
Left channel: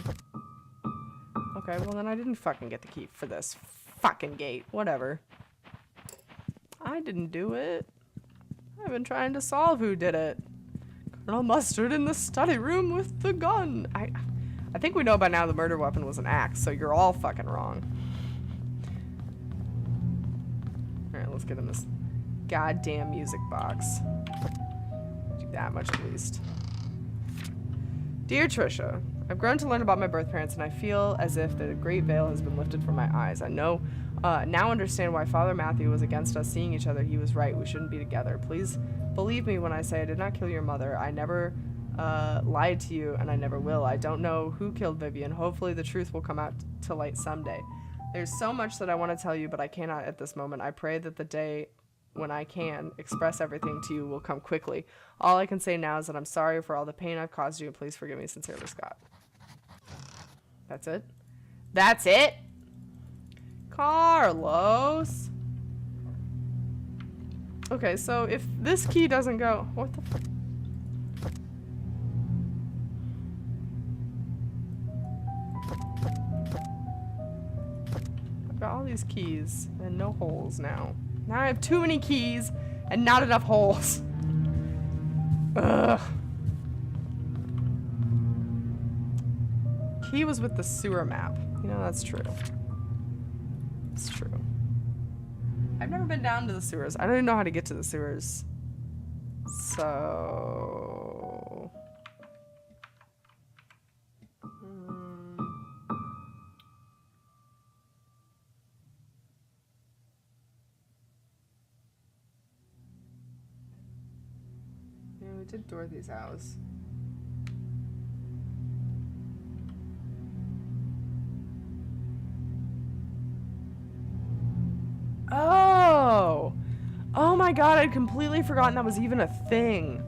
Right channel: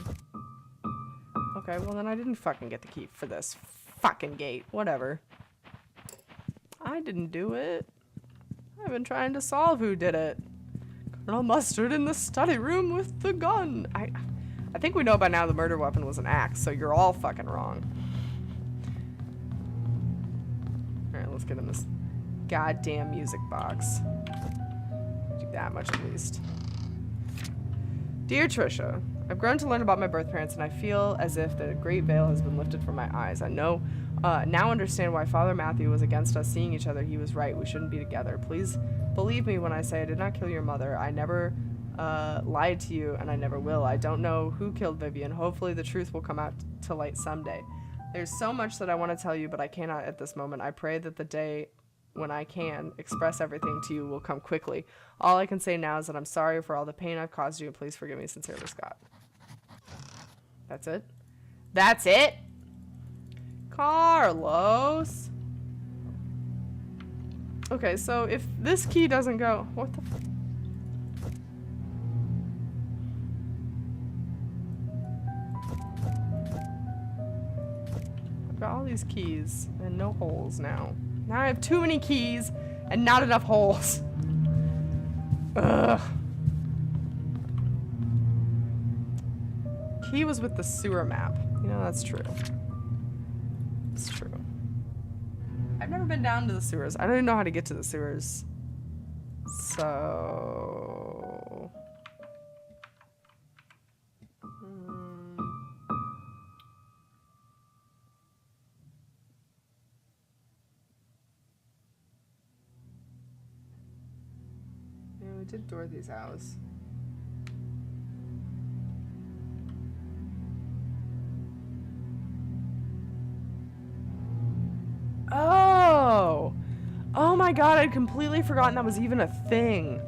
Okay, well then I didn't fucking get the key for this fucking gate. Whatever. I didn't do it. I've been trying to solve who did it. Colonel Mustard in the study room with the gun. I think we know by now the murder weapon was an axe, so you're all fucking wrong. Alright, let's get in this goddamn music box. Do that much at least. Dear Trisha, I've grown to learn about my birth parents, and I feel as if the great veil has been lifted from my eyes. I know, now understand why Father Matthew was against us seeing each other. He was right. We shouldn't be together. Please believe me when I say I did not kill your mother. I never lied to you, and I never will. I don't know who killed Vivian. Hopefully the truth will come out to light someday. There's so much that I want to tell you, but I cannot at this moment. I pray that the day when I can express everything to you will come quickly. All I can say now is that I'm sorry for all the pain I've caused you, and please forgive me. Sincerely, Scott. That's it? That's it? Carlos. Okay, so if this key doesn't go... What the fuck? I've got all these keys and no holes now. Now I have too many keys and not enough holes. Ugh. Key was with the sewer map. You know, that's true. It's true. I've never been down to the sewers. I don't even know how to get to the sewers. So... Yeah, we did Dorothy's house. Oh! Oh my god, I'd completely forgotten that was even a thing.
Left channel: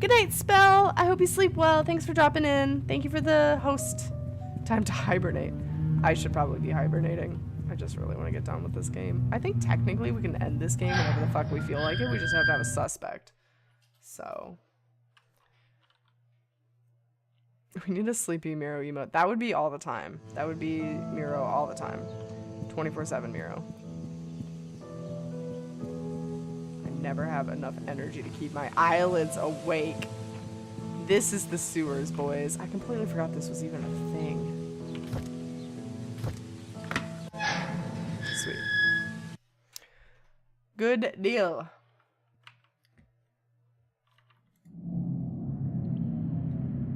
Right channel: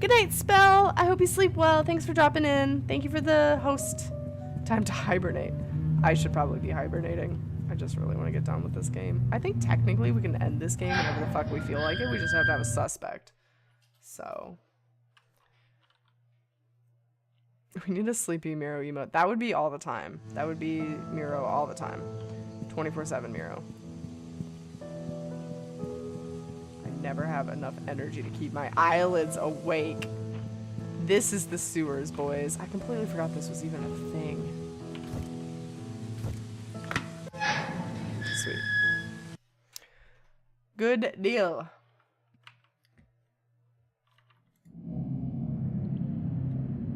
Good night, Spell. I hope you sleep well. Thanks for dropping in. Thank you for the host. Time to hibernate. I should probably be hibernating. I just really want to get done with this game. I think technically we can end this game whenever the fuck we feel like it. We just have to have a suspect. So. We need a sleepy Miro emote. That would be all the time. That would be Miro all the time. 24/7 Miro. I never have enough energy to keep my eyelids awake. This is the sewers, boys. I completely forgot this was even a thing. Sweet. Good deal.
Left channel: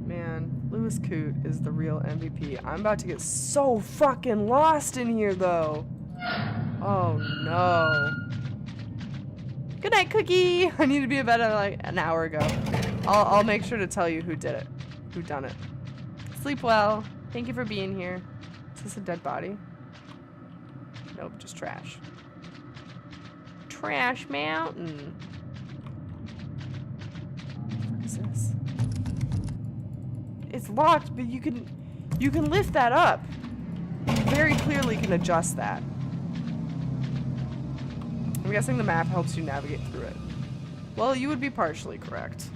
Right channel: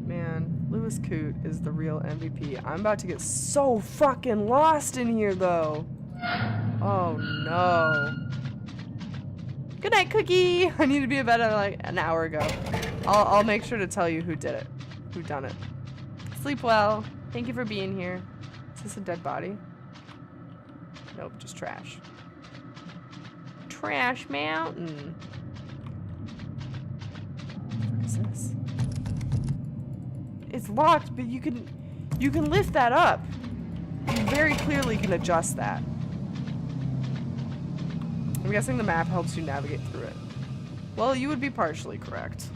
Man, Lewis Coote is the real MVP. I'm about to get so fucking lost in here, though. Oh, no. Good night, Cookie. I need to be in bed like an hour ago. I'll make sure to tell you who did it. Who done it. Sleep well. Thank you for being here. Is this a dead body? Nope, just trash. Trash mountain. What the fuck is this? It's locked, but you can lift that up. You very clearly can adjust that. I'm guessing the map helps you navigate through it. Well, you would be partially correct.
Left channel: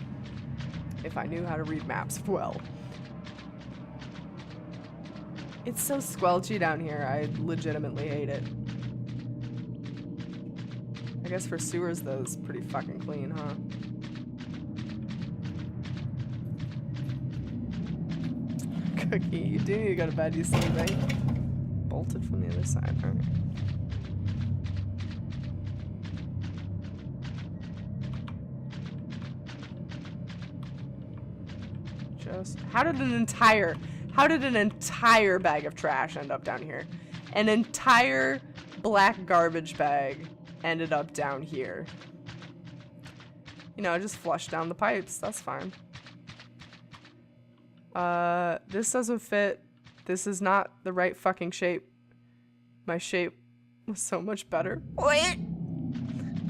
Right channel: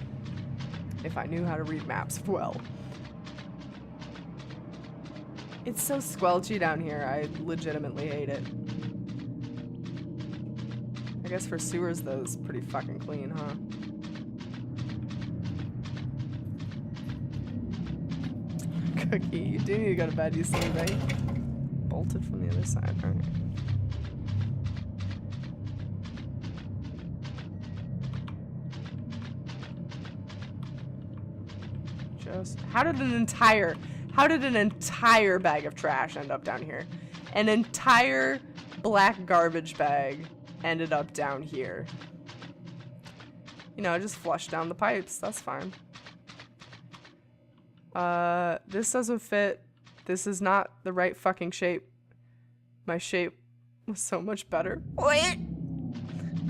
If I knew how to read maps well. It's so squelchy down here. I legitimately hate it. I guess for sewers, though, it's pretty fucking clean, huh? Cookie, you do need to go to bed, you silly thing. Bolted from the other side, alright. Just, how did an entire bag of trash end up down here? An entire black garbage bag ended up down here. You know, just flushed down the pipes. That's fine. This doesn't fit. This is not the right fucking shape. My shape was so much better. Wait!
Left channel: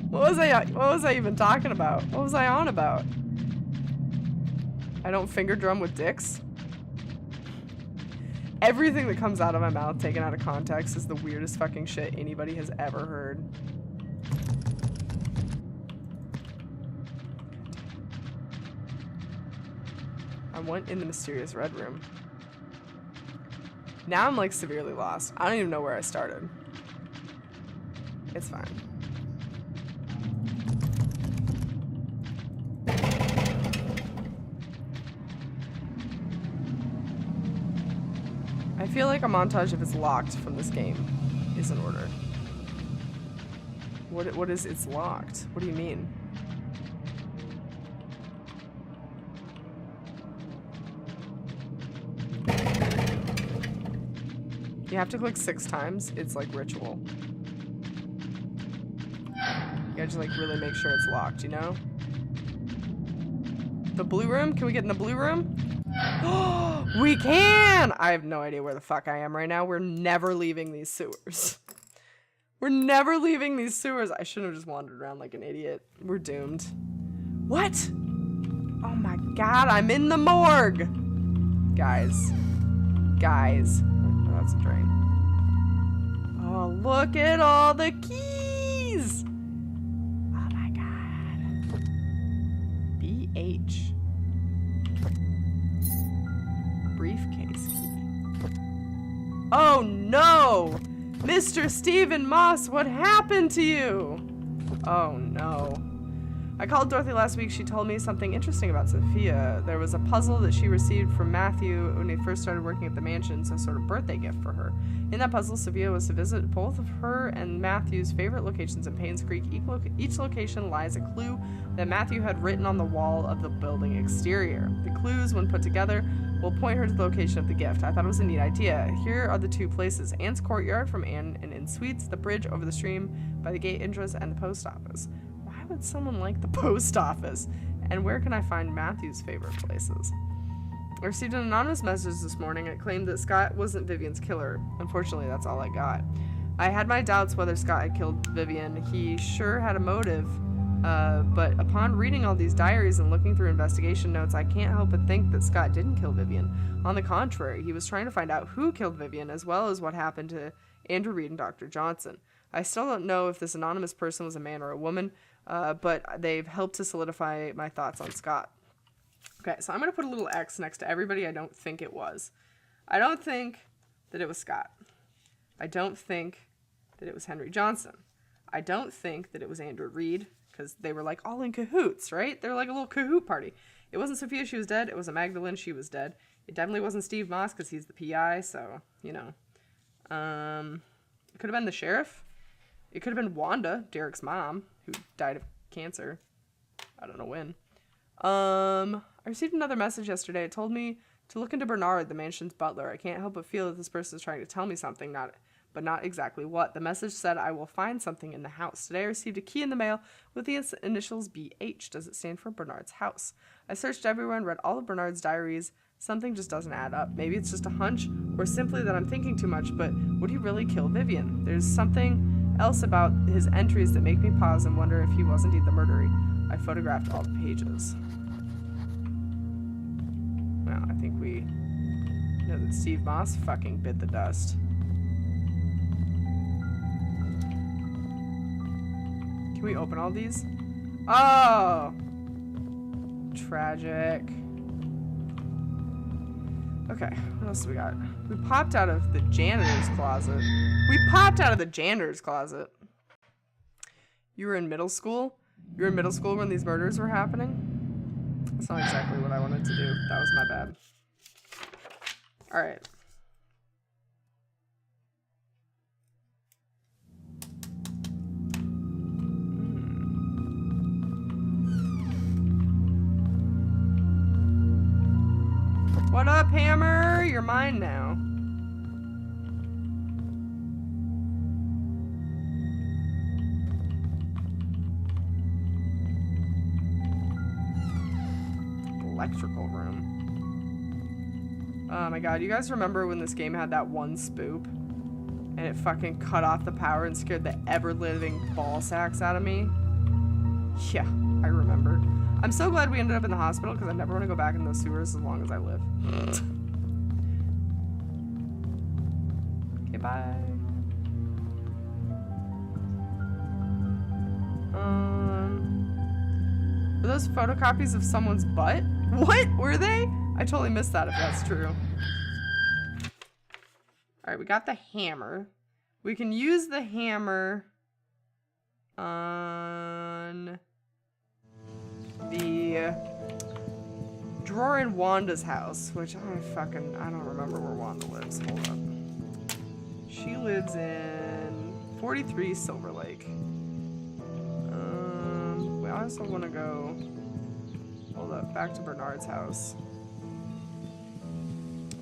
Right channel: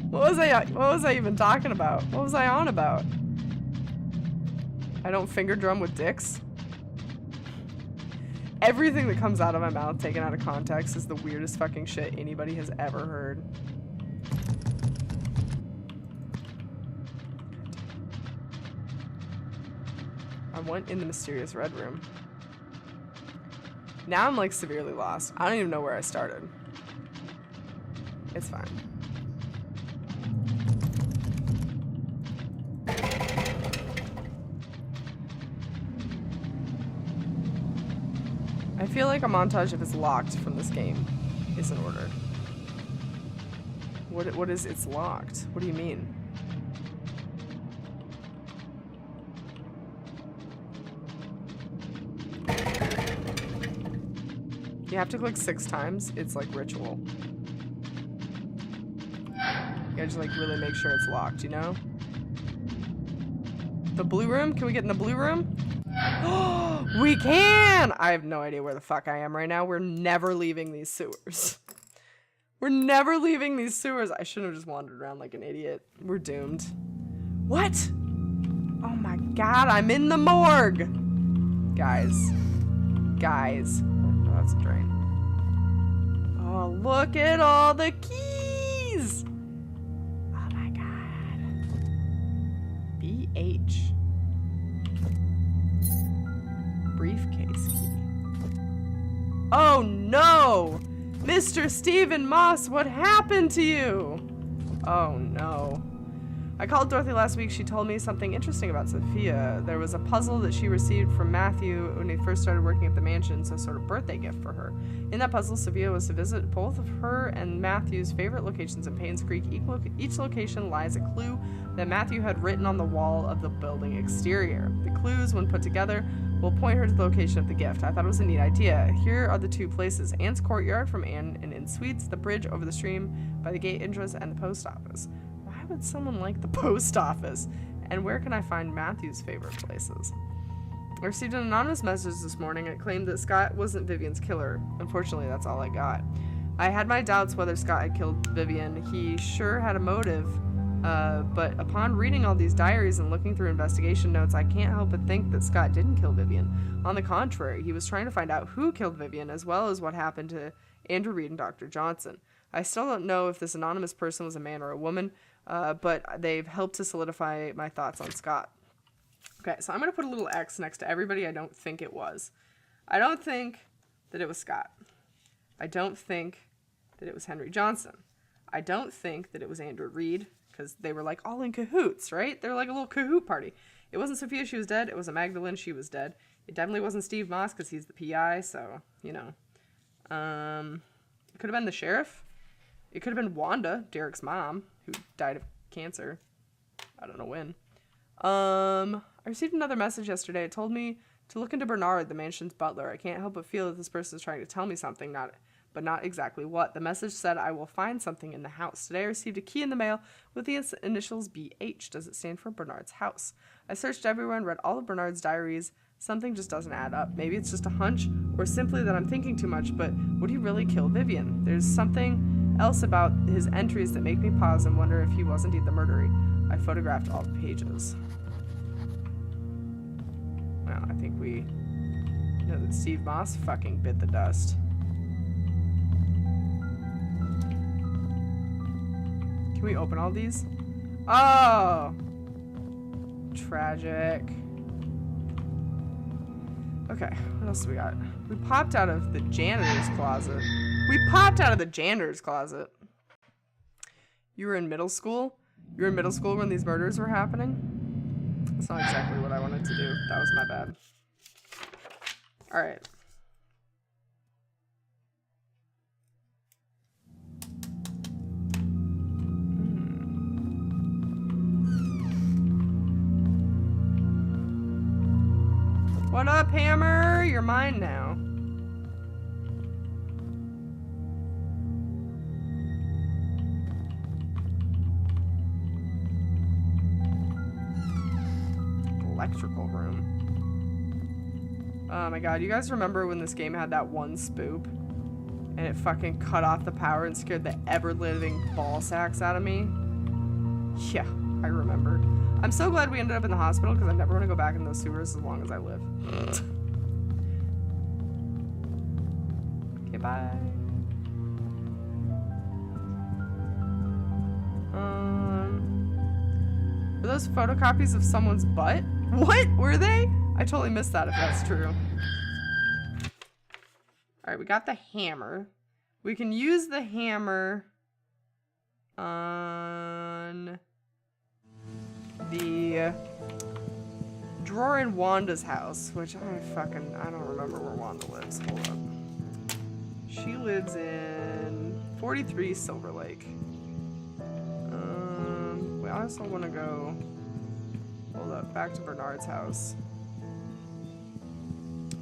What was I even talking about? What was I on about? I don't finger drum with dicks. Everything that comes out of my mouth taken out of context is the weirdest fucking shit anybody has ever heard. I went in the mysterious red room. Now I'm like severely lost. I don't even know where I started. It's fine. I feel like a montage if it's locked from this game is in order. What is it's locked? What do you mean? You have to click 6 times. It's like ritual. You gotta just like really make sure it's locked, you know? The blue room? Can we get in the blue room? We can! I have no idea where the fuck I am right now. We're never leaving these sewers. We're never leaving these sewers. I shouldn't have just wandered around like an idiot. We're doomed. What? Oh my god, I'm in the morgue! Guys. Guys. Oh, that's a drain. Oh, look at all the keys! Oh my god. BH. Briefcase key. Oh no! Mr. Stephen Moss, what happened to you? Oh no. I called Dorothy last week. She told me something interesting about Sophia. There was a puzzle that she received from Matthew when he first started working at the mansion, so sort of birthday gift for her. In that puzzle, Sophia was to visit both of her and Matthew's favorite locations in Painscreek. Each location lies a clue that Matthew had written on the wall of the building exterior. The clues, when put together, will point her to the location of the gift. I thought it was a neat idea. Here are the 2 places: Anne's courtyard from Anne and Inn Suites, the bridge over the stream by the gate entrance, and the post office. Why would someone like the post office? And where can I find Matthew's favorite places? I received an anonymous message this morning. It claimed that Scott wasn't Vivian's killer. Unfortunately, that's all I got. I had my doubts whether Scott had killed Vivian. He sure had a motive, but upon reading all these diaries and looking through investigation notes, I can't help but think that Scott didn't kill Vivian. On the contrary, he was trying to find out who killed Vivian, as well as what happened to Andrew Reed and Dr. Johnson. I still don't know if this anonymous person was a man or a woman, but they've helped to solidify my thoughts on Scott. Okay, so I'm going to put a little X next to everybody I don't think it was. I don't think that it was Scott. I don't think that it was Henry Johnson. I don't think that it was Andrew Reed, because they were like all in cahoots, right? They're like a little cahoot party. It wasn't Sophia, she was dead. It wasn't Magdalene, she was dead. It definitely wasn't Steve Moss, because he's the PI, so, you know. It could have been the sheriff. It could have been Wanda, Derek's mom, who died of cancer. I don't know when. I received another message yesterday. It told me to look into Bernard, the mansion's butler. I can't help but feel that this person is trying to tell me something, but not exactly what. The message said, I will find something in the house. Today I received a key in the mail with the initials BH. Does it stand for Bernard's house? I searched everywhere and read all of Bernard's diaries. Something just doesn't add up. Maybe it's just a hunch, or simply that I'm thinking too much, but would he really kill Vivian? There's something else about his entries that make me pause and wonder if he was indeed the murderer. I photographed all the pages. Well, I think we know that Steve Moss fucking bit the dust. Can we open all these? Oh! Tragic. Okay, what else do we got? We popped out of the janitor's closet. You were in middle school? You were in middle school when these murders were happening? That's not exactly what I wanted to do. That was my bad. Alright. What up, Hammer? You're mine now. Electrical room. Oh my god, you guys remember when this game had that one spoop? And it fucking cut off the power and scared the ever-living ball sacks out of me? Yeah, I remember. I'm so glad we ended up in the hospital because I never want to go back in those sewers as long as I live. Okay, bye. Were those photocopies of someone's butt? What? Were they? I totally missed that if that's true. Alright, we got the hammer. We can use the hammer on the drawer in Wanda's house, which I don't remember where Wanda lives. Hold up. She lives in 43 Silver Lake. We also want to go, hold up, back to Bernard's house.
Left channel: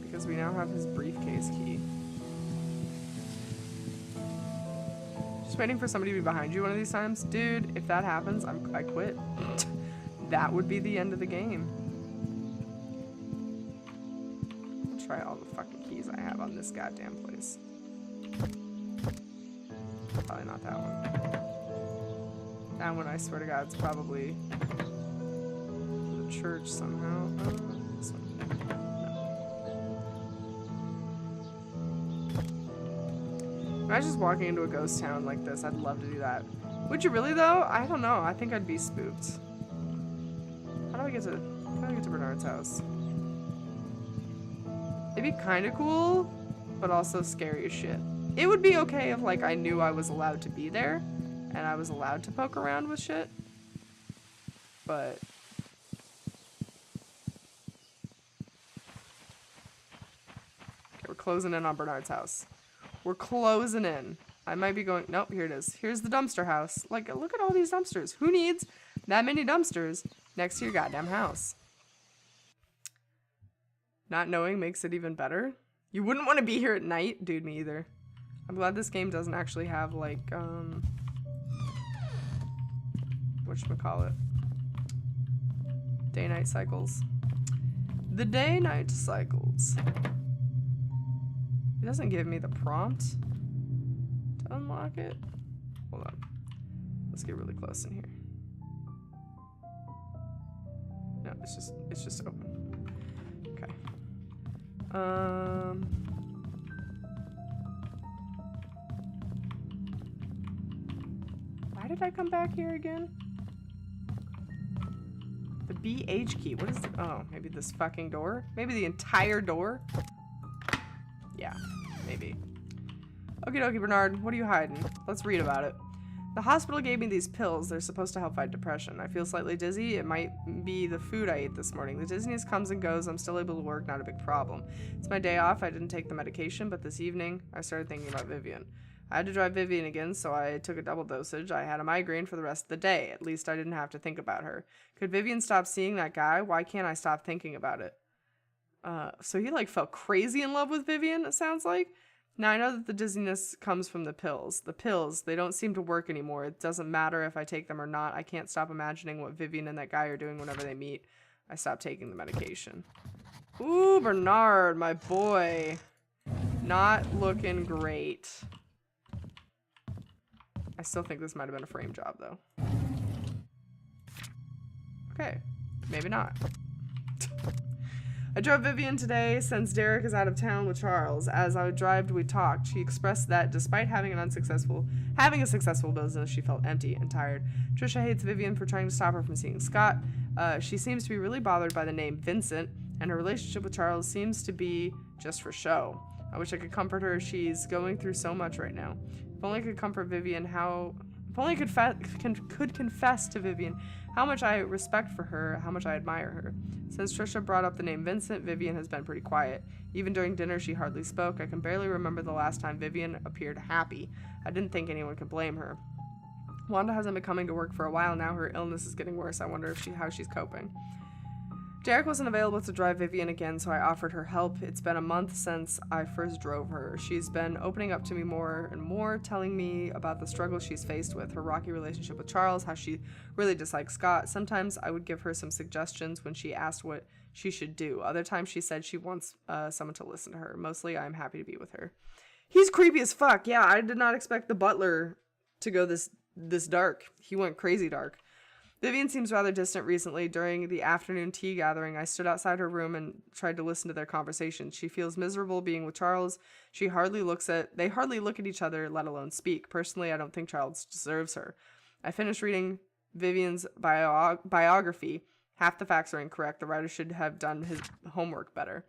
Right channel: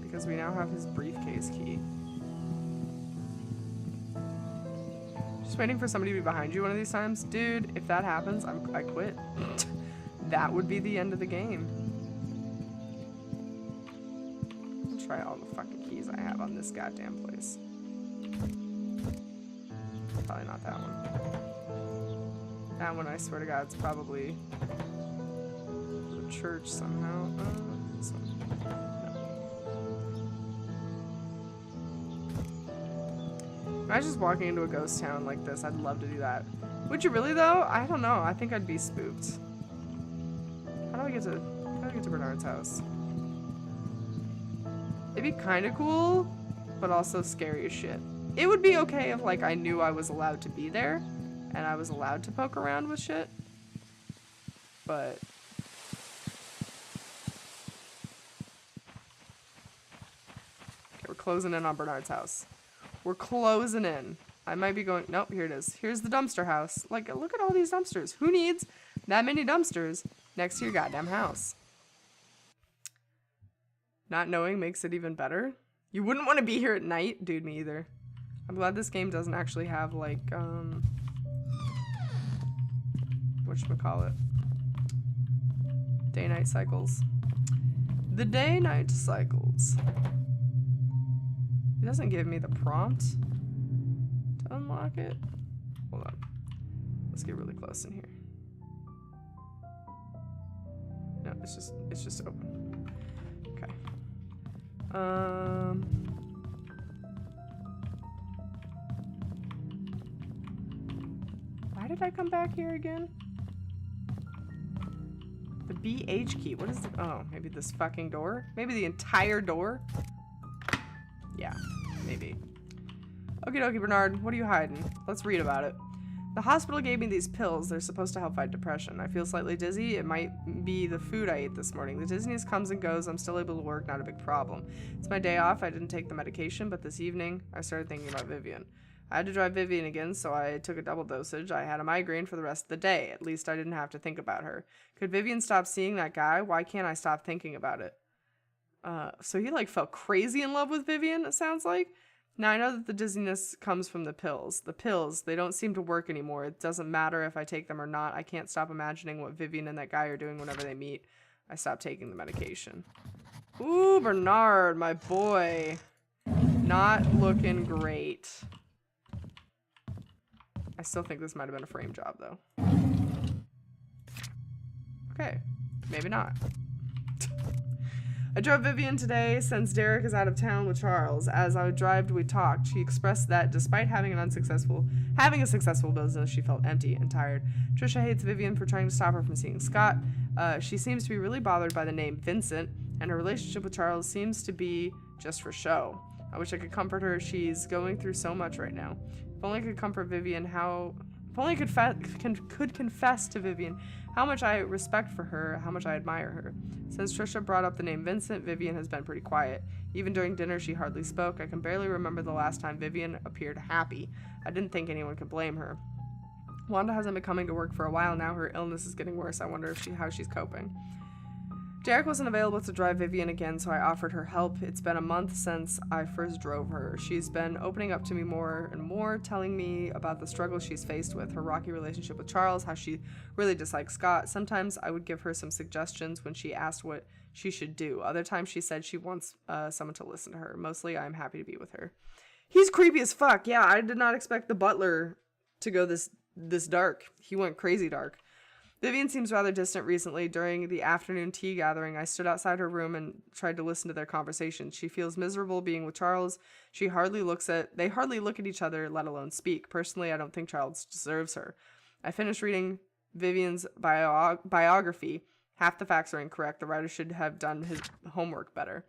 Because we now have his briefcase key. Just waiting for somebody to be behind you one of these times. Dude, if that happens, I quit. That would be the end of the game. I'll try all the fucking keys I have on this goddamn place. Probably not that one. That one, I swear to God, it's probably the church somehow. This one. No. Imagine just walking into a ghost town like this. I'd love to do that. Would you really, though? I don't know. I think I'd be spooked. How do I get to Bernard's house? It'd be kind of cool, but also scary as shit. It would be okay if, like, I knew I was allowed to be there. And I was allowed to poke around with shit. But okay, we're closing in on Bernard's house. We're closing in. I might be going, nope, here it is. Here's the dumpster house. Like, look at all these dumpsters. Who needs that many dumpsters next to your goddamn house? Not knowing makes it even better. You wouldn't want to be here at night? Dude, me either. I'm glad this game doesn't actually have, like, whatchamacallit? Day-night cycles. The day-night cycles. It doesn't give me the prompt to unlock it. Hold on. Let's get really close in here. No, it's just open. Okay. Why did I come back here again? The BH key. What is it? Oh, maybe this fucking door? Maybe the entire door? Yeah, maybe. Okie dokie, Bernard. What are you hiding? Let's read about it. The hospital gave me these pills. They're supposed to help fight depression. I feel slightly dizzy. It might be the food I ate this morning. The dizziness comes and goes. I'm still able to work. Not a big problem. It's my day off. I didn't take the medication, but this evening I started thinking about Vivian. I had to drive Vivian again, so I took a double dosage. I had a migraine for the rest of the day. At least I didn't have to think about her. Could Vivian stop seeing that guy? Why can't I stop thinking about it? So he, like, felt crazy in love with Vivian, it sounds like. Now, I know that the dizziness comes from the pills. The pills, they don't seem to work anymore. It doesn't matter if I take them or not. I can't stop imagining what Vivian and that guy are doing whenever they meet. I stopped taking the medication. Ooh, Bernard, my boy. Not looking great. I still think this might have been a frame job, though. Okay, maybe not. I drove Vivian today since Derek is out of town with Charles. As I drove, we talked. She expressed that despite having a successful business, she felt empty and tired. Trisha hates Vivian for trying to stop her from seeing Scott. She seems to be really bothered by the name Vincent, and her relationship with Charles seems to be just for show. I wish I could comfort her. She's going through so much right now. If only I could comfort Vivian, if only I could confess to Vivian how much I respect for her, how much I admire her. Since Trisha brought up the name Vincent, Vivian has been pretty quiet. Even during dinner, she hardly spoke. I can barely remember the last time Vivian appeared happy. I didn't think anyone could blame her. Wanda hasn't been coming to work for a while now. Her illness is getting worse. I wonder how she's coping. Derek wasn't available to drive Vivian again, so I offered her help. It's been a month since I first drove her. She's been opening up to me more and more, telling me about the struggles she's faced with, her rocky relationship with Charles, how she really dislikes Scott. Sometimes I would give her some suggestions when she asked what she should do. Other times she said she wants someone to listen to her. Mostly I'm happy to be with her. He's creepy as fuck. Yeah, I did not expect the butler to go this dark. He went crazy dark. Vivian seems rather distant recently. During the afternoon tea gathering, I stood outside her room and tried to listen to their conversation. She feels miserable being with Charles. They hardly look at each other, let alone speak. Personally, I don't think Charles deserves her. I finished reading Vivian's biography. Half the facts are incorrect. The writer should have done his homework better.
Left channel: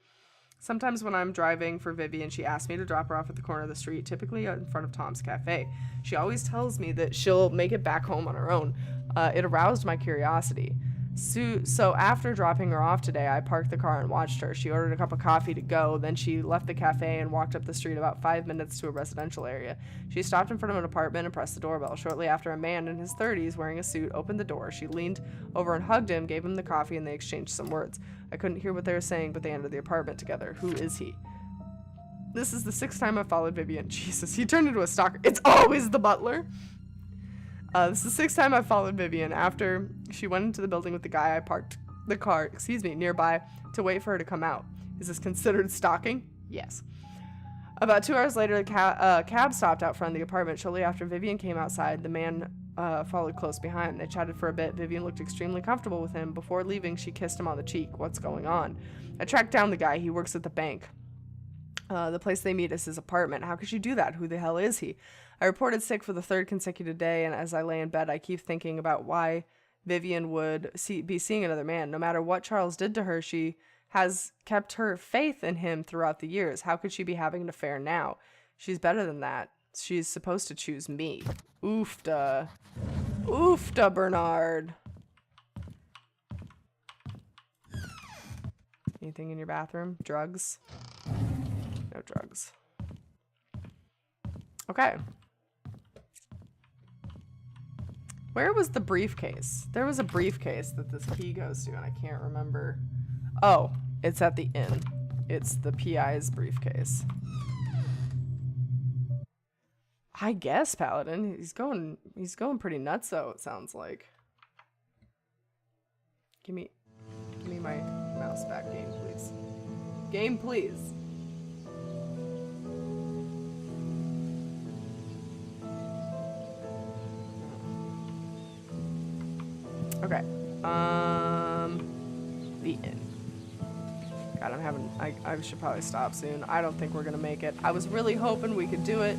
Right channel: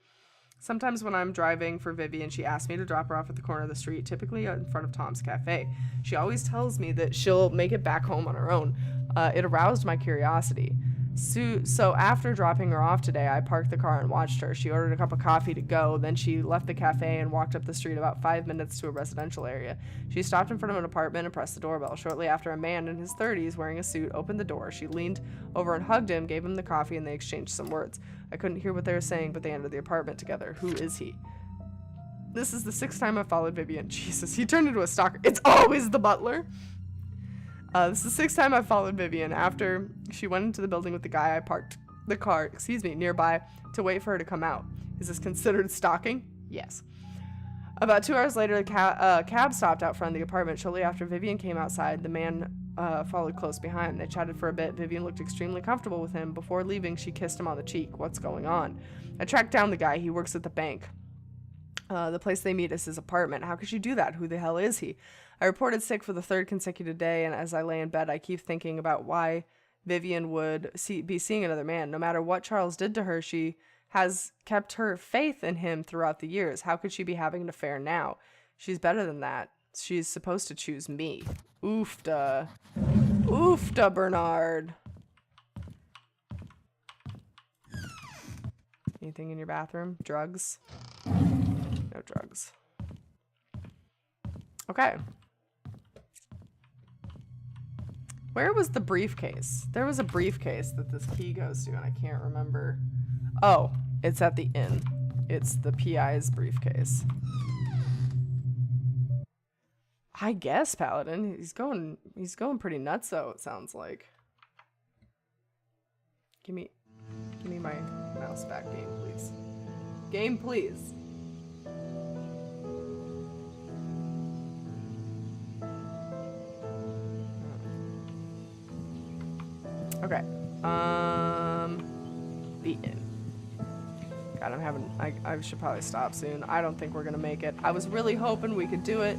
Sometimes when I'm driving for Vivian, she asks me to drop her off at the corner of the street, typically in front of Tom's Cafe. She always tells me that she'll make it back home on her own. It aroused my curiosity. So after dropping her off today, I parked the car and watched her. She ordered a cup of coffee to go. Then she left the cafe and walked up the street about 5 minutes to a residential area. She stopped in front of an apartment and pressed the doorbell. Shortly after, a man in his 30s wearing a suit opened the door. She leaned over and hugged him, gave him the coffee, and they exchanged some words. I couldn't hear what they were saying, but they entered the apartment together. Who is he? This is the 6th time I've followed Vivian. Jesus, he turned into a stalker. It's always the butler. This is the 6th time I've followed Vivian. After she went into the building with the guy, I parked the car, nearby to wait for her to come out. Is this considered stalking? Yes. About 2 hours later, the cab stopped out front of the apartment. Shortly after Vivian came outside, the man followed close behind. They chatted for a bit. Vivian looked extremely comfortable with him. Before leaving, she kissed him on the cheek. What's going on? I tracked down the guy. He works at the bank. The place they meet is his apartment. How could you do that? Who the hell is he? I reported sick for the 3rd consecutive day, and as I lay in bed, I keep thinking about why Vivian would be seeing another man. No matter what Charles did to her, she has kept her faith in him throughout the years. How could she be having an affair now? She's better than that. She's supposed to choose me. Oofda. Oofda, Bernard. Anything in your bathroom? Drugs? No drugs. Okay. Where was the briefcase? There was a briefcase that this key goes to, and I can't remember. Oh, it's at the inn. It's the PI's briefcase. I guess, Paladin. He's going pretty nuts, though, it sounds like. Give me my mouse back, game, please. Game, please. Okay. The inn. God, I should probably stop soon. I don't think we're gonna make it. I was really hoping we could do it,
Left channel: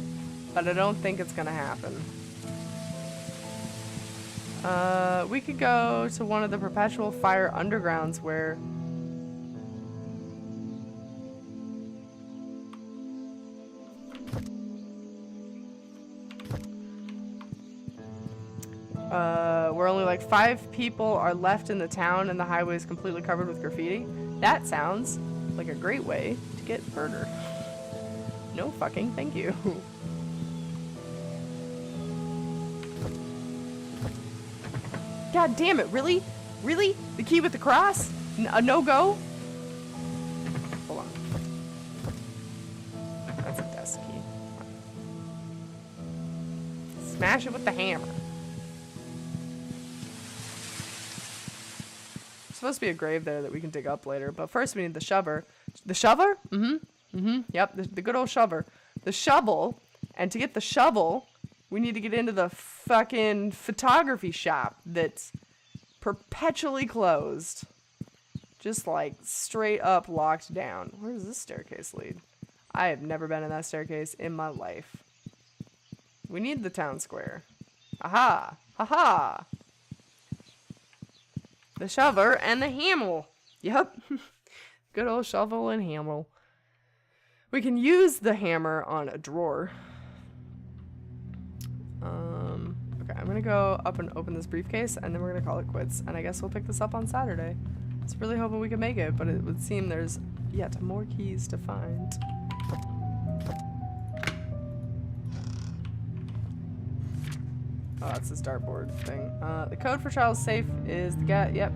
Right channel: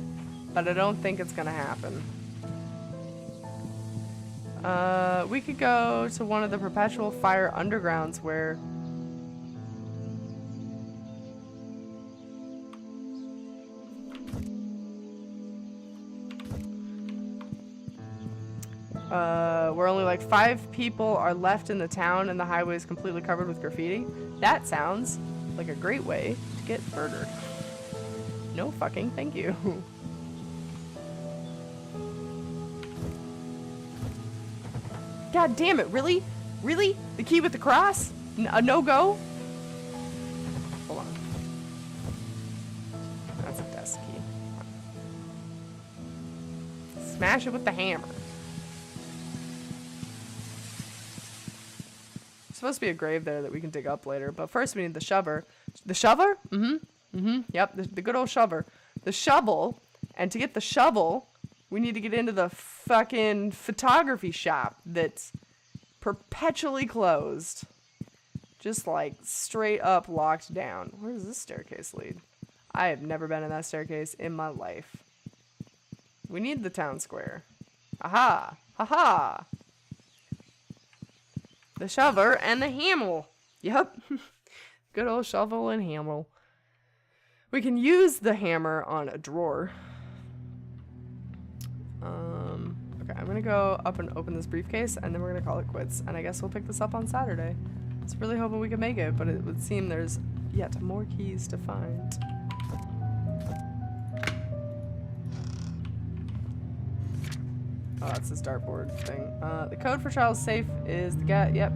but I don't think it's gonna happen. We could go to one of the perpetual fire undergrounds where... where only like 5 people are left in the town and the highway is completely covered with graffiti. That sounds like a great way to get murdered. No fucking thank you. God damn it, really? Really? The key with the cross? A no-go? Hold on. That's a desk key. Smash it with the hammer. There's supposed to be a grave there that we can dig up later, but first we need the shover. The shover? Yep, the good old shover. The shovel, and to get the shovel, we need to get into the fucking photography shop that's perpetually closed. Just like straight up locked down. Where does this staircase lead? I have never been in that staircase in my life. We need the town square. Aha! Haha! The shovel and the hammer. Yep. Good old shovel and hammer. We can use the hammer on a drawer. Okay, I'm gonna go up and open this briefcase, and then we're gonna call it quits. And I guess we'll pick this up on Saturday. I was really hoping we could make it, but it would seem there's yet more keys to find. Oh, that's this dartboard thing. The code for Charles' safe is the guy. Yep.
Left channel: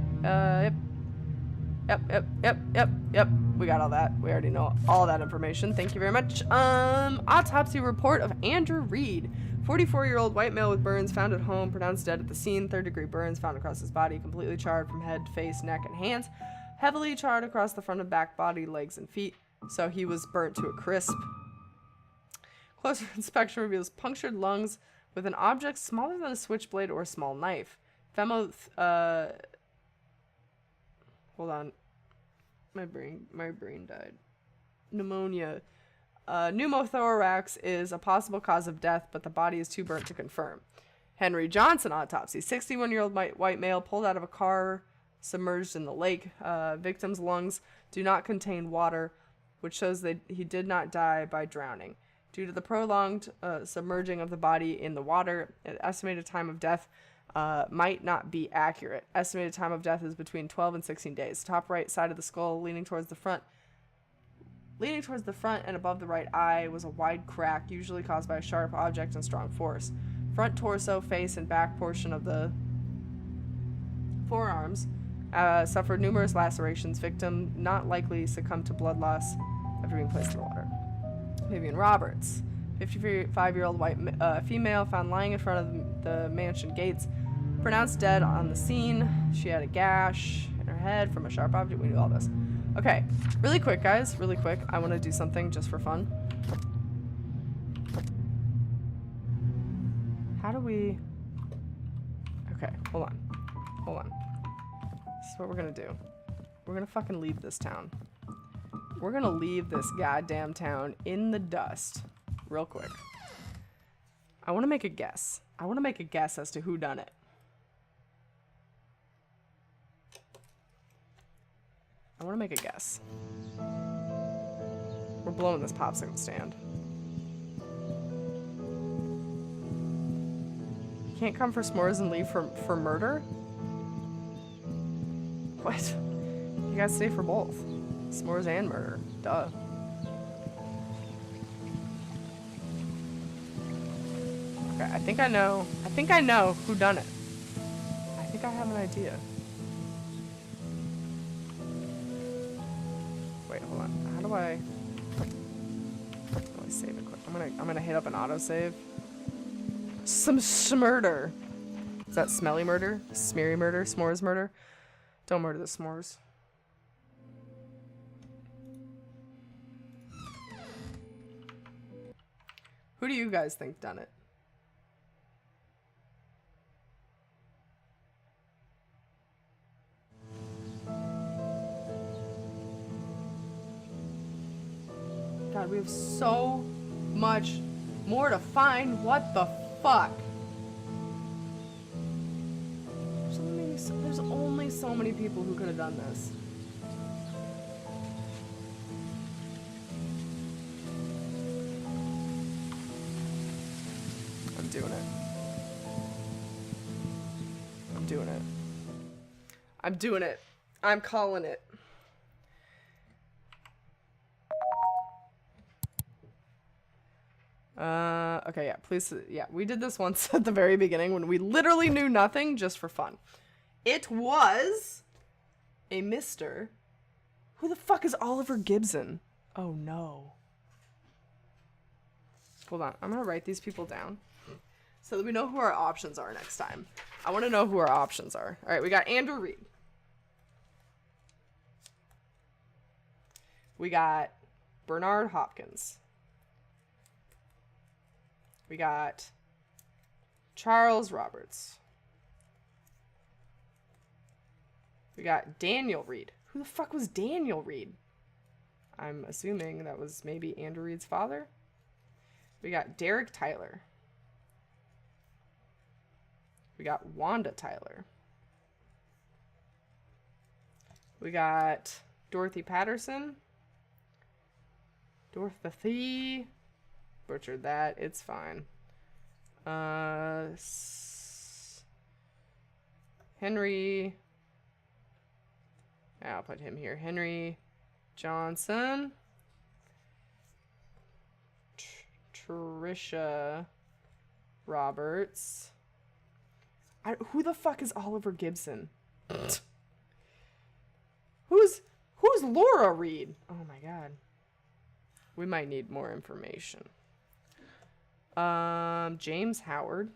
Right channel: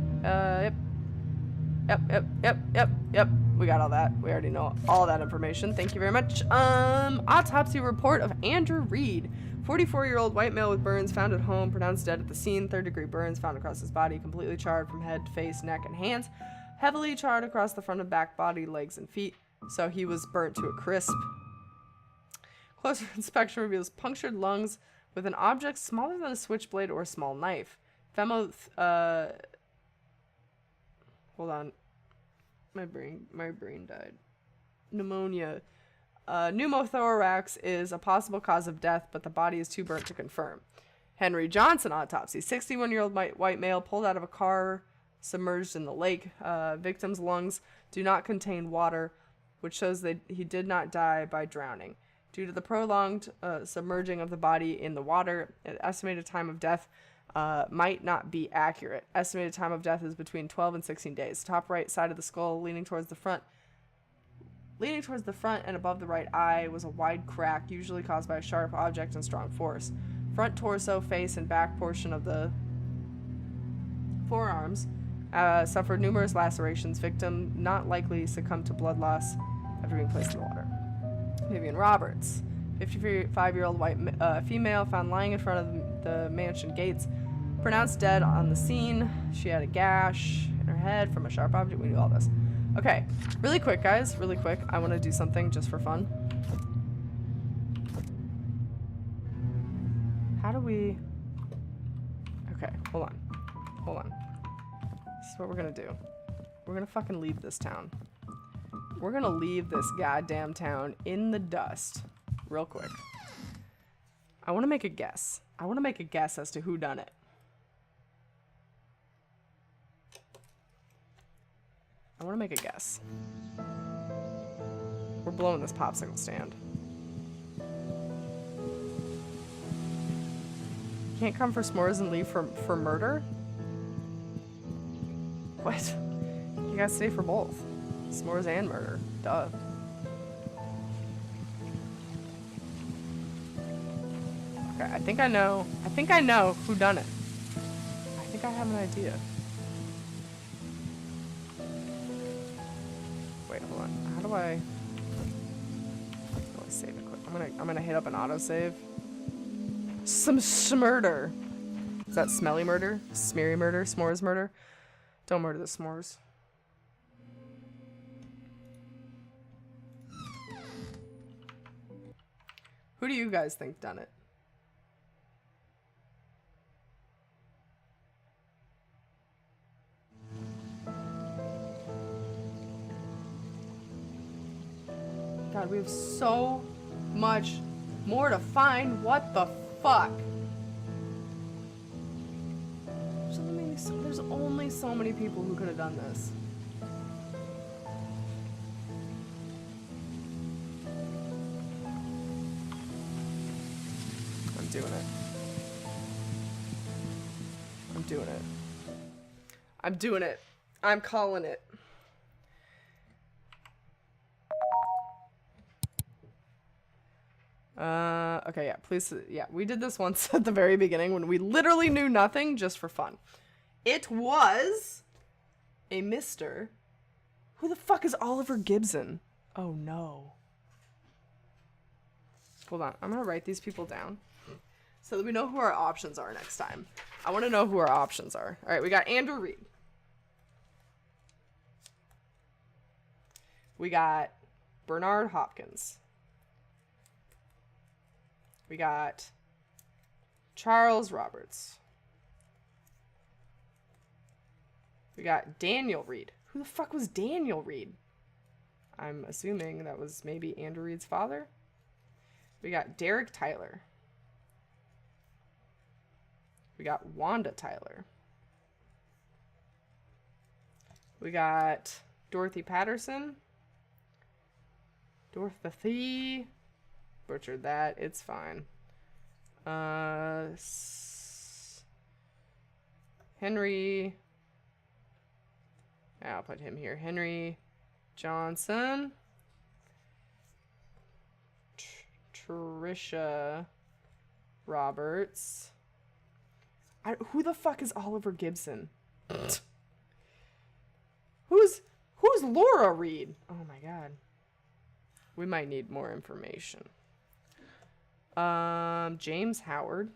Yep. We got all that. We already know all that information. Thank you very much. Autopsy report of Andrew Reed. 44-year-old white male with burns found at home, pronounced dead at the scene. 3rd-degree burns found across his body, completely charred from head, face, neck, and hands. Heavily charred across the front and back body, legs, and feet. So he was burnt to a crisp. Closer inspection reveals punctured lungs with an object smaller than a switchblade or a small knife. Hold on. My brain died. Pneumonia. Pneumothorax is a possible cause of death, but the body is too burnt to confirm. Henry Johnson autopsy. 61-year-old white male pulled out of a car submerged in the lake. Victim's lungs do not contain water, which shows that he did not die by drowning. Due to the prolonged submerging of the body in the water, an estimated time of death might not be accurate. Estimated time of death is between 12 and 16 days. Top right side of the skull leaning towards the front and above the right eye was a wide crack, usually caused by a sharp object and strong force. Front torso, face, and back portion of the forearms suffered numerous lacerations. Victim not likely succumbed to blood loss after being placed in the water. Vivian Roberts, 55-year-old white female, found lying in front of the mansion gates, pronounced dead on the scene. She had a gash in her head from a sharp object. We knew all this. Okay, really quick, guys, really quick. I want to do something just for fun. How do we... Okay, hold on. This is what we're gonna do. We're gonna fucking leave this town. We're gonna leave this goddamn town in the dust real quick. I want to make a guess. I want to make a guess as to who done it. I want to make a guess. We're blowing this popsicle stand. Can't come for s'mores and leave for murder? What? You gotta stay for both. S'mores and murder. Duh. Okay, I think I know who done it. I think I have an idea. Wait, hold on. How do I save it quick? I'm gonna hit up an autosave. Some smurder. Is that smelly murder? Smeary murder? S'mores murder? Don't murder the s'mores. Who do you guys think done it? God, we have so much more to find. What the fuck? There's only so many people who could have done this. I'm doing it. I'm doing it. I'm doing it. I'm calling it. Okay, yeah, please, yeah, we did this once at the very beginning when we literally knew nothing, just for fun. It was a Mr. Who the fuck is Oliver Gibson? Oh no. Hold on. I'm going to write these people down so that we know who our options are next time. I want to know who our options are. All right, we got Andrew Reed. We got Bernard Hopkins. We got Charles Roberts. We got Daniel Reed. Who the fuck was Daniel Reed? I'm assuming that was maybe Andrew Reed's father. We got Derek Tyler. We got Wanda Tyler. We got Dorothy Patterson. Dorothy. Butchered that. It's fine. Henry. I'll put him here. Henry Johnson. Trisha Roberts. Who the fuck is Oliver Gibson? Who's Laura Reed? Oh my god. We might need more information. James Howard.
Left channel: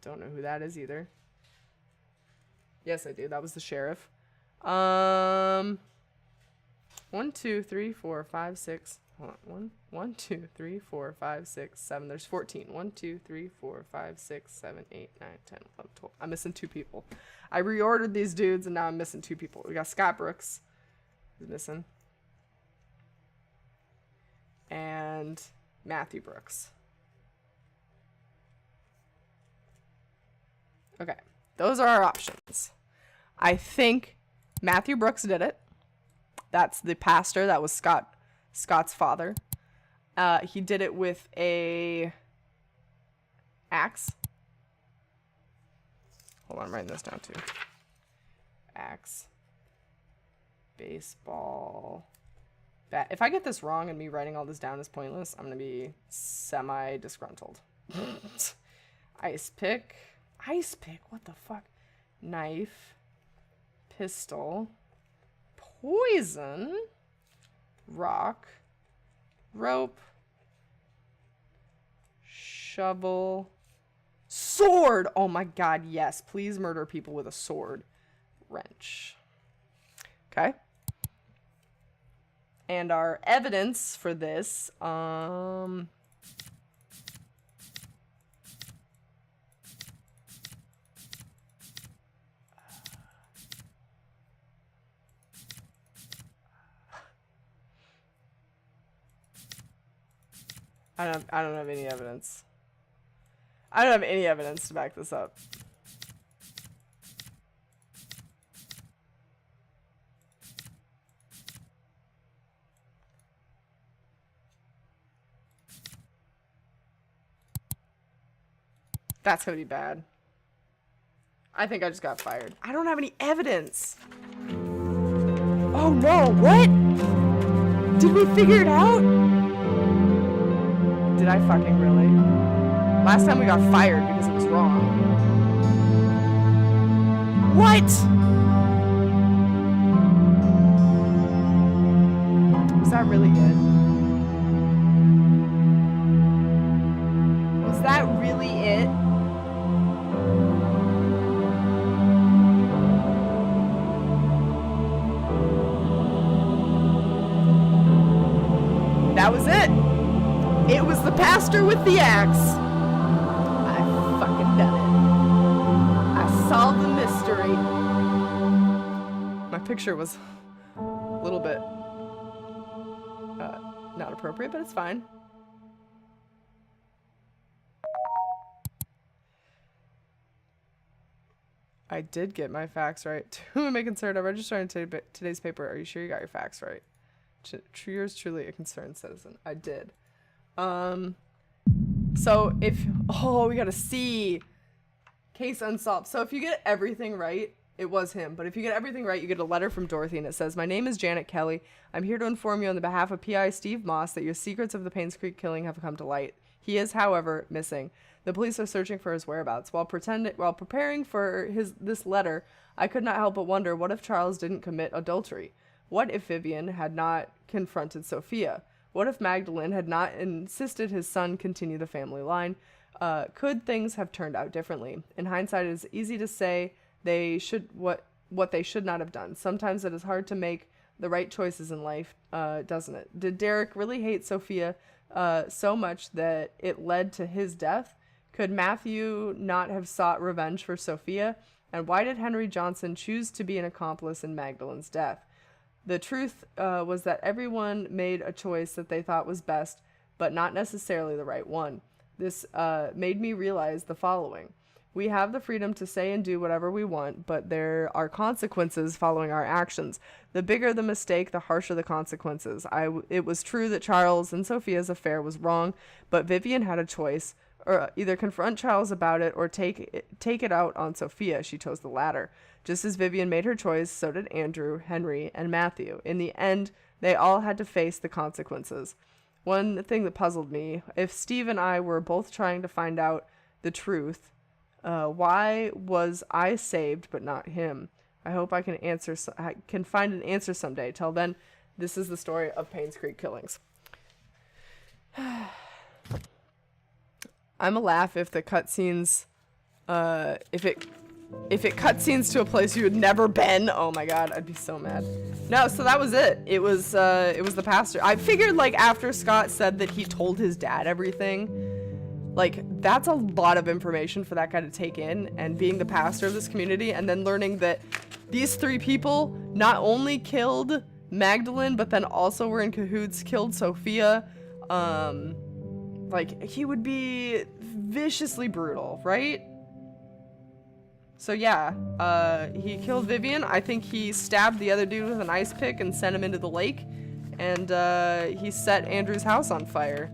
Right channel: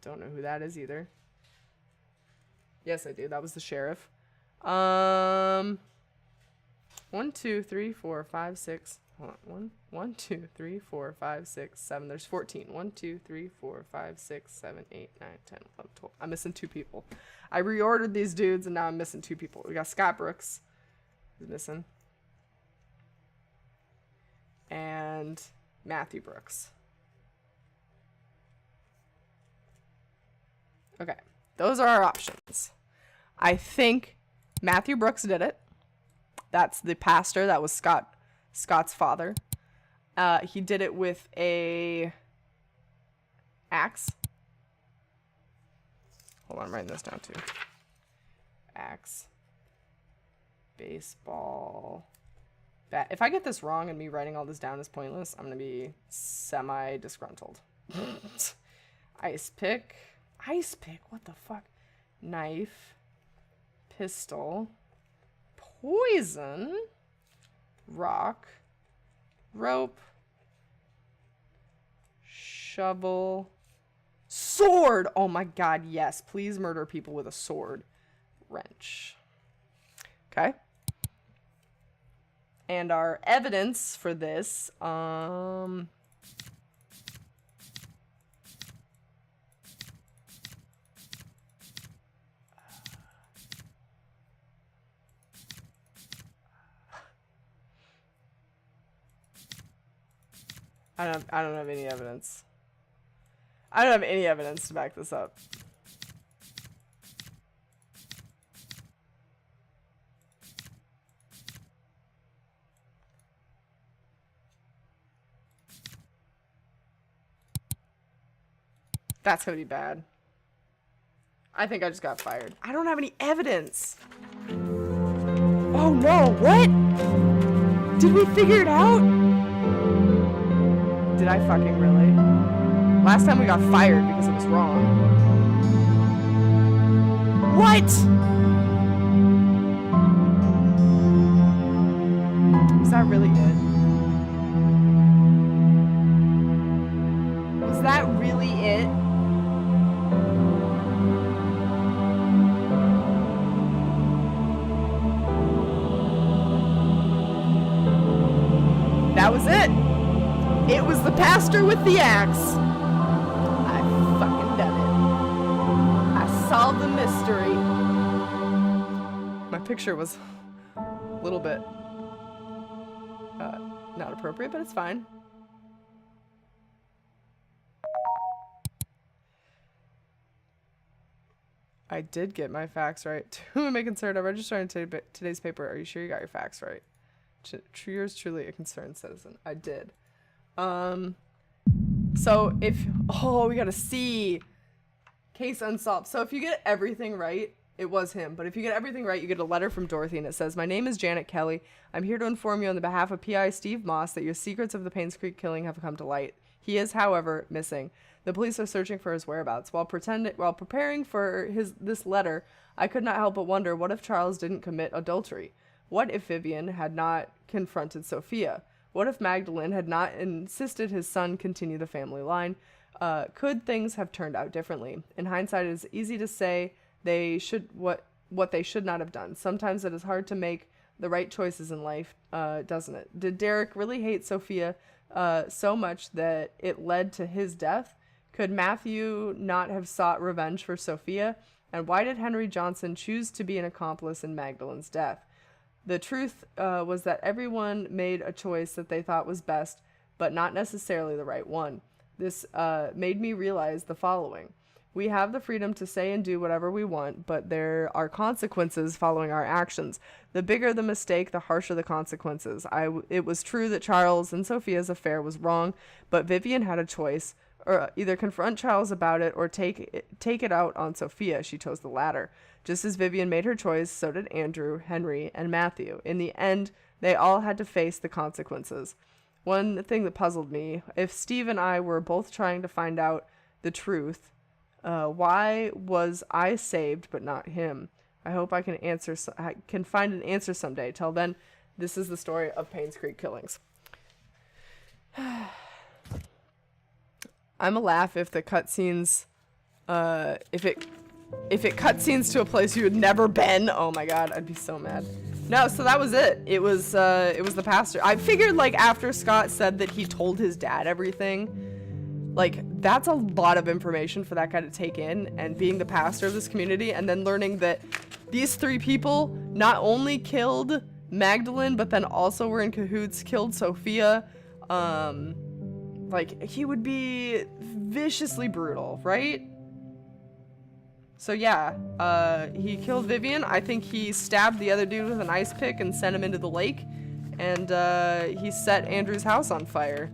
Don't know who that is either. Yes, I do. That was the sheriff. 1, 2, 3, 4, 5, 6. Hold on. 1, 2, 3, 4, 5, 6, 7. There's 14. 1, 2, 3, 4, 5, 6, 7, 8, 9, 10, 11, 12. I'm missing 2 people. I reordered these dudes and now I'm missing 2 people. We got Scott Brooks. Who's missing? And Matthew Brooks. Okay. Those are our options. I think Matthew Brooks did it. That's the pastor. That was Scott's father. He did it with a axe. Hold on, I'm writing this down too. Axe. Baseball. Bat. If I get this wrong and me writing all this down is pointless, I'm going to be semi-disgruntled. Ice pick. Ice pick? What the fuck? Knife. Pistol. Poison. Rock. Rope. Shovel. Sword! Oh my god, yes. Please murder people with a sword. Wrench. Okay. And our evidence for this, I don't have any evidence. I don't have any evidence to back this up. That's gonna be bad. I think I just got fired. I don't have any evidence. Oh no, what? Did we figure it out? Did I fucking really? Last time we got fired because it was wrong. What? Was that really it? Was that really it? That was it. It was the pastor with the axe. I fucking done it. I solved the mystery. My picture was a little bit not appropriate, but it's fine. I did get my facts right. Who am I concerned? I'm registering today's paper. Are you sure you got your facts right? Yours truly, a concerned citizen. I did. So if, we got a C. Case unsolved. So if you get everything right, it was him. But if you get everything right, you get a letter from Dorothy and it says, "My name is Janet Kelly. I'm here to inform you on the behalf of PI Steve Moss that your secrets of the Painscreek killing have come to light. He is, however, missing. The police are searching for his whereabouts. While preparing for this letter, I could not help but wonder, what if Charles didn't commit adultery? What if Vivian had not confronted Sophia? What if Magdalene had not insisted his son continue the family line? Could things have turned out differently? In hindsight, it is easy to say what they should not have done. Sometimes it is hard to make the right choices in life, doesn't it? Did Derek really hate Sophia so much that it led to his death? Could Matthew not have sought revenge for Sophia? And why did Henry Johnson choose to be an accomplice in Magdalene's death? The truth was that everyone made a choice that they thought was best, but not necessarily the right one. This made me realize the following. We have the freedom to say and do whatever we want, but there are consequences following our actions. The bigger the mistake, the harsher the consequences. It was true that Charles and Sophia's affair was wrong, but Vivian had a choice, or either confront Charles about it or take it out on Sophia. She chose the latter. Just as Vivian made her choice, so did Andrew, Henry, and Matthew. In the end, they all had to face the consequences. One thing that puzzled me, if Steve and I were both trying to find out the truth, why was I saved but not him? I hope I can find an answer someday. Till then, this is the story of Painscreek Killings. I'm a laugh if the cutscenes, if it cutscenes to a place you had never been. Oh my god, I'd be so mad. No, so that was it. It was the pastor. I figured, like, after Scott said that he told his dad everything, like, that's a lot of information for that guy to take in, and being the pastor of this community, and then learning that these three people not only killed Magdalene, but then also were in cahoots, killed Sophia. Like, he would be viciously brutal, right? So yeah, he killed Vivian. I think he stabbed the other dude with an ice pick and sent him into the lake. And he set Andrew's house on fire.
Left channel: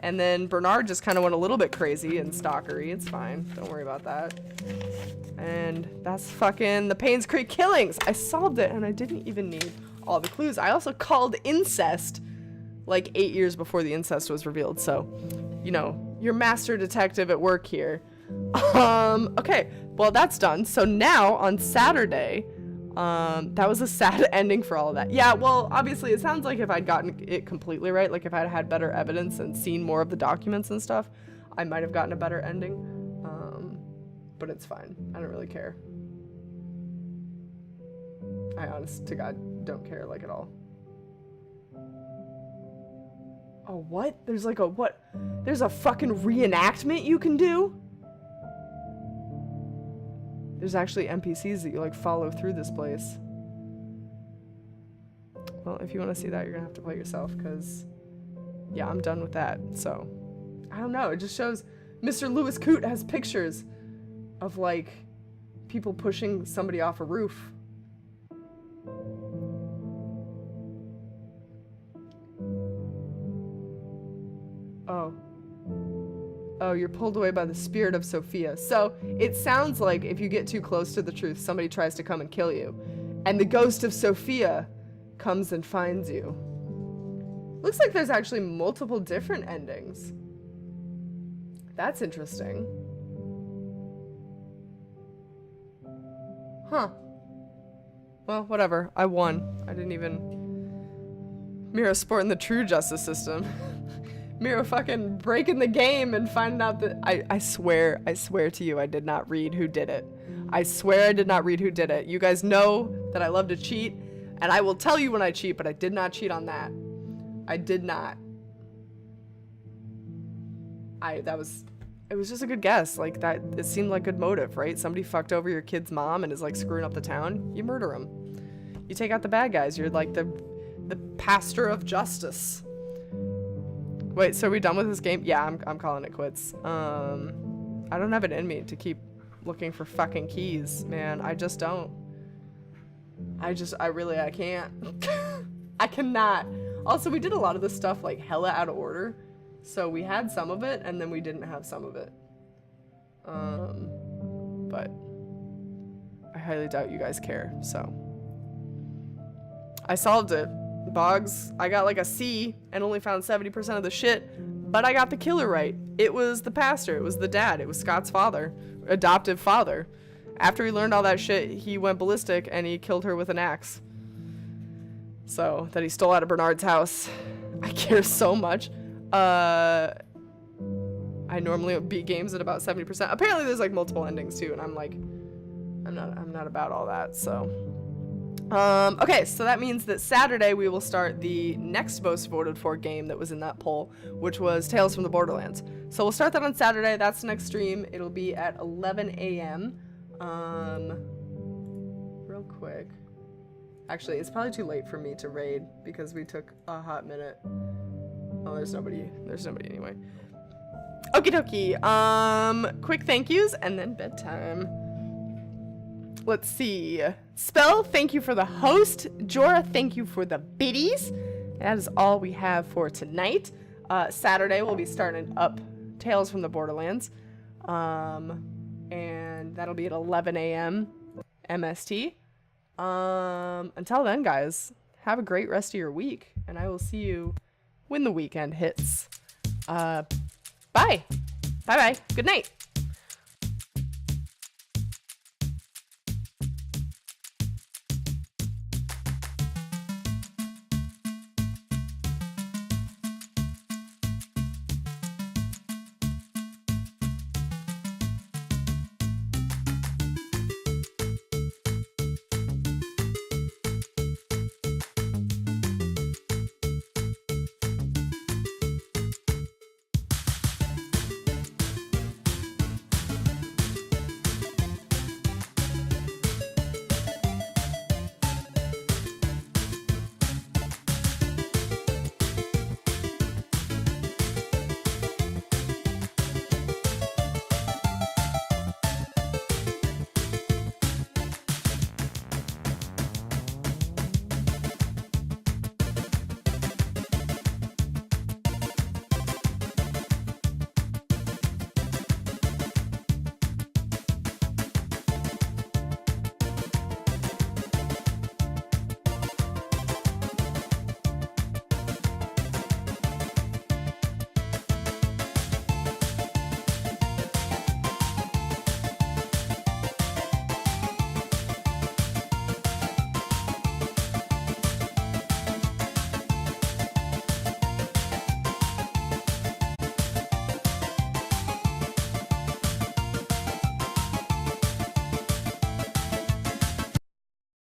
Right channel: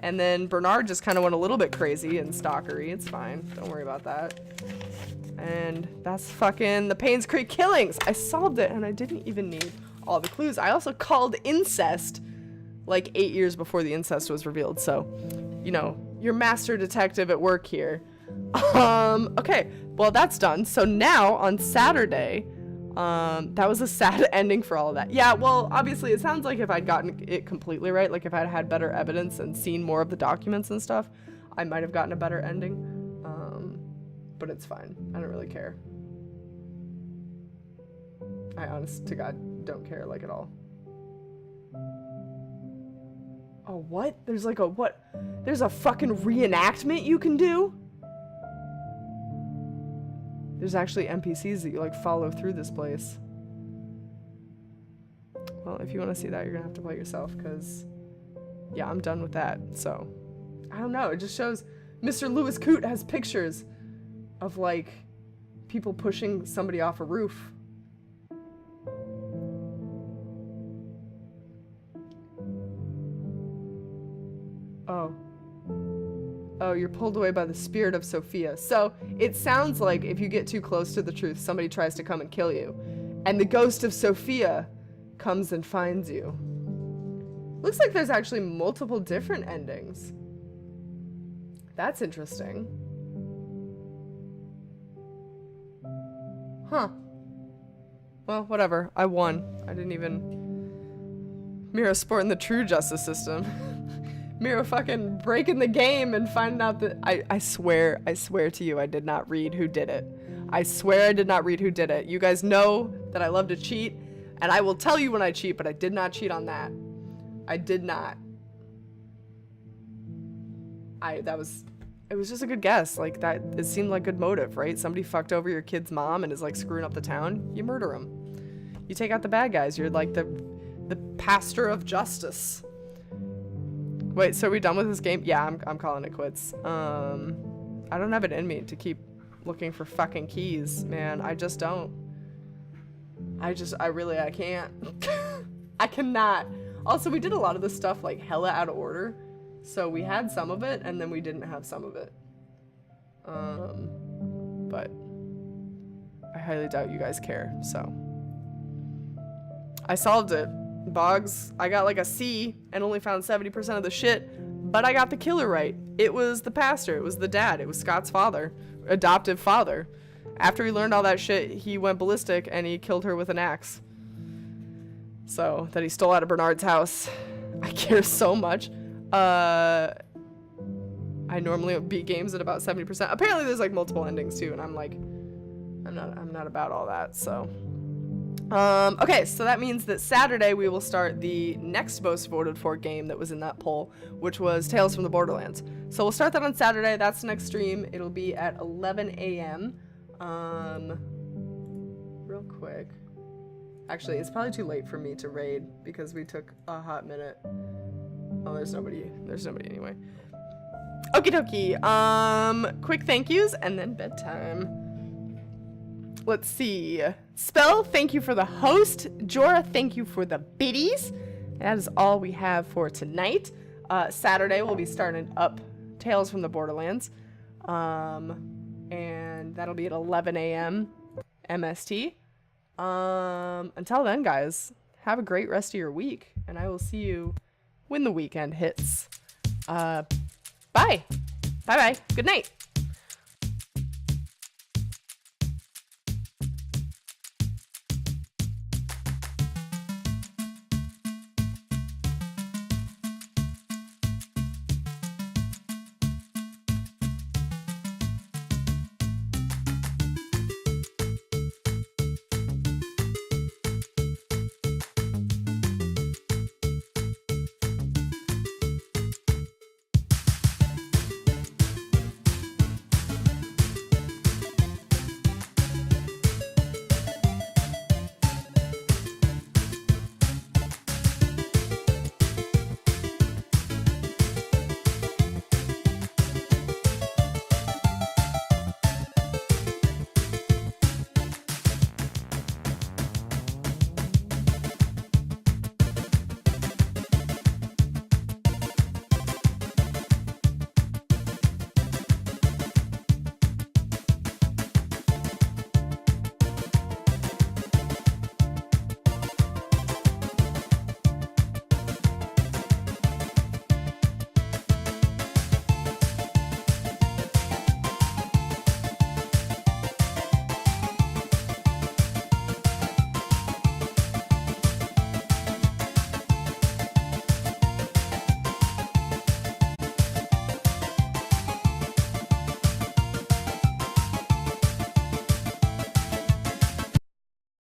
And then Bernard just kind of went a little bit crazy and stalkery. It's fine. Don't worry about that. And that's fucking the Painscreek Killings. I solved it and I didn't even need all the clues. I also called incest like 8 years before the incest was revealed. So, you know, your master detective at work here. Okay. Well, that's done. So now on Saturday, that was a sad ending for all of that. Yeah, well, obviously it sounds like if I'd gotten it completely right, like if I'd had better evidence and seen more of the documents and stuff, I might have gotten a better ending. But it's fine. I don't really care. I honest to God don't care, like, at all. Oh, what? There's like a, what? There's a fucking reenactment you can do? There's actually NPCs that you, like, follow through this place. Well, if you want to see that, you're gonna have to play it yourself, because, yeah, I'm done with that. So, I don't know. It just shows Mr. Lewis Coote has pictures of, like, people pushing somebody off a roof. Oh. Oh, you're pulled away by the spirit of Sophia. So, it sounds like if you get too close to the truth, somebody tries to come and kill you. And the ghost of Sophia comes and finds you. Looks like there's actually multiple different endings. That's interesting. Huh. Well, whatever. I won. I didn't even... Mira sporting the true justice system. Mira fucking breaking the game and finding out that... I swear to you, I did not read who did it. I swear I did not read who did it. You guys know that I love to cheat, and I will tell you when I cheat, but I did not cheat on that. I did not. It was just a good guess. Like, that, it seemed like good motive, right? Somebody fucked over your kid's mom and is, like, screwing up the town. You murder them. You take out the bad guys. You're, like, the pastor of justice. Wait, so are we done with this game? Yeah, I'm calling it quits. I don't have it in me to keep looking for fucking keys, man. I just don't. I can't. I cannot. Also, we did a lot of this stuff, like, hella out of order. So we had some of it, and then we didn't have some of it. But I highly doubt you guys care, so. I solved it. Boggs, I got like a C and only found 70% of the shit, but I got the killer right. It was the pastor. It was the dad. It was Scott's father, adoptive father. After he learned all that shit, he went ballistic and he killed her with an axe. So, that he stole out of Bernard's house. I care so much. I normally beat games at about 70%. Apparently there's like multiple endings too, and I'm like, I'm not about all that, so. Okay, so that means that Saturday we will start the next most voted for game that was in that poll, which was Tales from the Borderlands. So we'll start that on Saturday. That's the next stream. It'll be at 11 a.m. Real quick. Actually, it's probably too late for me to raid because we took a hot minute. Oh, there's nobody anyway. Okie dokie. Quick thank yous and then bedtime. Let's see. Spell, thank you for the host. Jorah, thank you for the biddies. That is all we have for tonight. Saturday we'll be starting up Tales from the Borderlands. And that'll be at 11 a.m. MST. Until then, guys, have a great rest of your week, and I will see you when the weekend hits. Bye. Bye-bye. Good night.